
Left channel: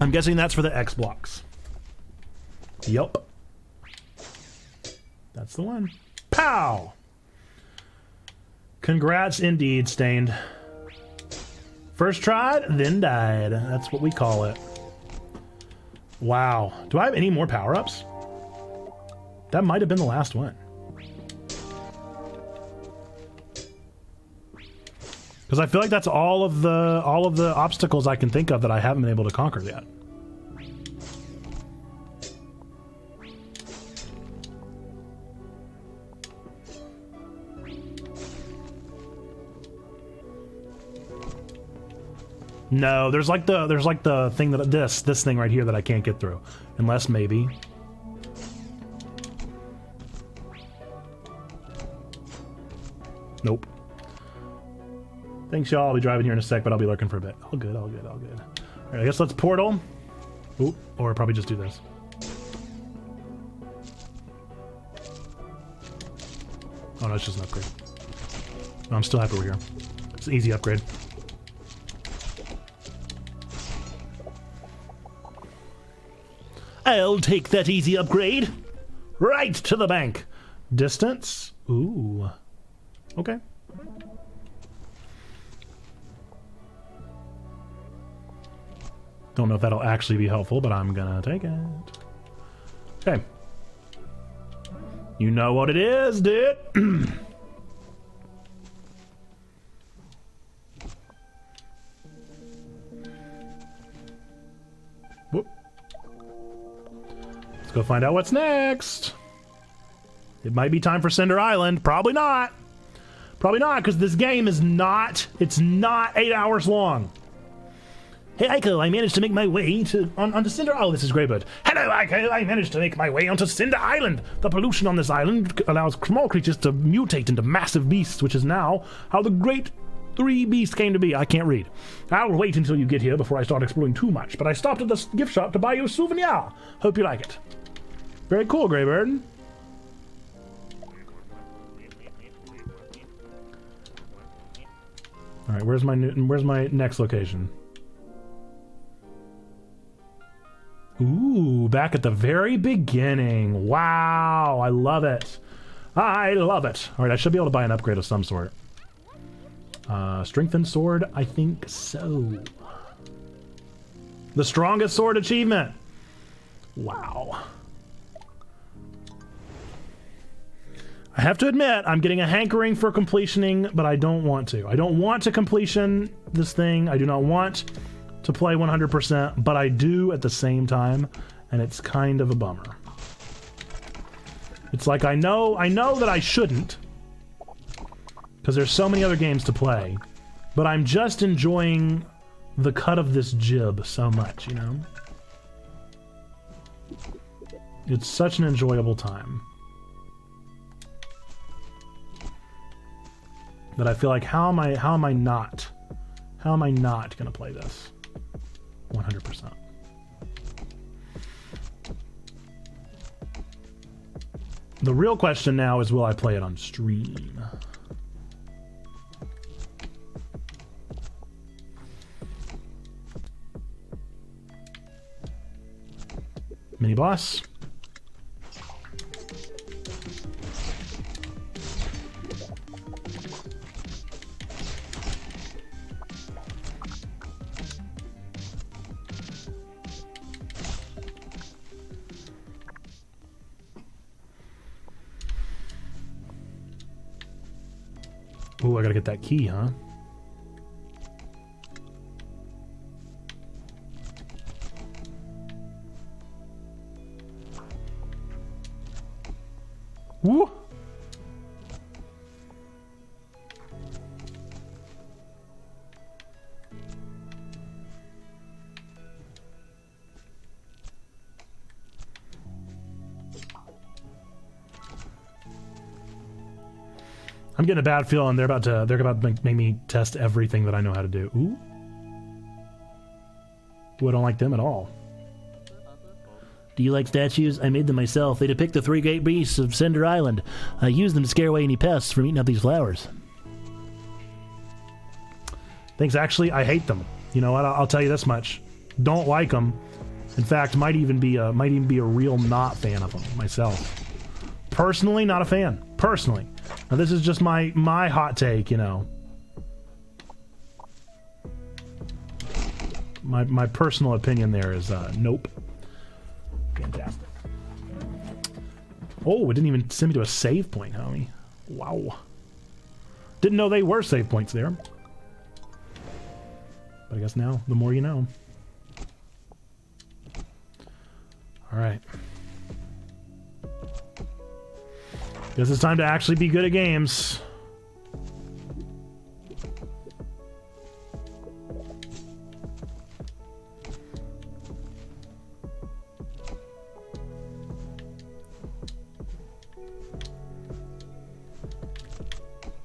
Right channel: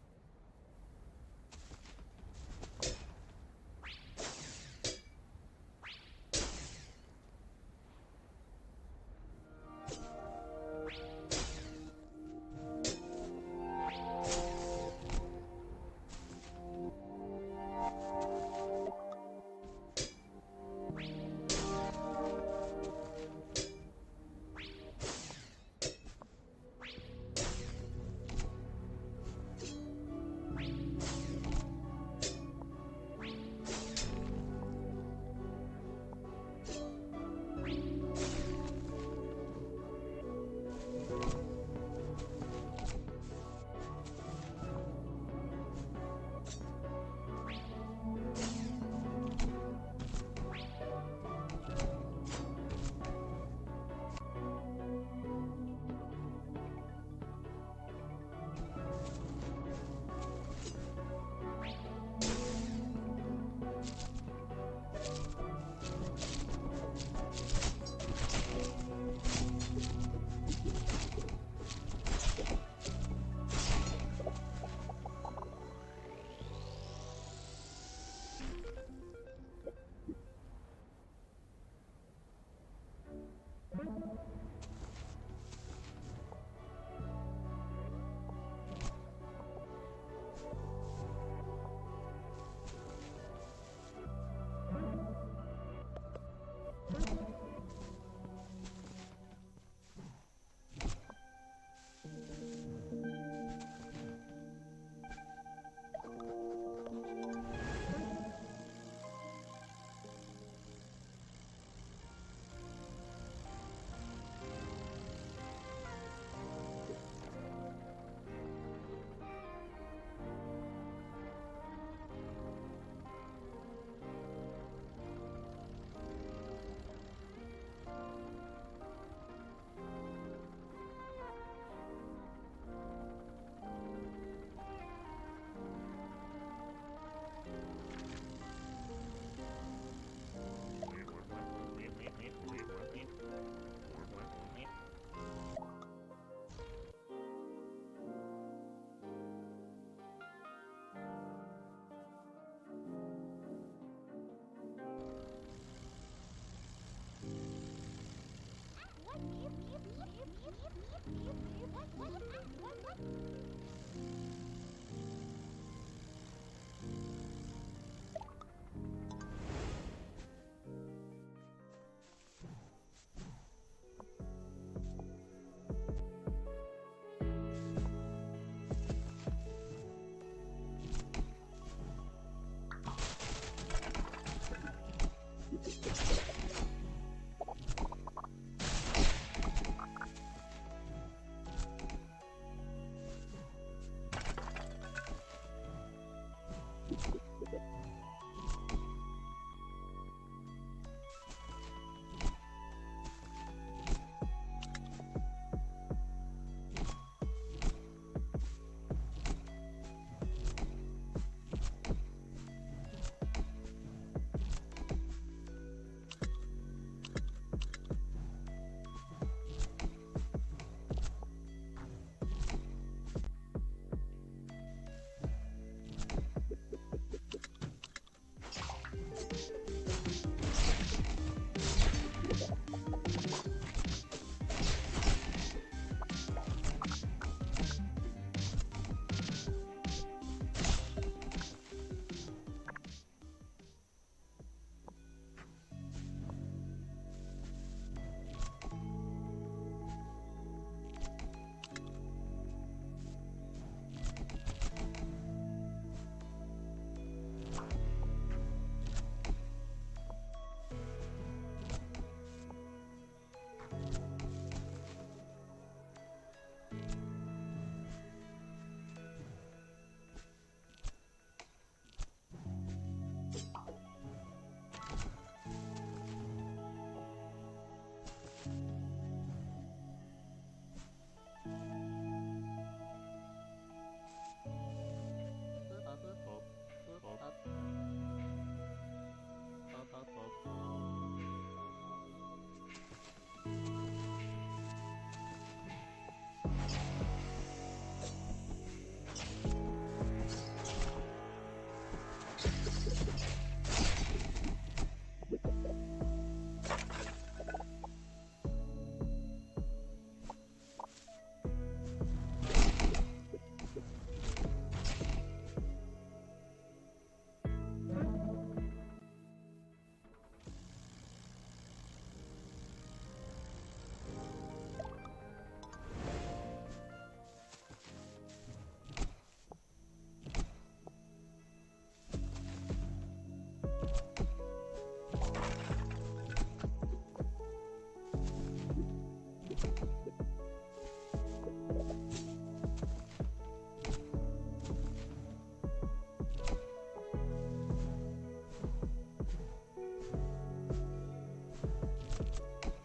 I'm guessing that's for the X blocks. Yup. That's the one. Pow! Congrats indeed, Stained. First tried, then died. That's what we call it. Wow. Do I have any more power-ups? That might have been the last one. Because I feel like that's all of the obstacles I can think of that I haven't been able to conquer yet. No, there's like the thing that this thing right here that I can't get through, unless maybe. Nope. Thanks, y'all. I'll be driving here in a sec, but I'll be lurking for a bit. All good, all good, all good. All right, I guess let's portal. Ooh, or probably just do this. Oh no, it's just an upgrade. No, I'm still happy we're here. It's an easy upgrade. I'll take that easy upgrade. Right to the bank. Distance. Ooh. Okay. Don't know if that'll actually be helpful, but I'm gonna take it. Okay. You know what it is, dude. Whoop. Let's go find out what's next. It might be time for Cinder Island. Probably not. Probably not, because this game is not, it's not 8 hours long. Hey, Aiko, I managed to make my way onto Cinder Island. Oh, this is Greybird. Hello, Aiko, I managed to make my way onto Cinder Island. The pollution on this island allows small creatures to mutate into massive beasts, which is now how the great 3 beasts came to be. I can't read. I'll wait until you get here before I start exploring too much, but I stopped at the gift shop to buy you a souvenir. Hope you like it. Very cool, Greybird. All right, where's my next location? Ooh, back at the very beginning. Wow, I love it. I love it. All right, I should be able to buy an upgrade of some sort. Strengthened sword, I think so. The strongest sword achievement. Wow. I have to admit, I'm getting a hankering for completioning, but I don't want to. I don't want to completion this thing. I do not want to play 100%, but I do at the same time, and it's kind of a bummer. It's like I know that I shouldn't, because there's so many other games to play, but I'm just enjoying the cut of this jib so much, you know? It's such an enjoyable time that I feel like how am I not gonna play this 100%? The real question now is, will I play it on stream? Mini boss. Ooh, I gotta get that key, huh? Woo! I'm getting a bad feeling they're about to make me test everything that I know how to do. Ooh. Ooh, I don't like them at all. Do you like statues? I made them myself. They depict the 3 great beasts of Cinder Island. I use them to scare away any pests from eating up these flowers. Thanks, actually, I hate them. You know what? I'll tell you this much. Don't like them. In fact, might even be a real not fan of them myself. Personally, not a fan. Personally. Now, this is just my hot take, you know. My personal opinion there is nope. Fantastic. Oh, it didn't even send me to a save point, homie. Wow. Didn't know they were save points there. But I guess now, the more you know. Alright. Guess it's time to actually be good at games.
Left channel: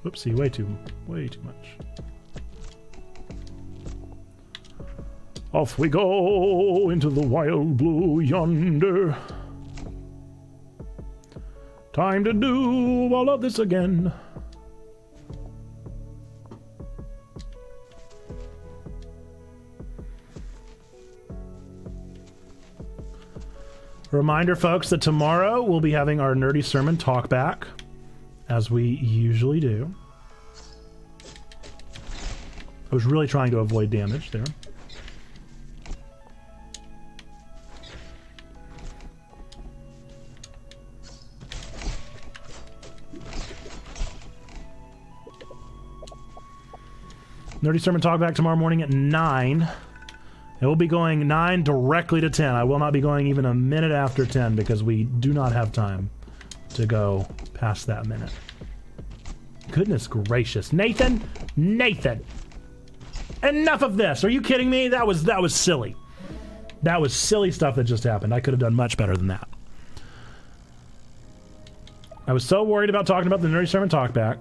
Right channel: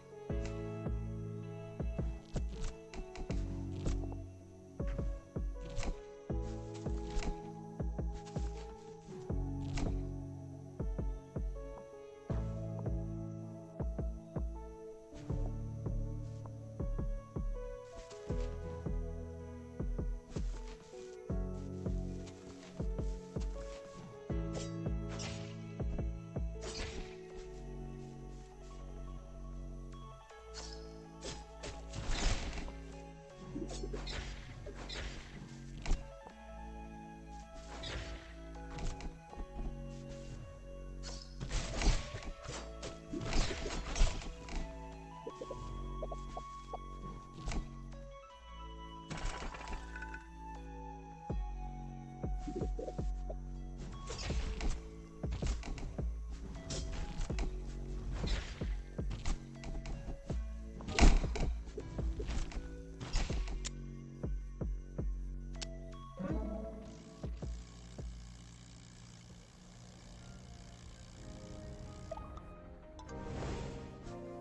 Oopsie, way too much. Off we go into the wild blue yonder. Time to do all of this again. Reminder, folks, that tomorrow we'll be having our Nerdy Sermon talk back, as we usually do. I was really trying to avoid damage there. Nerdy Sermon talk back tomorrow morning at 9. It will be going 9 directly to 10. I will not be going even a minute after 10 because we do not have time to go past that minute. Goodness gracious. Nathan! Nathan! Enough of this! Are you kidding me? That was silly. That was silly stuff that just happened. I could have done much better than that. I was so worried about talking about the Nerdy Sermon talkback.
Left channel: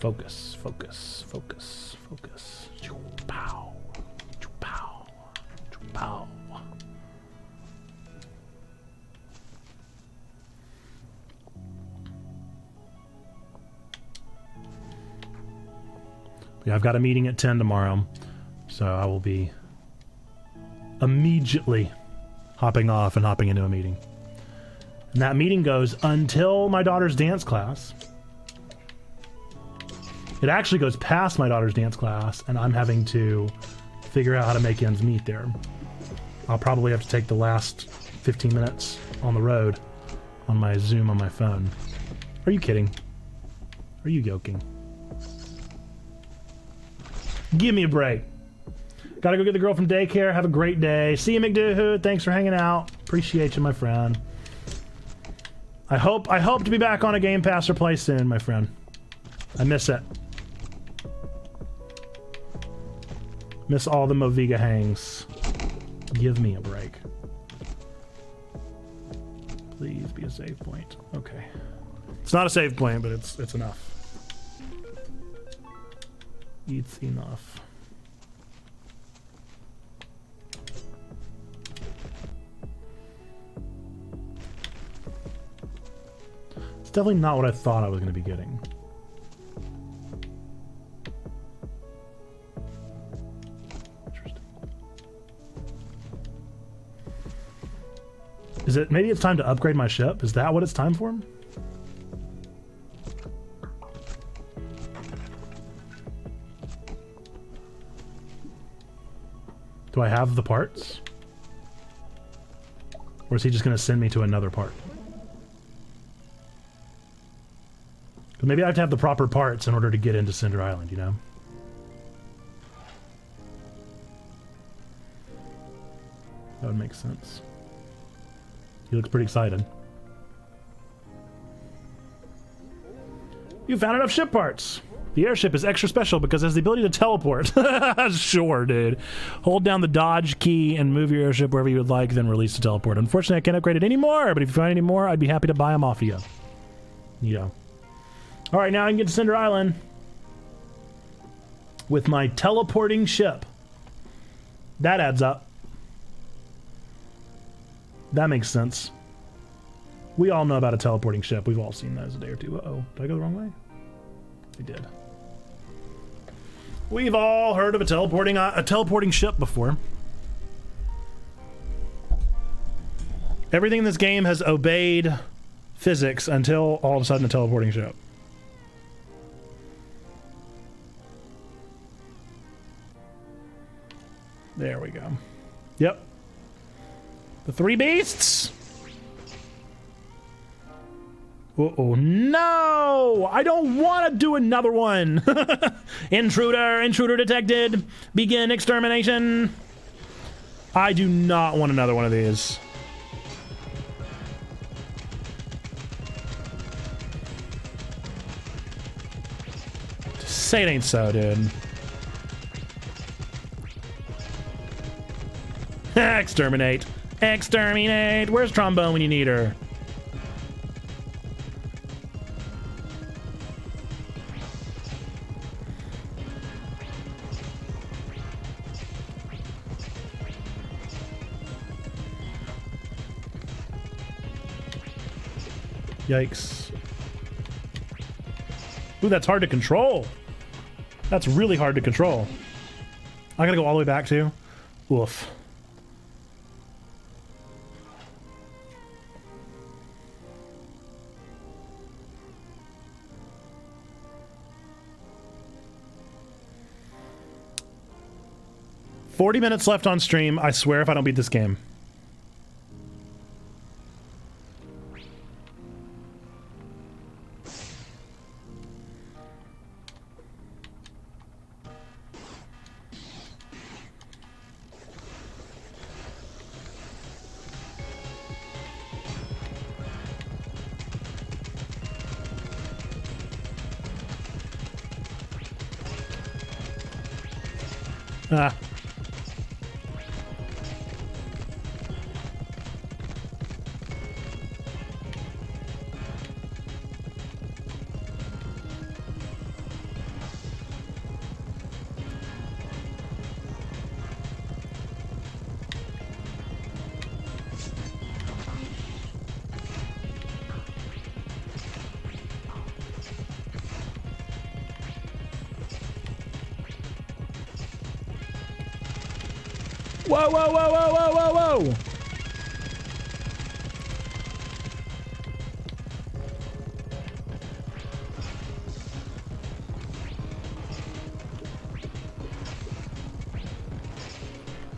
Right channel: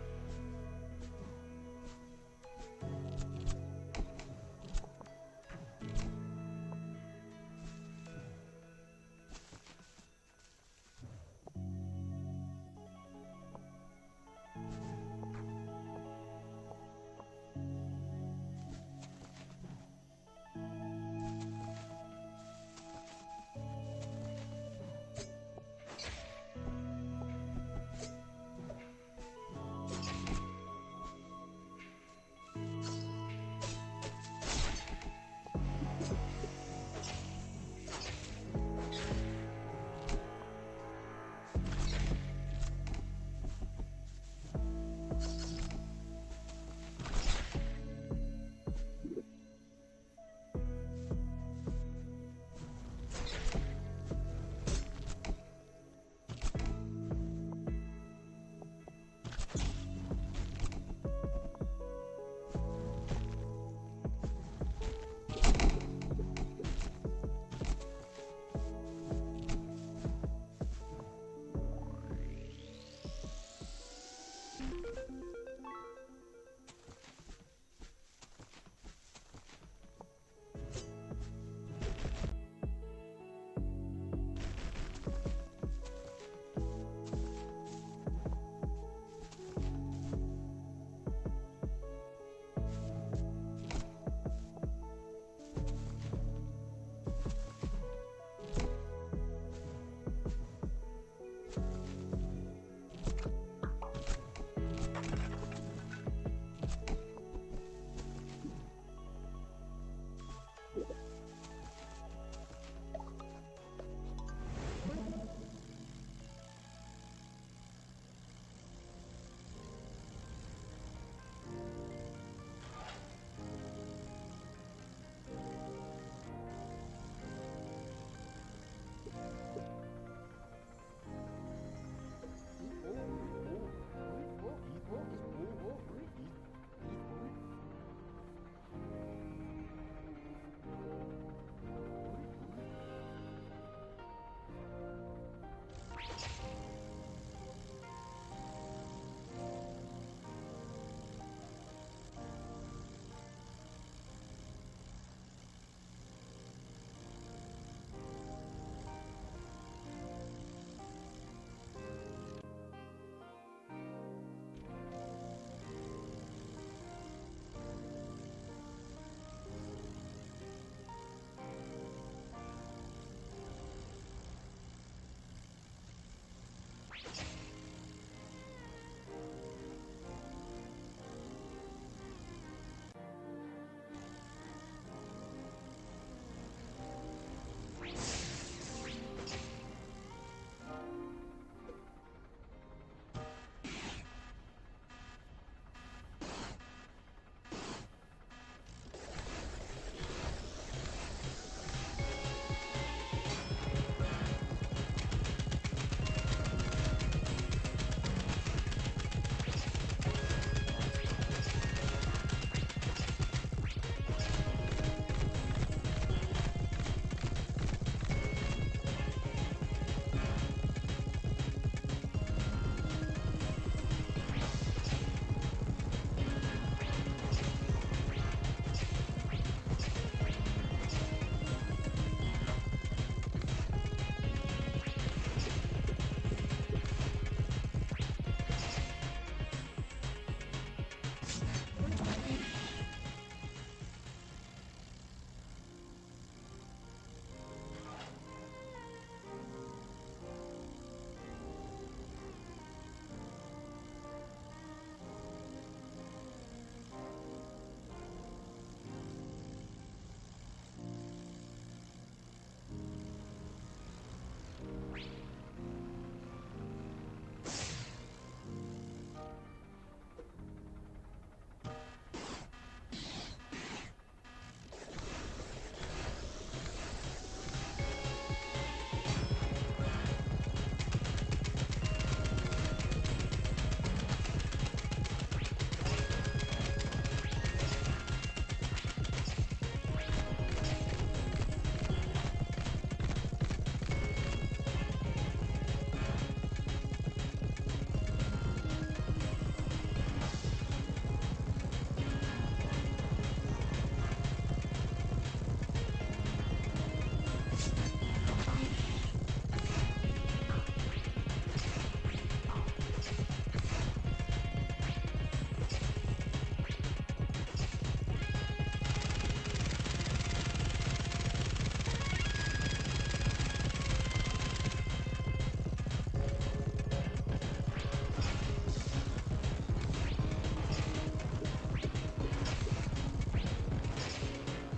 Focus, focus, focus, focus. Pow. Pow. Pow. Yeah, I've got a meeting at 10 tomorrow, so I will be immediately hopping off and hopping into a meeting. And that meeting goes until my daughter's dance class. It actually goes past my daughter's dance class, and I'm having to figure out how to make ends meet there. I'll probably have to take the last 15 minutes on the road on my Zoom on my phone. Are you kidding? Are you joking? Give me a break. Gotta go get the girl from daycare. Have a great day. See you, McDoohood. Thanks for hanging out. Appreciate you, my friend. I hope to be back on a Game Pass or play soon, my friend. I miss it. Miss all the Moviga hangs. Give me a break. Please be a save point. Okay. It's not a save point, but it's enough. It's enough. It's definitely not what I thought I was going to be getting. Is it, maybe it's time to upgrade my ship? Is that what it's time for? Do I have the parts? Or is he just going to send me to another part? But maybe I have to have the proper parts in order to get into Cinder Island, you know? That would make sense. He looks pretty excited. You found enough ship parts! The airship is extra special because it has the ability to teleport. Sure, dude. Hold down the dodge key and move your airship wherever you would like, then release the teleport. Unfortunately, I can't upgrade it anymore, but if you find any more, I'd be happy to buy them off you. You know. Alright, now I can get to Cinder Island with my teleporting ship. That adds up. That makes sense. We all know about a teleporting ship. We've all seen those a day or two. Uh-oh. Did I go the wrong way? I did. We've all heard of a teleporting ship before. Everything in this game has obeyed physics until all of a sudden a teleporting ship. There we go. Yep. The three beasts. Oh no! I don't want to do another one. Intruder detected. Begin extermination. I do not want another one of these. Say it ain't so, dude. Exterminate. Exterminate. Where's Trombone when you need her? Yikes. Ooh, that's hard to control. That's really hard to control. I gotta go all the way back too. Oof. $40 minutes left on stream. I swear if I don't beat this game. Ah. Whoa, whoa, whoa, whoa, whoa, whoa, whoa!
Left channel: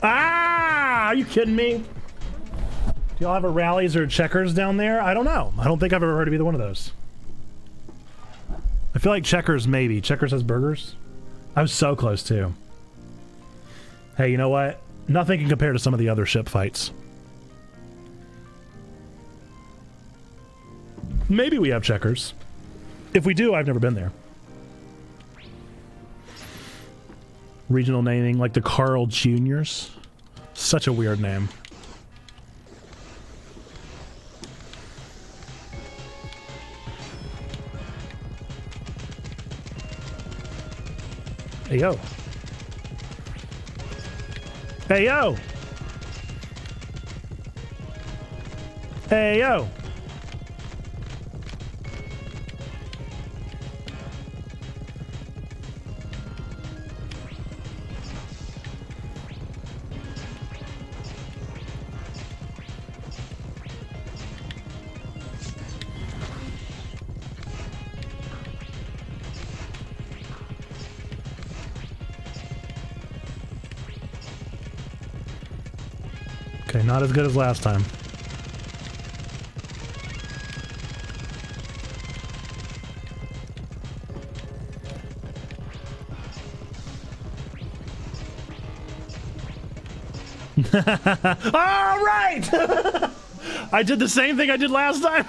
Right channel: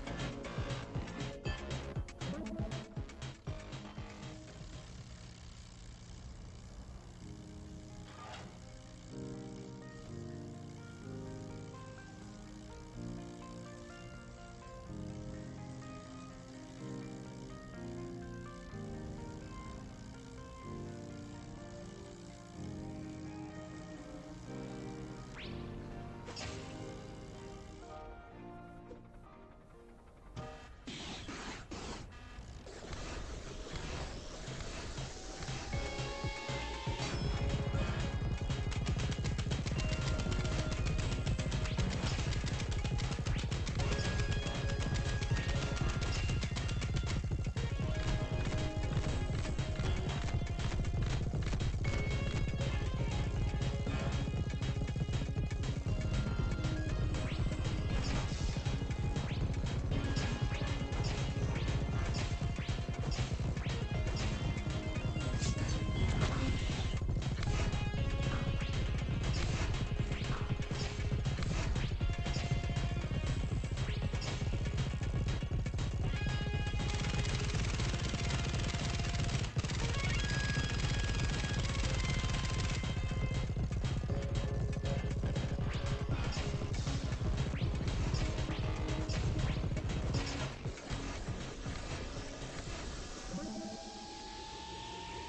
Ah! Are you kidding me? Do y'all have a rallies or checkers down there? I don't know. I don't think I've ever heard of either one of those. I feel like checkers, maybe. Checkers has burgers? I was so close too. Hey, you know what? Nothing can compare to some of the other ship fights. Maybe we have checkers. If we do, I've never been there. Regional naming, like the Carl Juniors. Such a weird name. Hey, yo. Hey, yo! Hey, yo! Okay, not as good as last time. All right! I did the same thing I did last time.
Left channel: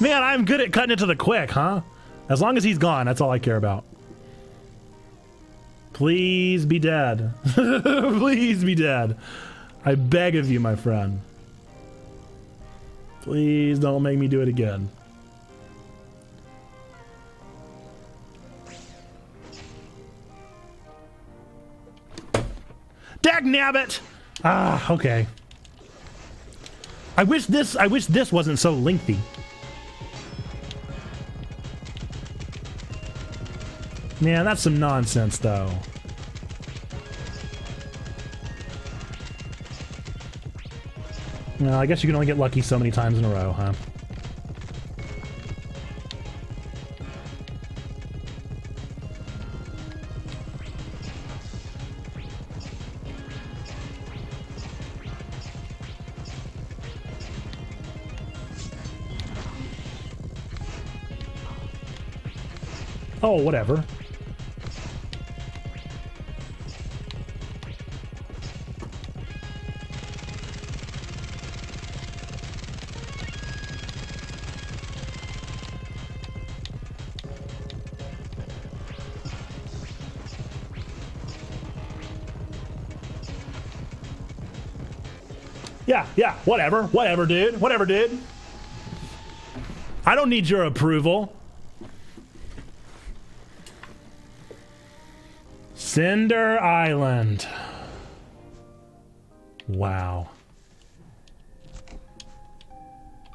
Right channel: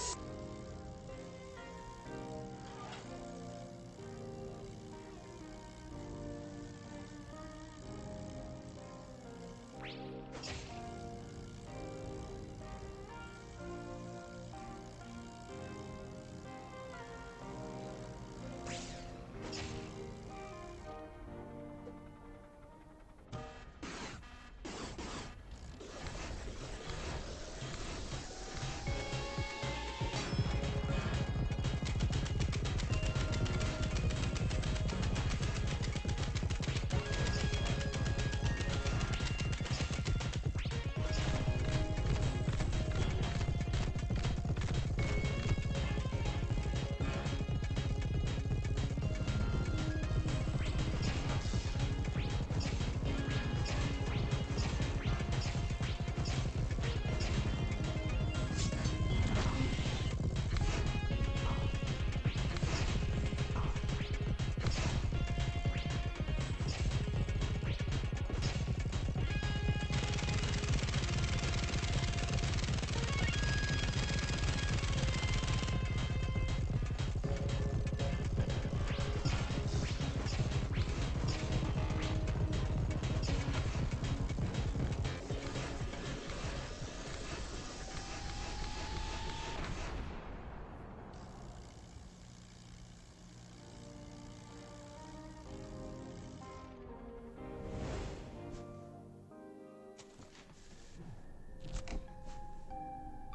Man, I'm good at cutting it to the quick, huh? As long as he's gone, that's all I care about. Please be dead. Please be dead. I beg of you, my friend. Please don't make me do it again. Dagnabbit! Ah, okay. I wish this wasn't so lengthy. Yeah, that's some nonsense, though. No, I guess you can only get lucky so many times in a row, huh? Oh, whatever. Yeah, whatever, dude. I don't need your approval. Cinder Island. Wow.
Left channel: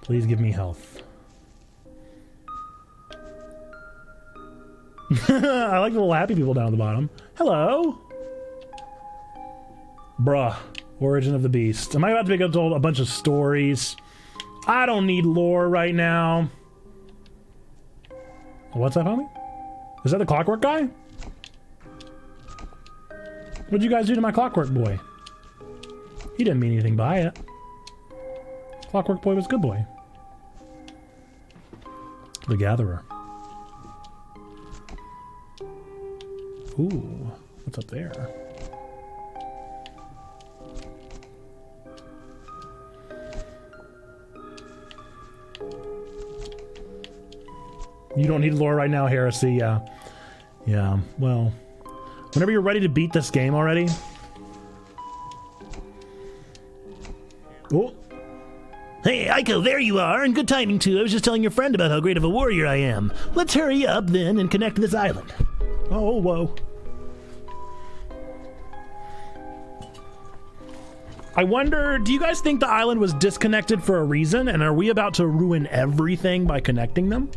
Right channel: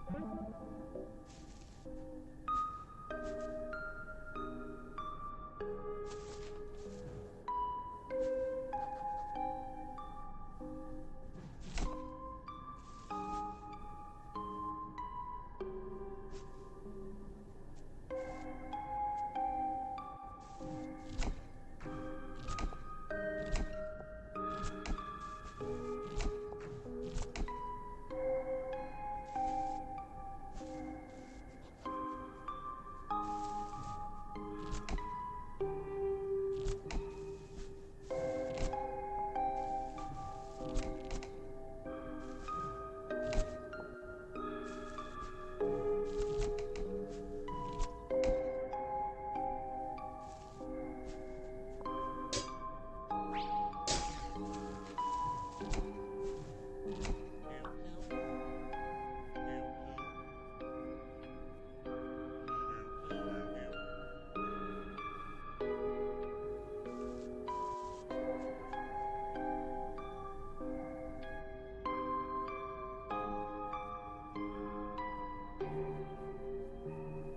Please give me health. I like the little happy people down at the bottom. Hello. Bruh. Origin of the Beast. Am I about to be told a bunch of stories? I don't need lore right now. What's that, homie? Is that the Clockwork guy? What'd you guys do to my Clockwork boy? He didn't mean anything by it. Clockwork boy was good boy. The Gatherer. Ooh, what's up there? You don't need lore right now, Heresy. Yeah. Yeah, well, whenever you're ready to beat this game already. Oh. Hey, Aiko, there you are, and good timing too. I was just telling your friend about how great of a warrior I am. Let's hurry up then and connect to this island. Oh, whoa. I wonder, do you guys think the island was disconnected for a reason, and are we about to ruin everything by connecting them?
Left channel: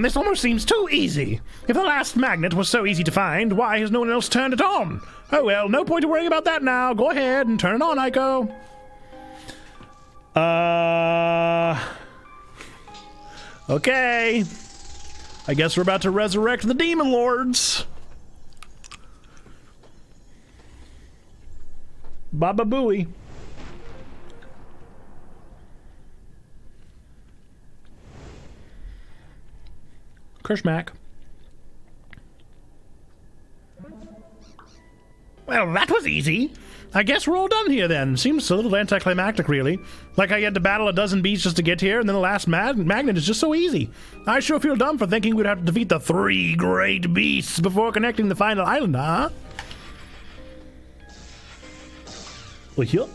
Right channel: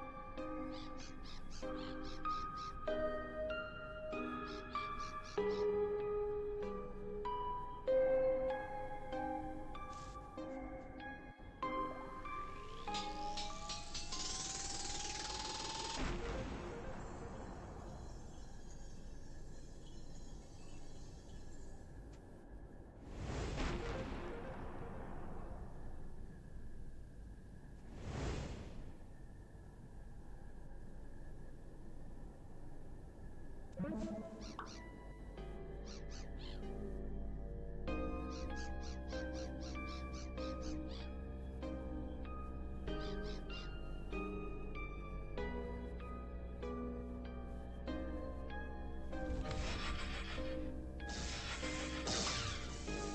This almost seems too easy. If the last magnet was so easy to find, why has no one else turned it on? Oh well, no point in worrying about that now. Go ahead and turn it on, Aiko. Okay. I guess we're about to resurrect the Demon Lords. Baba Booey. Kershmack. Well, that was easy. I guess we're all done here then. Seems a little anticlimactic, really. Like I had to battle a dozen beasts just to get here, and then the last magnet is just so easy. I sure feel dumb for thinking we'd have to defeat the 3 great beasts before connecting the final island, huh? Well, yup.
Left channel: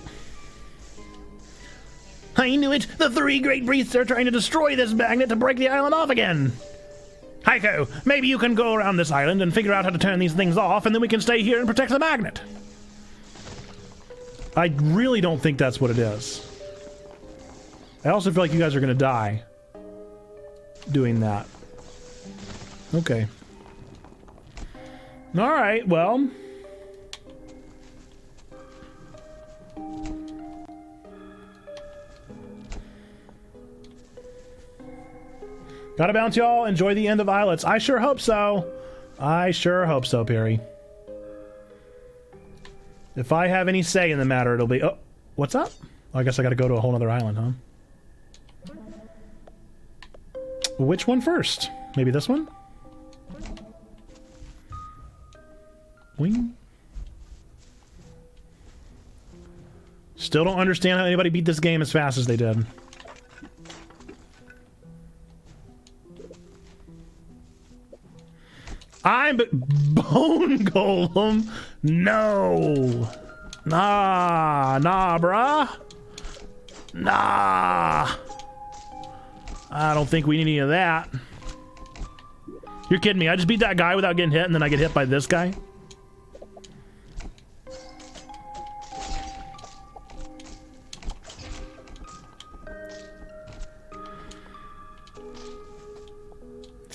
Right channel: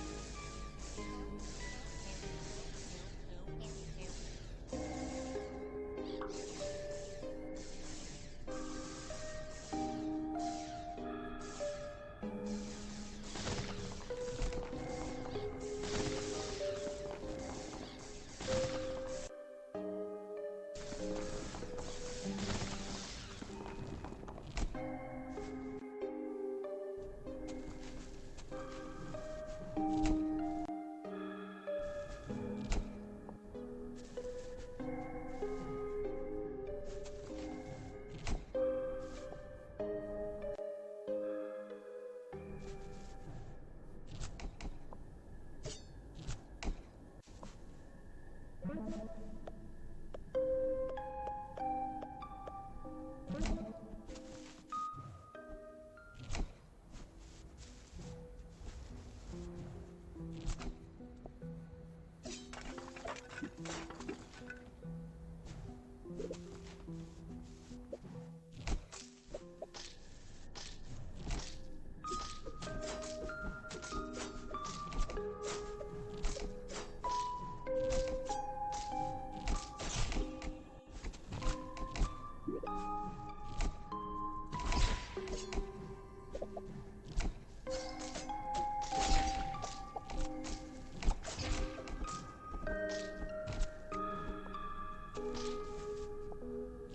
I knew it! The 3 great beasts are trying to destroy this magnet to break the island off again! Heiko, maybe you can go around this island and figure out how to turn these things off, and then we can stay here and protect the magnet. I really don't think that's what it is. I also feel like you guys are gonna die doing that. Okay. Alright, well. Gotta bounce, y'all. Enjoy the end of Islets. I sure hope so. I sure hope so, Perry. If I have any say in the matter, it'll be... Oh, what's up? I guess I gotta go to a whole other island, huh? Which one first? Maybe this one? Wing? Still don't understand how anybody beat this game as fast as they did. I'm Bone Golem. No. Nah, bruh. Nah. I don't think we need any of that. You're kidding me. I just beat that guy without getting hit, and then I get hit by this guy?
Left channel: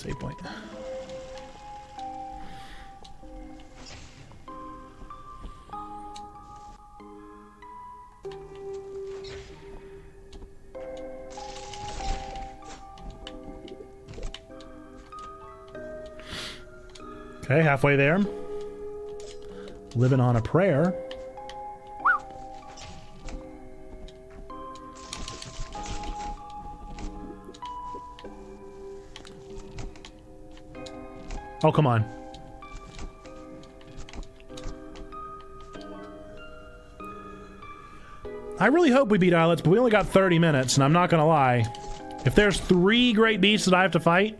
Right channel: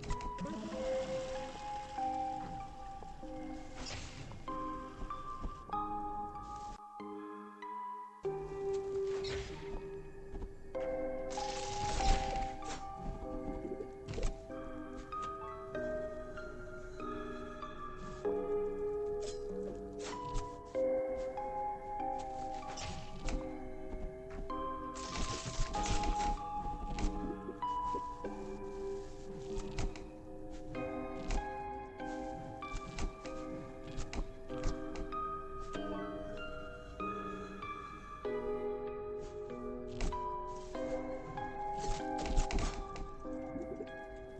save point. Okay, halfway there. Living on a prayer. Oh, come on. I really hope we beat Islets, but we only got 30 minutes, and I'm not gonna lie. If there's 3 great beasts that I have to fight,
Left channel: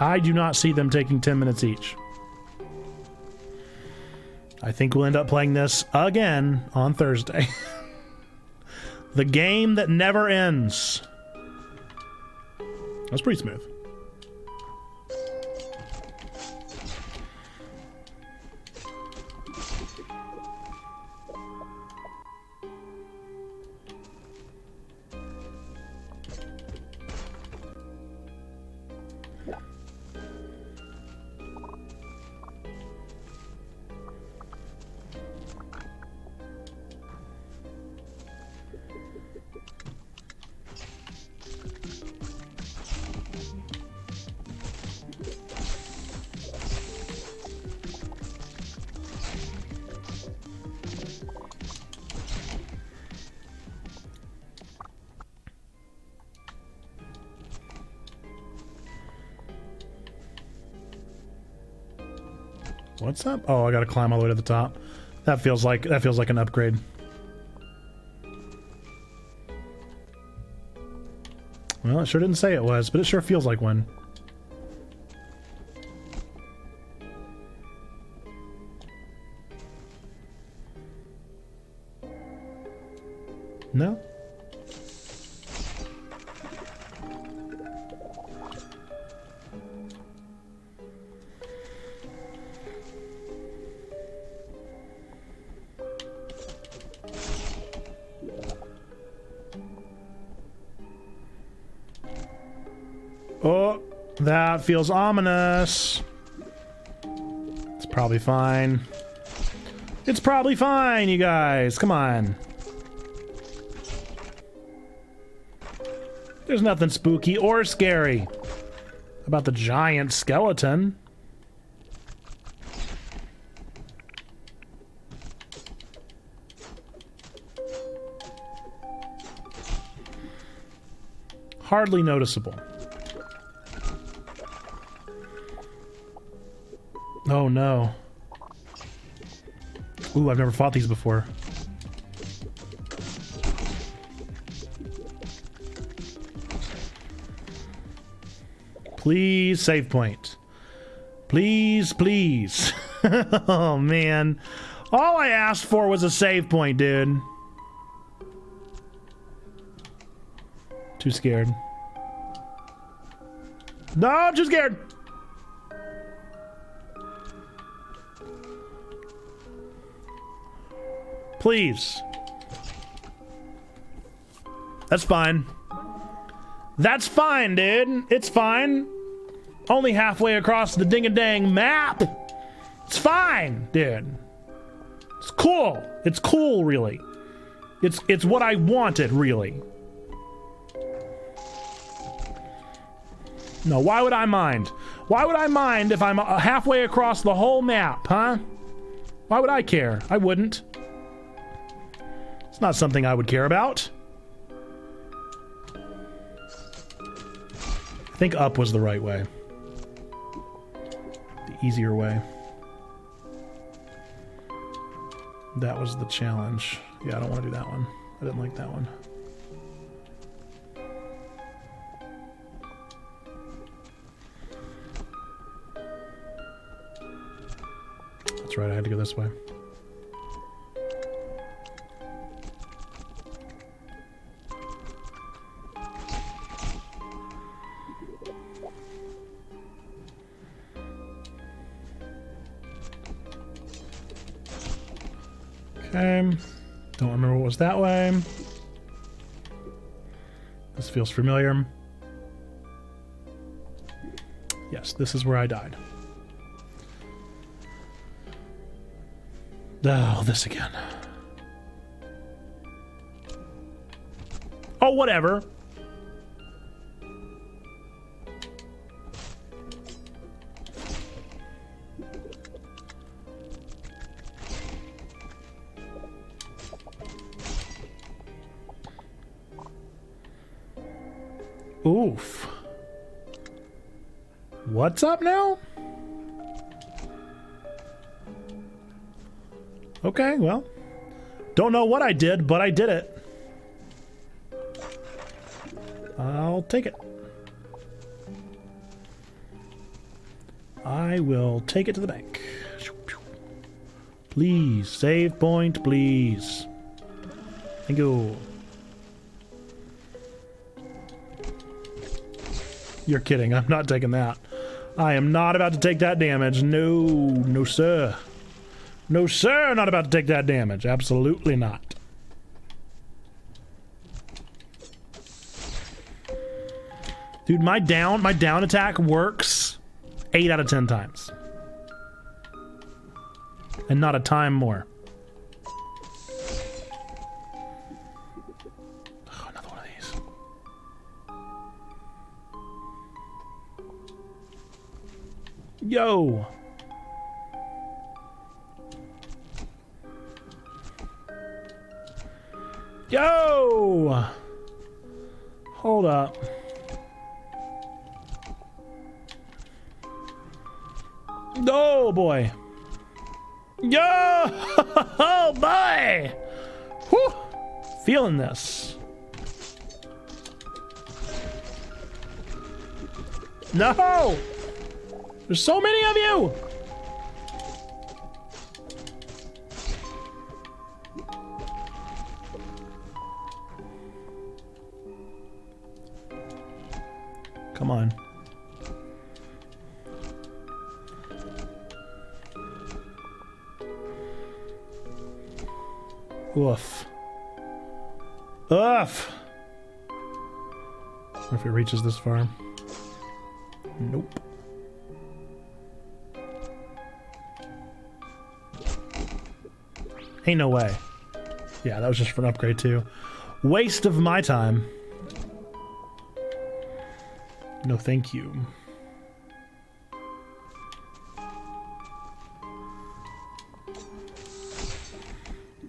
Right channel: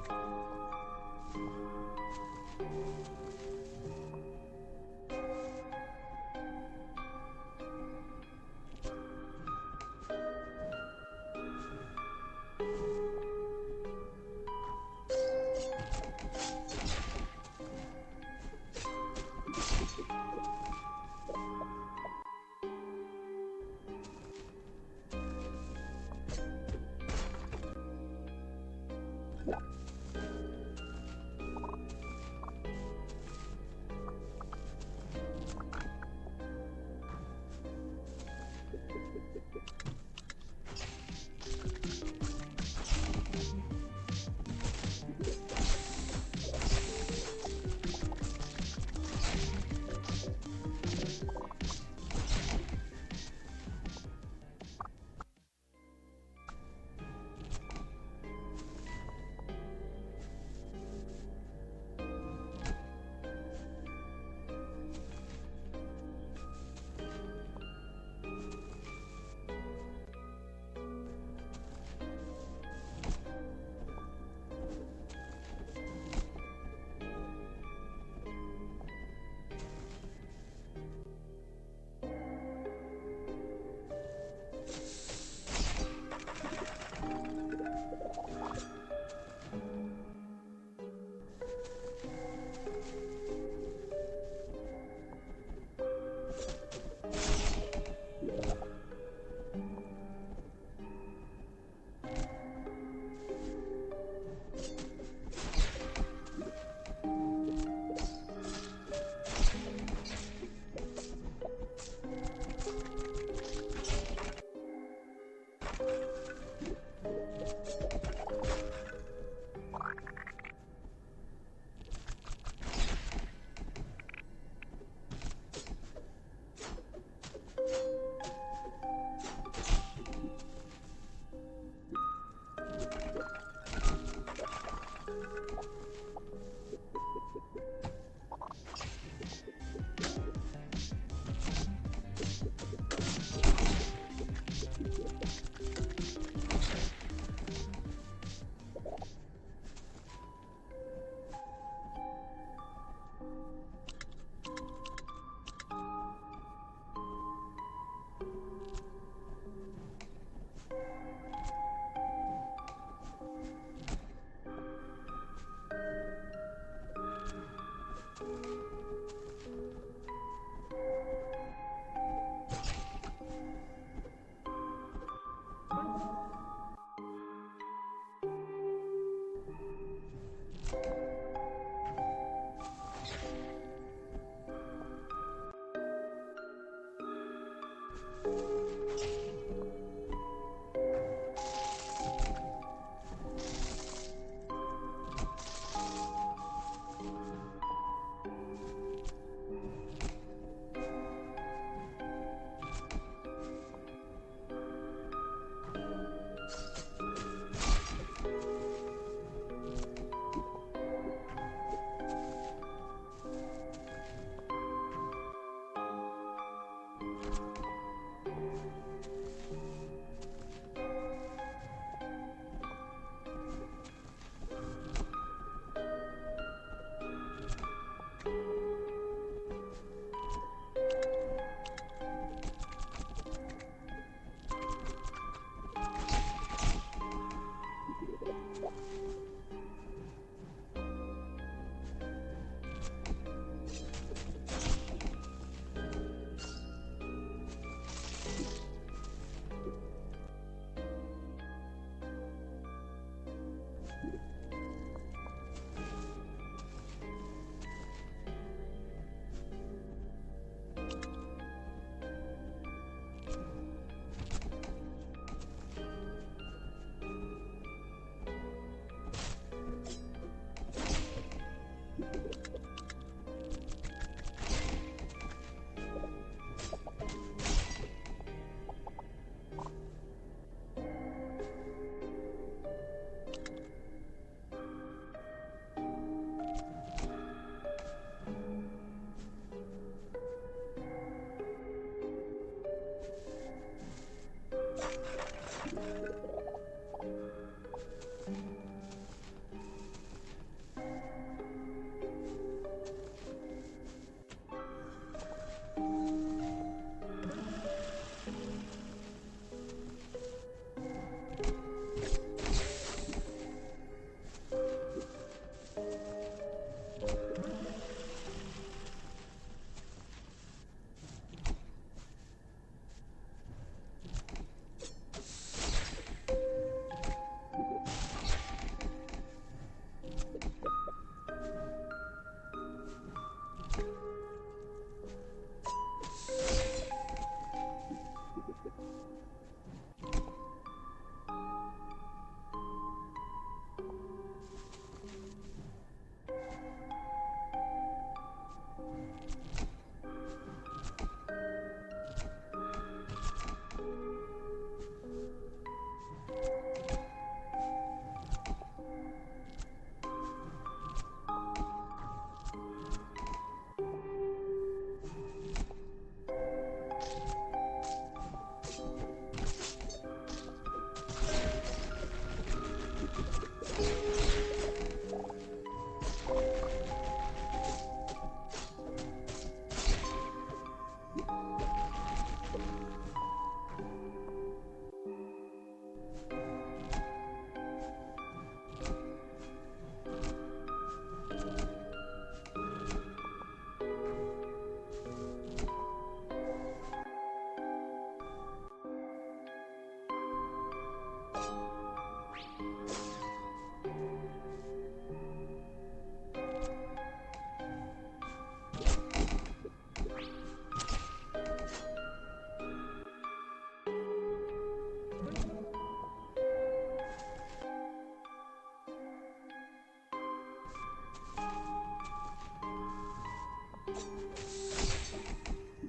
I do not see them taking 10 minutes each. I think we'll end up playing this again on Thursday. The game that never ends. That's pretty smooth. What's up? Oh, I gotta climb all the way to the top. That feels like an upgrade. Well, it sure didn't say it was, but it sure feels like one. No? Oh, that feels ominous. It's probably fine. It's probably fine, you guys. Come on. There's nothing spooky or scary about the giant skeleton. Hardly noticeable. Oh no. Ooh, I've never fought these before. Please, save point. Please, please. Oh man. All I asked for was a save point, dude. Too scared. No, I'm too scared. Please. That's fine. That's fine, dude. It's fine. Only halfway across the ding-a-dang map. It's fine, dude. It's cool. It's cool, really. It's what I wanted, really. No, why would I mind? Why would I mind if I'm halfway across the whole map, huh? Why would I care? I wouldn't. It's not something I would care about. I think up was the right way. The easier way. That was the challenge. Yeah, I don't want to do that one. I didn't like that one. That's right, I had to go this way. Okay. Don't remember what was that way. This feels familiar. Yes, this is where I died. Oh, this again. Oh, whatever. Oof. What's up now? Okay, well. Don't know what I did, but I did it. I'll take it. I will take it to the bank. Please, save point, please. Thank you. You're kidding. I'm not taking that. I am not about to take that damage. No, no, sir. No, sir. Not about to take that damage. Absolutely not. Dude, my down attack works 8 out of 10 times. And not a time more. Oh, another one of these. Yo! Yo! Hold up. Oh boy. Yo! Oh boy! Whew. Feeling this. No! There's so many of you! Come on. Oof. Oof! If it reaches this far. Nope. Ain't no way. Yeah, that was just for an upgrade too. Waste of my time. No thank you.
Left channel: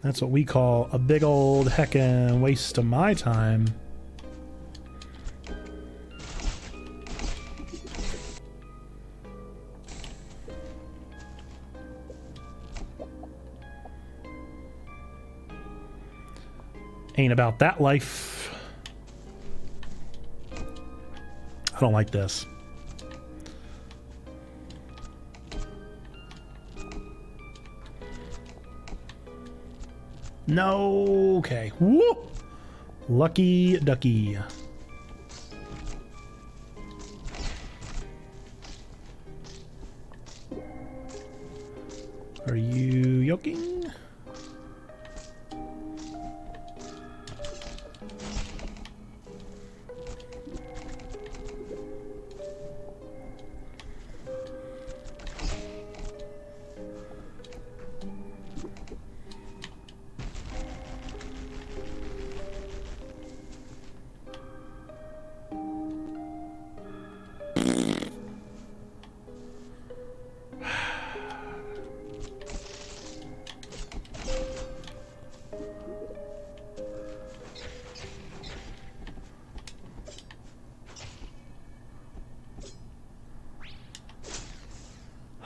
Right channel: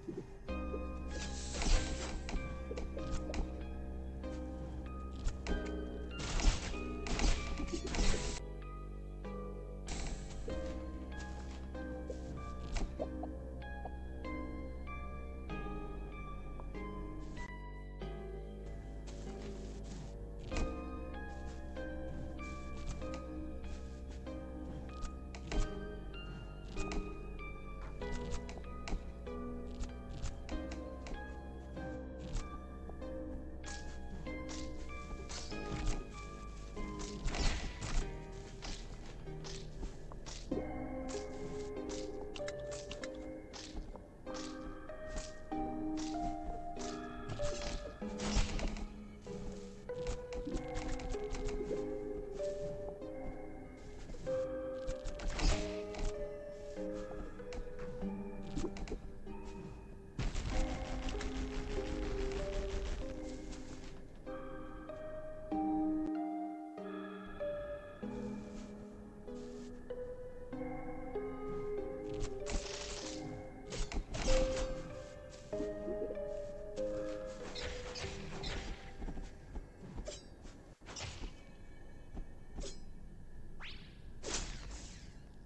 That's what we call a big old heckin' waste of my time. Ain't about that life. I don't like this. No. Okay. Woo! Lucky ducky. Are you yoking?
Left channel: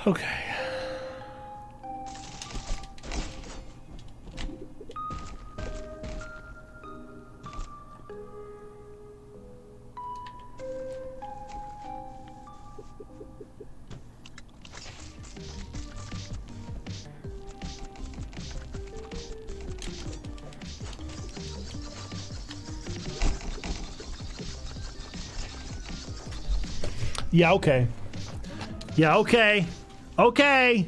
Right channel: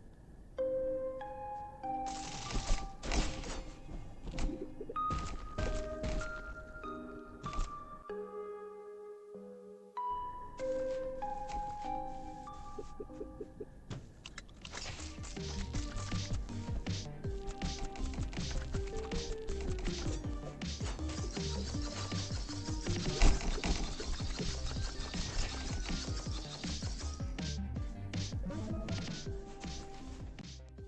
Okay. Yeah, okay. Yeah, okay. Okay.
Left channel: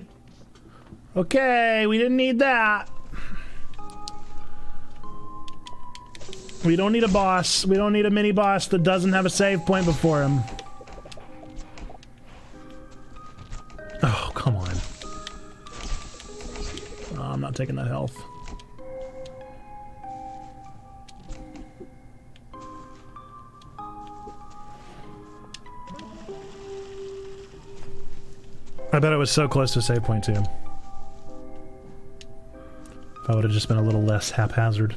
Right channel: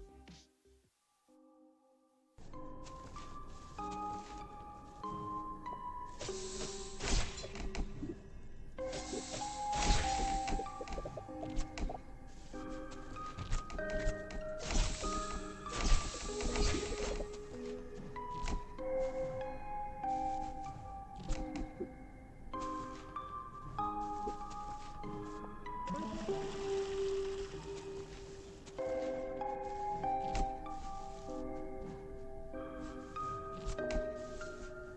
Okay, we didn't need that. We don't need a boss. We don't need a mini boss that doesn't have a save point before him. bet it was so close to a save point, too. If I would have just been a little less haphazard.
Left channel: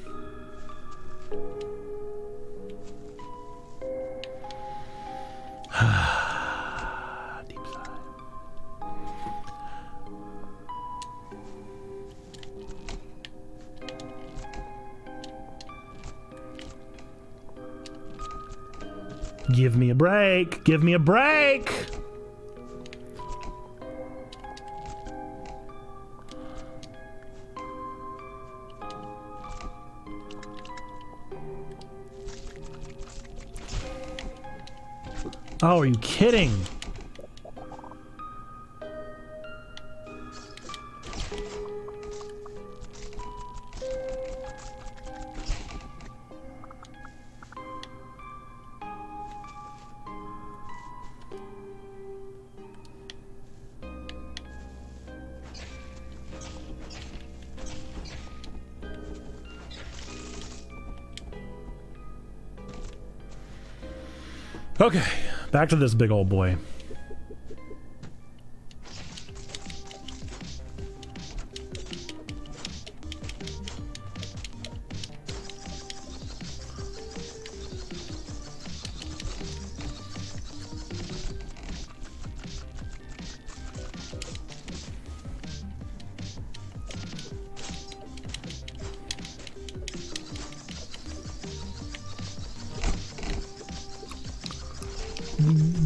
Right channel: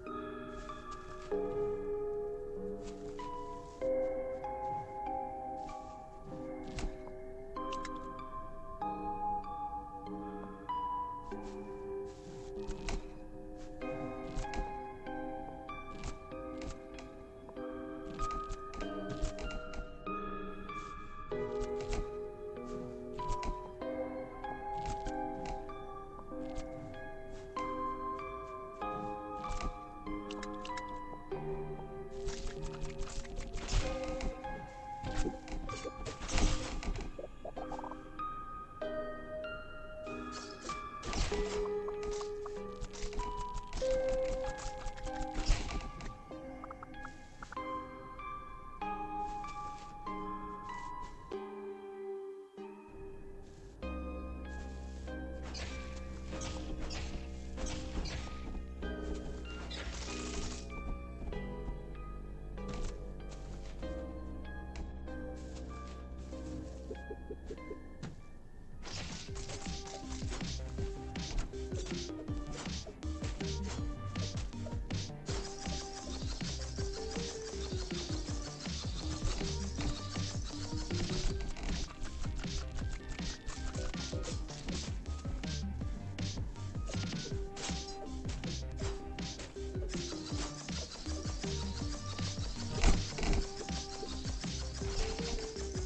Deep sigh. Give me a break! Give me a break! Oh, are you kidding? Okay, back to this big old boy.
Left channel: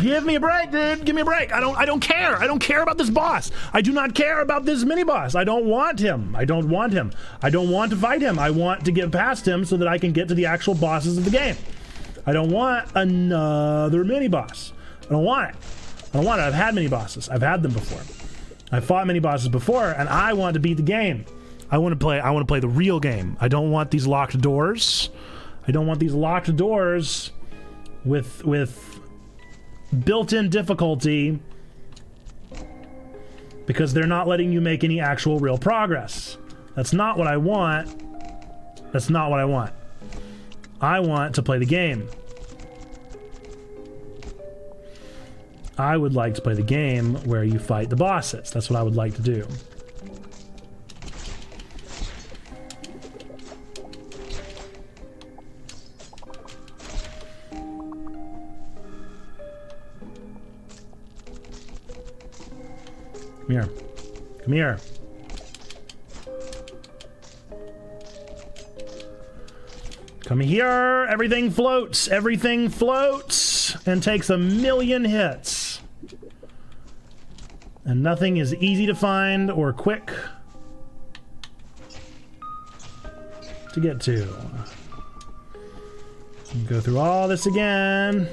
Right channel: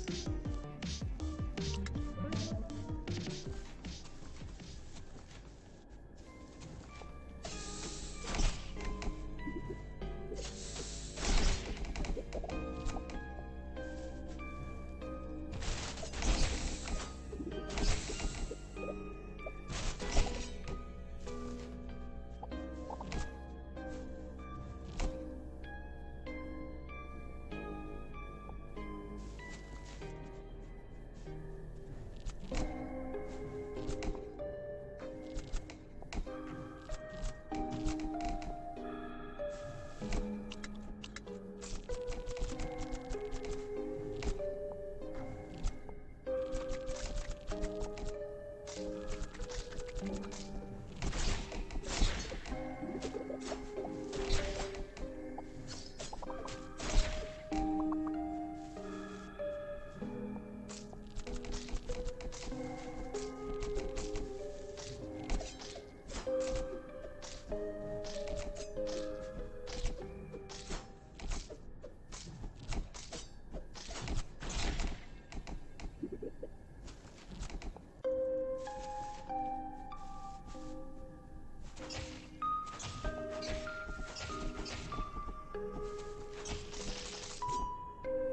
Give me a break, dude. Give me a break. I don't care. I don't care about this boss. I do not care about this mini boss. I don't want him. I don't want him. I don't want to fight him. I want to get past him so that I can get to the actual bosses of the game. I don't want another mini boss. I don't want it. I don't want it. I've had mini bosses. I've had them before. I've fought mini bosses before, and I want to beat the game. I want to play the real game. I don't want these locked doors. I don't want these locked doors with built-in difficulty because they're not letting you make any actual real progress. That's not what I want. That's not what I want. I want to play the game. I would like to play the game where you fight the bosses. That's what I would like to do. Come here. Come here. Come here. Everything floats. Everything floats and takes 1,000,000 hits. And nothing is easy to find or quick to get to. Go through all this again.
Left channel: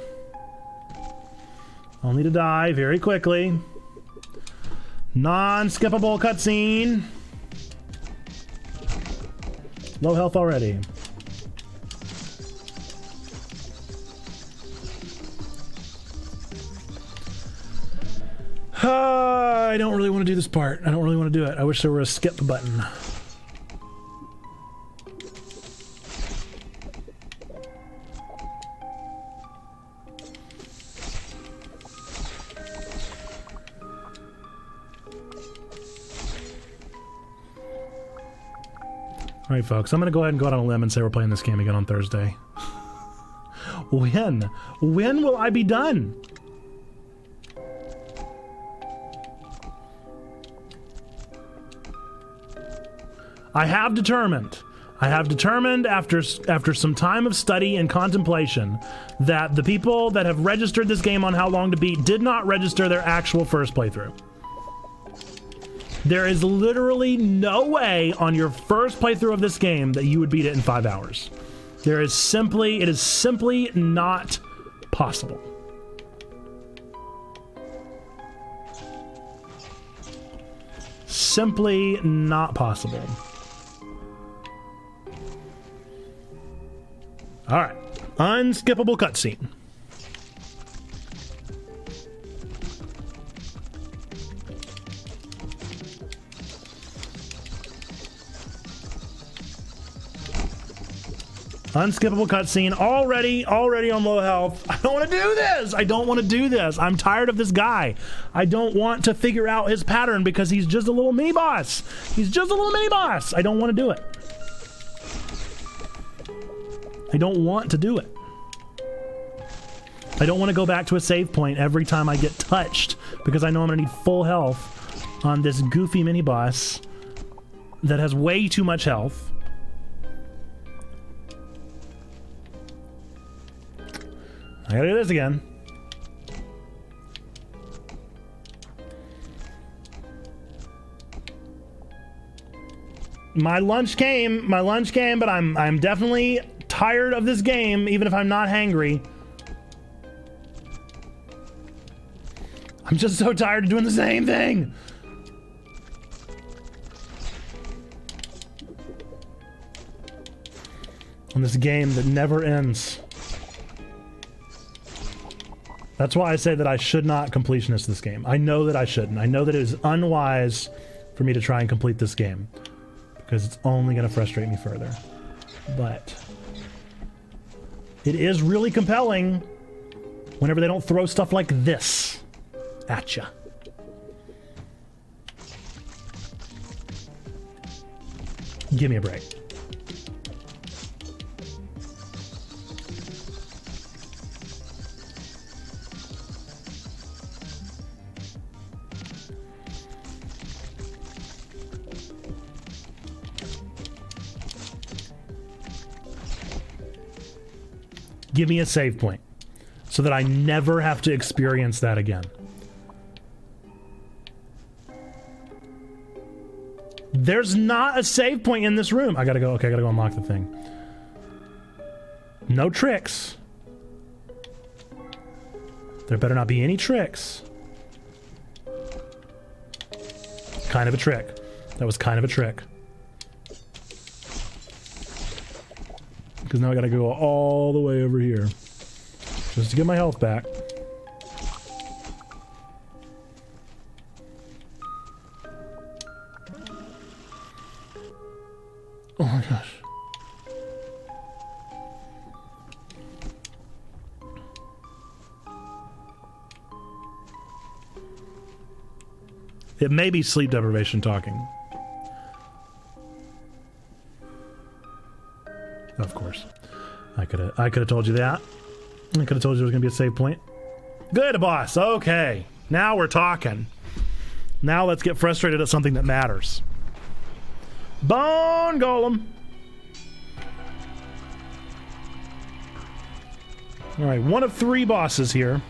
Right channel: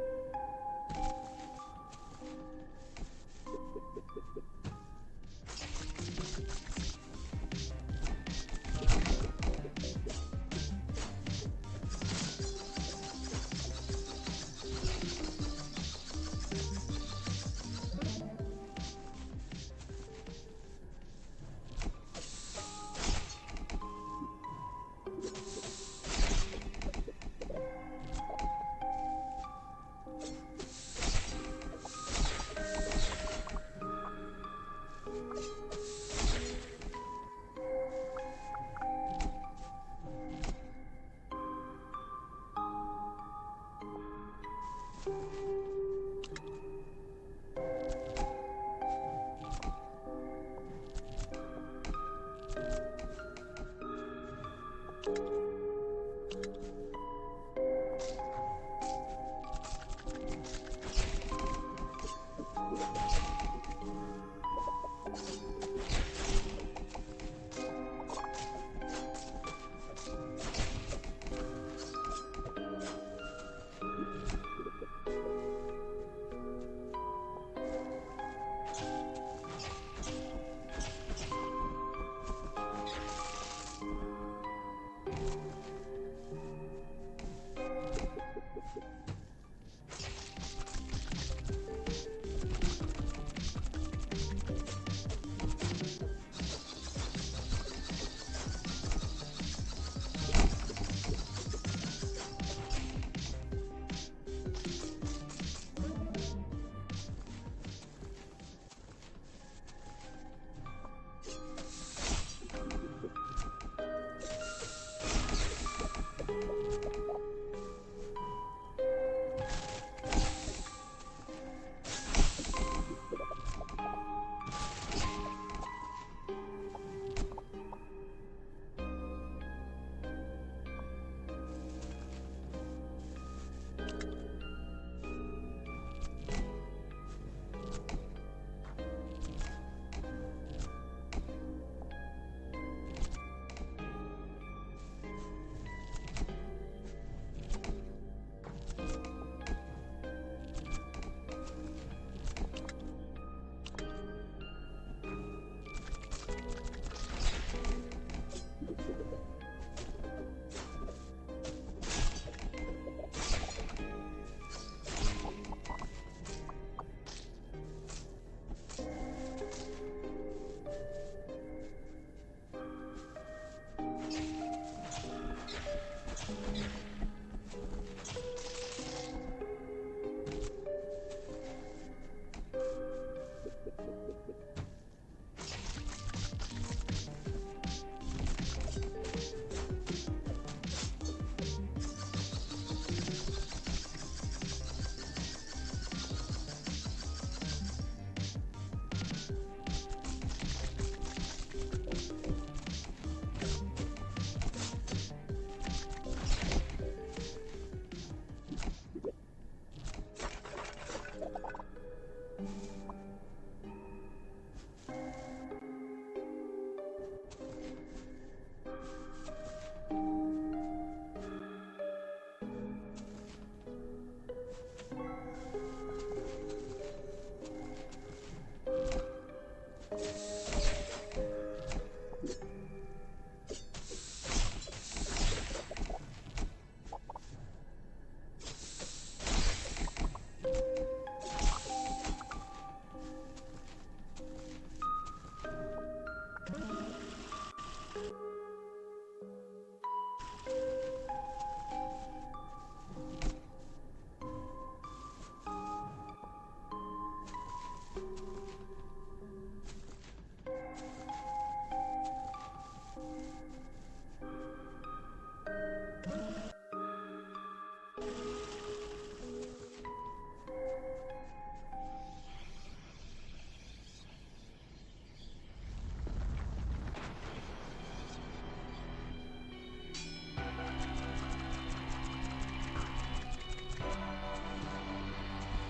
Only to die very quickly. Non-skippable cutscene. Low health already. I don't really want to do this part. I don't really want to do it. I wish there were a skip button. All right, folks, I'm going to go ahead and go out on a limb and say we're playing this game again on Thursday. When? When will I be done? I have determined after some time of study and contemplation that the people that have registered this game on How Long to Beat did not register their actual first playthrough. There is literally no way on your first playthrough of this game that you would beat it in 5 hours. It is simply not possible. Simply not possible. All right, unskippable cutscene. Unskippable cutscene. Already on low health. I don't want to do this. I don't want to do this. I'm tired of this guy. I don't want to figure out his pattern because he's just a little mini boss. He's just a little mini boss. I don't want to do it. I don't want to do it. I don't want to go back to a save point every time I get touched because I know I'm going to need full health on this goofy mini boss that has way too much health. I gotta do this again. My lunch came, but I'm definitely tired of this game, even if I'm not hangry. I'm just so tired of doing the same thing. In this game that never ends. That's why I say that I should not completionist this game. I know that I shouldn't. I know that it is unwise for me to try and complete this game because it's only going to frustrate me further. But it is really compelling whenever they don't throw stuff like this at you. Give me a break. Give me a save point so that I never have to experience that again. There's not a save point in this room. I gotta go. Okay, I gotta go unlock the thing. No tricks. There better not be any tricks. Kind of a trick. That was kind of a trick. Because now I gotta go all the way over here just to get my health back. Oh my gosh. It may be sleep deprivation talking. Of course. I could have told you that. I could have told you there was going to be a save point. Good, boss. Okay. Now we're talking. Now let's get frustrated at something that matters. Bone Golem. All right, one of 3 bosses here.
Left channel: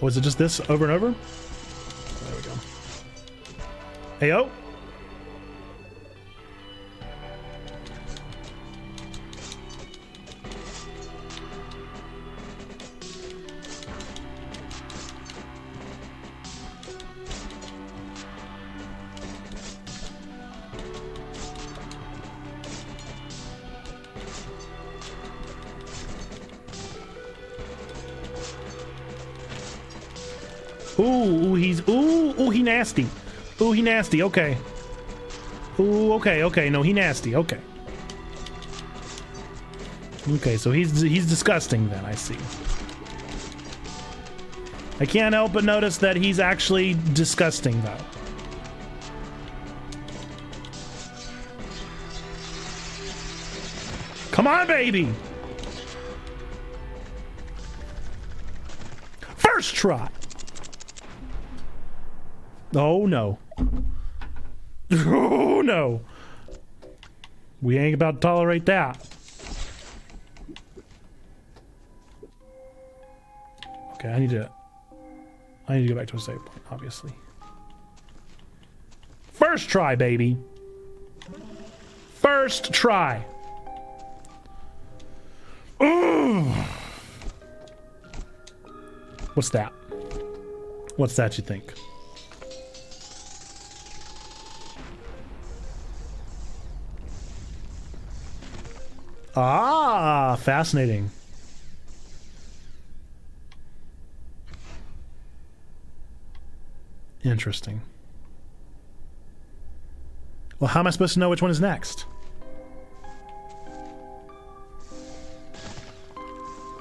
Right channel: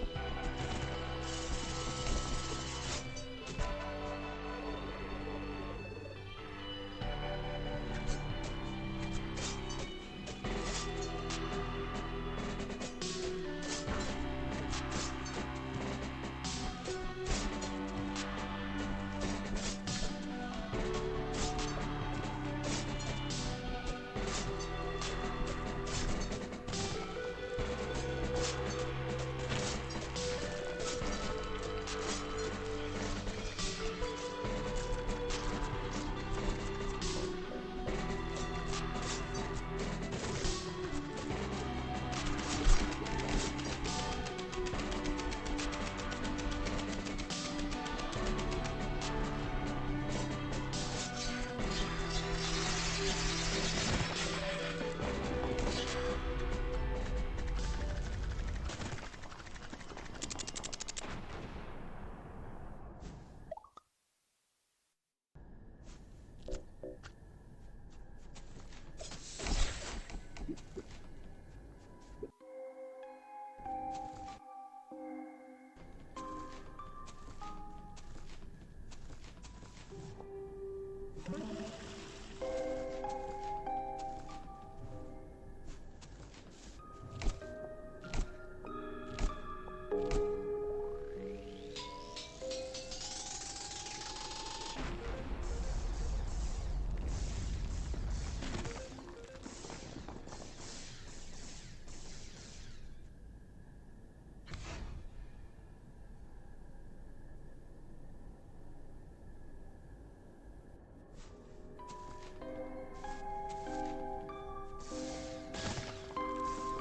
Was it just this over and over? Heyo. Ooh, he nasty. Ooh, he nasty, okay. Ooh, okay, no, he nasty, okay. Okay, so he's disgusting then, I see. I can't help but notice that he's actually disgusting though. Come on, baby! First try! Oh no. Oh no. We ain't about to tolerate that. Okay, I need to go back to a save point, obviously. First try, baby. First try. Ooh. What's that? What's that, you think? Ah, fascinating. Interesting. Well, how am I supposed to know which one is next?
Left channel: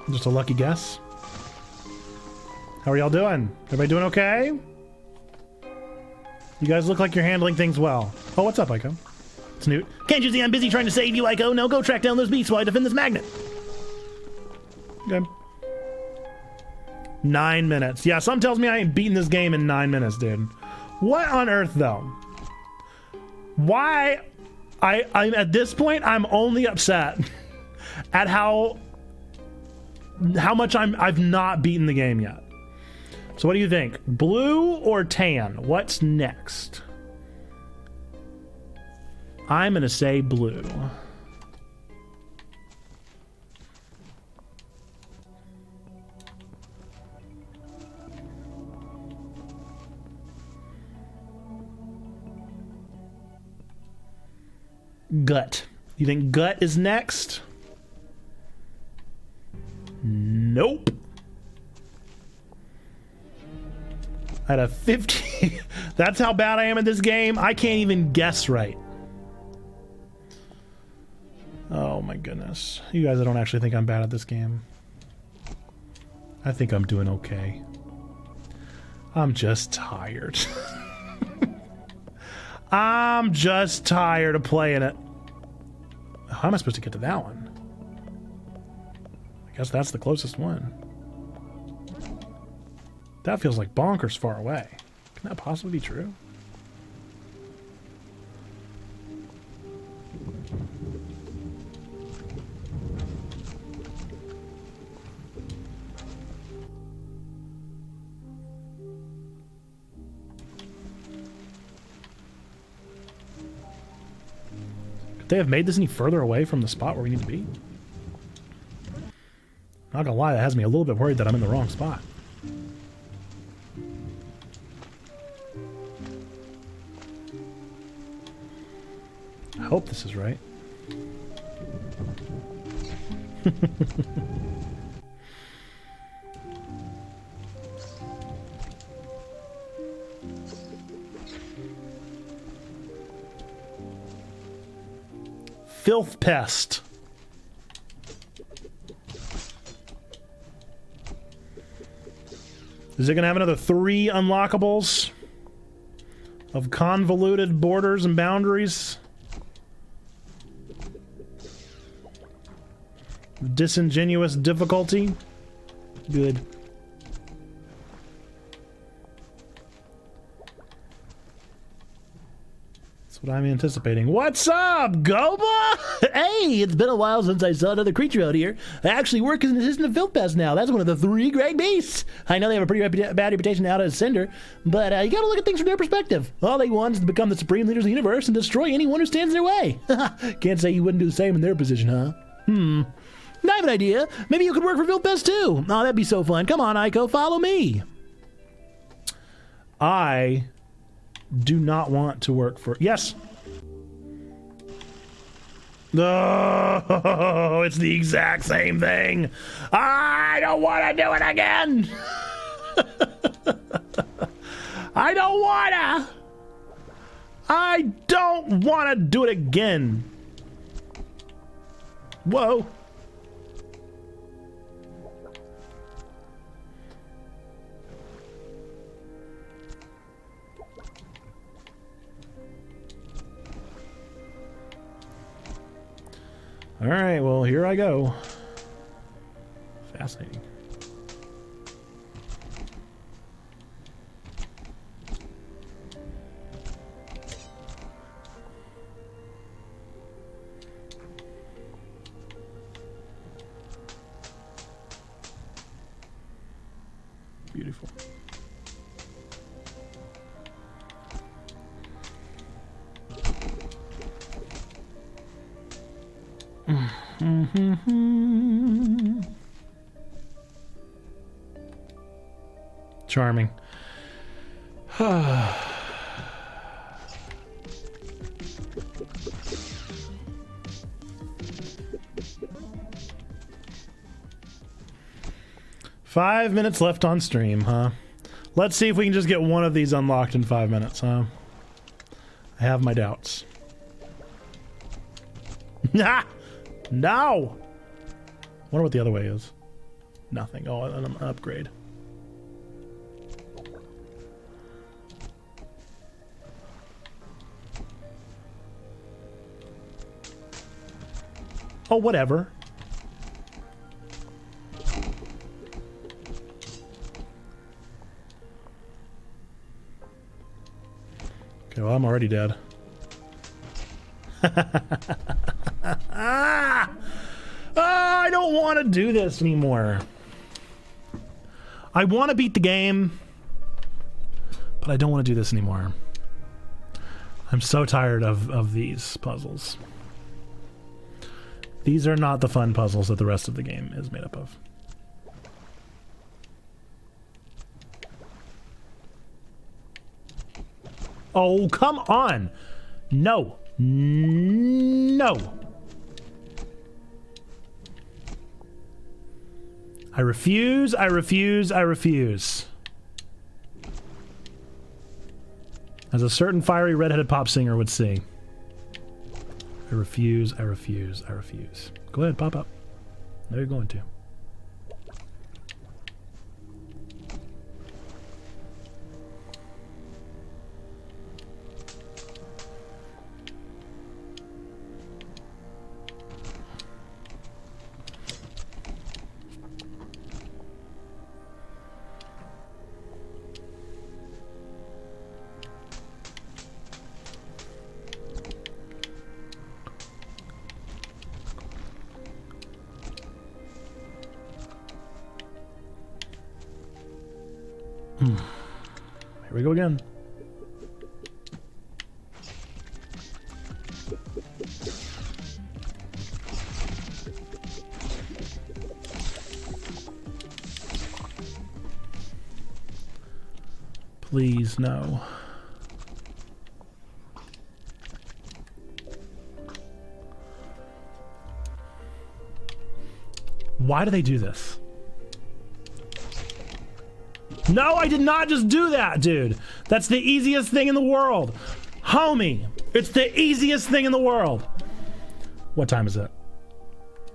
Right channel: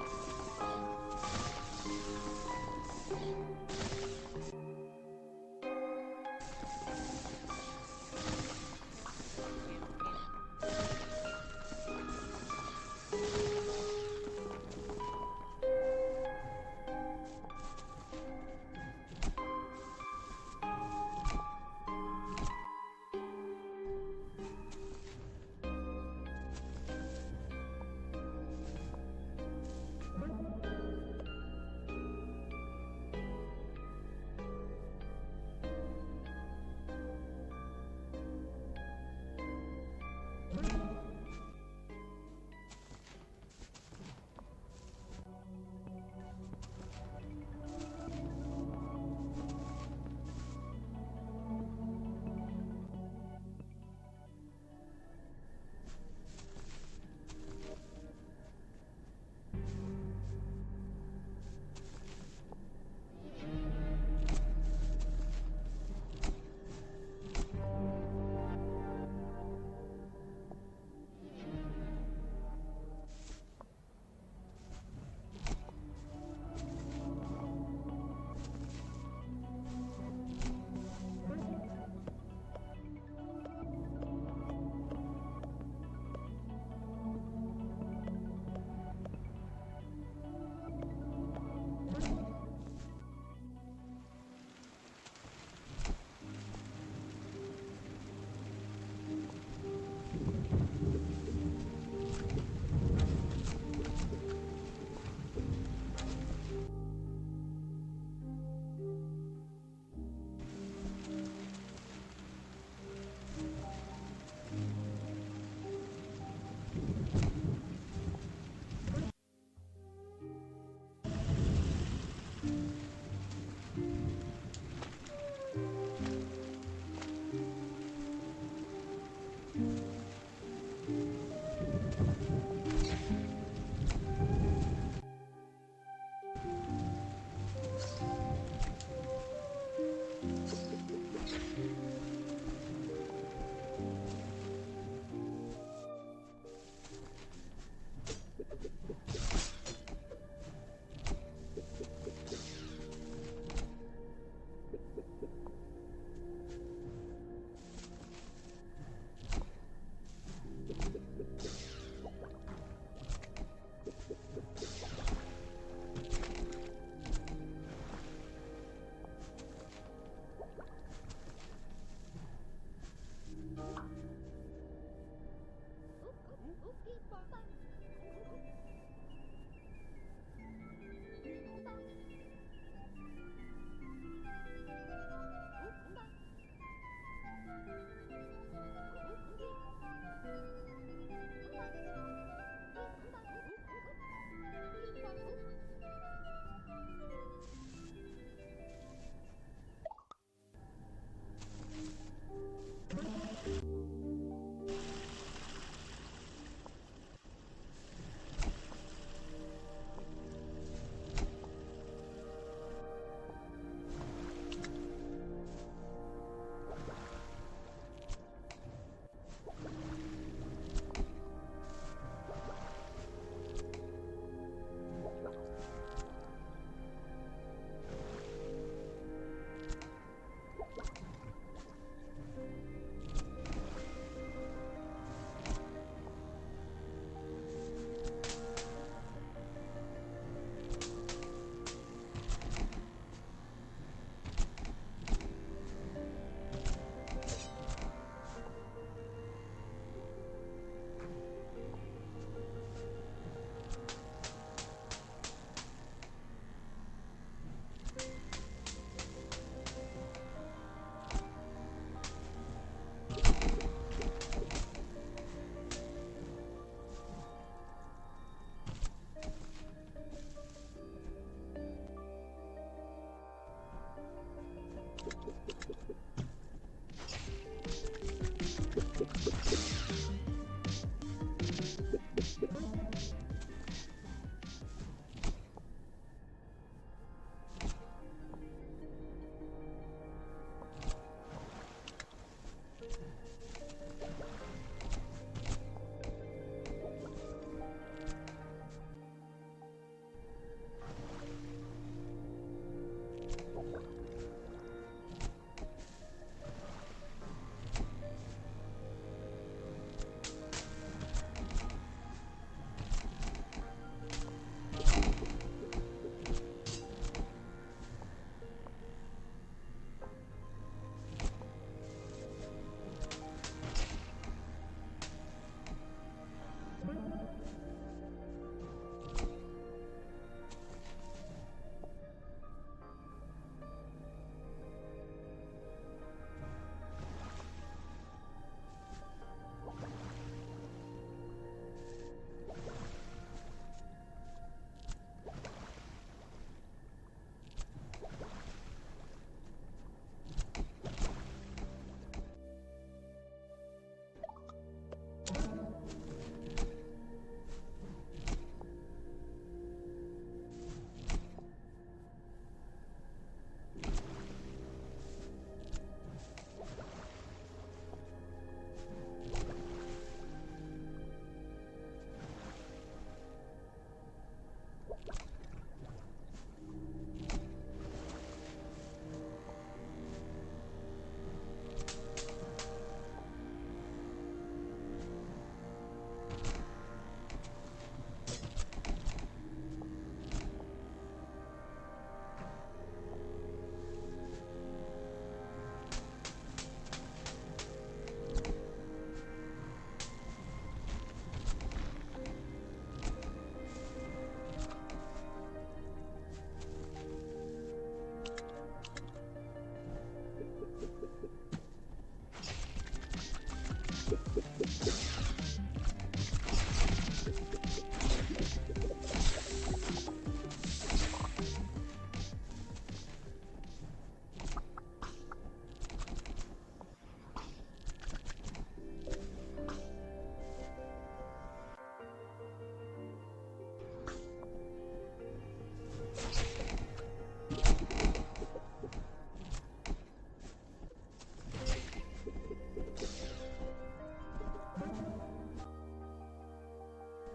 Just a lucky guess. How are y'all doing? Everybody doing okay? You guys look like you're handling things well. Oh, what's up, Ico? It's new. Can't you see I'm busy trying to save you, Ico? No, go track down those beasts while I defend this magnet. Okay. 9 minutes. Yeah, something tells me I ain't beating this game in 9 minutes, dude. What on earth, though? Why? I'm at this point, I'm only upset at how much I've not beaten the game yet. So what do you think? Blue or tan? What's next? I'm gonna say blue. Gut. You think gut is next? Nope. At a 50. That's how bad I am at this game. I can't even guess right. Oh my goodness. You guys, I don't actually think I'm bad at this game. I think I'm doing okay. I'm just tired. I'm just tired of playing it. How am I supposed to get to that one? I guess that's the closest one. That feels like bonkers far away. Can that possibly be true? Could they have made this any further away from the spot where we need to be? Not gonna lie, that has me a little bit worried that I'm in the wrong spot. I hope this is right. Filth pest. Is it gonna have another 3 unlockables of convoluted borders and boundaries? Disingenuous difficulty? Good. That's what I'm anticipating. What's up, Goba? Hey, it's been a while since I saw another creature out here. I actually work as an assistant of Filth Pest now. That's one of the 3 great beasts. I know they have a pretty bad reputation out as Cinder, but you gotta look at things from their perspective. All they want is to become the supreme leaders of the universe and destroy anyone who stands in their way. Can't say you wouldn't do the same in their position, huh? I have an idea. Maybe you could work for Filth Pest too. Oh, that'd be so fun. Come on, Ico, follow me. I do not want to work for... Yes! No, it's the exact same thing. I don't want to do it again. I don't want to do it again. Whoa. All right, well, here I go. Fascinating. Beautiful. Charming. 5 minutes left on stream, huh? Let's see if we can just get one of these unlocked in 5 minutes, huh? I have my doubts. Nah! No! Wonder what the other way is. Nothing. Oh, an upgrade. Oh, whatever. Okay, well, I'm already dead. I don't want to do this anymore. I want to beat the game, but I don't want to do this anymore. I'm so tired of these puzzles. These are not the fun puzzles that the rest of the game is made up of. Oh, come on! No. No! I refuse, I refuse, I refuse. As a certain fiery redheaded pop singer would sing. I refuse, I refuse, I refuse. Go ahead, pop up. No, you're going to. Here we go again. Please, no. Why do they do this? No, I did not just do that, dude. That's the easiest thing in the world. Homie, it's the easiest thing in the world. What time is it?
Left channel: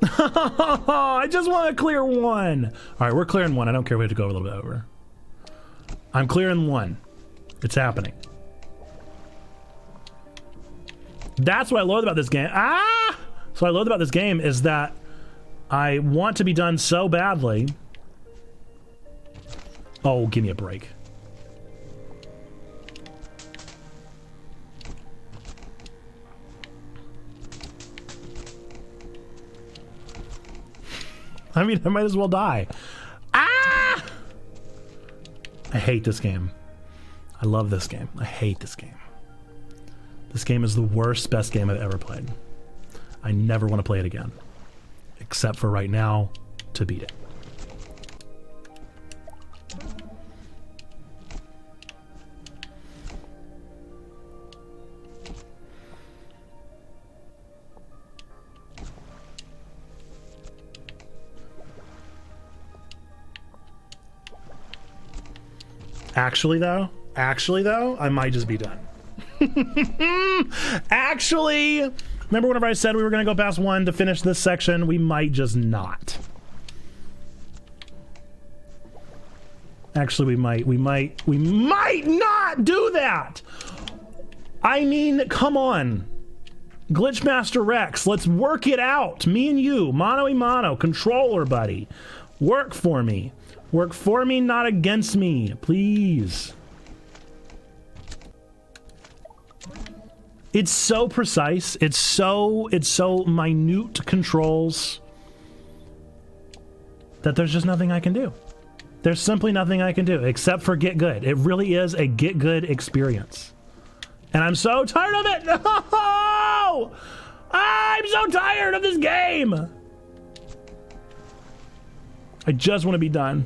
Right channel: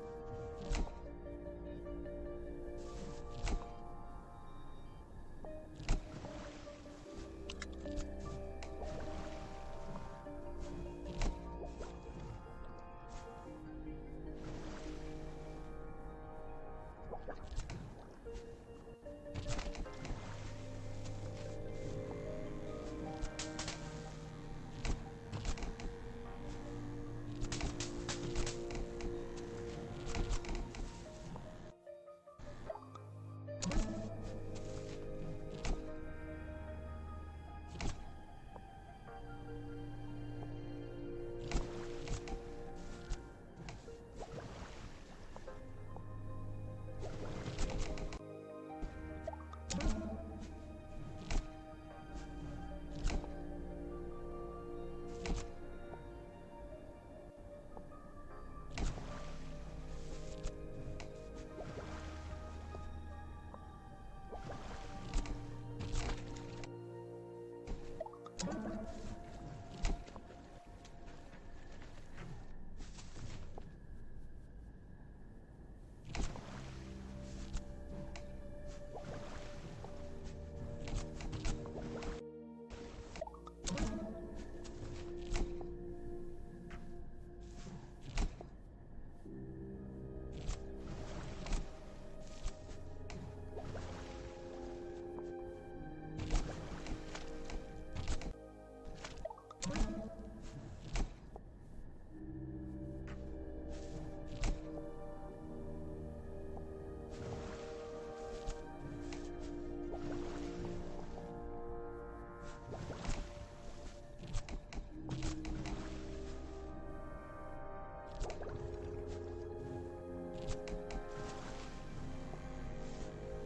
I just want to clear one. All right, we're clearing one. I don't care if we have to go a little bit over. I'm clearing one. It's happening. That's what I love about this game. Ah! So what I love about this game is that I want to be done so badly. Oh, give me a break. I mean, I might as well die. Ah! I hate this game. I love this game. I hate this game. This game is the worst, best game I've ever played. I never want to play it again. Except for right now, to beat it. Actually though, I might just be done. Actually, remember whenever I said we were gonna go past one to finish this section? We might just not. Actually, we might not do that! I mean, come on. Glitchmaster Rex, let's work it out. Me and you, mano a mano, controller buddy. Work for me. Work for me, not against me, please. It's so precise. It's so minute controls that there's just nothing I can do. There's simply nothing I can do except for get good. It really is a get good experience. And I'm so tired of it. No! I'm so tired of this game. I just want to be done.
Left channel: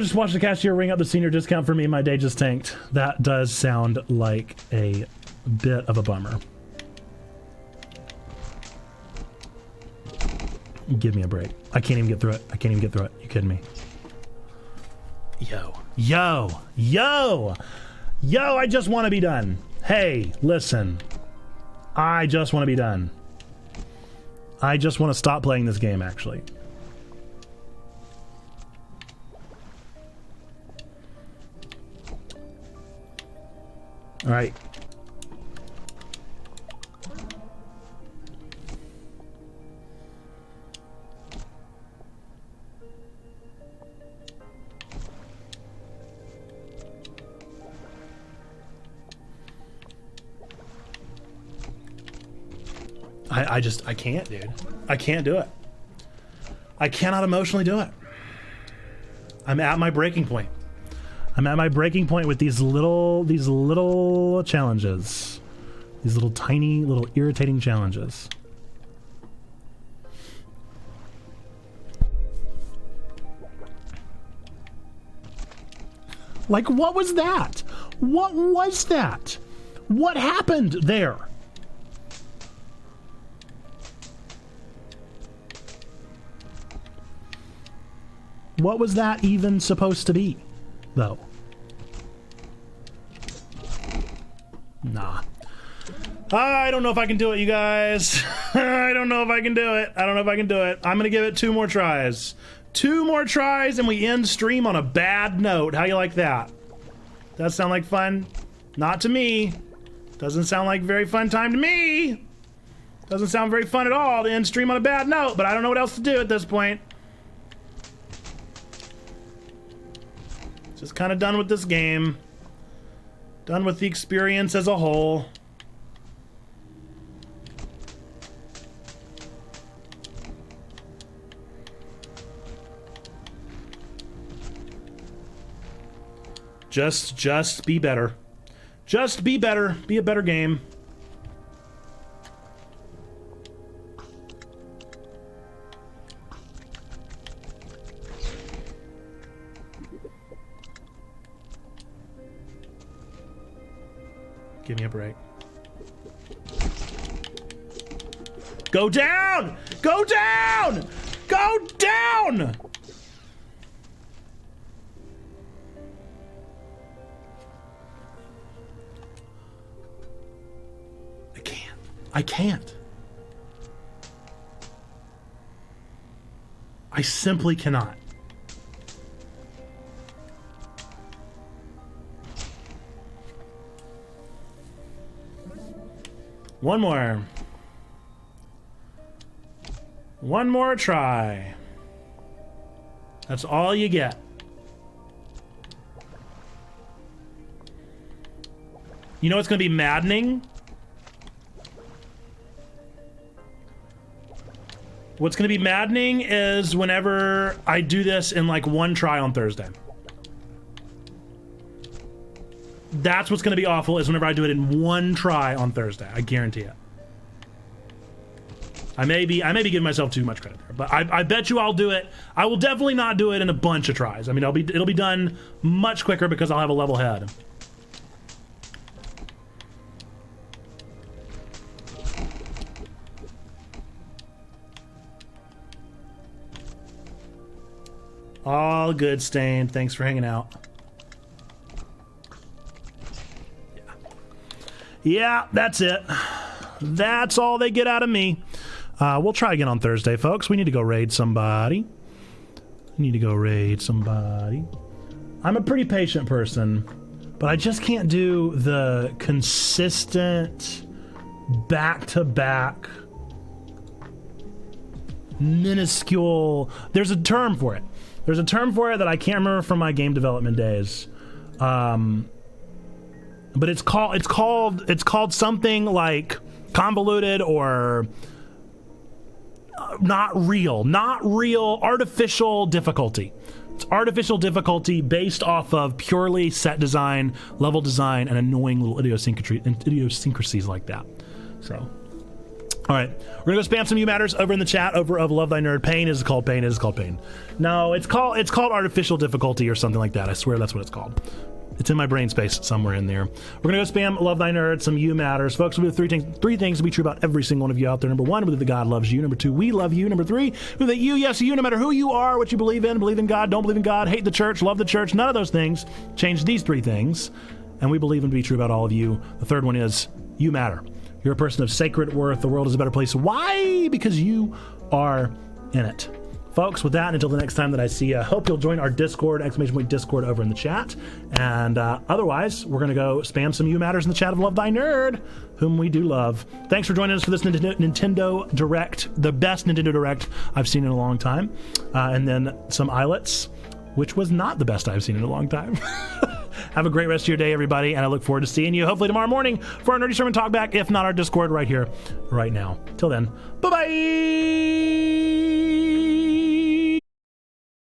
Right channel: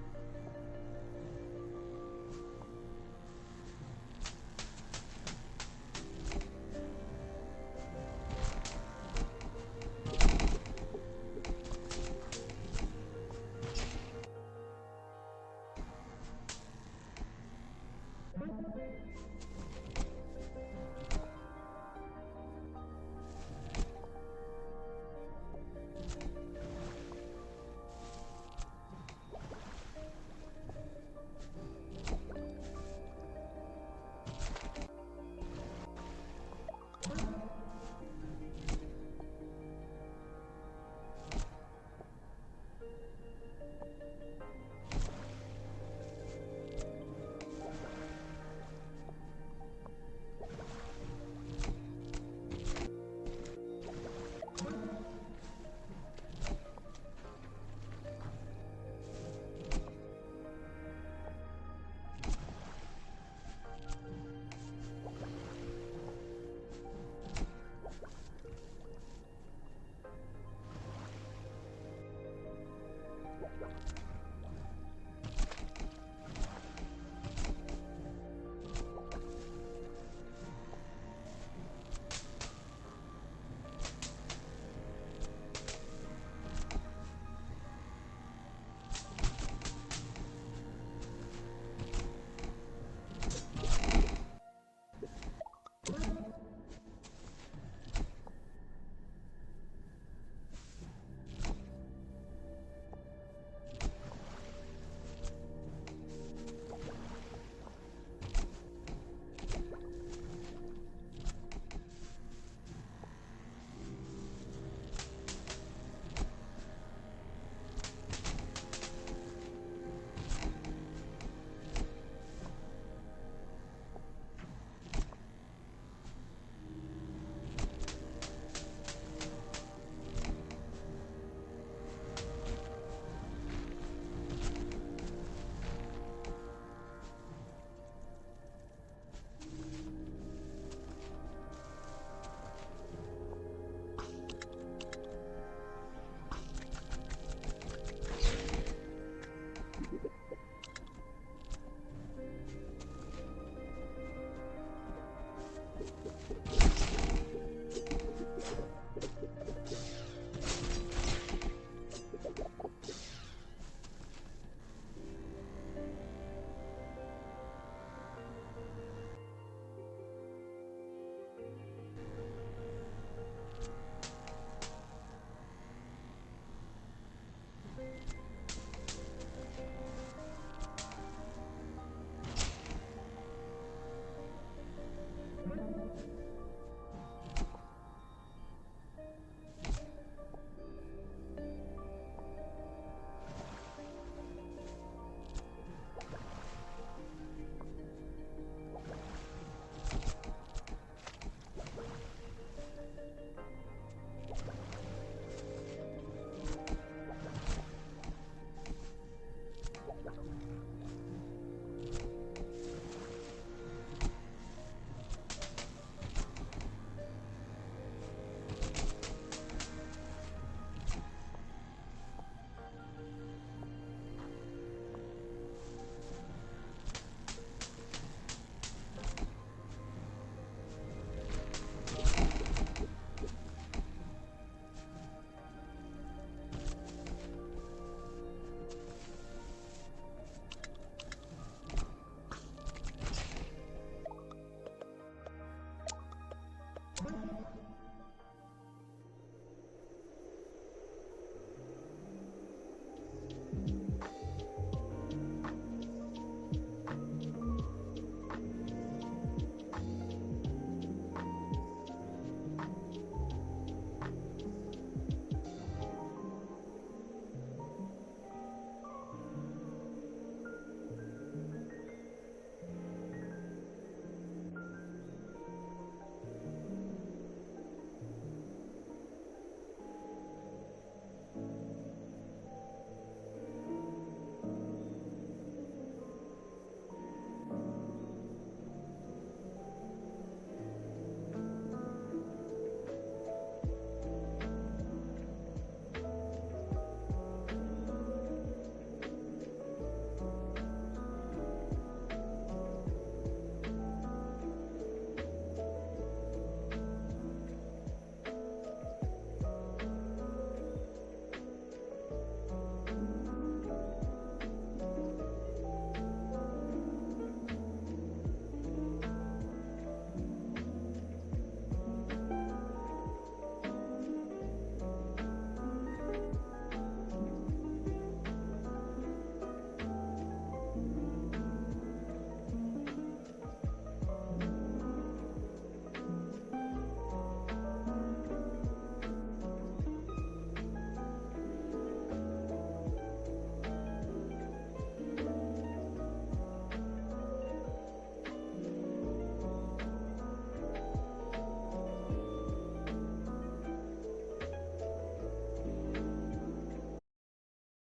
Just watch the cashier ring up the senior discount for me. My day just tanked. That does sound like a bit of a bummer. Give me a break. I can't even get through it. I can't even get through it. You kidding me? Yo, I just want to be done. Hey, listen. I just want to be done. I just want to stop playing this game, actually. All right. I can't, dude. I can't do it. I cannot emotionally do it. I'm at my breaking point. I'm at my breaking point with these little challenges. These little tiny, little irritating challenges. Like, what was that? What was that? What happened there? What was that even supposed to be, though? Nah. I don't know if I can do it, you guys. I don't know if I can do it. I don't know if I can do it. I'm gonna give it 2 more tries. 2 more tries and we end stream on a bad note. How you like that? Does that sound like fun? Not to me. Doesn't sound like a very fun time to me. Doesn't sound very fun at all to end stream on a bad note, but I don't know what else to do at this point. Just kind of done with this game. Done with the experience as a whole. Just be better. Just be better. Be a better game. Give me a break. Go down! Go down! Go down! I can't. I simply cannot. One more. One more try. That's all you get. You know what's going to be maddening? What's going to be maddening is whenever I do this in like 1 try on Thursday. That's what's going to be awful, is whenever I do it in 1 try on Thursday. I guarantee it. I may be giving myself too much credit, but I bet you I'll do it. I will definitely not do it in a bunch of tries. I mean, it'll be done much quicker because I'll have a level head. All good, Stain. Thanks for hanging out. Yeah, that's it. That's all they get out of me. We'll try again on Thursday, folks. We need to go raid somebody. I'm a pretty patient person, but I just can't do the consistent back-to-back minuscule. There's a term for it. There's a term for it that I can't remember from my game development days. But it's called something like convoluted or not real, artificial difficulty. It's artificial difficulty based off of purely set design, level design, and annoying little idiosyncrasies like that. So, all right, we're gonna go spam some you matters over in the chat over of Love Thy Nerd. Pain is called pain. It is called pain. No, it's called artificial difficulty or something like that. I swear that's what it's called. It's in my brain space somewhere in there. We're going to go spam Love Thy Nerd, some You Matters. Folks, we have three things to be true about every single one of you out there. Number one, that God loves you. Number two, we love you. Number three, that you, yes, you, no matter who you are, what you believe in God, don't believe in God, hate the church, love the church, none of those things. Change these three things, and we believe them to be true about all of you. The third one is you matter. You're a person of sacred worth. The world is a better place. Why? Because you are in it. Folks, with that, until the next time that I see you, I hope you'll join our Discord, !Discord over in the chat. And otherwise, we're going to go spam some You Matters in the chat of Love Thy Nerd, whom we do love. Thanks for joining us for this Nintendo Direct, the best Nintendo Direct I've seen in a long time. And then some Islets, which was not the best I've seen in a long time. Have a great rest of your day, everybody, and I look forward to seeing you hopefully tomorrow morning for our Nerdy Sermon Talkback, if not our Discord right here, right now. Till then, bye-bye!